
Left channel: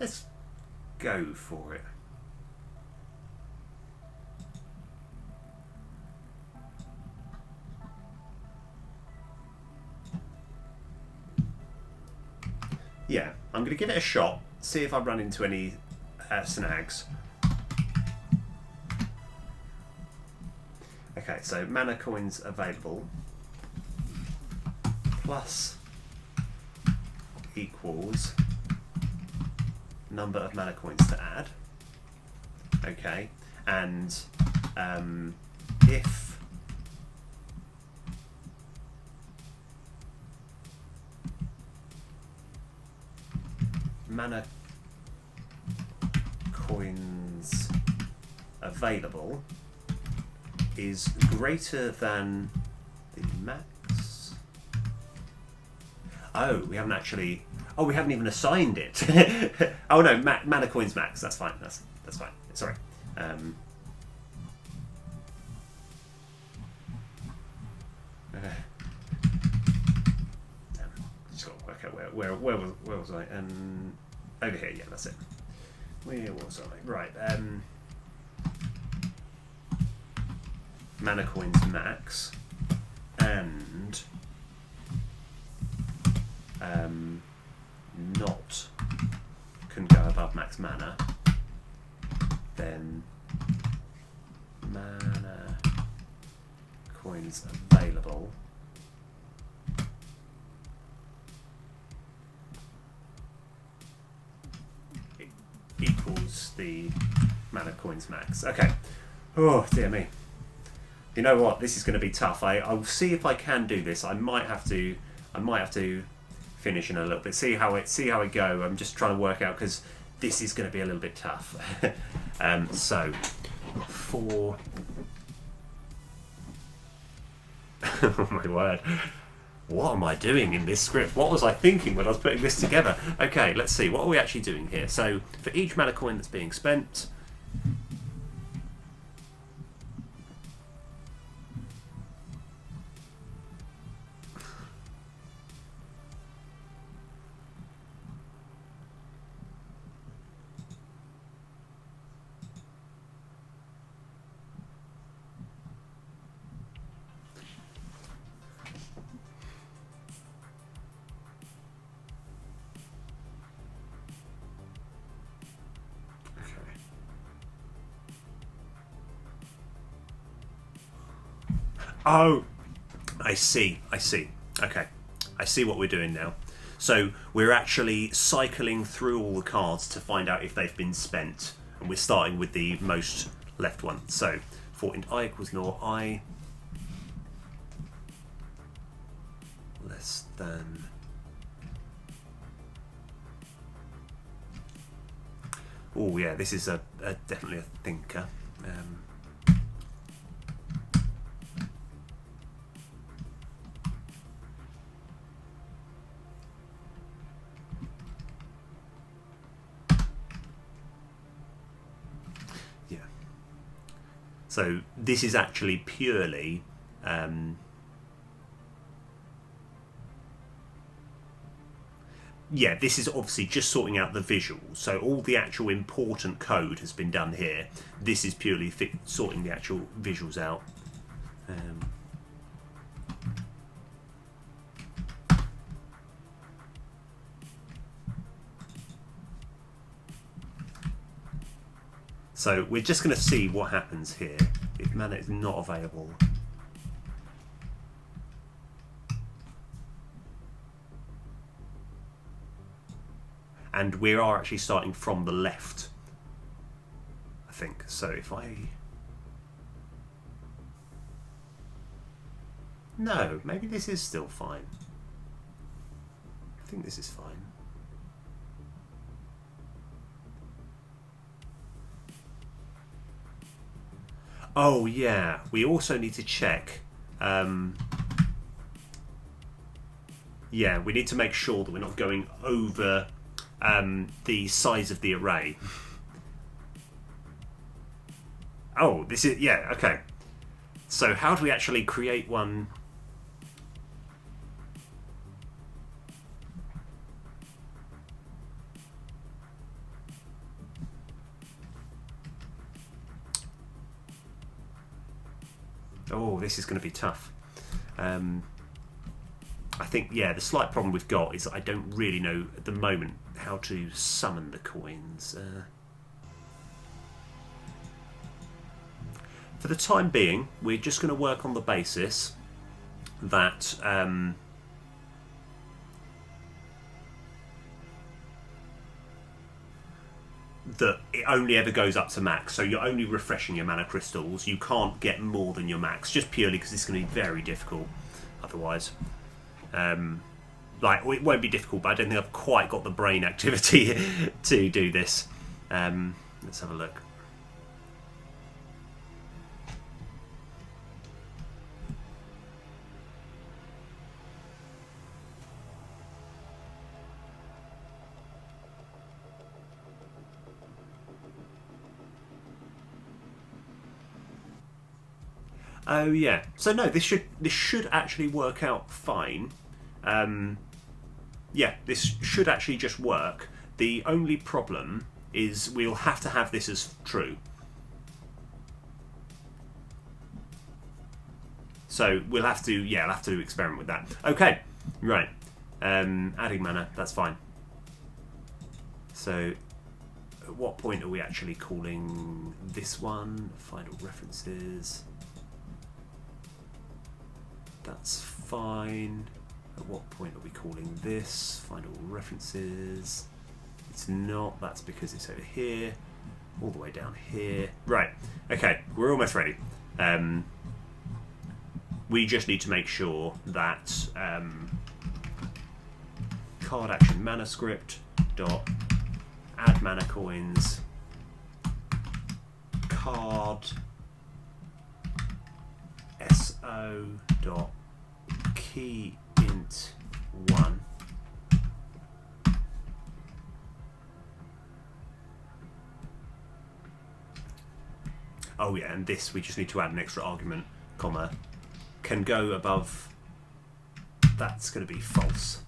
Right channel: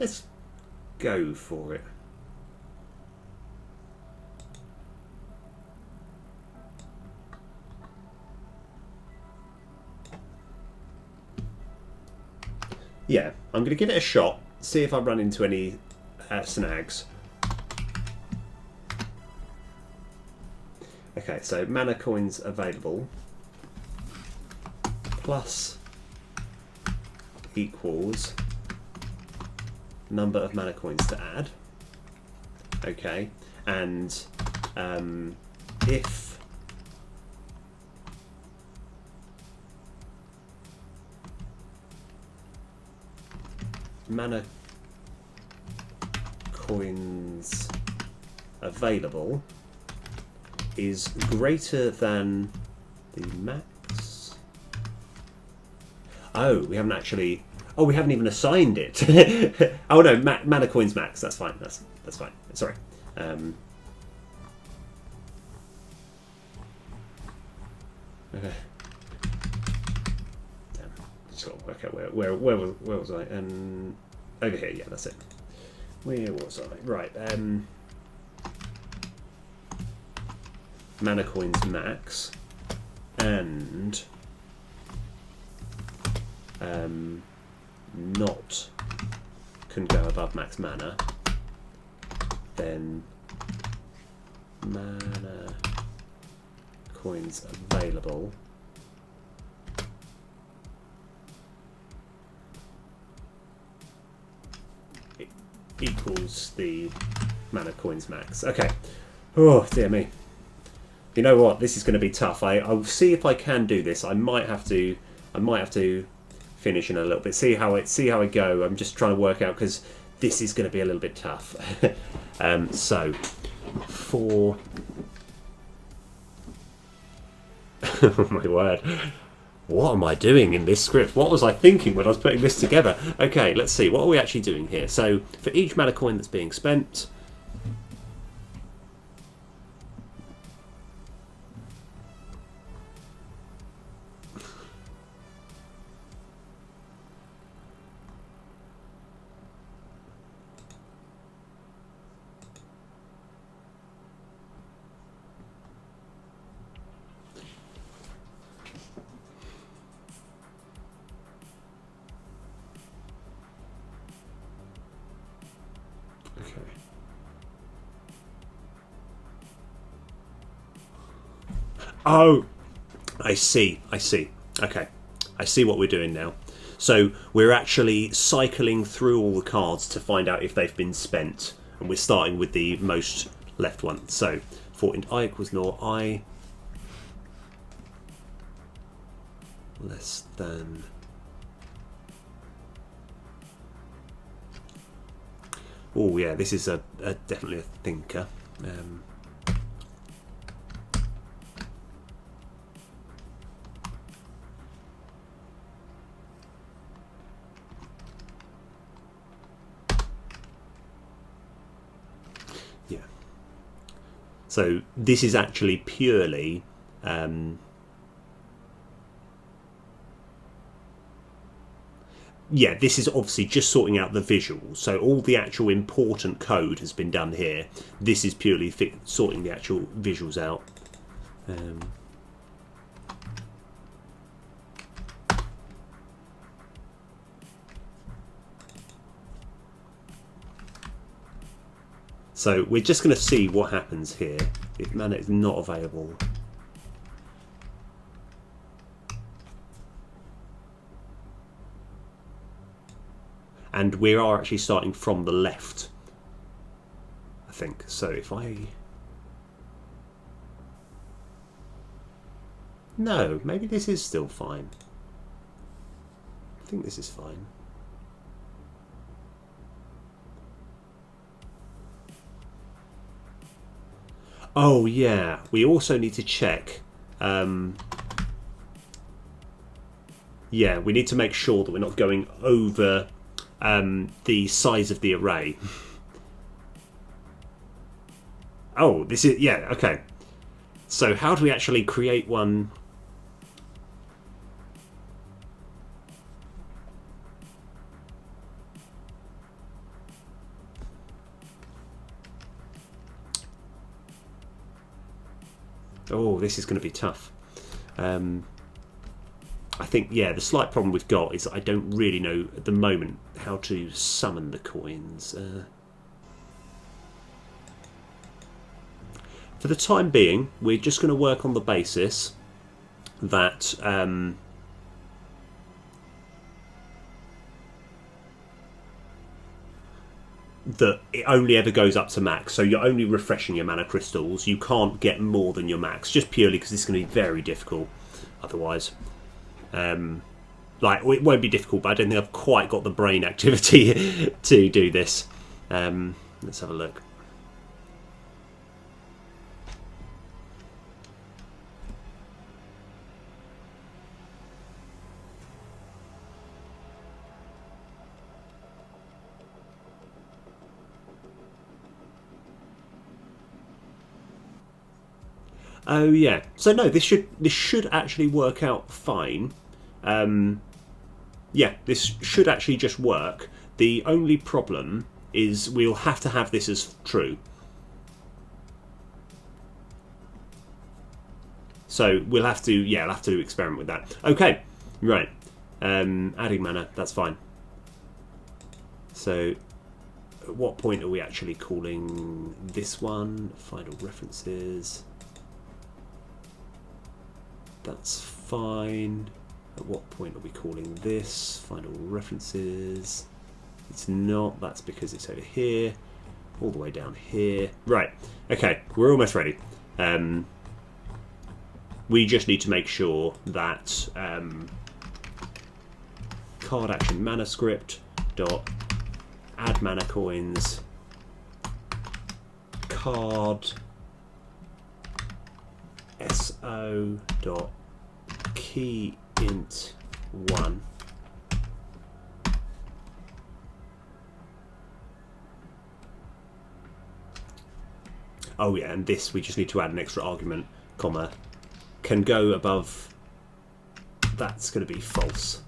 Let's go for it. Yeah, I'm going to give it a shot, see if I run into any snags. Okay, so mana coins available plus equals number of mana coins to add. Okay, and if mana coins available is greater than the max. Oh, we haven't actually. Oh, we haven't even assigned it. Oh no, mana coins max. That's fine. That's fine. Sorry. Okay. Damn. Just got to work out where was I? Over here. Yeah, that's it. Where was I? Right. Mana coins max and not can go above max mana, then mana coins available equals the mana coins max. Okay. Oh dear me. You know what? This is going to be tough. I'll see if I can do this. I might have to finish in a little bit. See how it go. I'm just trying to work out because this is going to be a little bit tough. So for oh my word. What am I doing in this script? What was I thinking when I was putting this together? Okay, let's see. What are we actually doing here? So for each mana coin that's being spent, oh, I see. Okay, I see what we're doing now. So we're actually cycling through all the cards to find out if they've been spent. And we're starting with the most left one. So for int I equals nor I less than... Oh yeah, this is definitely a thinker. Yeah. So this is actually purely yeah, this is obviously just sorting out the visuals. So all the actual important code has been done here. This is purely sorting the actual visuals out. So we're just going to see what happens here if mana is not available. And we are actually starting from the left, I think. So if I... No, maybe this is still fine. I think this is fine. Oh yeah, we also need to check. Yeah, we need to make sure that we're not going over the size of the array. Oh, this is... Yeah, okay. So how do we actually create one? Oh, this is going to be tough. I think, yeah, the slight problem we've got is that I don't really know at the moment how to summon the coins. For the time being, we're just going to work on the basis that that it only ever goes up to max. So you're only refreshing your mana crystals. You can't get more than your max, just purely because it's going to be very difficult otherwise. Like, it won't be difficult, but I don't think I've quite got the brain activity to do this. Let's have a look. Oh yeah. So no, this should actually work out fine. Yeah, this should actually just work. The only problem is we'll have to have this as true. So we'll have to, yeah, I'll have to experiment with that. Okay, right. Adding mana, that's fine. So at what point are we actually calling this one? Final references. That's fine. At what point are we calling this? Final references. It's not. That's because it's over here. All the way down here. Right. Okay. We're almost ready. We just need to make sure that card action mana script dot add mana coins card so dot key int 1 oh yeah, and this we just need to add an extra argument, comma, can go above. That's going to be false.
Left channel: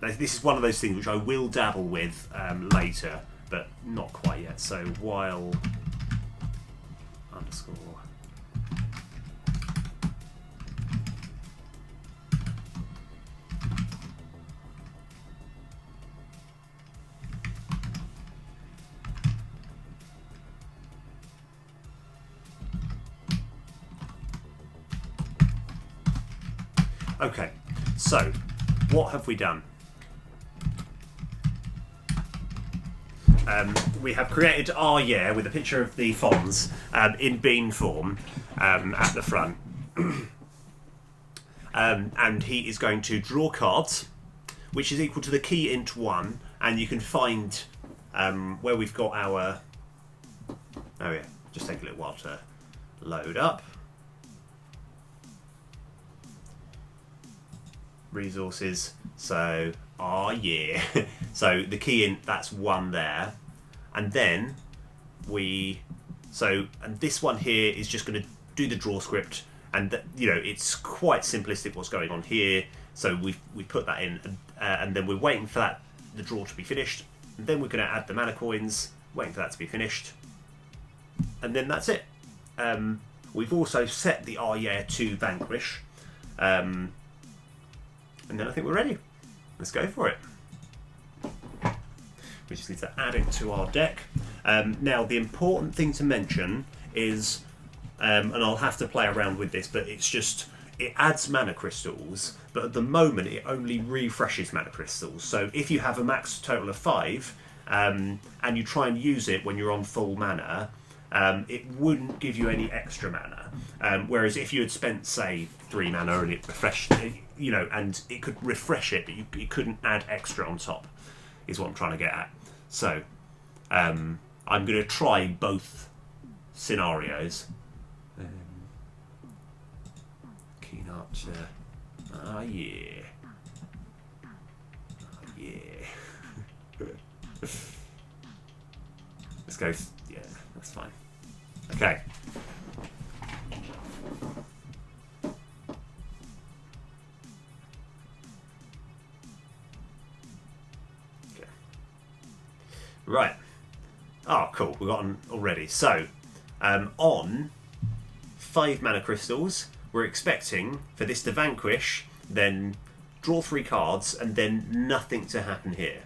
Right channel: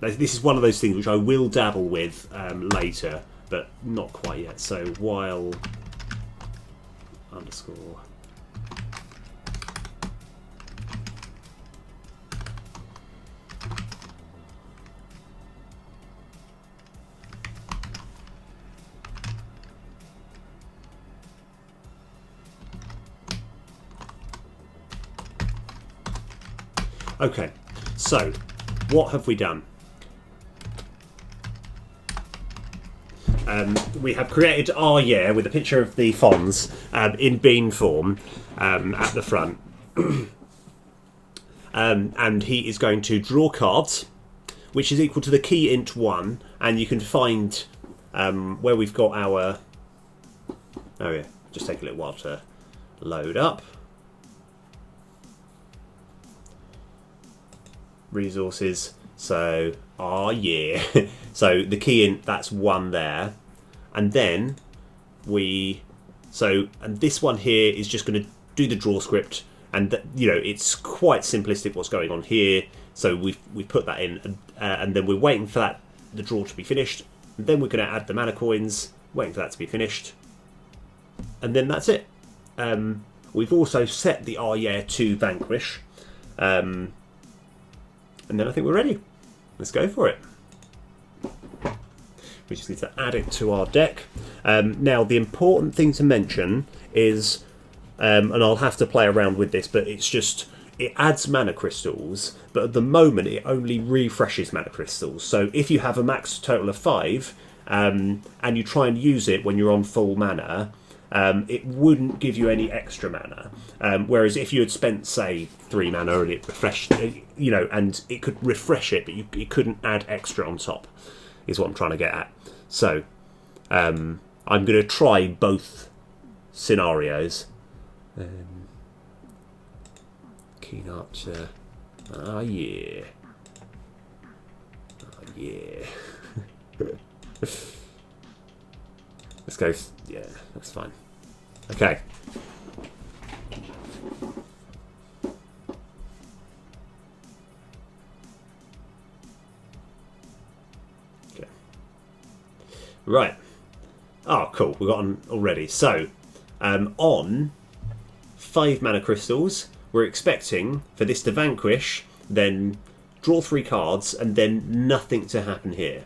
This is one of those things which I will dabble with later, but not quite yet. So while underscore okay, so what have we done? We have created our yeah with a picture of the Fonz in bean form at the front. And he is going to draw cards, which is equal to the key int 1, and you can find where we've got our... Oh yeah, just take a little while to load up. Resources, so yeah. So the key int, that's 1 there. And then and this one here is just going to do the draw script, and you know, it's quite simplistic what's going on here. So we put that in, and then we're waiting for the draw to be finished, and then we're going to add the mana coins, waiting for that to be finished, and then that's it. We've also set the yeah to vanquish, and then I think we're ready. Let's go for it. We just need to add it to our deck. Now, the important thing to mention is, and I'll have to play around with this, but it's just, it adds mana crystals, but at the moment it only refreshes mana crystals. So if you have a max total of 5, and you try and use it when you're on full mana, it wouldn't give you any extra mana. Whereas if you had spent, say, 3 mana and it refreshed, you know, and it could refresh it, but you couldn't add extra on top, is what I'm trying to get at. So, I'm going to try both scenarios. Keen Archer. Ah, yeah. Ah, yeah. Let's go. Yeah, that's fine. Okay. Right. Oh, cool. We've got one already. So, on 5 mana crystals, we're expecting for this to vanquish, then draw 3 cards, and then nothing to happen here.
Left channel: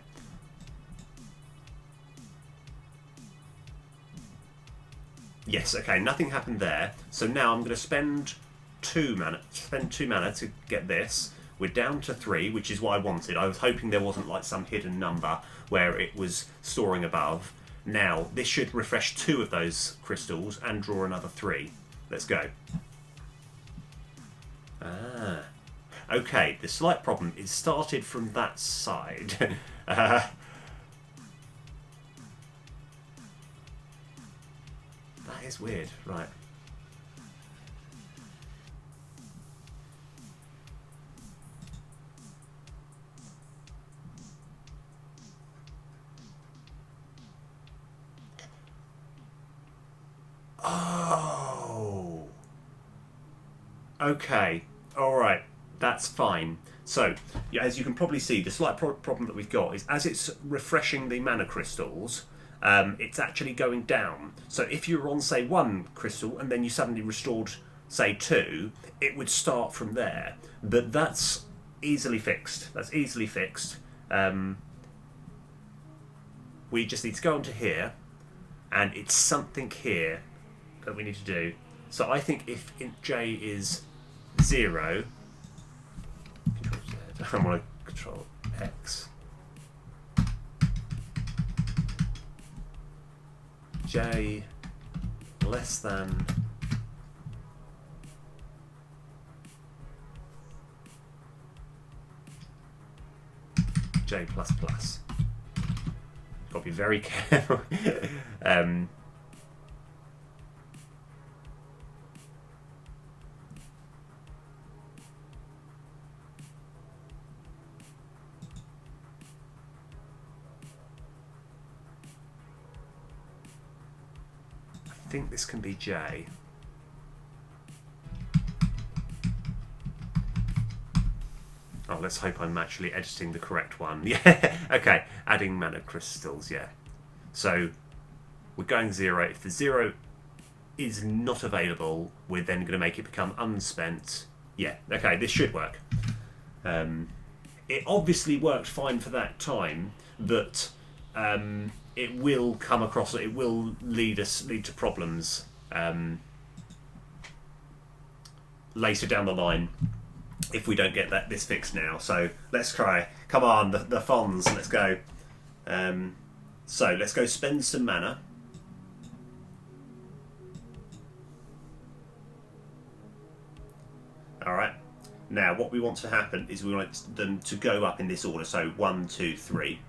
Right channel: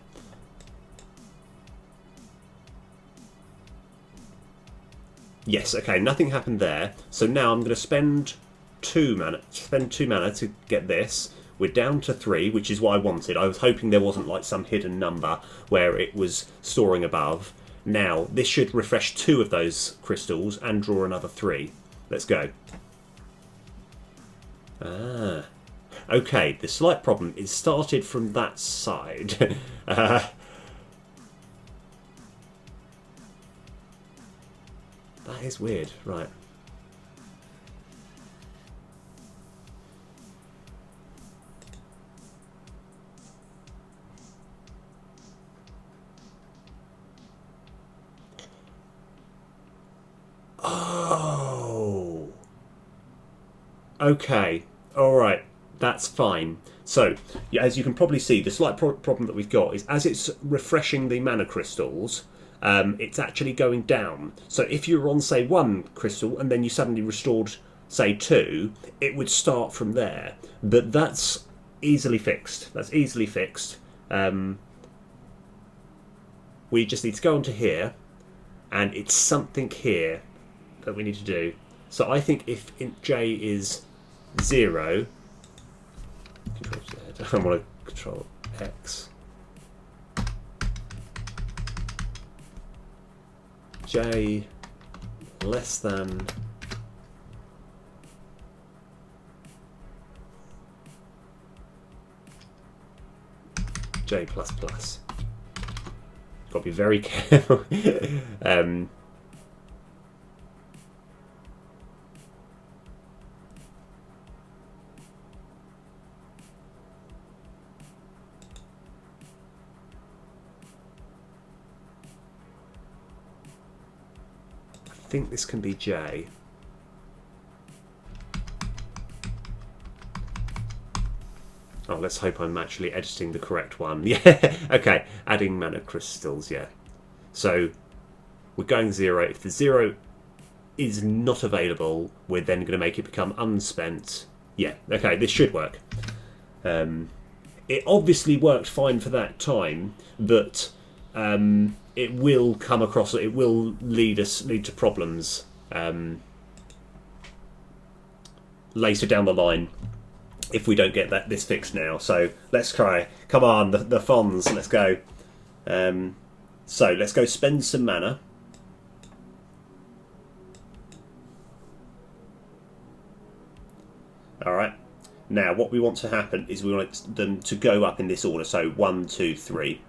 Yes, okay, nothing happened there. So now I'm going to spend 2 mana to get this. We're down to 3, which is what I wanted. I was hoping there wasn't like some hidden number where it was storing above. Now, this should refresh 2 of those crystals and draw another 3. Let's go. Ah. Okay, the slight problem is started from that side. That is weird, right. Oh. Okay. All right. That's fine. So, yeah, as you can probably see, the slight problem that we've got is as it's refreshing the mana crystals, it's actually going down. So if you were on, say, 1 crystal and then you suddenly restored, say, 2, it would start from there. But that's easily fixed. That's easily fixed. We just need to go onto here, and it's something here that we need to do. So I think if int j is 0, control Z, I want to control X, j less than j plus plus. Got to be very careful. I think this can be J. Oh, let's hope I'm actually editing the correct one. Yeah, okay. Adding mana crystals, yeah. So, we're going 0. If the 0 is not available, we're then going to make it become unspent. Yeah, okay, this should work. It obviously worked fine for that time, but it will come across, it will lead to problems later down the line if we don't get this fixed now. So let's try. Come on, the Fonz, let's go. So let's go spend some mana. Alright. Now what we want to happen is we want them to go up in this order. So 1, 2, 3.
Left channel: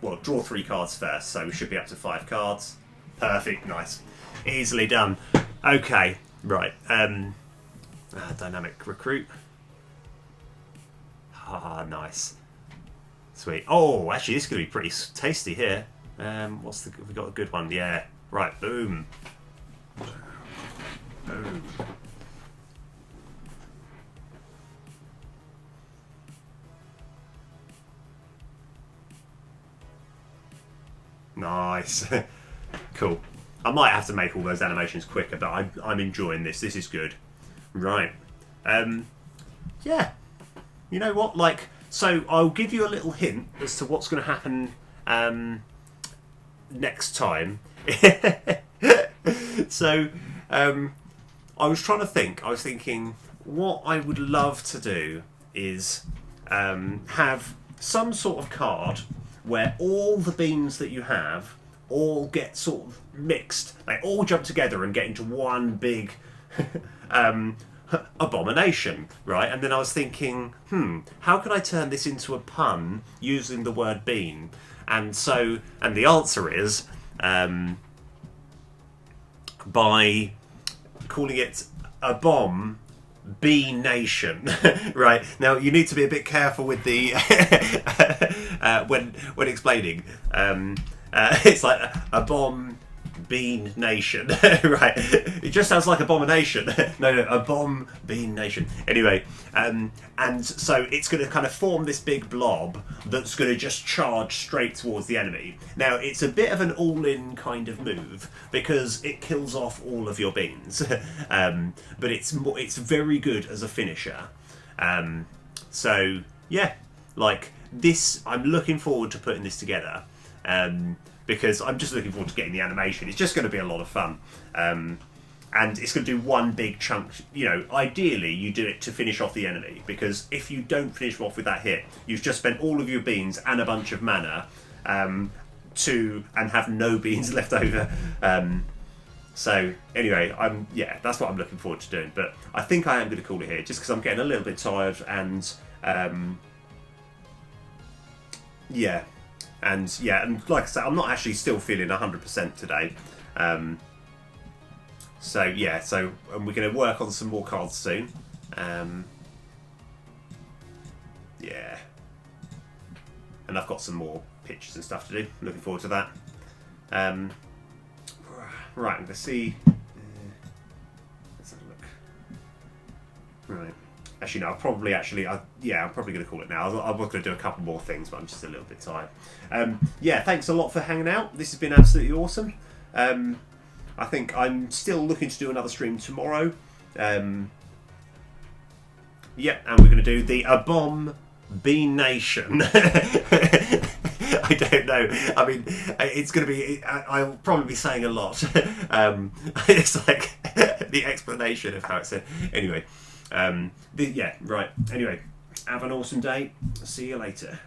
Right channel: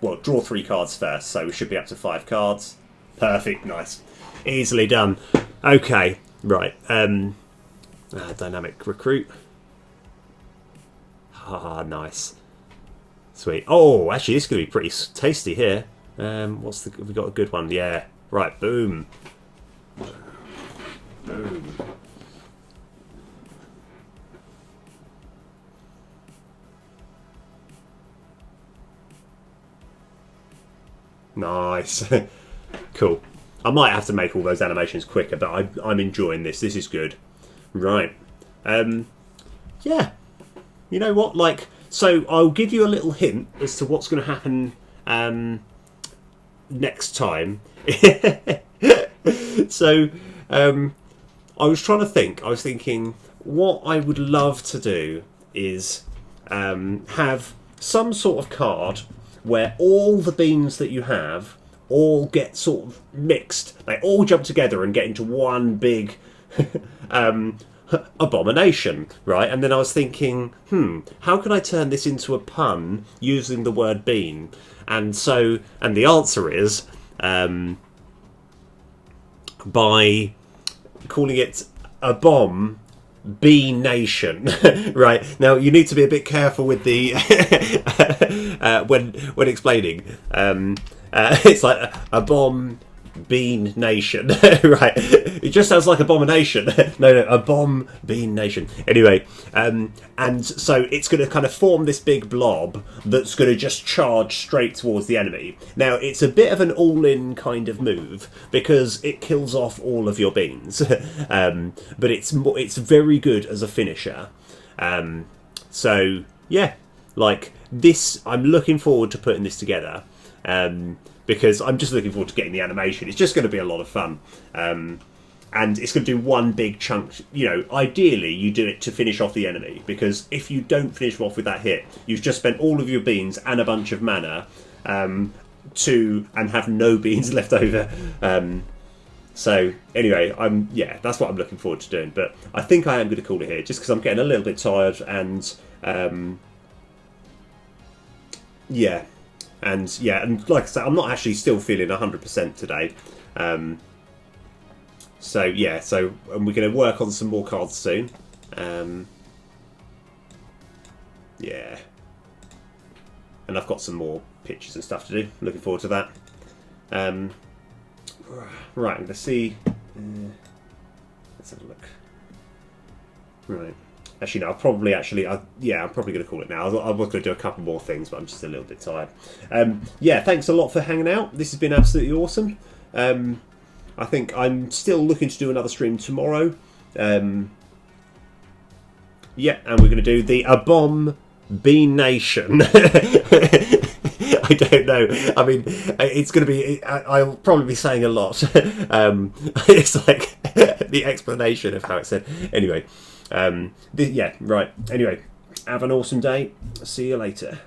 Well, draw 3 cards first, so we should be up to 5 cards. Perfect, nice. Easily done. Okay, right. Dynamic recruit. Ah, nice. Sweet. Oh, actually, this is going to be pretty tasty here. Have we got a good one? Yeah. Right, boom. Boom. Nice. Cool. I might have to make all those animations quicker, but I'm enjoying this. This is good. Right. Yeah. You know what? So I'll give you a little hint as to what's going to happen next time. So I was trying to think. I was thinking what I would love to do is have some sort of card where all the beans that you have all get sort of mixed. They all jump together and get into one big abomination, right? And then I was thinking, how can I turn this into a pun using the word bean? And the answer is by calling it a bomb Bean Nation. Right, now you need to be a bit careful with the when explaining. It's like a bomb Bean Nation. Right, it just sounds like abomination. No, a bomb Bean Nation. Anyway, and so it's going to kind of form this big blob that's going to just charge straight towards the enemy. Now it's a bit of an all-in kind of move because it kills off all of your beans, but it's very good as a finisher. So yeah, like this, I'm looking forward to putting this together. Because I'm just looking forward to getting the animation. It's just going to be a lot of fun. And it's going to do one big chunk. You know, ideally, you do it to finish off the enemy. Because if you don't finish off with that hit, you've just spent all of your beans and a bunch of mana and have no beans left over. So anyway, that's what I'm looking forward to doing. But I think I am going to call it here, just because I'm getting a little bit tired, and and like I said, I'm not actually still feeling 100% today. So and we're going to work on some more cards soon. And I've got some more pictures and stuff to do. Looking forward to that. Right, I'm going to see. Let's have a look. Right. Actually, no. I'm probably going to call it now. I was going to do a couple more things, but I'm just a little bit tired. Thanks a lot for hanging out. This has been absolutely awesome. I think I'm still looking to do another stream tomorrow. And we're going to do the A-Bomb Bean Nation. I don't know. I mean, it's going to be... I'll probably be saying a lot. It's like the explanation of how it's said. Anyway. Right. Anyway, have an awesome day. See you later.